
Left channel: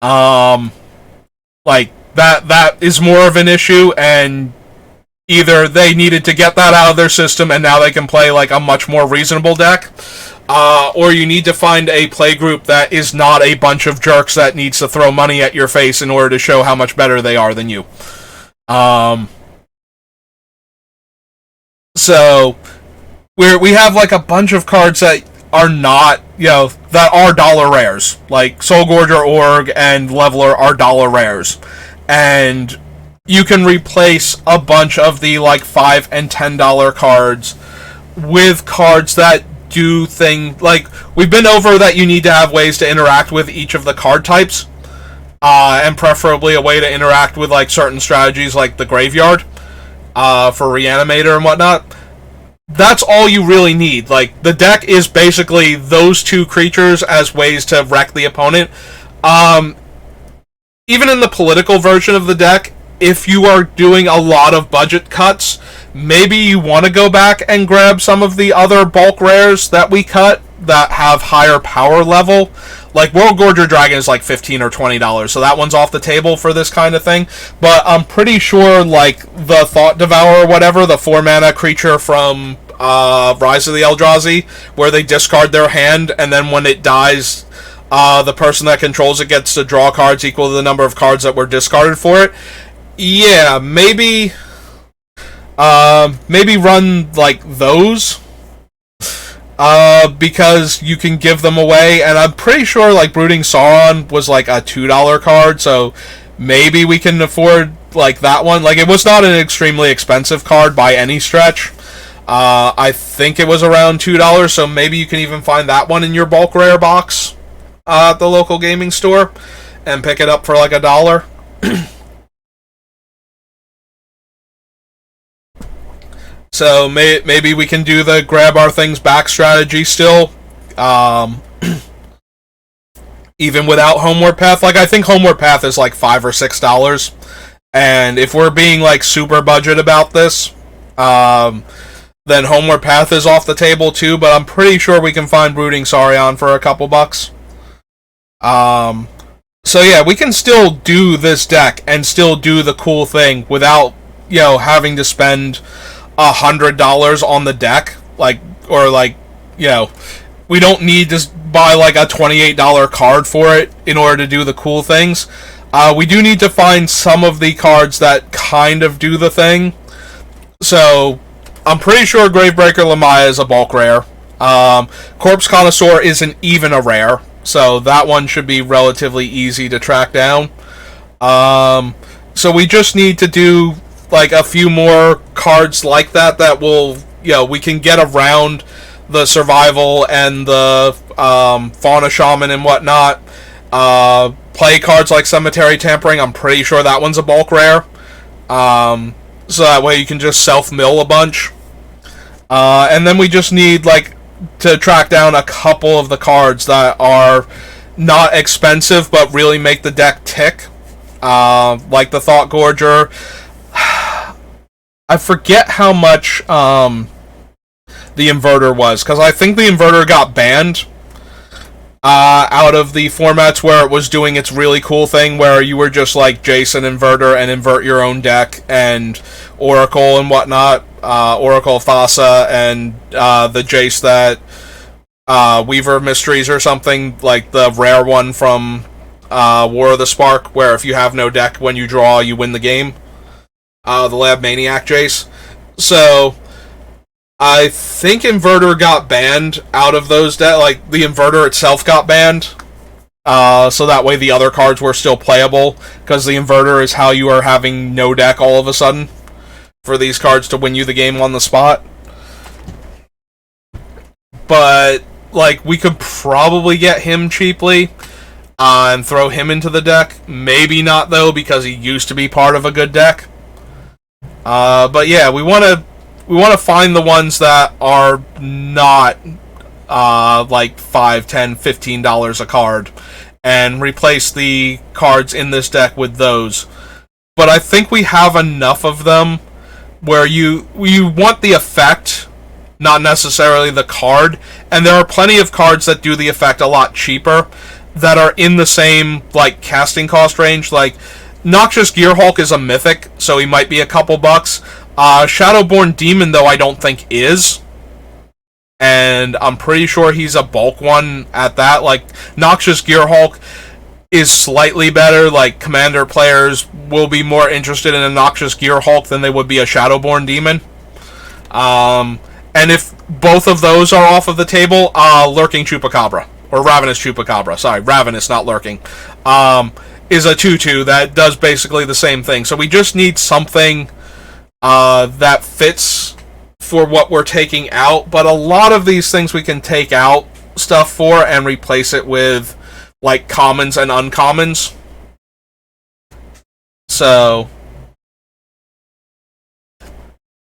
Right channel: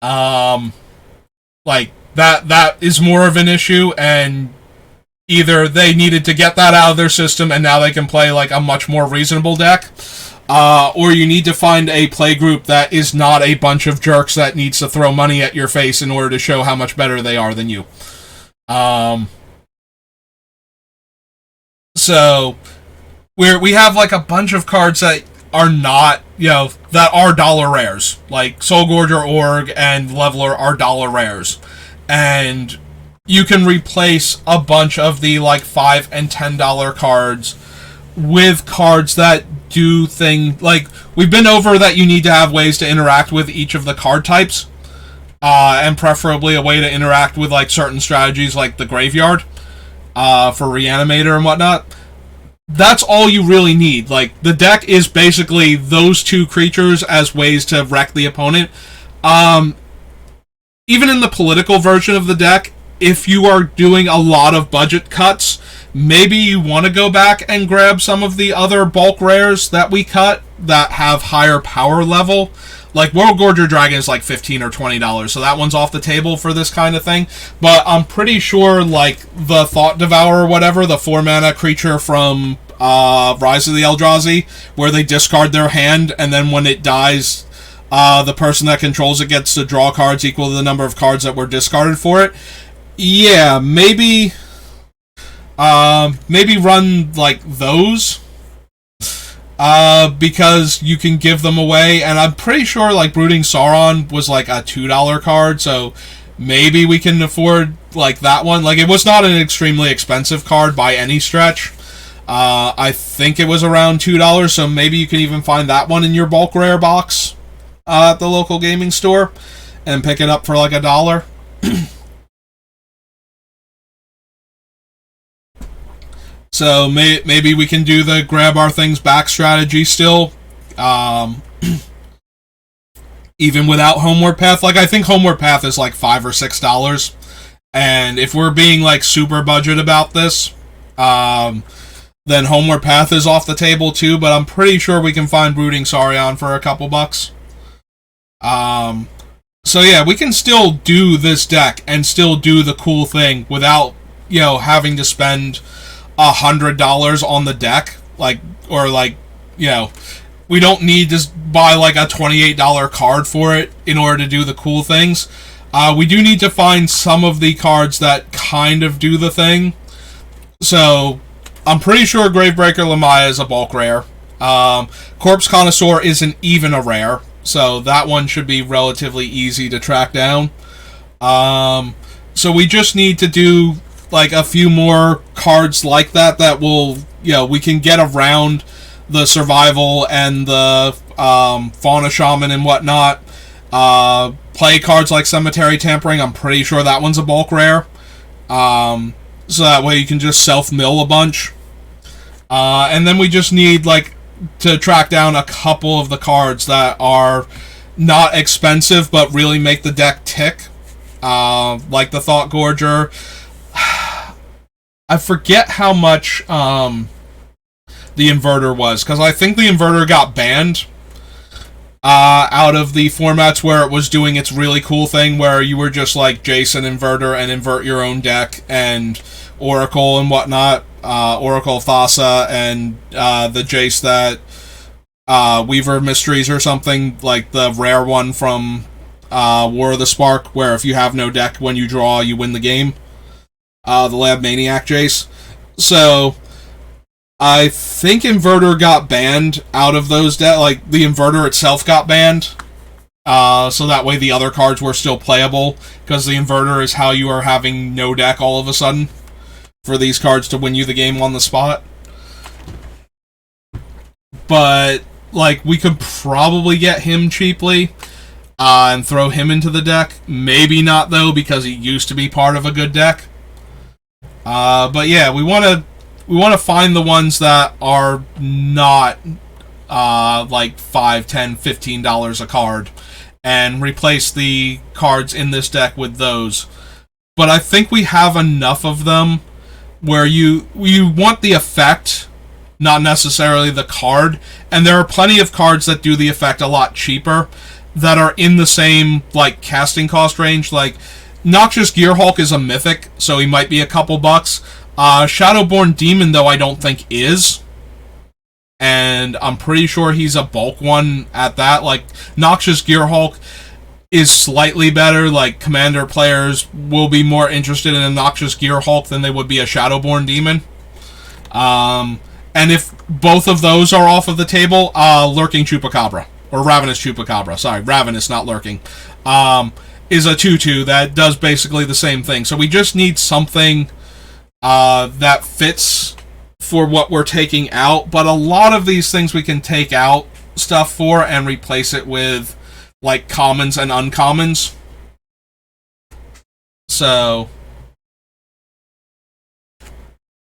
Like, that is more of an issue, and either they needed to get that out of their system and now they can play, like, a much more reasonable deck, or you need to find a play group that is not a bunch of jerks that needs to throw money at your face in order to show how much better they are than you. So we have, like, a bunch of cards that are not, you know, that are dollar rares. Like, Soul Gorger Org and Leveler are dollar rares. And you can replace a bunch of the like $5 and $10 cards with cards that do things like we've been over that you need to have ways to interact with each of the card types, and preferably a way to interact with like certain strategies like the graveyard, for Reanimator and whatnot. That's all you really need. Like, the deck is basically those two creatures as ways to wreck the opponent. Even in the political version of the deck, if you are doing a lot of budget cuts, maybe you want to go back and grab some of the other bulk rares that we cut that have higher power level. Like, World Gorger Dragon is like $15 or $20, so that one's off the table for this kind of thing. But I'm pretty sure, like, the Thought Devourer or whatever, the 4-mana creature from Rise of the Eldrazi, where they discard their hand, and then when it dies, the person that controls it gets to draw cards equal to the number of cards that were discarded for it. Yeah, maybe run, like, those. Because you can give them away, and I'm pretty sure, like, Brooding Sauron was, like, a $2 card, so maybe we can afford, like, that one. Like, it was not an extremely expensive card by any stretch. I think it was around $2, so maybe you can even find that one in your bulk rare box at the local gaming store and pick it up for, like, $1. So maybe we can do the grab our things back strategy still, even without Homeward Path. Like, I think Homeward Path is like $5 or $6, and if we're being like super budget about this, then Homeward Path is off the table too. But I'm pretty sure we can find Brooding Saurion for a couple bucks. So yeah, we can still do this deck and still do the cool thing without, having to spend $100 on the deck, we don't need to buy like a $28 card for it in order to do the cool things. We do need to find some of the cards that kind of do the thing. So I'm pretty sure Gravebreaker Lamaya is a bulk rare. Corpse Connoisseur isn't even a rare, so that one should be relatively easy to track down. So we just need to do like a few more cards like that will, we can get around the survival and the Fauna Shaman and whatnot. Play cards like Cemetery Tampering, I'm pretty sure that one's a bulk rare. So that way you can just self-mill a bunch. And then we just need to track down a couple of the cards that are not expensive but really make the deck tick. Like the Thought Gorger. I forget how much the Inverter was, because I think the Inverter got banned out of the formats where it was doing its really cool thing where you were just like Jason Inverter and invert your own deck, and Oracle and whatnot, Oracle Thassa, and the Jace that Weaver Mysteries or something, like the rare one from War of the Spark, where if you have no deck, when you draw, you win the game. The Lab Maniac Jace. So, I think Inverter got banned out of those decks. Like, the Inverter itself got banned. So that way the other cards were still playable. Because the Inverter is how you are having no deck all of a sudden. For these cards to win you the game on the spot. But, we could probably get him cheaply. And throw him into the deck. Maybe not, though, because he used to be part of a good deck. But yeah, we want to find the ones that are not like $5, $10, $15 a card, and replace the cards in this deck with those. But I think we have enough of them where you want the effect, not necessarily the card. And there are plenty of cards that do the effect a lot cheaper that are in the same casting cost range. Like, Noxious Gearhulk is a mythic, so he might be a couple bucks. Shadowborn Demon, though, I don't think is. And I'm pretty sure he's a bulk one at that. Noxious Gearhulk is slightly better. Commander players will be more interested in a Noxious Gearhulk than they would be a Shadowborn Demon. And if both of those are off of the table, Lurking Chupacabra. Or Ravenous Chupacabra. Sorry, Ravenous, not Lurking. is a 2/2 that does basically the same thing. So we just need something that fits for what we're taking out. But a lot of these things we can take out stuff for and replace it with like commons and uncommons. So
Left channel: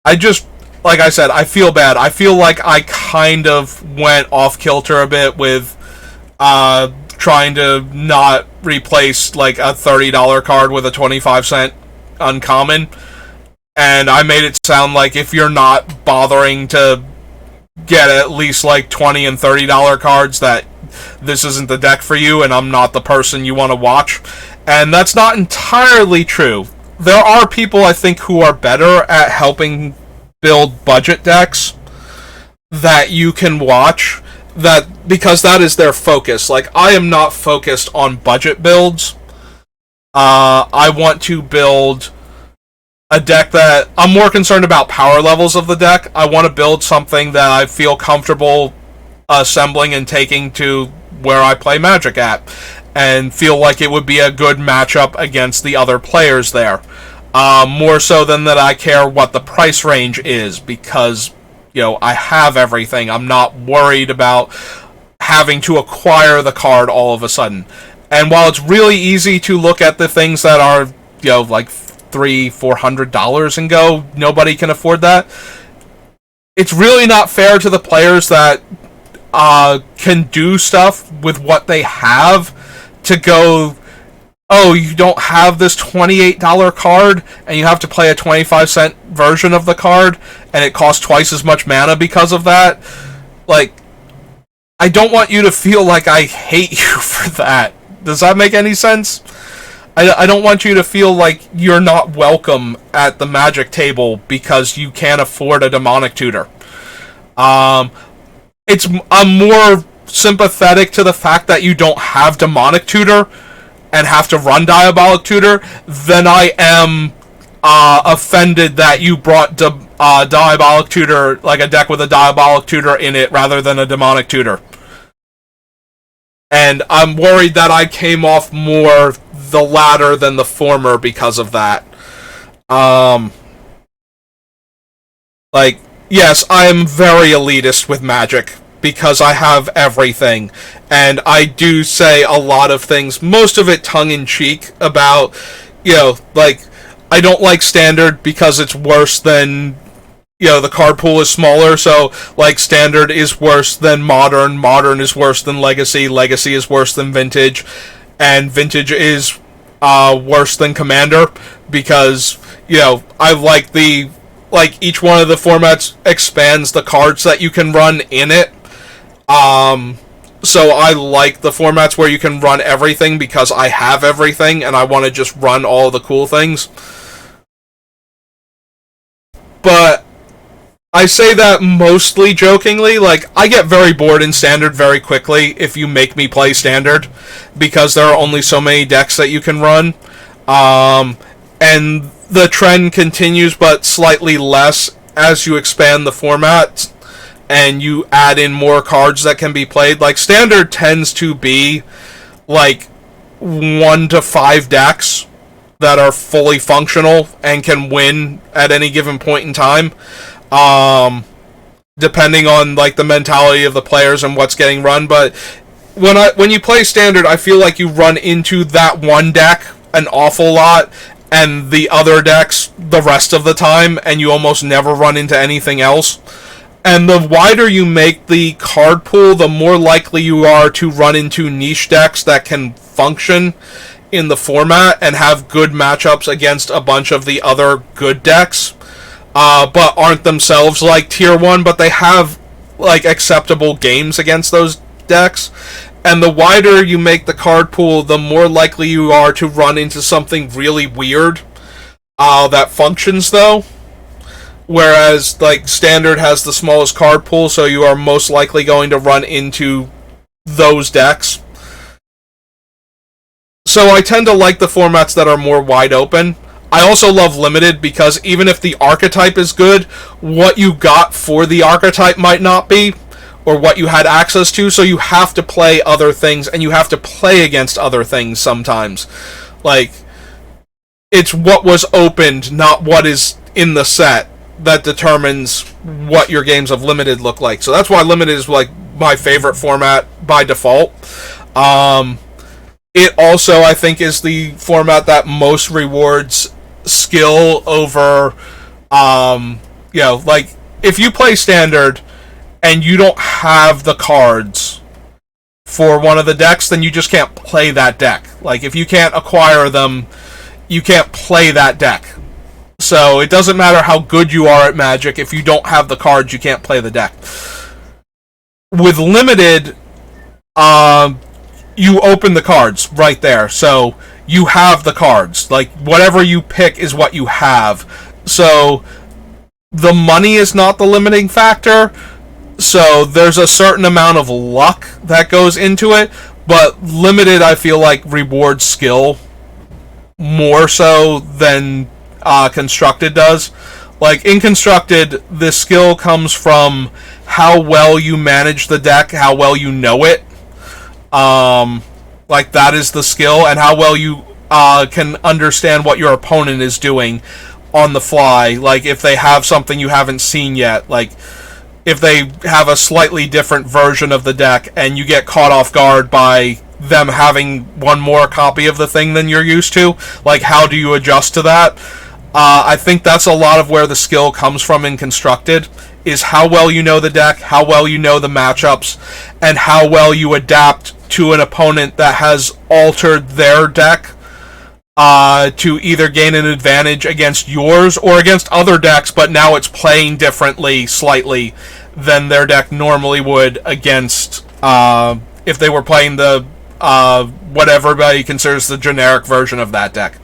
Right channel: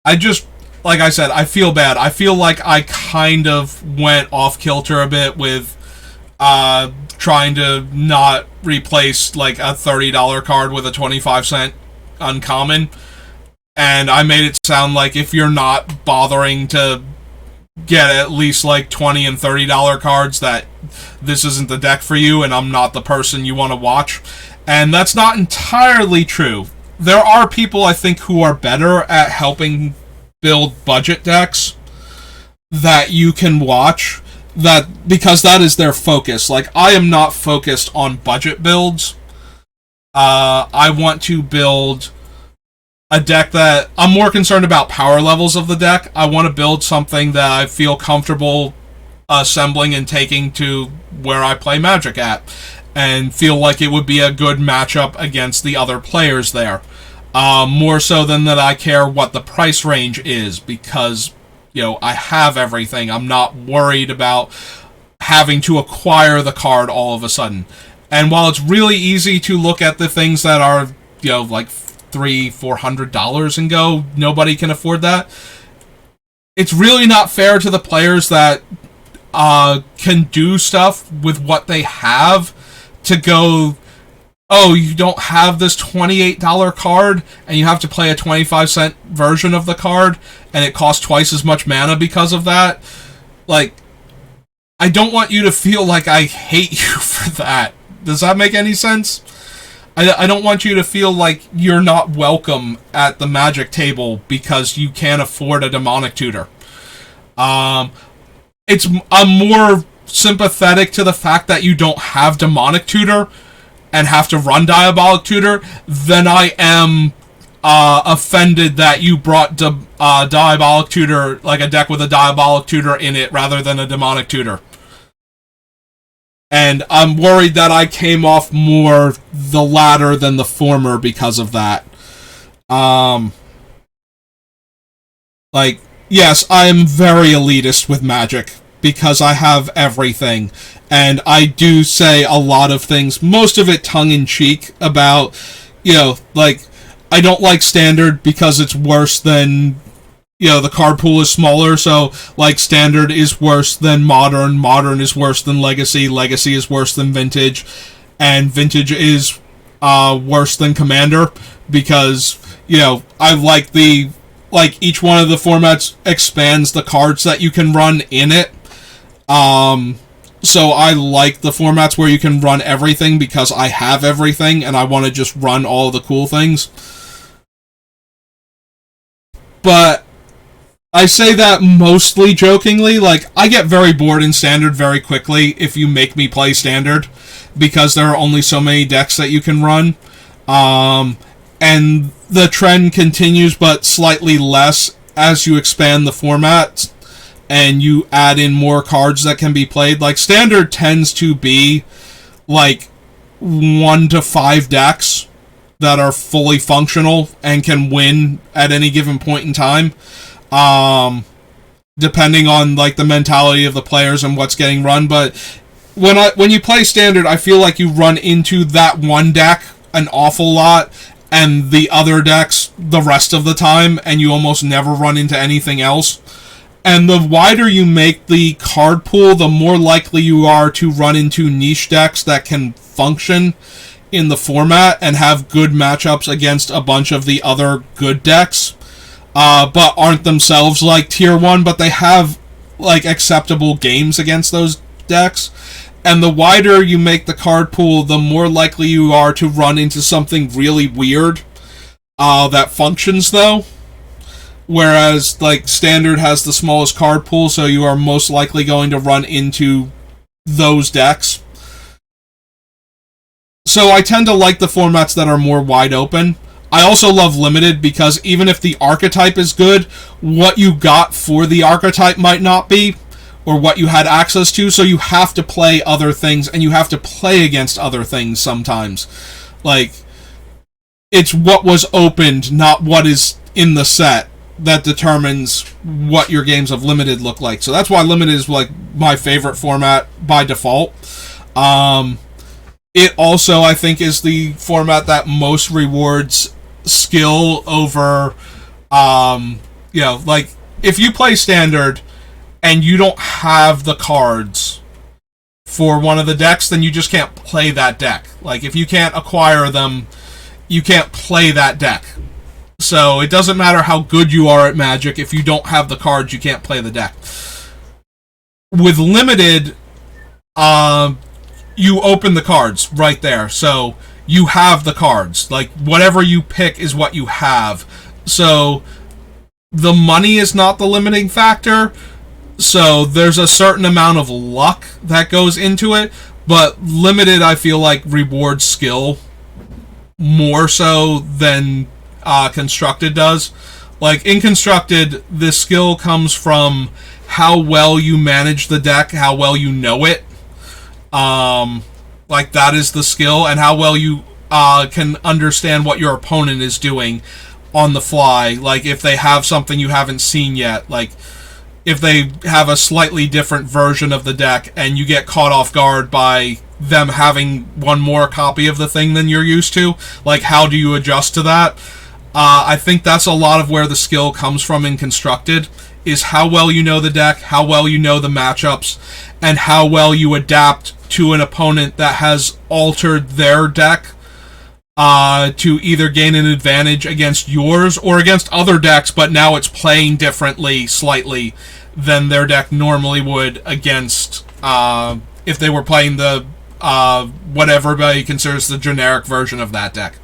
I just, like I said, I feel bad. I feel like I kind of went off kilter a bit with trying to not replace like a $30 card with a 25-cent uncommon. And I made it sound like if you're not bothering to get at least like $20 and $30 cards, that this isn't the deck for you and I'm not the person you want to watch. And that's not entirely true. There are people, I think, who are better at helping build budget decks that you can watch, that because that is their focus. Like, I am not focused on budget builds. I want to build a deck that I'm more concerned about power levels of the deck. I want to build something that I feel comfortable assembling and taking to where I play Magic at, and feel like it would be a good matchup against the other players there. More so than that I care what the price range is, because, you know, I have everything. I'm not worried about having to acquire the card all of a sudden. And while it's really easy to look at the things that are, you know, like $300-$400 and go, nobody can afford that, it's really not fair to the players that can do stuff with what they have to go, oh, you don't have this $28 card and you have to play a 25-cent version of the card and it costs twice as much mana because of that. Like, I don't want you to feel like I hate you for that. Does that make any sense? I don't want you to feel like you're not welcome at the Magic table because you can't afford a Demonic Tutor. I'm more sympathetic to the fact that you don't have Demonic Tutor and have to run Diabolic Tutor than I am offended that you brought Diabolic Tutor, like a deck with a Diabolic Tutor in it, rather than a Demonic Tutor. And I'm worried that I came off more the latter than the former because of that. Like, yes, I am very elitist with Magic because I have everything. And I do say a lot of things, most of it tongue-in-cheek, about, you know, like, I don't like Standard because it's worse than, you know, the card pool is smaller, so, like, Standard is worse than Modern, Modern is worse than Legacy, Legacy is worse than Vintage, and Vintage is worse than Commander, because, you know, I like each one of the formats expands the cards that you can run in it. So I like the formats where you can run everything because I have everything and I want to just run all the cool things. But I say that mostly jokingly. Like, I get very bored in Standard very quickly if you make me play Standard, because there are only so many decks that you can run. And the trend continues, but slightly less as you expand the format and you add in more cards that can be played. Like, Standard tends to be like 1 to 5 decks that are fully functional and can win at any given point in time. Depending on, like, the mentality of the players and what's getting run. But when you play Standard, I feel like you run into that one deck an awful lot and the other decks the rest of the time, and you almost never run into anything else. And the wider you make the card pool, the more likely you are to run into niche decks that can function in the format and have good matchups against a bunch of the other good decks. But aren't themselves like tier 1, but they have like acceptable games against those decks. And the wider you make the card pool, the more likely you are to run into something really weird that functions, though. Whereas, like, Standard has the smallest card pool, so you are most likely going to run into those decks. So I tend to like the formats that are more wide open. I also love Limited because even if the archetype is good, what you got for the archetype might not be, or what you had access to, so you have to play other things, and you have to play against other things sometimes. Like, it's what was opened, not what is in the set, that determines what your games of limited look like. So that's why limited is like my favorite format by default. It also, I think, is the format that most rewards skill over, like if you play standard and you don't have the cards for one of the decks, then you just can't play that deck. Like, if you can't acquire them, you can't play that deck. So it doesn't matter how good you are at Magic. If you don't have the cards, you can't play the deck. With limited, you open the cards right there. So you have the cards. Like, whatever you pick is what you have. So the money is not the limiting factor. So there's a certain amount of luck that goes into it. But limited, I feel like, rewards skill more so than constructed does. Like, in constructed, the skill comes from how well you manage the deck, how well you know it. Like, that is the skill, and how well you can understand what your opponent is doing on the fly. Like, if they have something you haven't seen yet, like if they have a slightly different version of the deck and you get caught off guard by them having one more copy of the thing than you're used to, like, how do you adjust to that? I think that's a lot of where the skill comes from in constructed, is how well you know the deck, how well you know the matchups, and how well you adapt to an opponent that has altered their deck to either gain an advantage against yours or against other decks, but now it's playing differently slightly than their deck normally would against if they were playing the what everybody considers the generic version of that deck.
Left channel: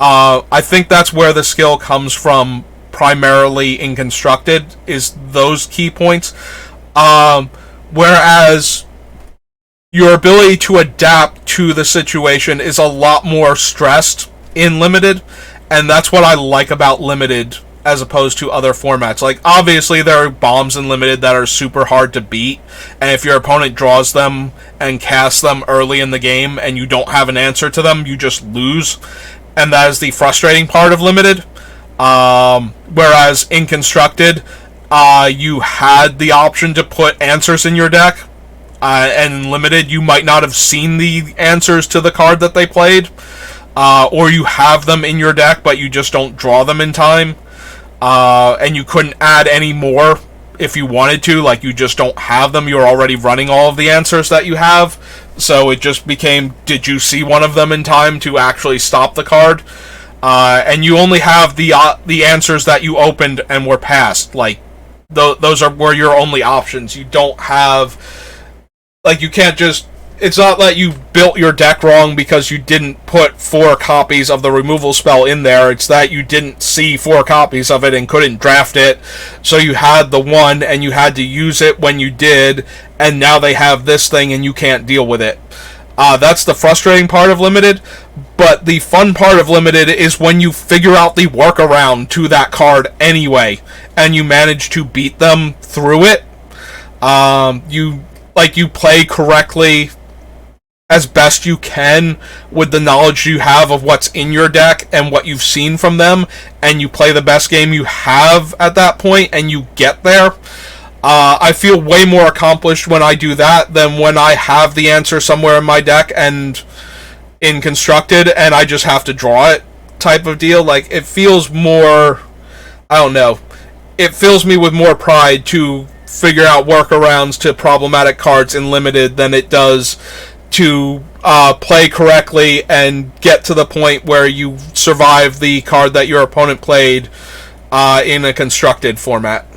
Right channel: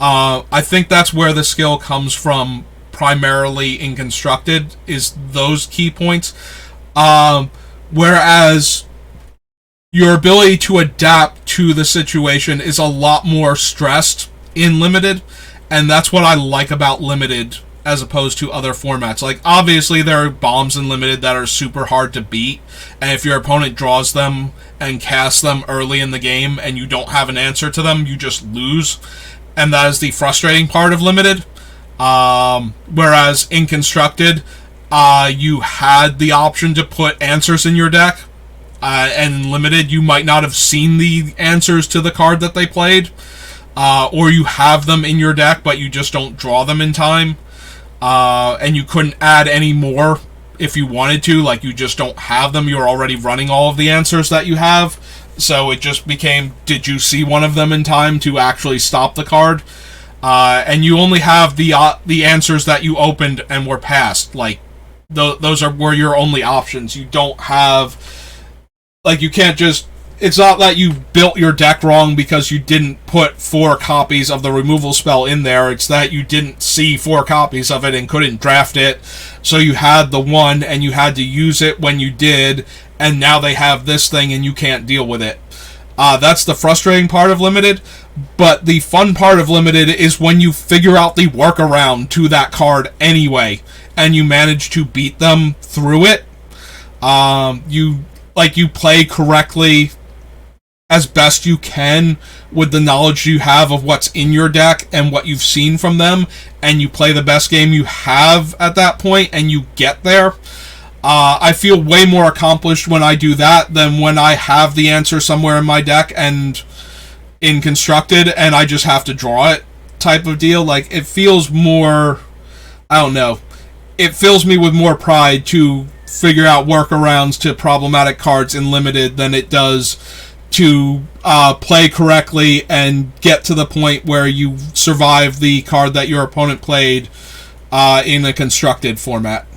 I think that's where the skill comes from primarily in constructed, is those key points. Whereas your ability to adapt to the situation is a lot more stressed in limited, and that's what I like about limited as opposed to other formats. Like, obviously there are bombs in limited that are super hard to beat, and if your opponent draws them and casts them early in the game and you don't have an answer to them, you just lose, and that is the frustrating part of limited. Whereas in constructed, you had the option to put answers in your deck, and limited, you might not have seen the answers to the card that they played, or you have them in your deck, but you just don't draw them in time, and you couldn't add any more if you wanted to. Like, you just don't have them. You're already running all of the answers that you have, so it just became, did you see one of them in time to actually stop the card? And you only have the answers that you opened and were passed. Like, those were your only options. You don't have, like, you can't just, it's not like you built your deck wrong because you didn't put 4 copies of the removal spell in there. It's that you didn't see 4 copies of it and couldn't draft it, so you had the one and you had to use it when you did, and now they have this thing and you can't deal with it. That's the frustrating part of limited, but the fun part of limited is when you figure out the workaround to that card anyway, and you manage to beat them through it. You play correctly as best you can with the knowledge you have of what's in your deck and what you've seen from them, and you play the best game you have at that point, and you get there. I feel way more accomplished when I do that than when I have the answer somewhere in my deck and in constructed and I just have to draw it type of deal. Like, it feels more, I don't know, it fills me with more pride to figure out workarounds to problematic cards in limited than it does to play correctly and get to the point where you survive the card that your opponent played in a constructed format.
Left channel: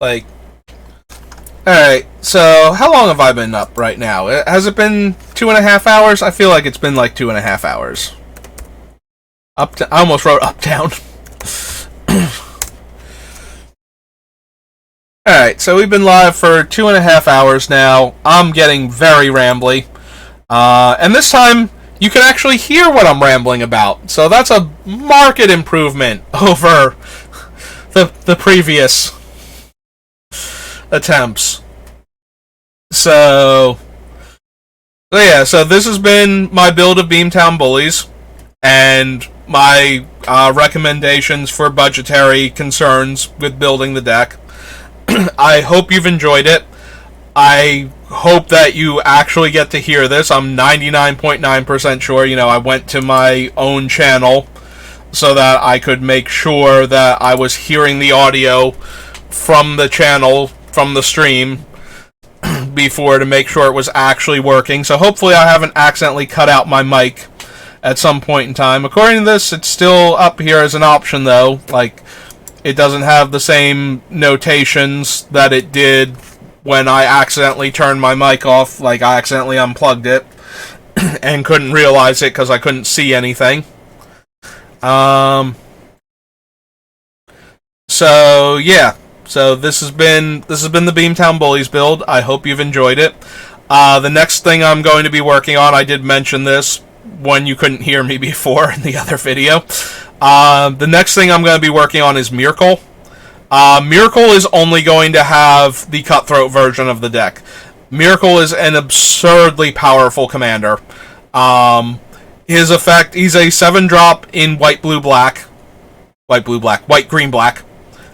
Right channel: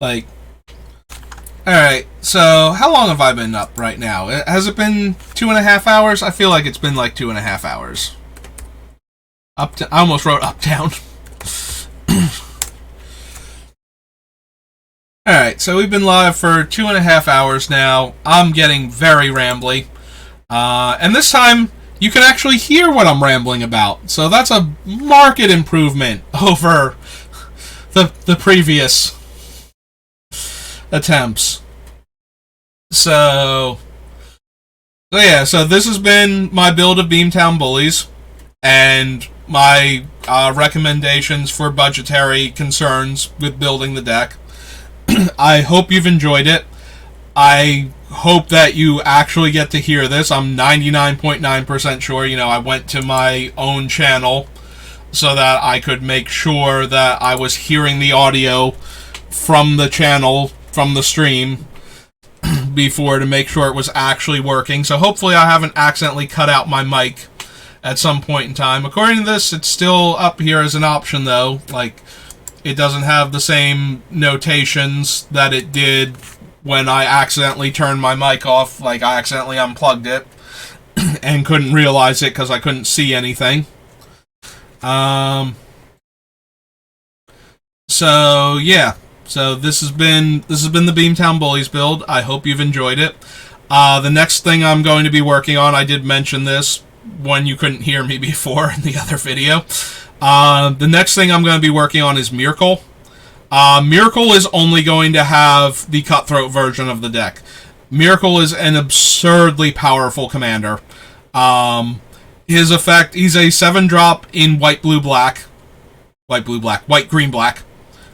Like, alright, so how long have I been up right now? Has it been 2.5 hours? I feel like it's been like 2.5 hours. I almost wrote Uptown. Alright, so we've been live for 2.5 hours now. I'm getting very rambly. And this time, you can actually hear what I'm rambling about. So that's a marked improvement over the previous attempts. So, so this has been my build of Beamtown Bullies, and my recommendations for budgetary concerns with building the deck. I hope you've enjoyed it. I hope that you actually get to hear this. I'm 99.9% sure. I went to my own channel so that I could make sure that I was hearing the audio from the channel, from the stream, before to make sure it was actually working. So hopefully I haven't accidentally cut out my mic at some point in time. According to this, it's still up here as an option, though. Like, it doesn't have the same notations that it did when I accidentally turned my mic off. Like, I accidentally unplugged it and couldn't realize it because I couldn't see anything. So yeah. So this has been the Beamtown Bullies build. I hope you've enjoyed it. The next thing I'm going to be working on, I did mention this when you couldn't hear me before in the other video. The next thing I'm going to be working on is Miracle. Miracle is only going to have the Cutthroat version of the deck. Miracle is an absurdly powerful commander. His effect, he's a 7-drop in white, green, black.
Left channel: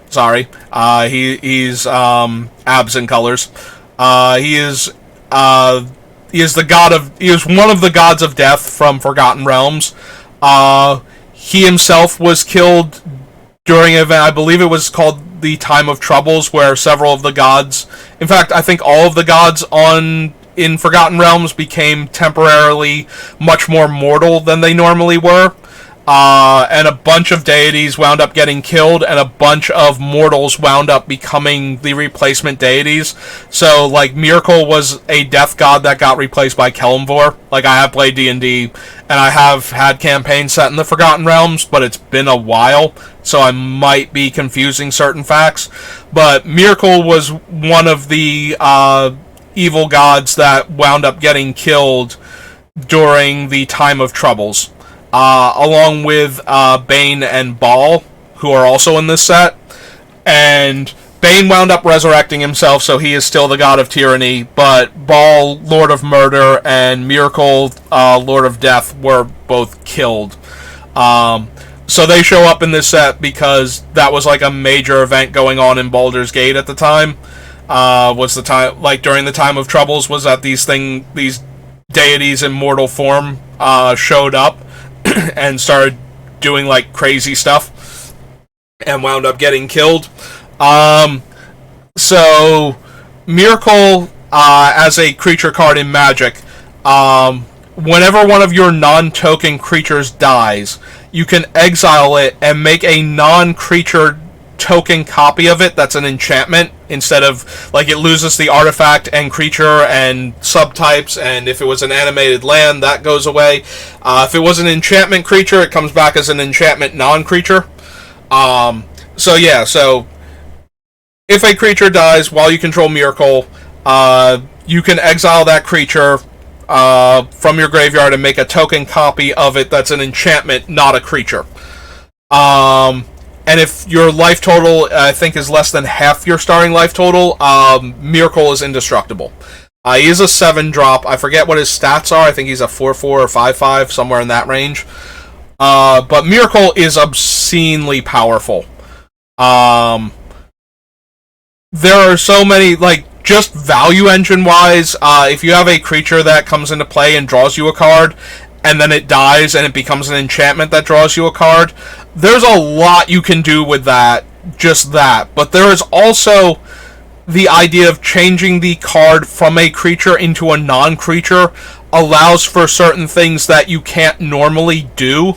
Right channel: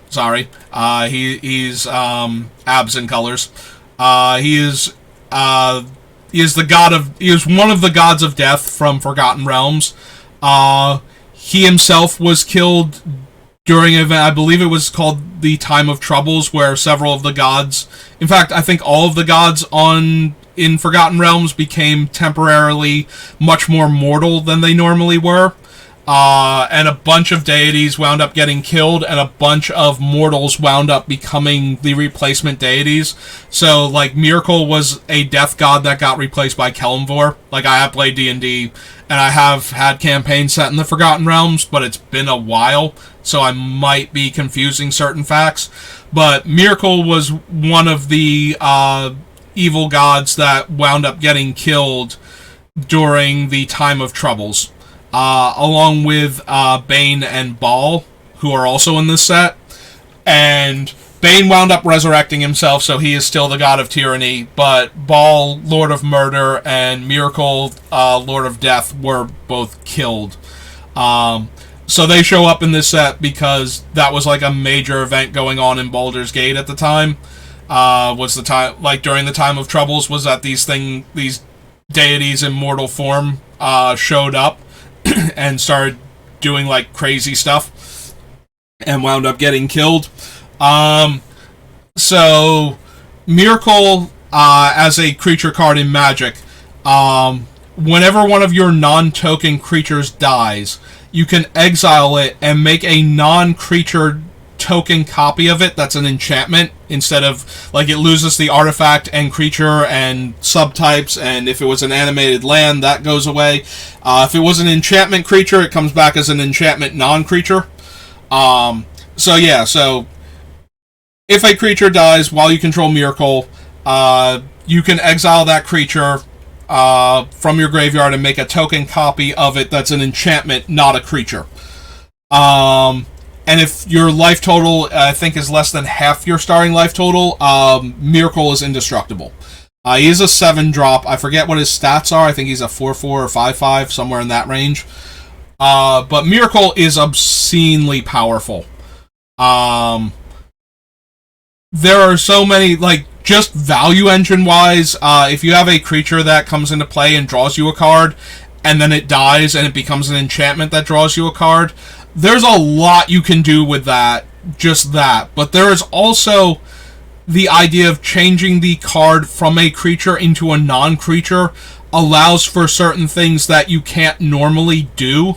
Sorry. He's absent colors. He is one of the gods of death from Forgotten Realms. He himself was killed during an event, I believe it was called the Time of Troubles, where several of the gods, in fact, I think all of the gods in Forgotten Realms became temporarily much more mortal than they normally were. And a bunch of deities wound up getting killed, and a bunch of mortals wound up becoming the replacement deities. So, like, Miracle was a death god that got replaced by Kelemvor. Like, I have played D&D, and I have had campaigns set in the Forgotten Realms, but it's been a while, so I might be confusing certain facts. But Miracle was one of the evil gods that wound up getting killed during the Time of Troubles. Along with Bane and Baal, who are also in this set. And Bane wound up resurrecting himself, so he is still the god of tyranny, but Baal, Lord of Murder, and Miracle, Lord of Death, were both killed. So they show up in this set because that was like a major event going on in Baldur's Gate at the time. Was the time, like during the Time of Troubles, was that these deities in mortal form showed up and started doing like crazy stuff and wound up getting killed. So Miracle, as a creature card in Magic, whenever one of your non-token creatures dies, you can exile it and make a non-creature token copy of it that's an enchantment, instead of, like, it loses the artifact and creature and subtypes, and if it was an animated land, that goes away. If it was an enchantment creature, it comes back as an enchantment non-creature. So if a creature dies while you control Miracle, you can exile that creature from your graveyard and make a token copy of it that's an enchantment, not a creature. And if your life total, I think, is less than half your starting life total, Miracle is indestructible. He is a 7-drop. I forget what his stats are. I think he's a 4/4 or 5/5, somewhere in that range. But Miracle is obscenely powerful. There are so many, like, just value engine-wise, if you have a creature that comes into play and draws you a card, and then it dies and it becomes an enchantment that draws you a card, there's a lot you can do with that, just that. But there is also the idea of changing the card from a creature into a non-creature allows for certain things that you can't normally do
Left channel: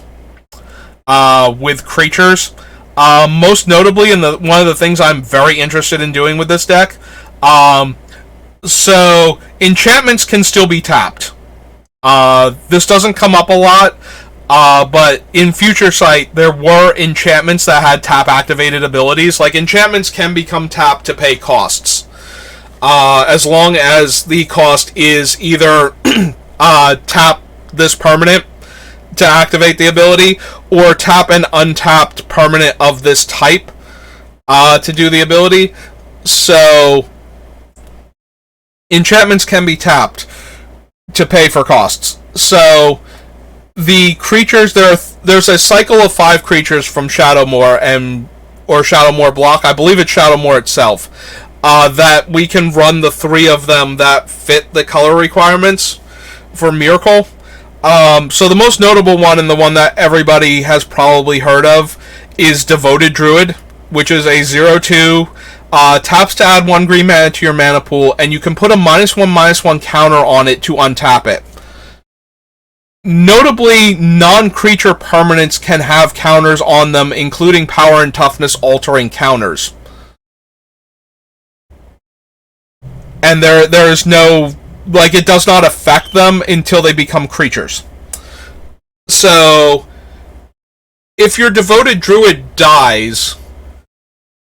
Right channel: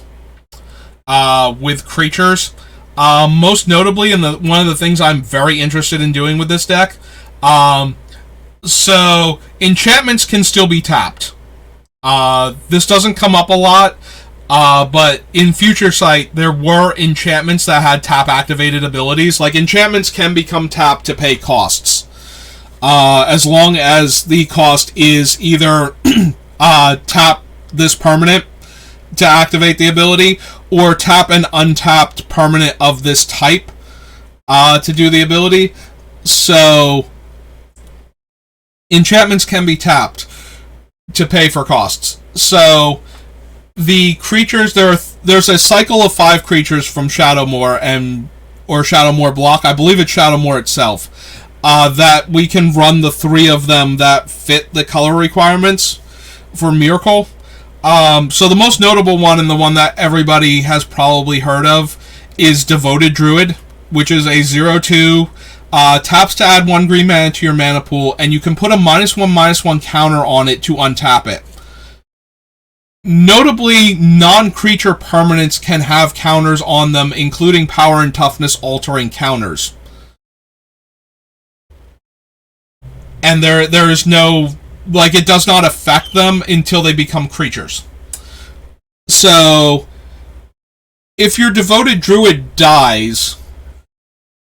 with creatures. Most notably, and one of the things I'm very interested in doing with this deck, so enchantments can still be tapped. This doesn't come up a lot, but in Future Sight, there were enchantments that had tap-activated abilities. Like, enchantments can become tapped to pay costs, as long as the cost is either tap this permanent to activate the ability, or tap an untapped permanent of this type to do the ability. So enchantments can be tapped to pay for costs. So the creatures, there's a cycle of 5 creatures from Shadowmoor or Shadowmoor block. I believe it's Shadowmoor itself. That we can run the 3 of them that fit the color requirements for Miracle. So the most notable one, and the one that everybody has probably heard of, is Devoted Druid, which is a 0/2. Taps to add 1 green mana to your mana pool, and you can put a -1/-1 counter on it to untap it. Notably, non-creature permanents can have counters on them, including power and toughness altering counters. And there is no, like, it does not affect them until they become creatures. So, if your Devoted Druid dies,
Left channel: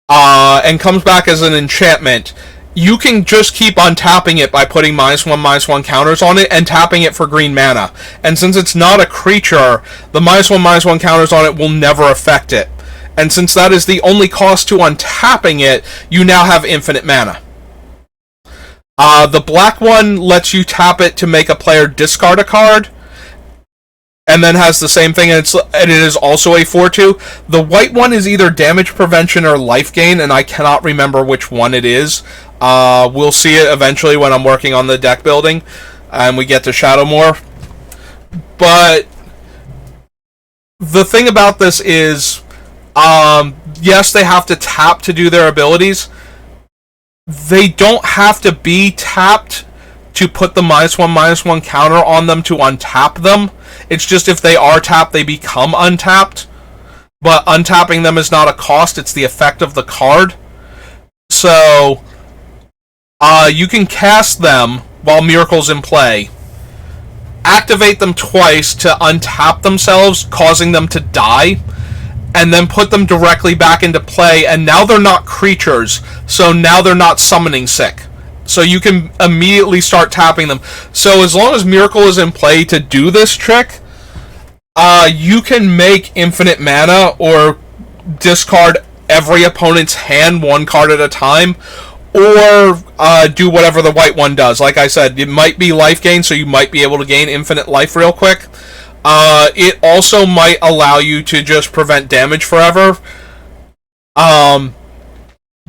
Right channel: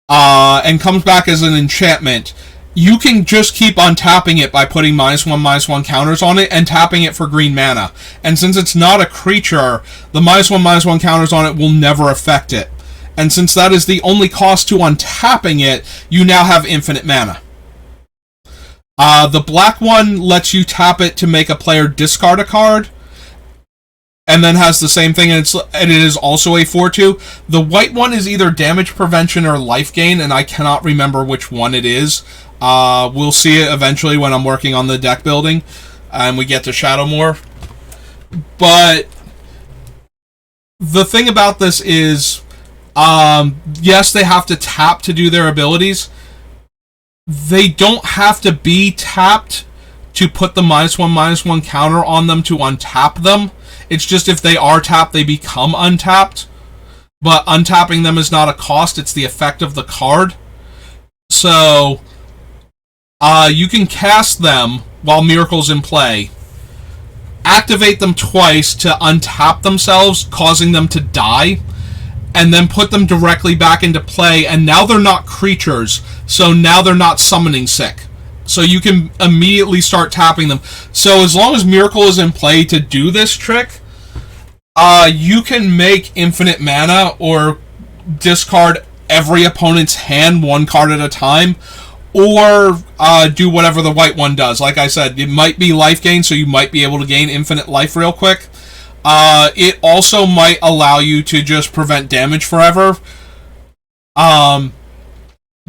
and comes back as an enchantment, you can just keep untapping it by putting -1/-1 counters on it and tapping it for green mana. And since it's not a creature, the -1/-1 counters on it will never affect it. And since that is the only cost to untapping it, you now have infinite mana. The black one lets you tap it to make a player discard a card, and then has the same thing, and it is also a 4/2. The white one is either damage prevention or life gain, and I cannot remember which one it is. We'll see it eventually when I'm working on the deck building, and we get to Shadowmoor. But the thing about this is, yes, they have to tap to do their abilities. They don't have to be tapped to put the -1/-1 counter on them to untap them. It's just if they are tapped, they become untapped. But untapping them is not a cost, it's the effect of the card. So, you can cast them while Miracle's in play, activate them twice to untap themselves, causing them to die, and then put them directly back into play, and now they're not creatures, so now they're not summoning sick. So you can immediately start tapping them. So as long as Miracle is in play to do this trick, you can make infinite mana or discard every opponent's hand 1 card at a time, or do whatever the white one does. Like I said, it might be life gain, so you might be able to gain infinite life real quick. It also might allow you to just prevent damage forever.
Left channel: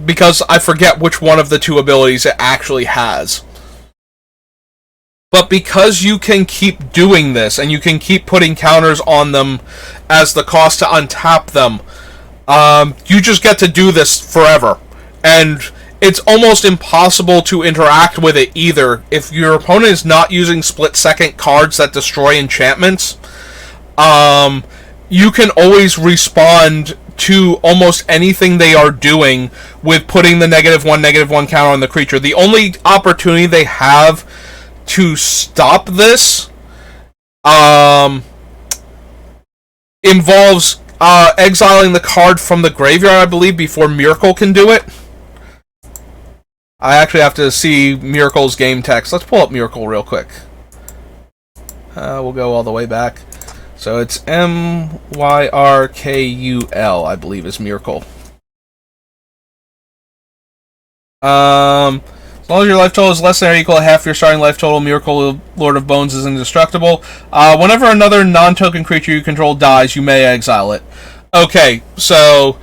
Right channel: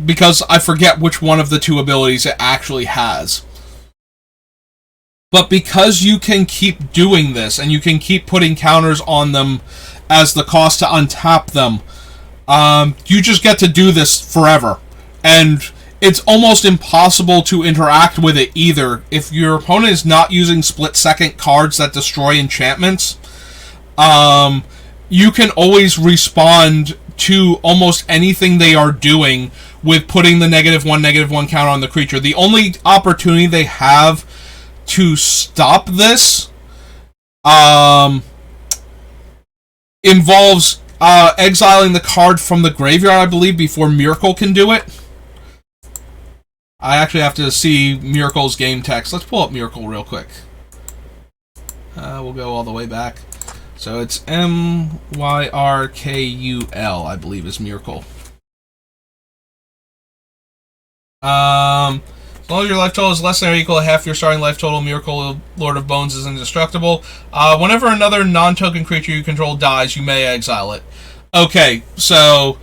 Because I forget which one of the 2 abilities it actually has. But because you can keep doing this, and you can keep putting counters on them as the cost to untap them, you just get to do this forever. And it's almost impossible to interact with it either. If your opponent is not using split-second cards that destroy enchantments, you can always respond to almost anything they are doing with putting the -1/-1 counter on the creature. The only opportunity they have to stop this involves exiling the card from the graveyard, I believe, before Miracle can do it. I actually have to see Miracle's game text. Let's pull up Miracle real quick. We'll go all the way back. So it's Myrkul, I believe, is Miracle. As long as your life total is less than or equal to half your starting life total, Miracle, Lord of Bones, is indestructible. Whenever another non-token creature you control dies, you may exile it. Okay, so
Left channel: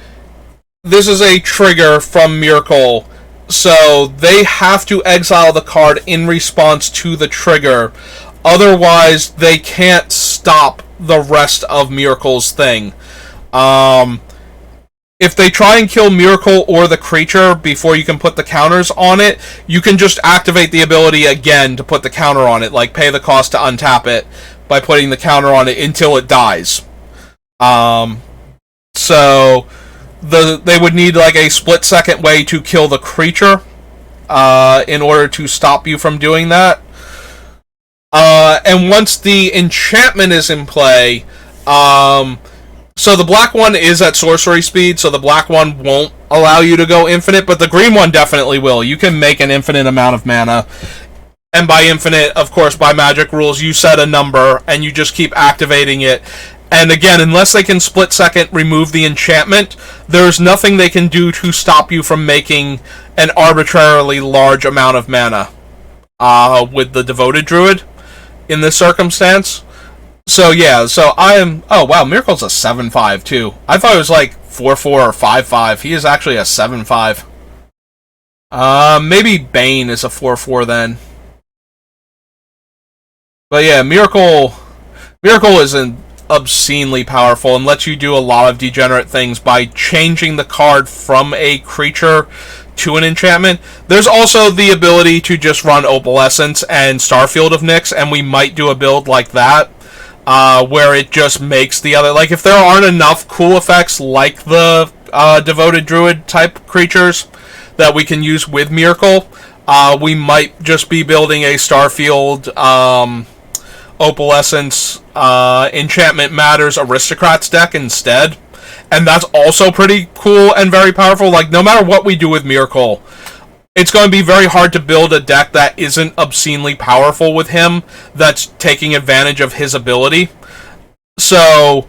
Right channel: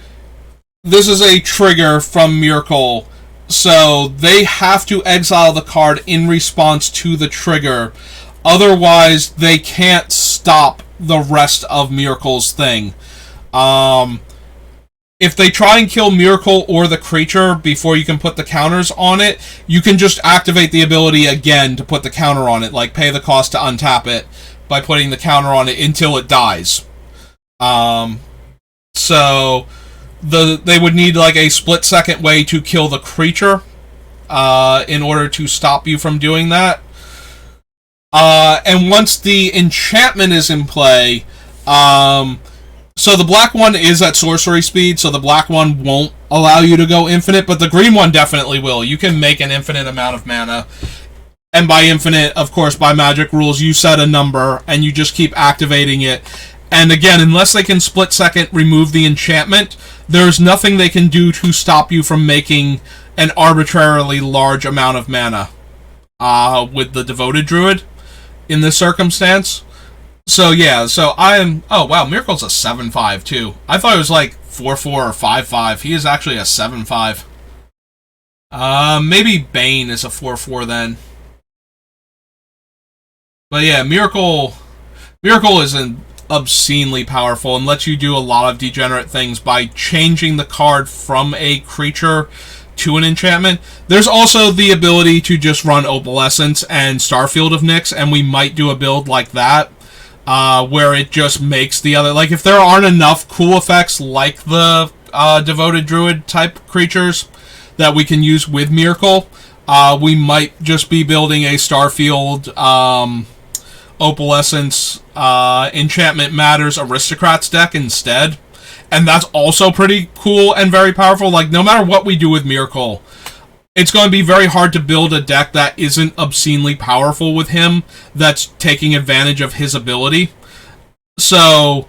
this is a trigger from Miracle. So they have to exile the card in response to the trigger. Otherwise, they can't stop the rest of Miracle's thing. If they try and kill Miracle or the creature before you can put the counters on it, you can just activate the ability again to put the counter on it, like pay the cost to untap it by putting the counter on it until it dies. So they would need like a split-second way to kill the creature in order to stop you from doing that. And once the enchantment is in play, so the black one is at sorcery speed, so the black one won't allow you to go infinite, but the green one definitely will. You can make an infinite amount of mana, and by infinite, of course, by magic rules, you set a number, and you just keep activating it. And again, unless they can split-second remove the enchantment, there's nothing they can do to stop you from making an arbitrarily large amount of mana. with the Devoted Druid in this circumstance. So yeah, so I am. Oh wow, Miracle's a 7/5 too. I thought it was like 4/4 or 5/5. He is actually a 7/5. Maybe Bane is a 4/4 then. But yeah, Miracle is an obscenely powerful and lets you do a lot of degenerate things by changing the card from a creature to an enchantment. There's also the ability to just run Opalescence and Starfield of Nyx, and we might do a build like that, where it just makes the other... Like, if there aren't enough cool effects like the Devoted Druid type creatures that we can use with Miracle, we might just be building a Starfield, Opalescence, Enchantment Matters Aristocrats deck instead. And that's also pretty cool and very powerful. Like, no matter what we do with Miracle, it's going to be very hard to build a deck that isn't obscenely powerful with him, that's taking advantage of his ability. So,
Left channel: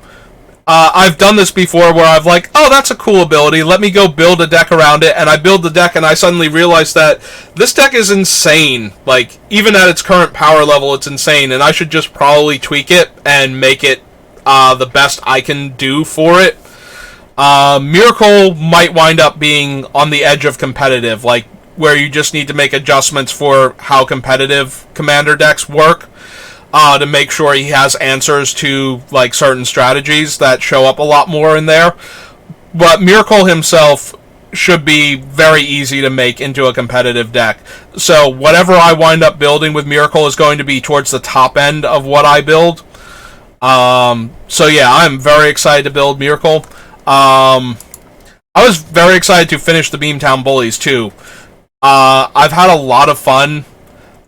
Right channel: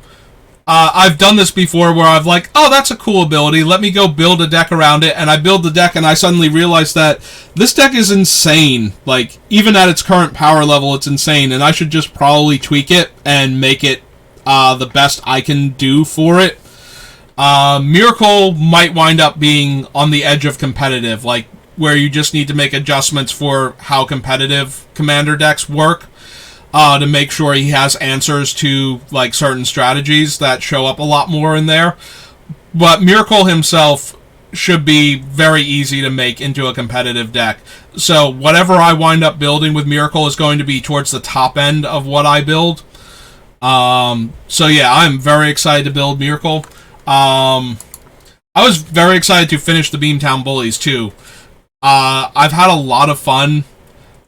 I've done this before where I've like, oh, that's a cool ability, let me go build a deck around it, and I build the deck and I suddenly realize that this deck is insane. Like, even at its current power level, it's insane, and I should just probably tweak it and make it the best I can do for it. Miracle might wind up being on the edge of competitive, like, where you just need to make adjustments for how competitive commander decks work, to make sure he has answers to, like, certain strategies that show up a lot more in there. But Miracle himself should be very easy to make into a competitive deck. So whatever I wind up building with Miracle is going to be towards the top end of what I build. So yeah, I'm very excited to build Miracle. I was very excited to finish the Beamtown Bullies too. I've had a lot of fun.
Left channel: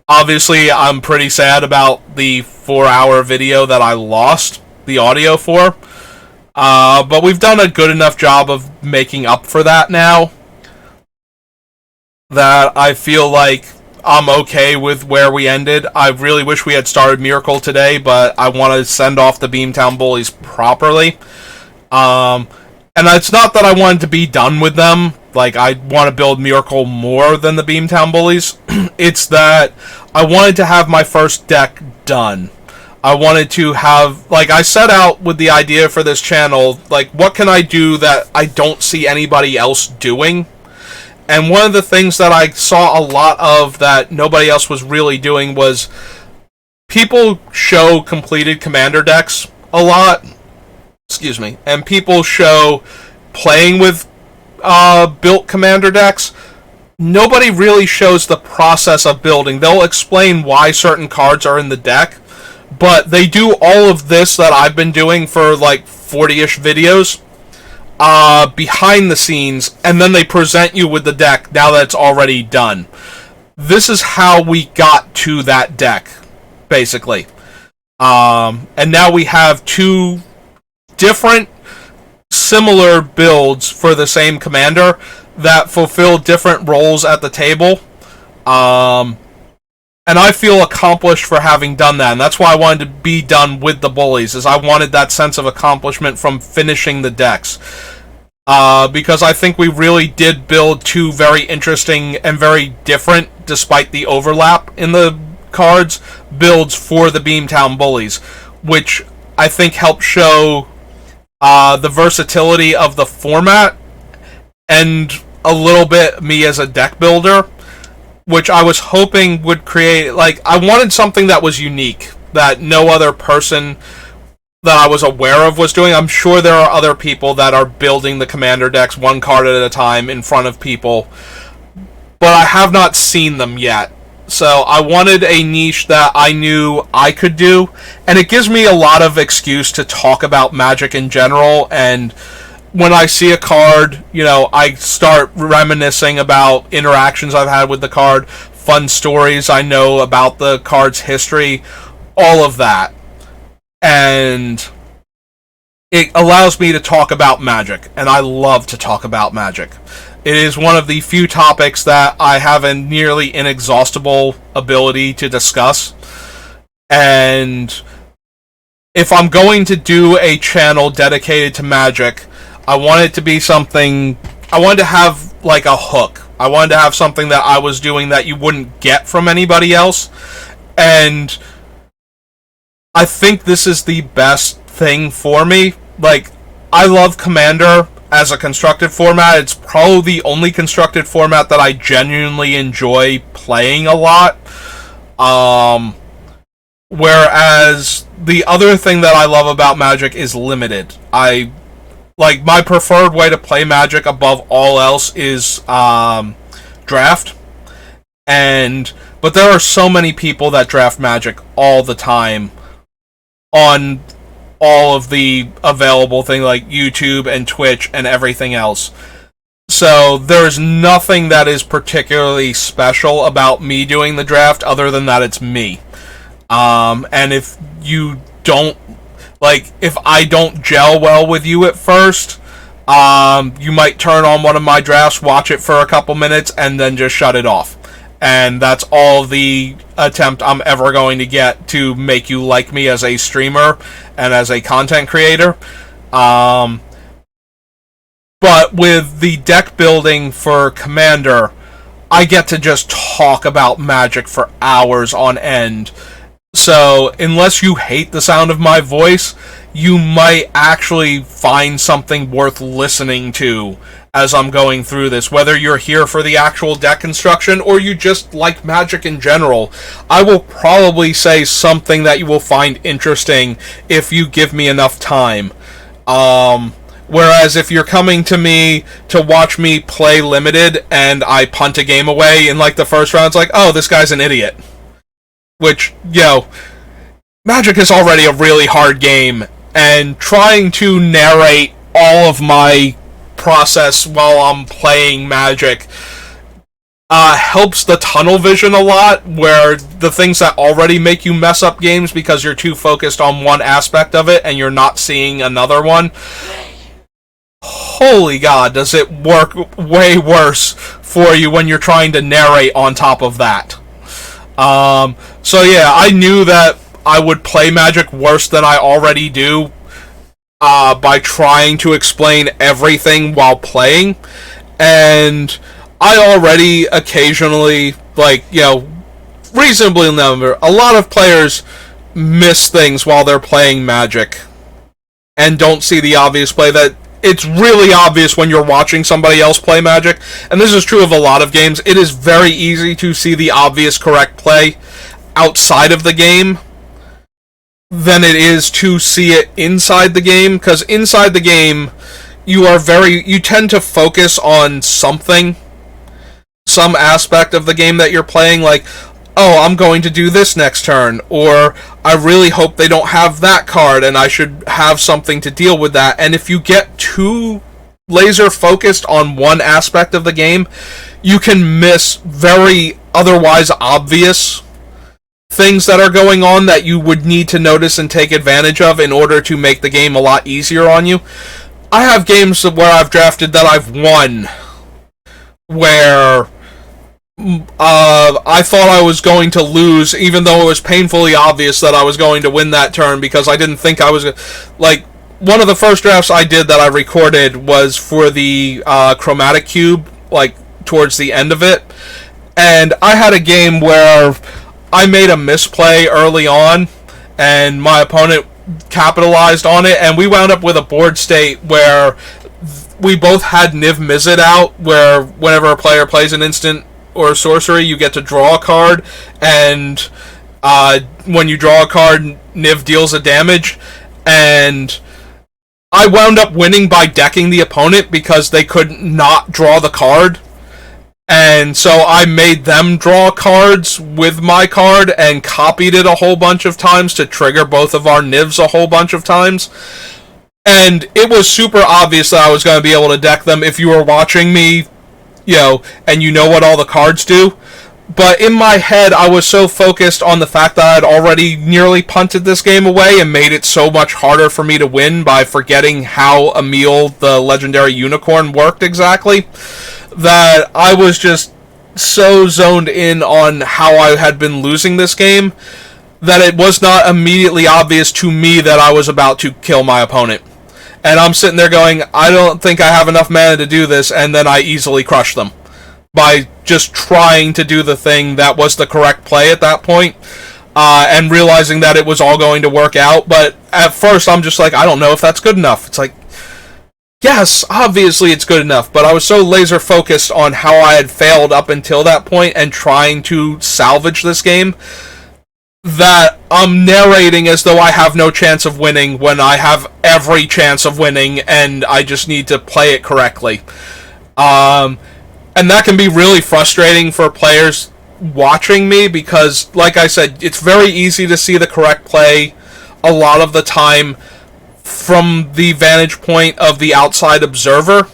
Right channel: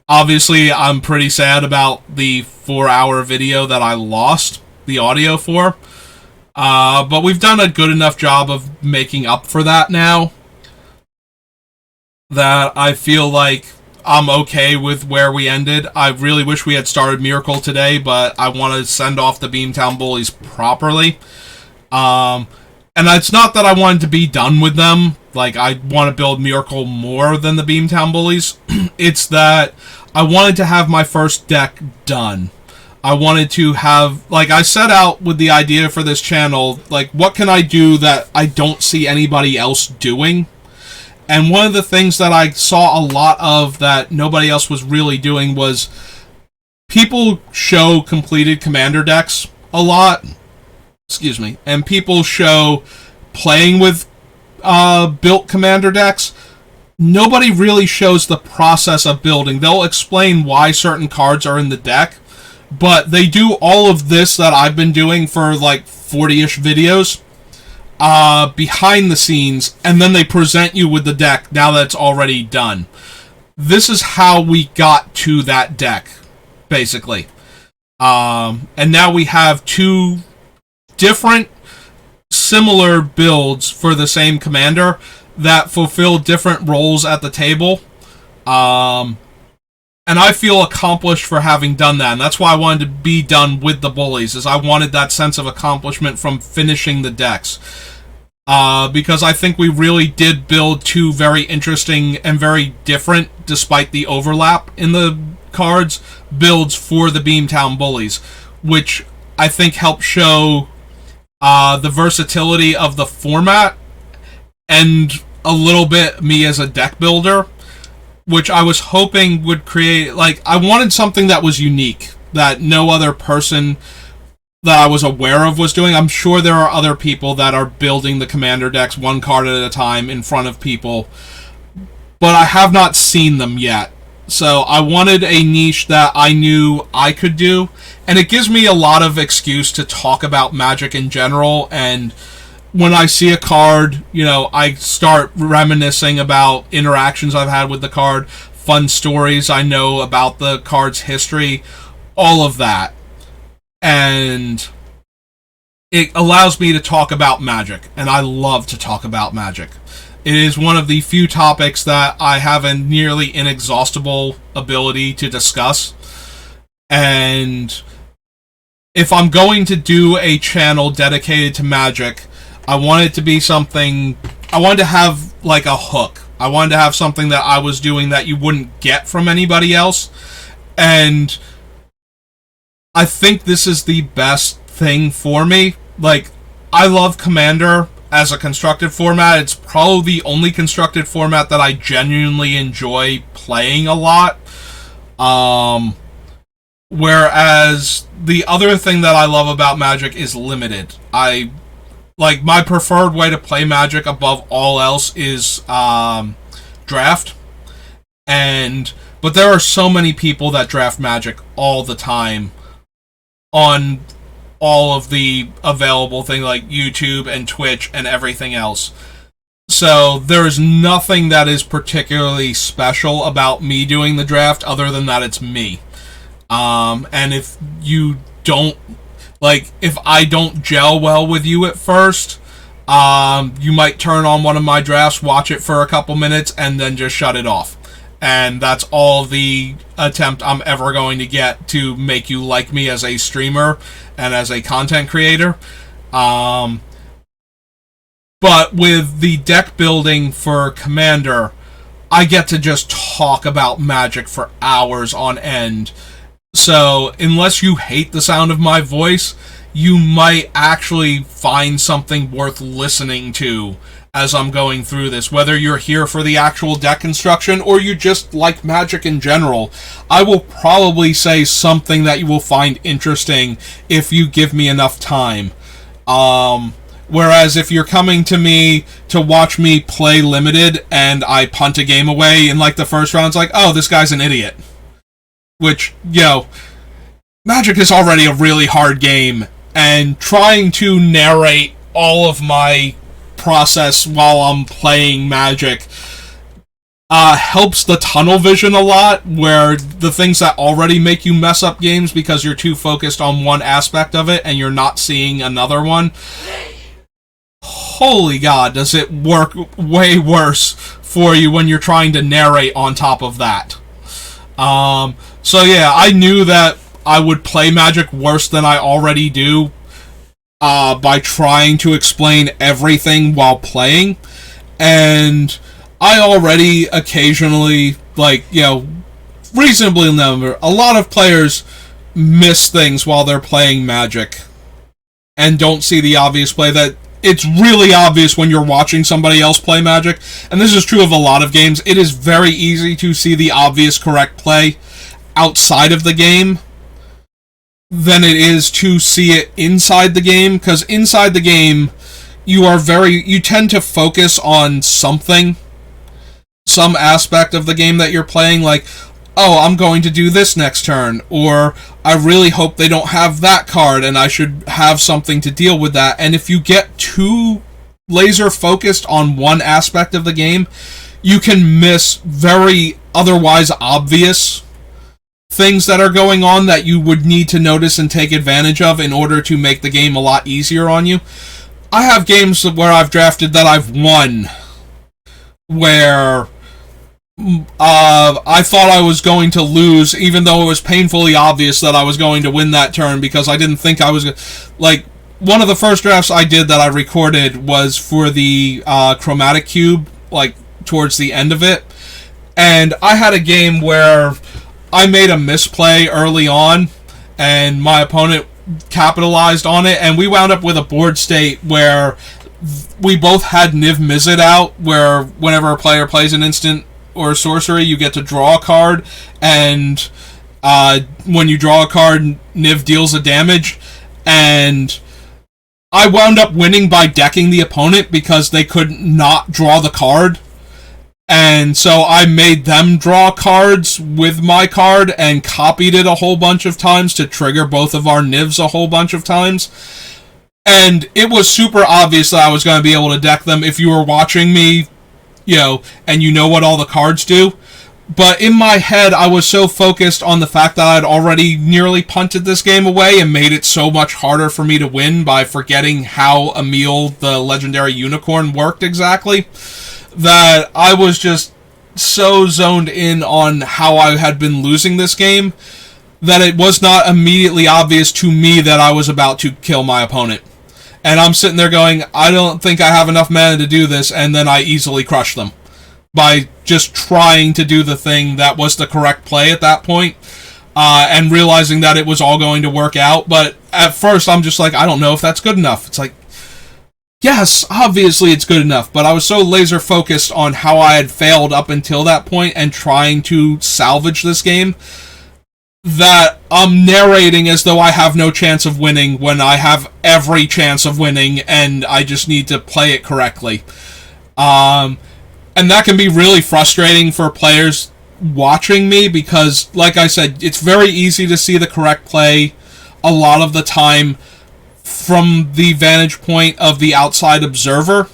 Obviously, I'm pretty sad about the 4-hour video that I lost the audio for. But we've done a good enough job of making up for that now, that I feel like I'm okay with where we ended. I really wish we had started Miracle today, but I want to send off the Beamtown Bullies properly. And it's not that I wanted to be done with them. Like, I want to build Miracle more than the Beamtown Bullies. It's that I wanted to have my first deck done. I wanted to have... Like, I set out with the idea for this channel, like, what can I do that I don't see anybody else doing? And one of the things that I saw a lot of that nobody else was really doing was... people show completed commander decks a lot. Excuse me. And people show playing with built commander decks. Nobody really shows the process of building. They'll explain why certain cards are in the deck, but they do all of this that I've been doing for like 40-ish videos behind the scenes, and then they present you with the deck now that it's already done. This is how we got to that deck, basically. And now we have two different similar builds for the same commander that fulfill different roles at the table. And I feel accomplished for having done that, and that's why I wanted to be done with the Bullies, is I wanted that sense of accomplishment from finishing the decks. Because I think we really did build two very interesting and very different, despite the overlap in the cards, builds for the Beamtown Bullies, which I think helped show the versatility of the format and a little bit me as a deck builder, which I was hoping would create, like, I wanted something that was unique, that no other person that I was aware of was doing. I'm sure there are other people that are building the commander decks one card at a time in front of people, but I have not seen them yet. So I wanted a niche that I knew I could do, and it gives me a lot of excuse to talk about Magic in general, and when I see a card, you know, I start reminiscing about interactions I've had with the card, fun stories I know about the card's history, all of that. And it allows me to talk about Magic, and I love to talk about Magic. It is one of the few topics that I have a nearly inexhaustible ability to discuss. And if I'm going to do a channel dedicated to Magic, I want it to be something... I wanted to have, like, a hook I wanted to have something that I was doing that you wouldn't get from anybody else. And I think this is the best thing for me. Like, I love Commander as a constructed format. It's probably the only constructed format that I genuinely enjoy playing a lot. Whereas the other thing that I love about Magic is limited. My preferred way to play Magic above all else is draft. But there are so many people that draft Magic all the time on all of the available things like YouTube and Twitch and everything else. So there is nothing that is particularly special about me doing the draft other than that it's me. And if you don't, if I don't gel well with you at first, you might turn on one of my drafts, watch it for a couple minutes, and then just shut it off. And that's all the attempt I'm ever going to get to make you like me as a streamer and as a content creator. But with the deck building for Commander, I get to just talk about Magic for hours on end. So, unless you hate the sound of my voice, you might actually find something worth listening to as I'm going through this. Whether you're here for the actual deck construction or you just like Magic in general, I will probably say something that you will find interesting if you give me enough time. Whereas if you're coming to me to watch me play Limited and I punt a game away in the first round, it's like, oh, this guy's an idiot. Which, Magic is already a really hard game, and trying to narrate all of my process while I'm playing Magic helps the tunnel vision a lot, where the things that already make you mess up games because you're too focused on one aspect of it and you're not seeing another one. Holy God, does it work way worse for you when you're trying to narrate on top of that. So yeah, I knew that I would play Magic worse than I already do by trying to explain everything while playing. And I already occasionally, reasonably number, a lot of players miss things while they're playing Magic and don't see the obvious play. That it's really obvious when you're watching somebody else play Magic, and this is true of a lot of games. It is very easy to see the obvious correct play outside of the game than it is to see it inside the game, because inside the game you tend to focus on some aspect of the game that you're playing, oh, I'm going to do this next turn, or I really hope they don't have that card and I should have something to deal with that. And if you get too laser focused on one aspect of the game, you can miss very otherwise obvious things that are going on that you would need to notice and take advantage of in order to make the game a lot easier on you. I have games where I've drafted that I've won where I thought I was going to lose, even though it was painfully obvious that I was going to win that turn, because I didn't think I was one of the first drafts I did that I recorded was for the Chromatic Cube, towards the end of it, and I had a game where I made a misplay early on, and my opponent capitalized on it, and we wound up with a board state where we both had Niv Mizzet out, where whenever a player plays an instant or sorcery, you get to draw a card, and when you draw a card, Niv deals a damage, and I wound up winning by decking the opponent because they could not draw the card. And so I made them draw cards with my card and copied it a whole bunch of times to trigger both of our Nivs a whole bunch of times. And it was super obvious that I was going to be able to deck them if you were watching me, and you know what all the cards do. But in my head, I was so focused on the fact that I'd already nearly punted this game away and made it so much harder for me to win by forgetting how Emil, the legendary unicorn, worked exactly, that I was just so zoned in on how I had been losing this game that it was not immediately obvious to me that I was about to kill my opponent. And I'm sitting there going, I don't think I have enough mana to do this, and then I easily crush them. by just trying to do the thing that was the correct play at that point, and realizing that it was all going to work out. But at first, I'm just like, I don't know if that's good enough. It's like, yes, obviously it's good enough, but I was so laser focused on how I had failed up until that point and trying to salvage this game that I'm narrating as though I have no chance of winning when I have every chance of winning and I just need to play it correctly. And that can be really frustrating for players watching me because, like I said, it's very easy to see the correct play a lot of the time from the vantage point of the outside observer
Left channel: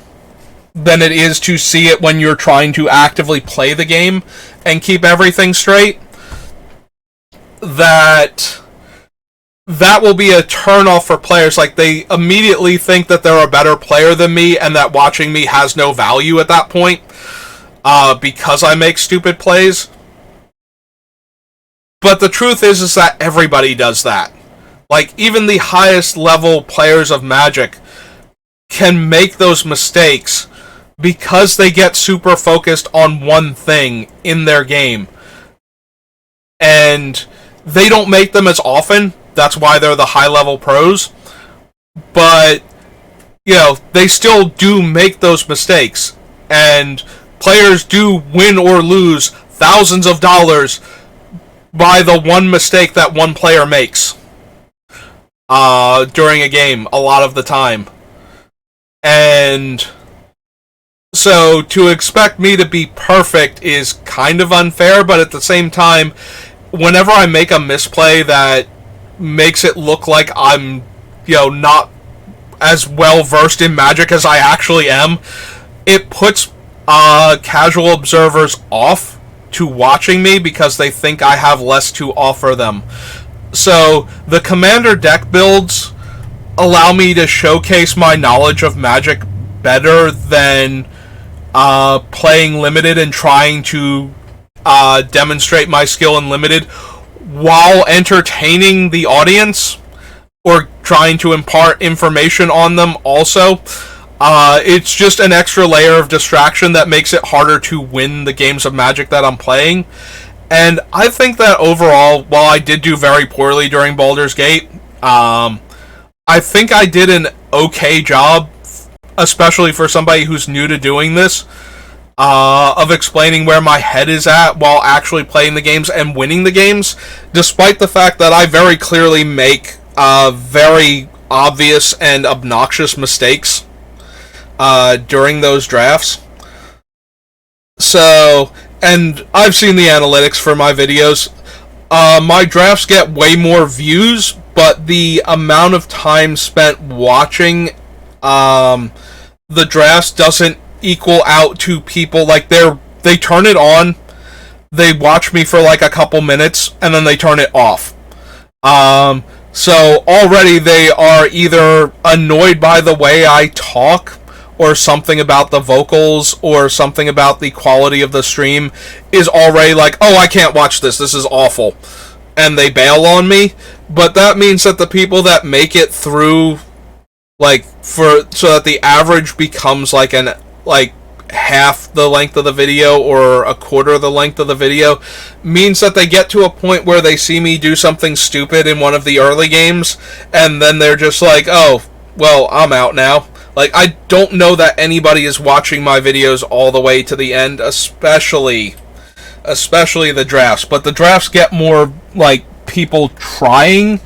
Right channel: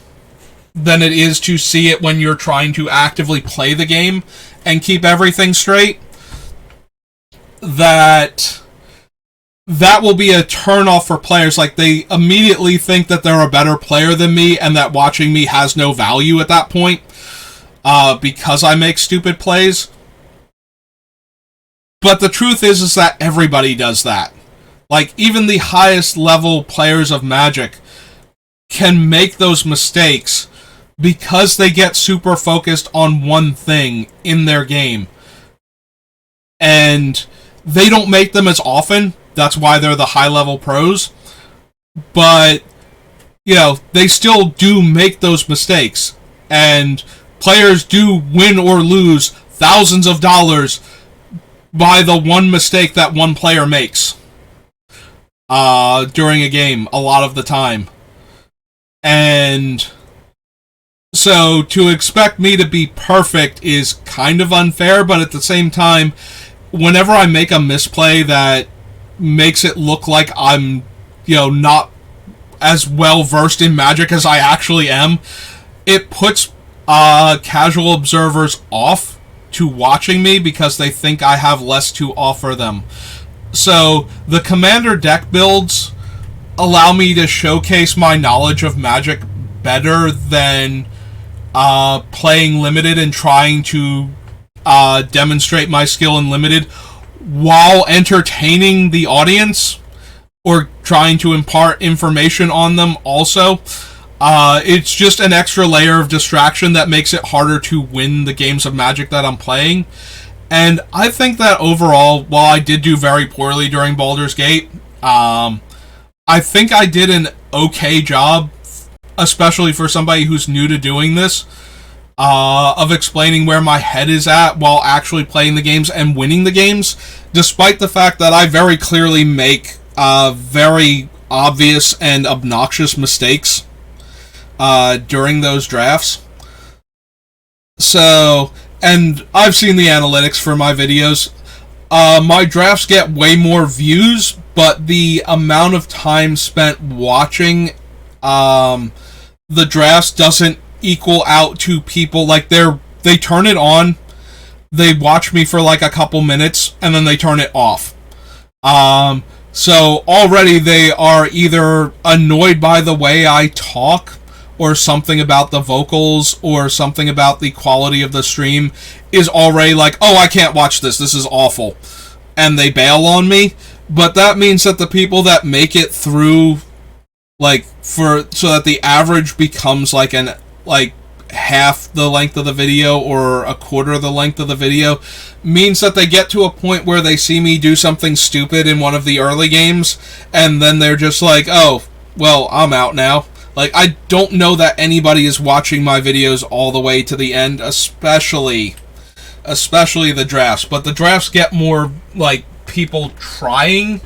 than it is to see it when you're trying to actively play the game and keep everything straight. That will be a turnoff for players. Like, they immediately think that they're a better player than me and that watching me has no value at that point because I make stupid plays. But the truth is that everybody does that. Like, even the highest level players of Magic can make those mistakes because they get super focused on one thing in their game. And they don't make them as often. That's why they're the high-level pros. But, you know, they still do make those mistakes. And players do win or lose thousands of dollars by the one mistake that one player makes during a game a lot of the time. And so to expect me to be perfect is kind of unfair, but at the same time, whenever I make a misplay that makes it look like I'm, you know, not as well versed in Magic as I actually am, it puts casual observers off to watching me because they think I have less to offer them. So the Commander deck builds allow me to showcase my knowledge of Magic better than playing Limited and trying to demonstrate my skill in Limited while entertaining the audience or trying to impart information on them also. It's just an extra layer of distraction that makes it harder to win the games of Magic that I'm playing. And I think that overall, while I did do very poorly during Baldur's Gate, I think I did an okay job, especially for somebody who's new to doing this, of explaining where my head is at while actually playing the games and winning the games, despite the fact that I very clearly make very obvious and obnoxious mistakes during those drafts. So, and I've seen the analytics for my videos. My drafts get way more views, but the amount of time spent watching the drafts doesn't equal out to people. Like, they turn it on, they watch me for like a couple minutes, and then they turn it off. So already they are either annoyed by the way I talk, or something about the vocals, or something about the quality of the stream is already like, oh, I can't watch this is awful, and they bail on me. But that means that the people that make it through, like, so that the average becomes like half the length of the video or a quarter of the length of the video, means that they get to a point where they see me do something stupid in one of the early games, and then they're just like, oh, well, I'm out now. Like, I don't know that anybody is watching my videos all the way to the end, especially the drafts. But the drafts get more, like, people trying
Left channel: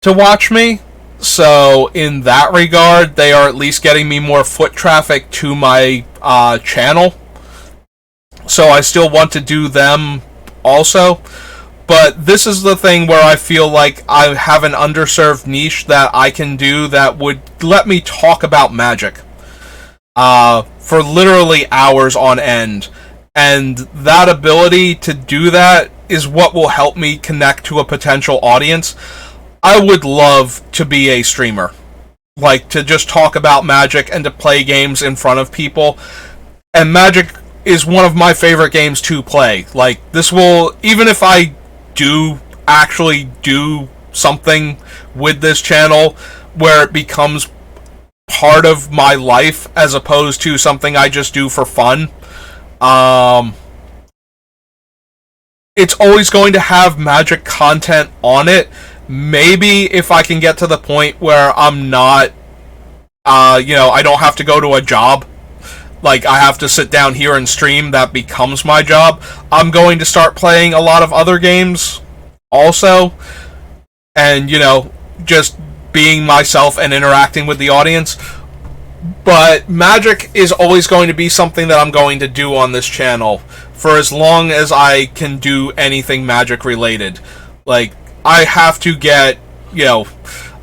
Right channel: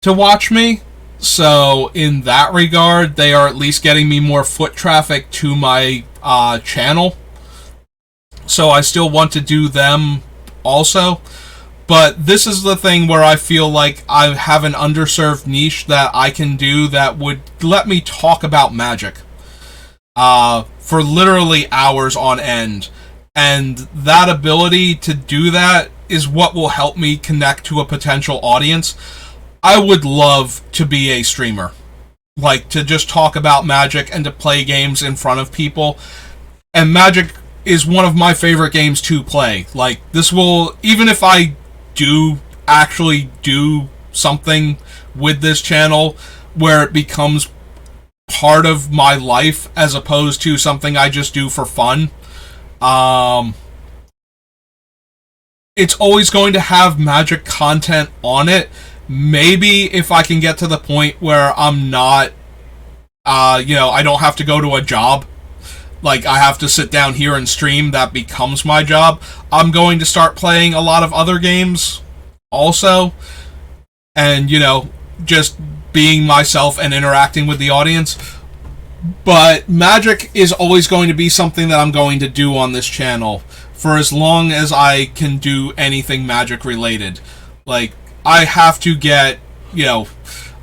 to watch me. So, in that regard, they are at least getting me more foot traffic to my channel. So I still want to do them also. But this is the thing where I feel like I have an underserved niche that I can do that would let me talk about Magic for literally hours on end. And that ability to do that is what will help me connect to a potential audience. I would love to be a streamer. Like, to just talk about Magic and to play games in front of people. And Magic is one of my favorite games to play. Like, this will, even if I do actually do something with this channel where it becomes part of my life as opposed to something I just do for fun. Um, it's always going to have Magic content on it. Maybe if I can get to the point where I'm not, I don't have to go to a job. Like, I have to sit down here and stream, that becomes my job. I'm going to start playing a lot of other games also. And, just being myself and interacting with the audience. But Magic is always going to be something that I'm going to do on this channel for as long as I can do anything Magic related. Like, I have to get, I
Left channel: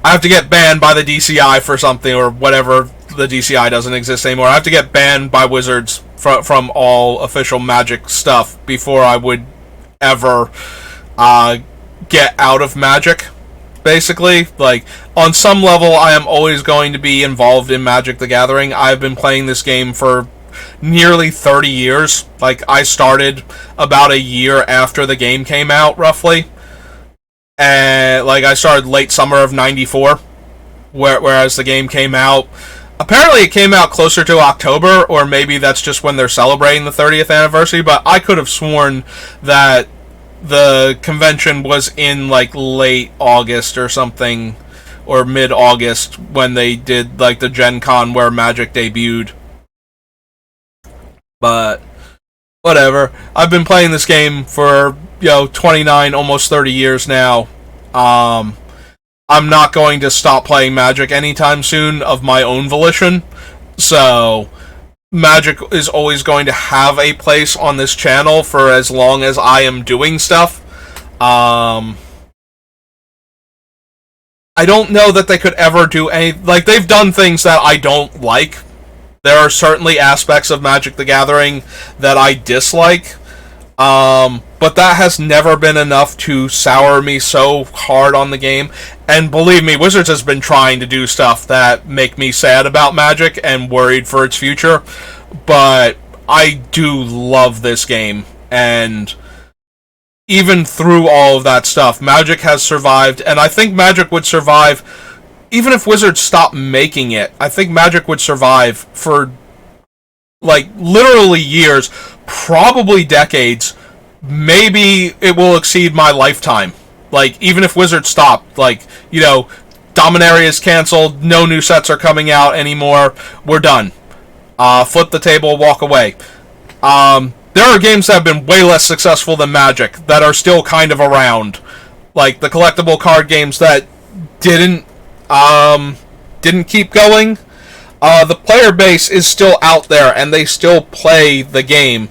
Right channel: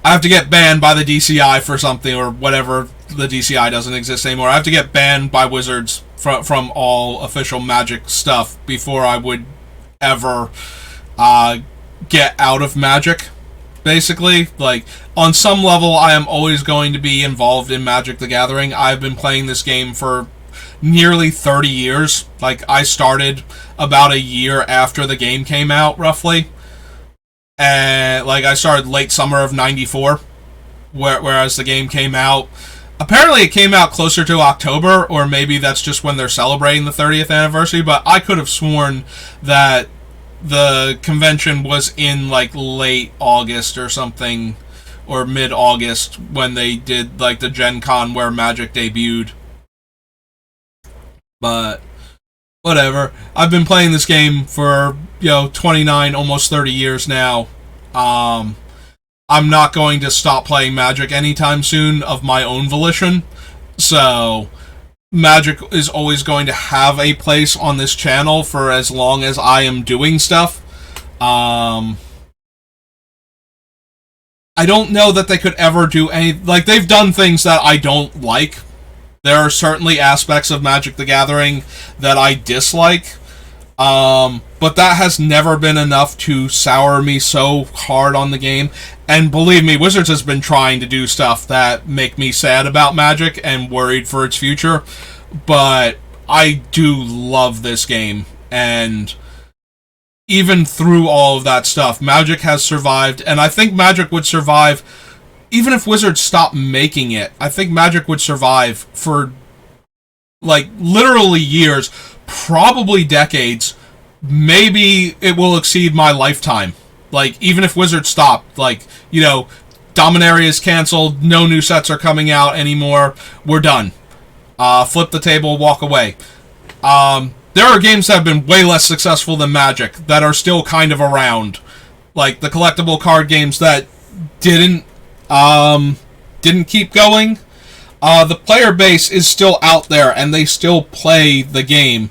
have to get banned by the DCI for something or whatever. The DCI doesn't exist anymore. I have to get banned by Wizards from all official Magic stuff before I would ever get out of Magic. Basically, like, on some level, I am always going to be involved in Magic the Gathering. I've been playing this game for nearly 30 years. Like, I started about a year after the game came out, roughly. And, like, I started late summer of 94, whereas the game came out. Apparently, it came out closer to October, or maybe that's just when they're celebrating the 30th anniversary, but I could have sworn that the convention was in, like, late August or something, or mid-August, when they did, like, the Gen Con where Magic debuted. But, whatever. I've been playing this game for, 29, almost 30 years now. I'm not going to stop playing Magic anytime soon of my own volition. So, Magic is always going to have a place on this channel for as long as I am doing stuff. I don't know that they could ever do any... Like, they've done things that I don't like. There are certainly aspects of Magic the Gathering that I dislike. But that has never been enough to sour me so hard on the game. And believe me, Wizards has been trying to do stuff that make me sad about Magic and worried for its future. But I do love this game. And even through all of that stuff, Magic has survived. And I think Magic would survive even if Wizards stopped making it. I think Magic would survive for, like, literally years, probably decades. Maybe it will exceed my lifetime. Like, even if Wizards stopped, like, Dominaria is canceled, no new sets are coming out anymore, we're done. Flip the table, walk away. There are games that have been way less successful than Magic that are still kind of around. Like, the collectible card games that didn't keep going. The player base is still out there, and they still play the game.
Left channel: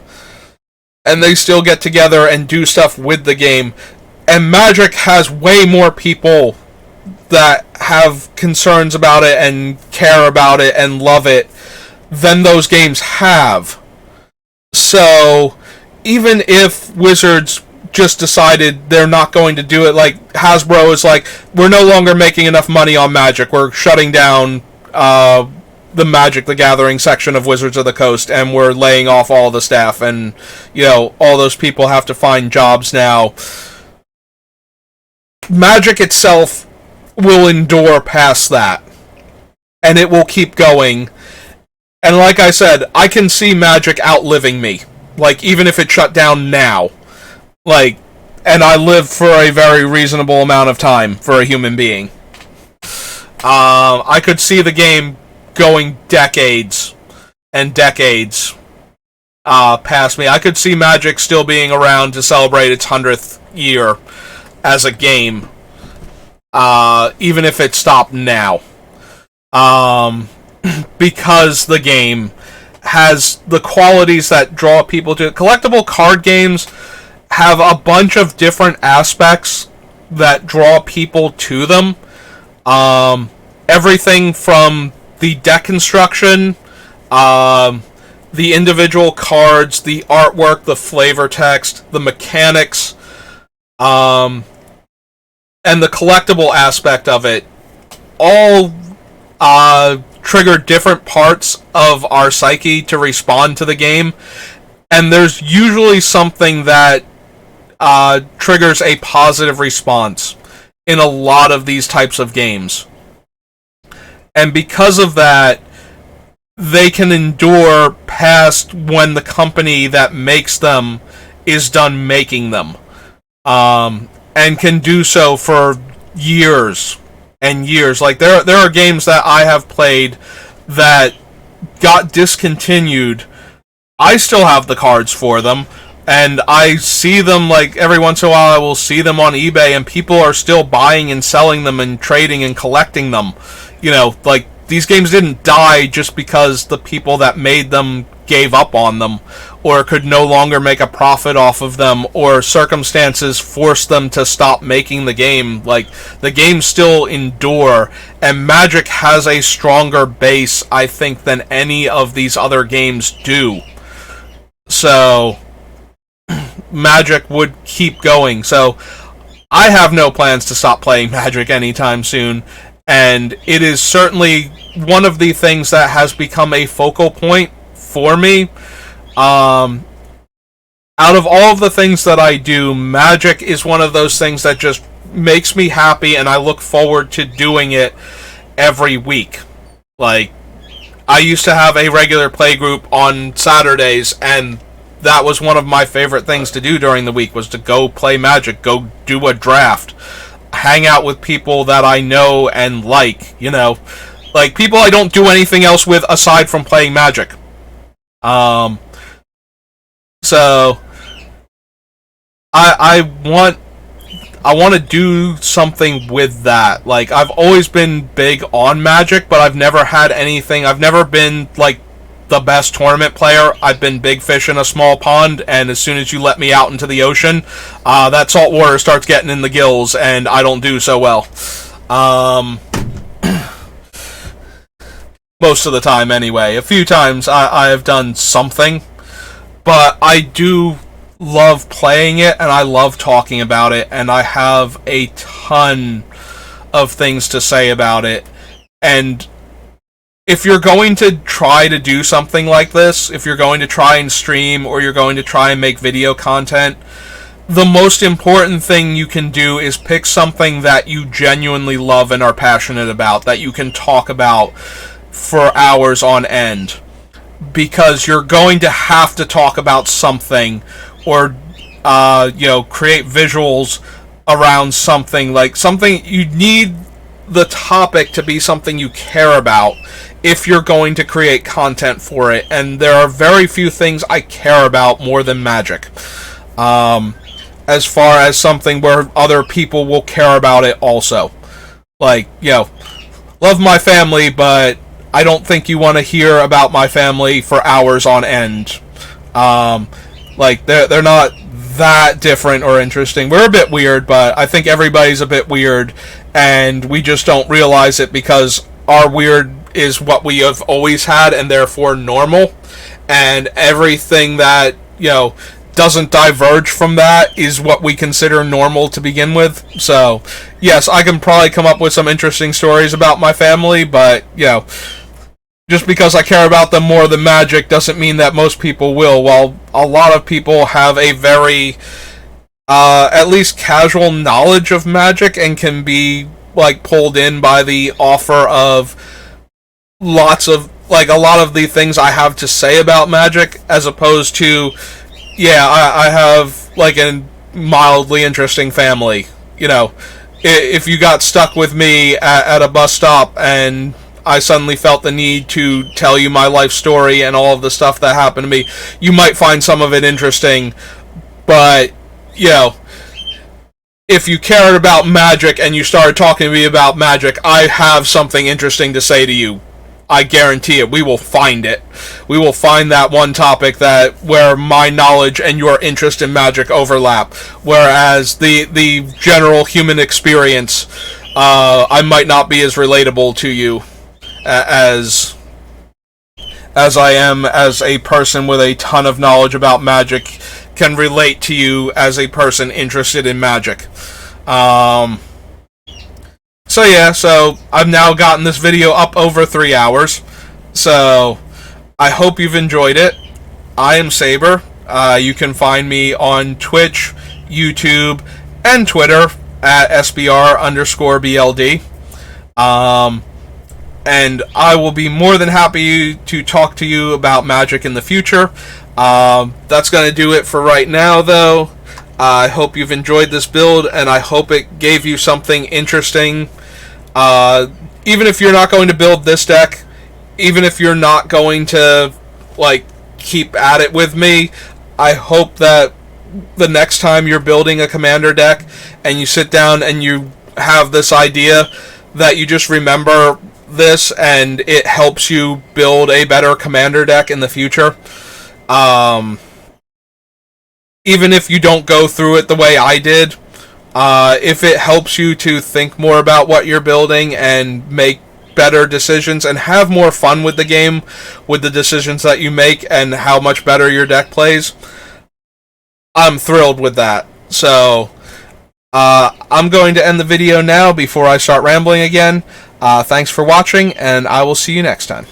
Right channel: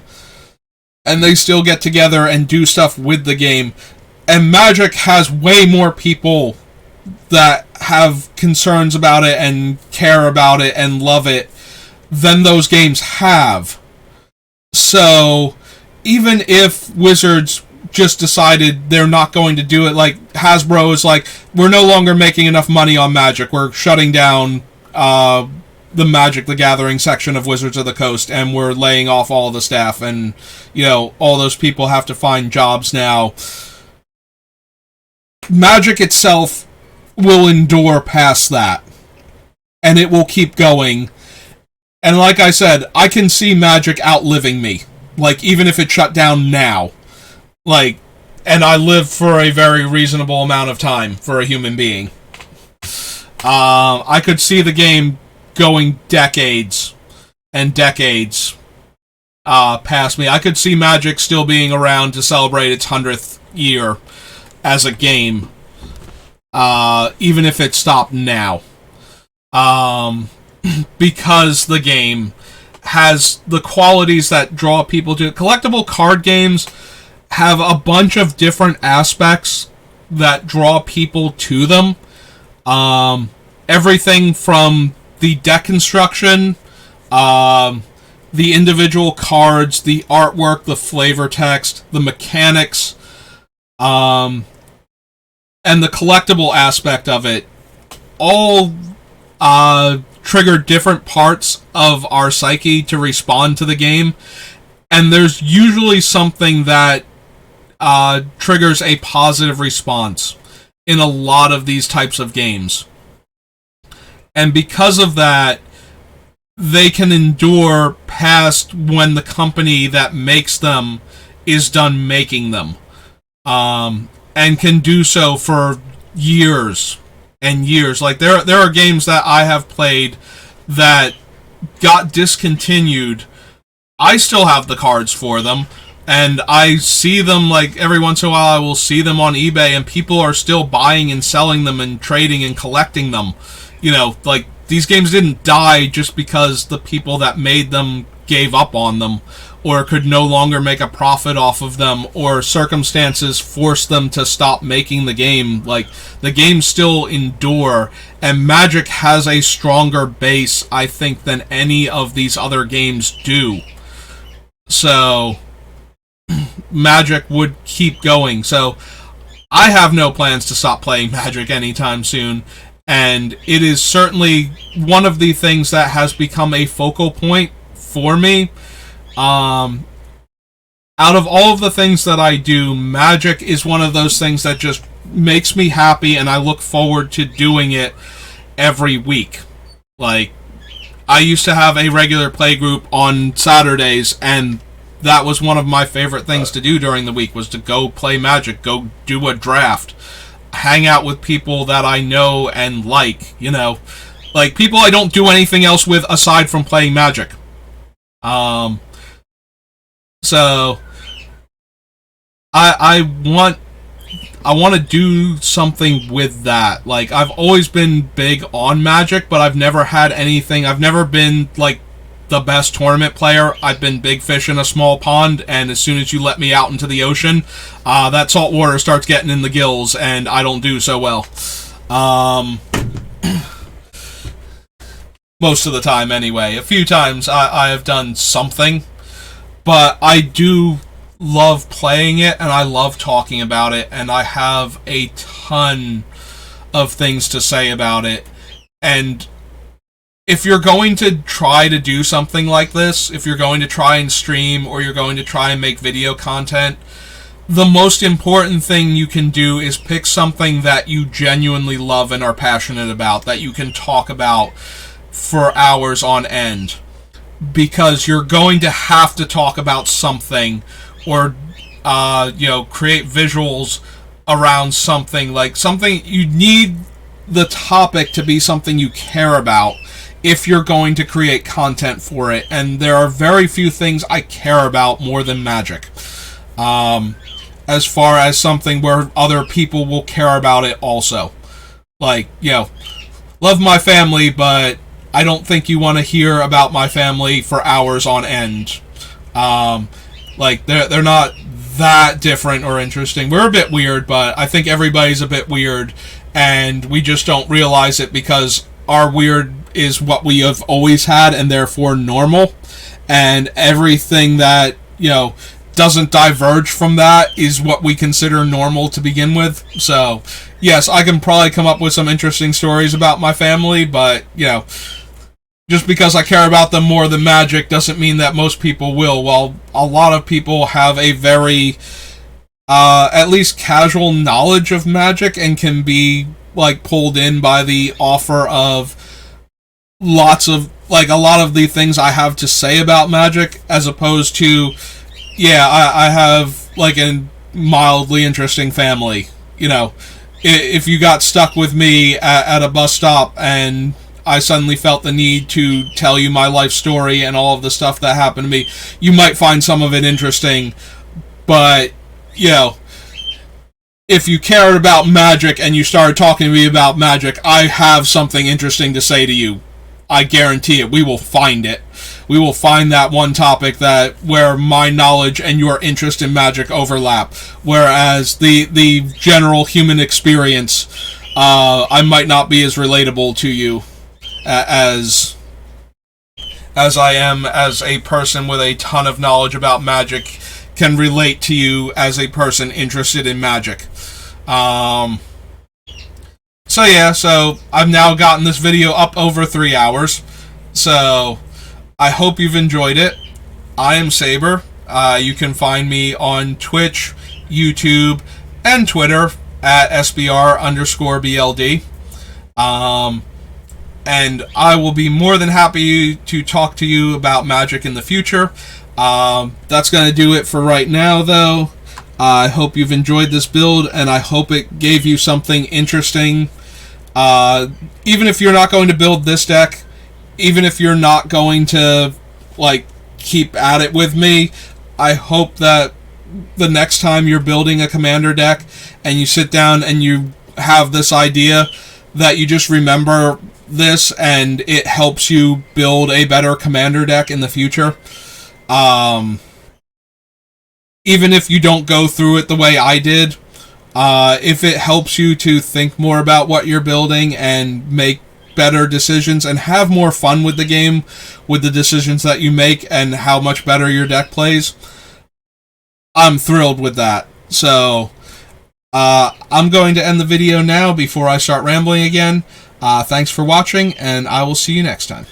And they still get together and do stuff with the game. And Magic has way more people that have concerns about it and care about it and love it than those games have. So, even if Wizards just decided they're not going to do it, like, Hasbro is like, we're no longer making enough money on Magic, we're shutting down the Magic the Gathering section of Wizards of the Coast, and we're laying off all the staff, and, all those people have to find jobs now. Magic itself will endure past that. And it will keep going. And like I said, I can see Magic outliving me. Like, even if it shut down now. Like, and I live for a very reasonable amount of time for a human being. I could see the game going decades and decades past me. I could see Magic still being around to celebrate its 100th year as a game, even if it stopped now. Because the game has the qualities that draw people to it. Collectible card games have a bunch of different aspects that draw people to them. Everything from the deck construction, the individual cards, the artwork, the flavor text, the mechanics, and the collectible aspect of it, all trigger different parts of our psyche to respond to the game. And there's usually something that triggers a positive response in a lot of these types of games. And because of that, they can endure past when the company that makes them is done making them, and can do so for years and years. Like there are games that I have played that got discontinued. I still have the cards for them, and I see them like every once in a while. I will see them on eBay, and people are still buying and selling them and trading and collecting them. Like these games didn't die just because the people that made them gave up on them or could no longer make a profit off of them, or circumstances forced them to stop making the game. Like, the games still endure, and Magic has a stronger base, I think, than any of these other games do. So, Magic would keep going. So, I have no plans to stop playing Magic anytime soon, and it is certainly one of the things that has become a focal point for me. Out of all of the things that I do, Magic is one of those things that just makes me happy, and I look forward to doing it every week. Like, I used to have a regular play group on Saturdays, and that was one of my favorite things to do during the week, was to go play Magic, go do a draft, hang out with people that I know and like, like people I don't do anything else with aside from playing Magic. So I want to do something with that. Like, I've always been big on Magic, but I've never had anything. I've never been like the best tournament player. I've been big fish in a small pond, and as soon as you let me out into the ocean, that salt water starts getting in the gills, and I don't do so well. Most of the time, anyway. A few times I have done something, but I do love playing it, and I love talking about it, and I have a ton of things to say about it. And if you're going to try to do something like this, if you're going to try and stream, or you're going to try and make video content, the most important thing you can do is pick something that you genuinely love and are passionate about, that you can talk about for hours on end. Because you're going to have to talk about something, or create visuals around something. Like, something, you need the topic to be something you care about if you're going to create content for it. And there are very few things I care about more than Magic, as far as something where other people will care about it also. Like, love my family, but I don't think you want to hear about my family for hours on end. Like, they're not that different or interesting. We're a bit weird, but I think everybody's a bit weird, and we just don't realize it because our weird is what we have always had, and therefore normal. And everything that, doesn't diverge from that is what we consider normal to begin with. So, yes, I can probably come up with some interesting stories about my family, but, just because I care about them more than Magic doesn't mean that most people will. While a lot of people have a very, at least casual knowledge of Magic and can be, like, pulled in by the offer of lots of, like, a lot of the things I have to say about Magic, as opposed to, I have, like, a mildly interesting family. If you got stuck with me at a bus stop and I suddenly felt the need to tell you my life story and all of the stuff that happened to me, you might find some of it interesting, but, if you cared about Magic and you started talking to me about Magic, I have something interesting to say to you. I guarantee it. We will find it. We will find that one topic where my knowledge and your interest in Magic overlap, whereas the general human experience, I might not be as relatable to you as I am as a person with a ton of knowledge about Magic can relate to you as a person interested in Magic. So I've now gotten this video up over 3 hours, so I hope you've enjoyed it. I am Saber. You can find me on Twitch, YouTube, and Twitter at SBR_BLD. and I will be more than happy to talk to you about Magic in the future. That's going to do it for right now, though. I hope you've enjoyed this build, and I hope it gave you something interesting. Even if you're not going to build this deck, even if you're not going to like keep at it with me, I hope that the next time you're building a commander deck and you sit down and you have this idea, that you just remember this and it helps you build a better commander deck in the future. Even if you don't go through it the way I did, if it helps you to think more about what you're building and make better decisions and have more fun with the game, with the decisions that you make and how much better your deck plays, I'm thrilled with that. So, I'm going to end the video now before I start rambling again. Thanks for watching, and I will see you next time.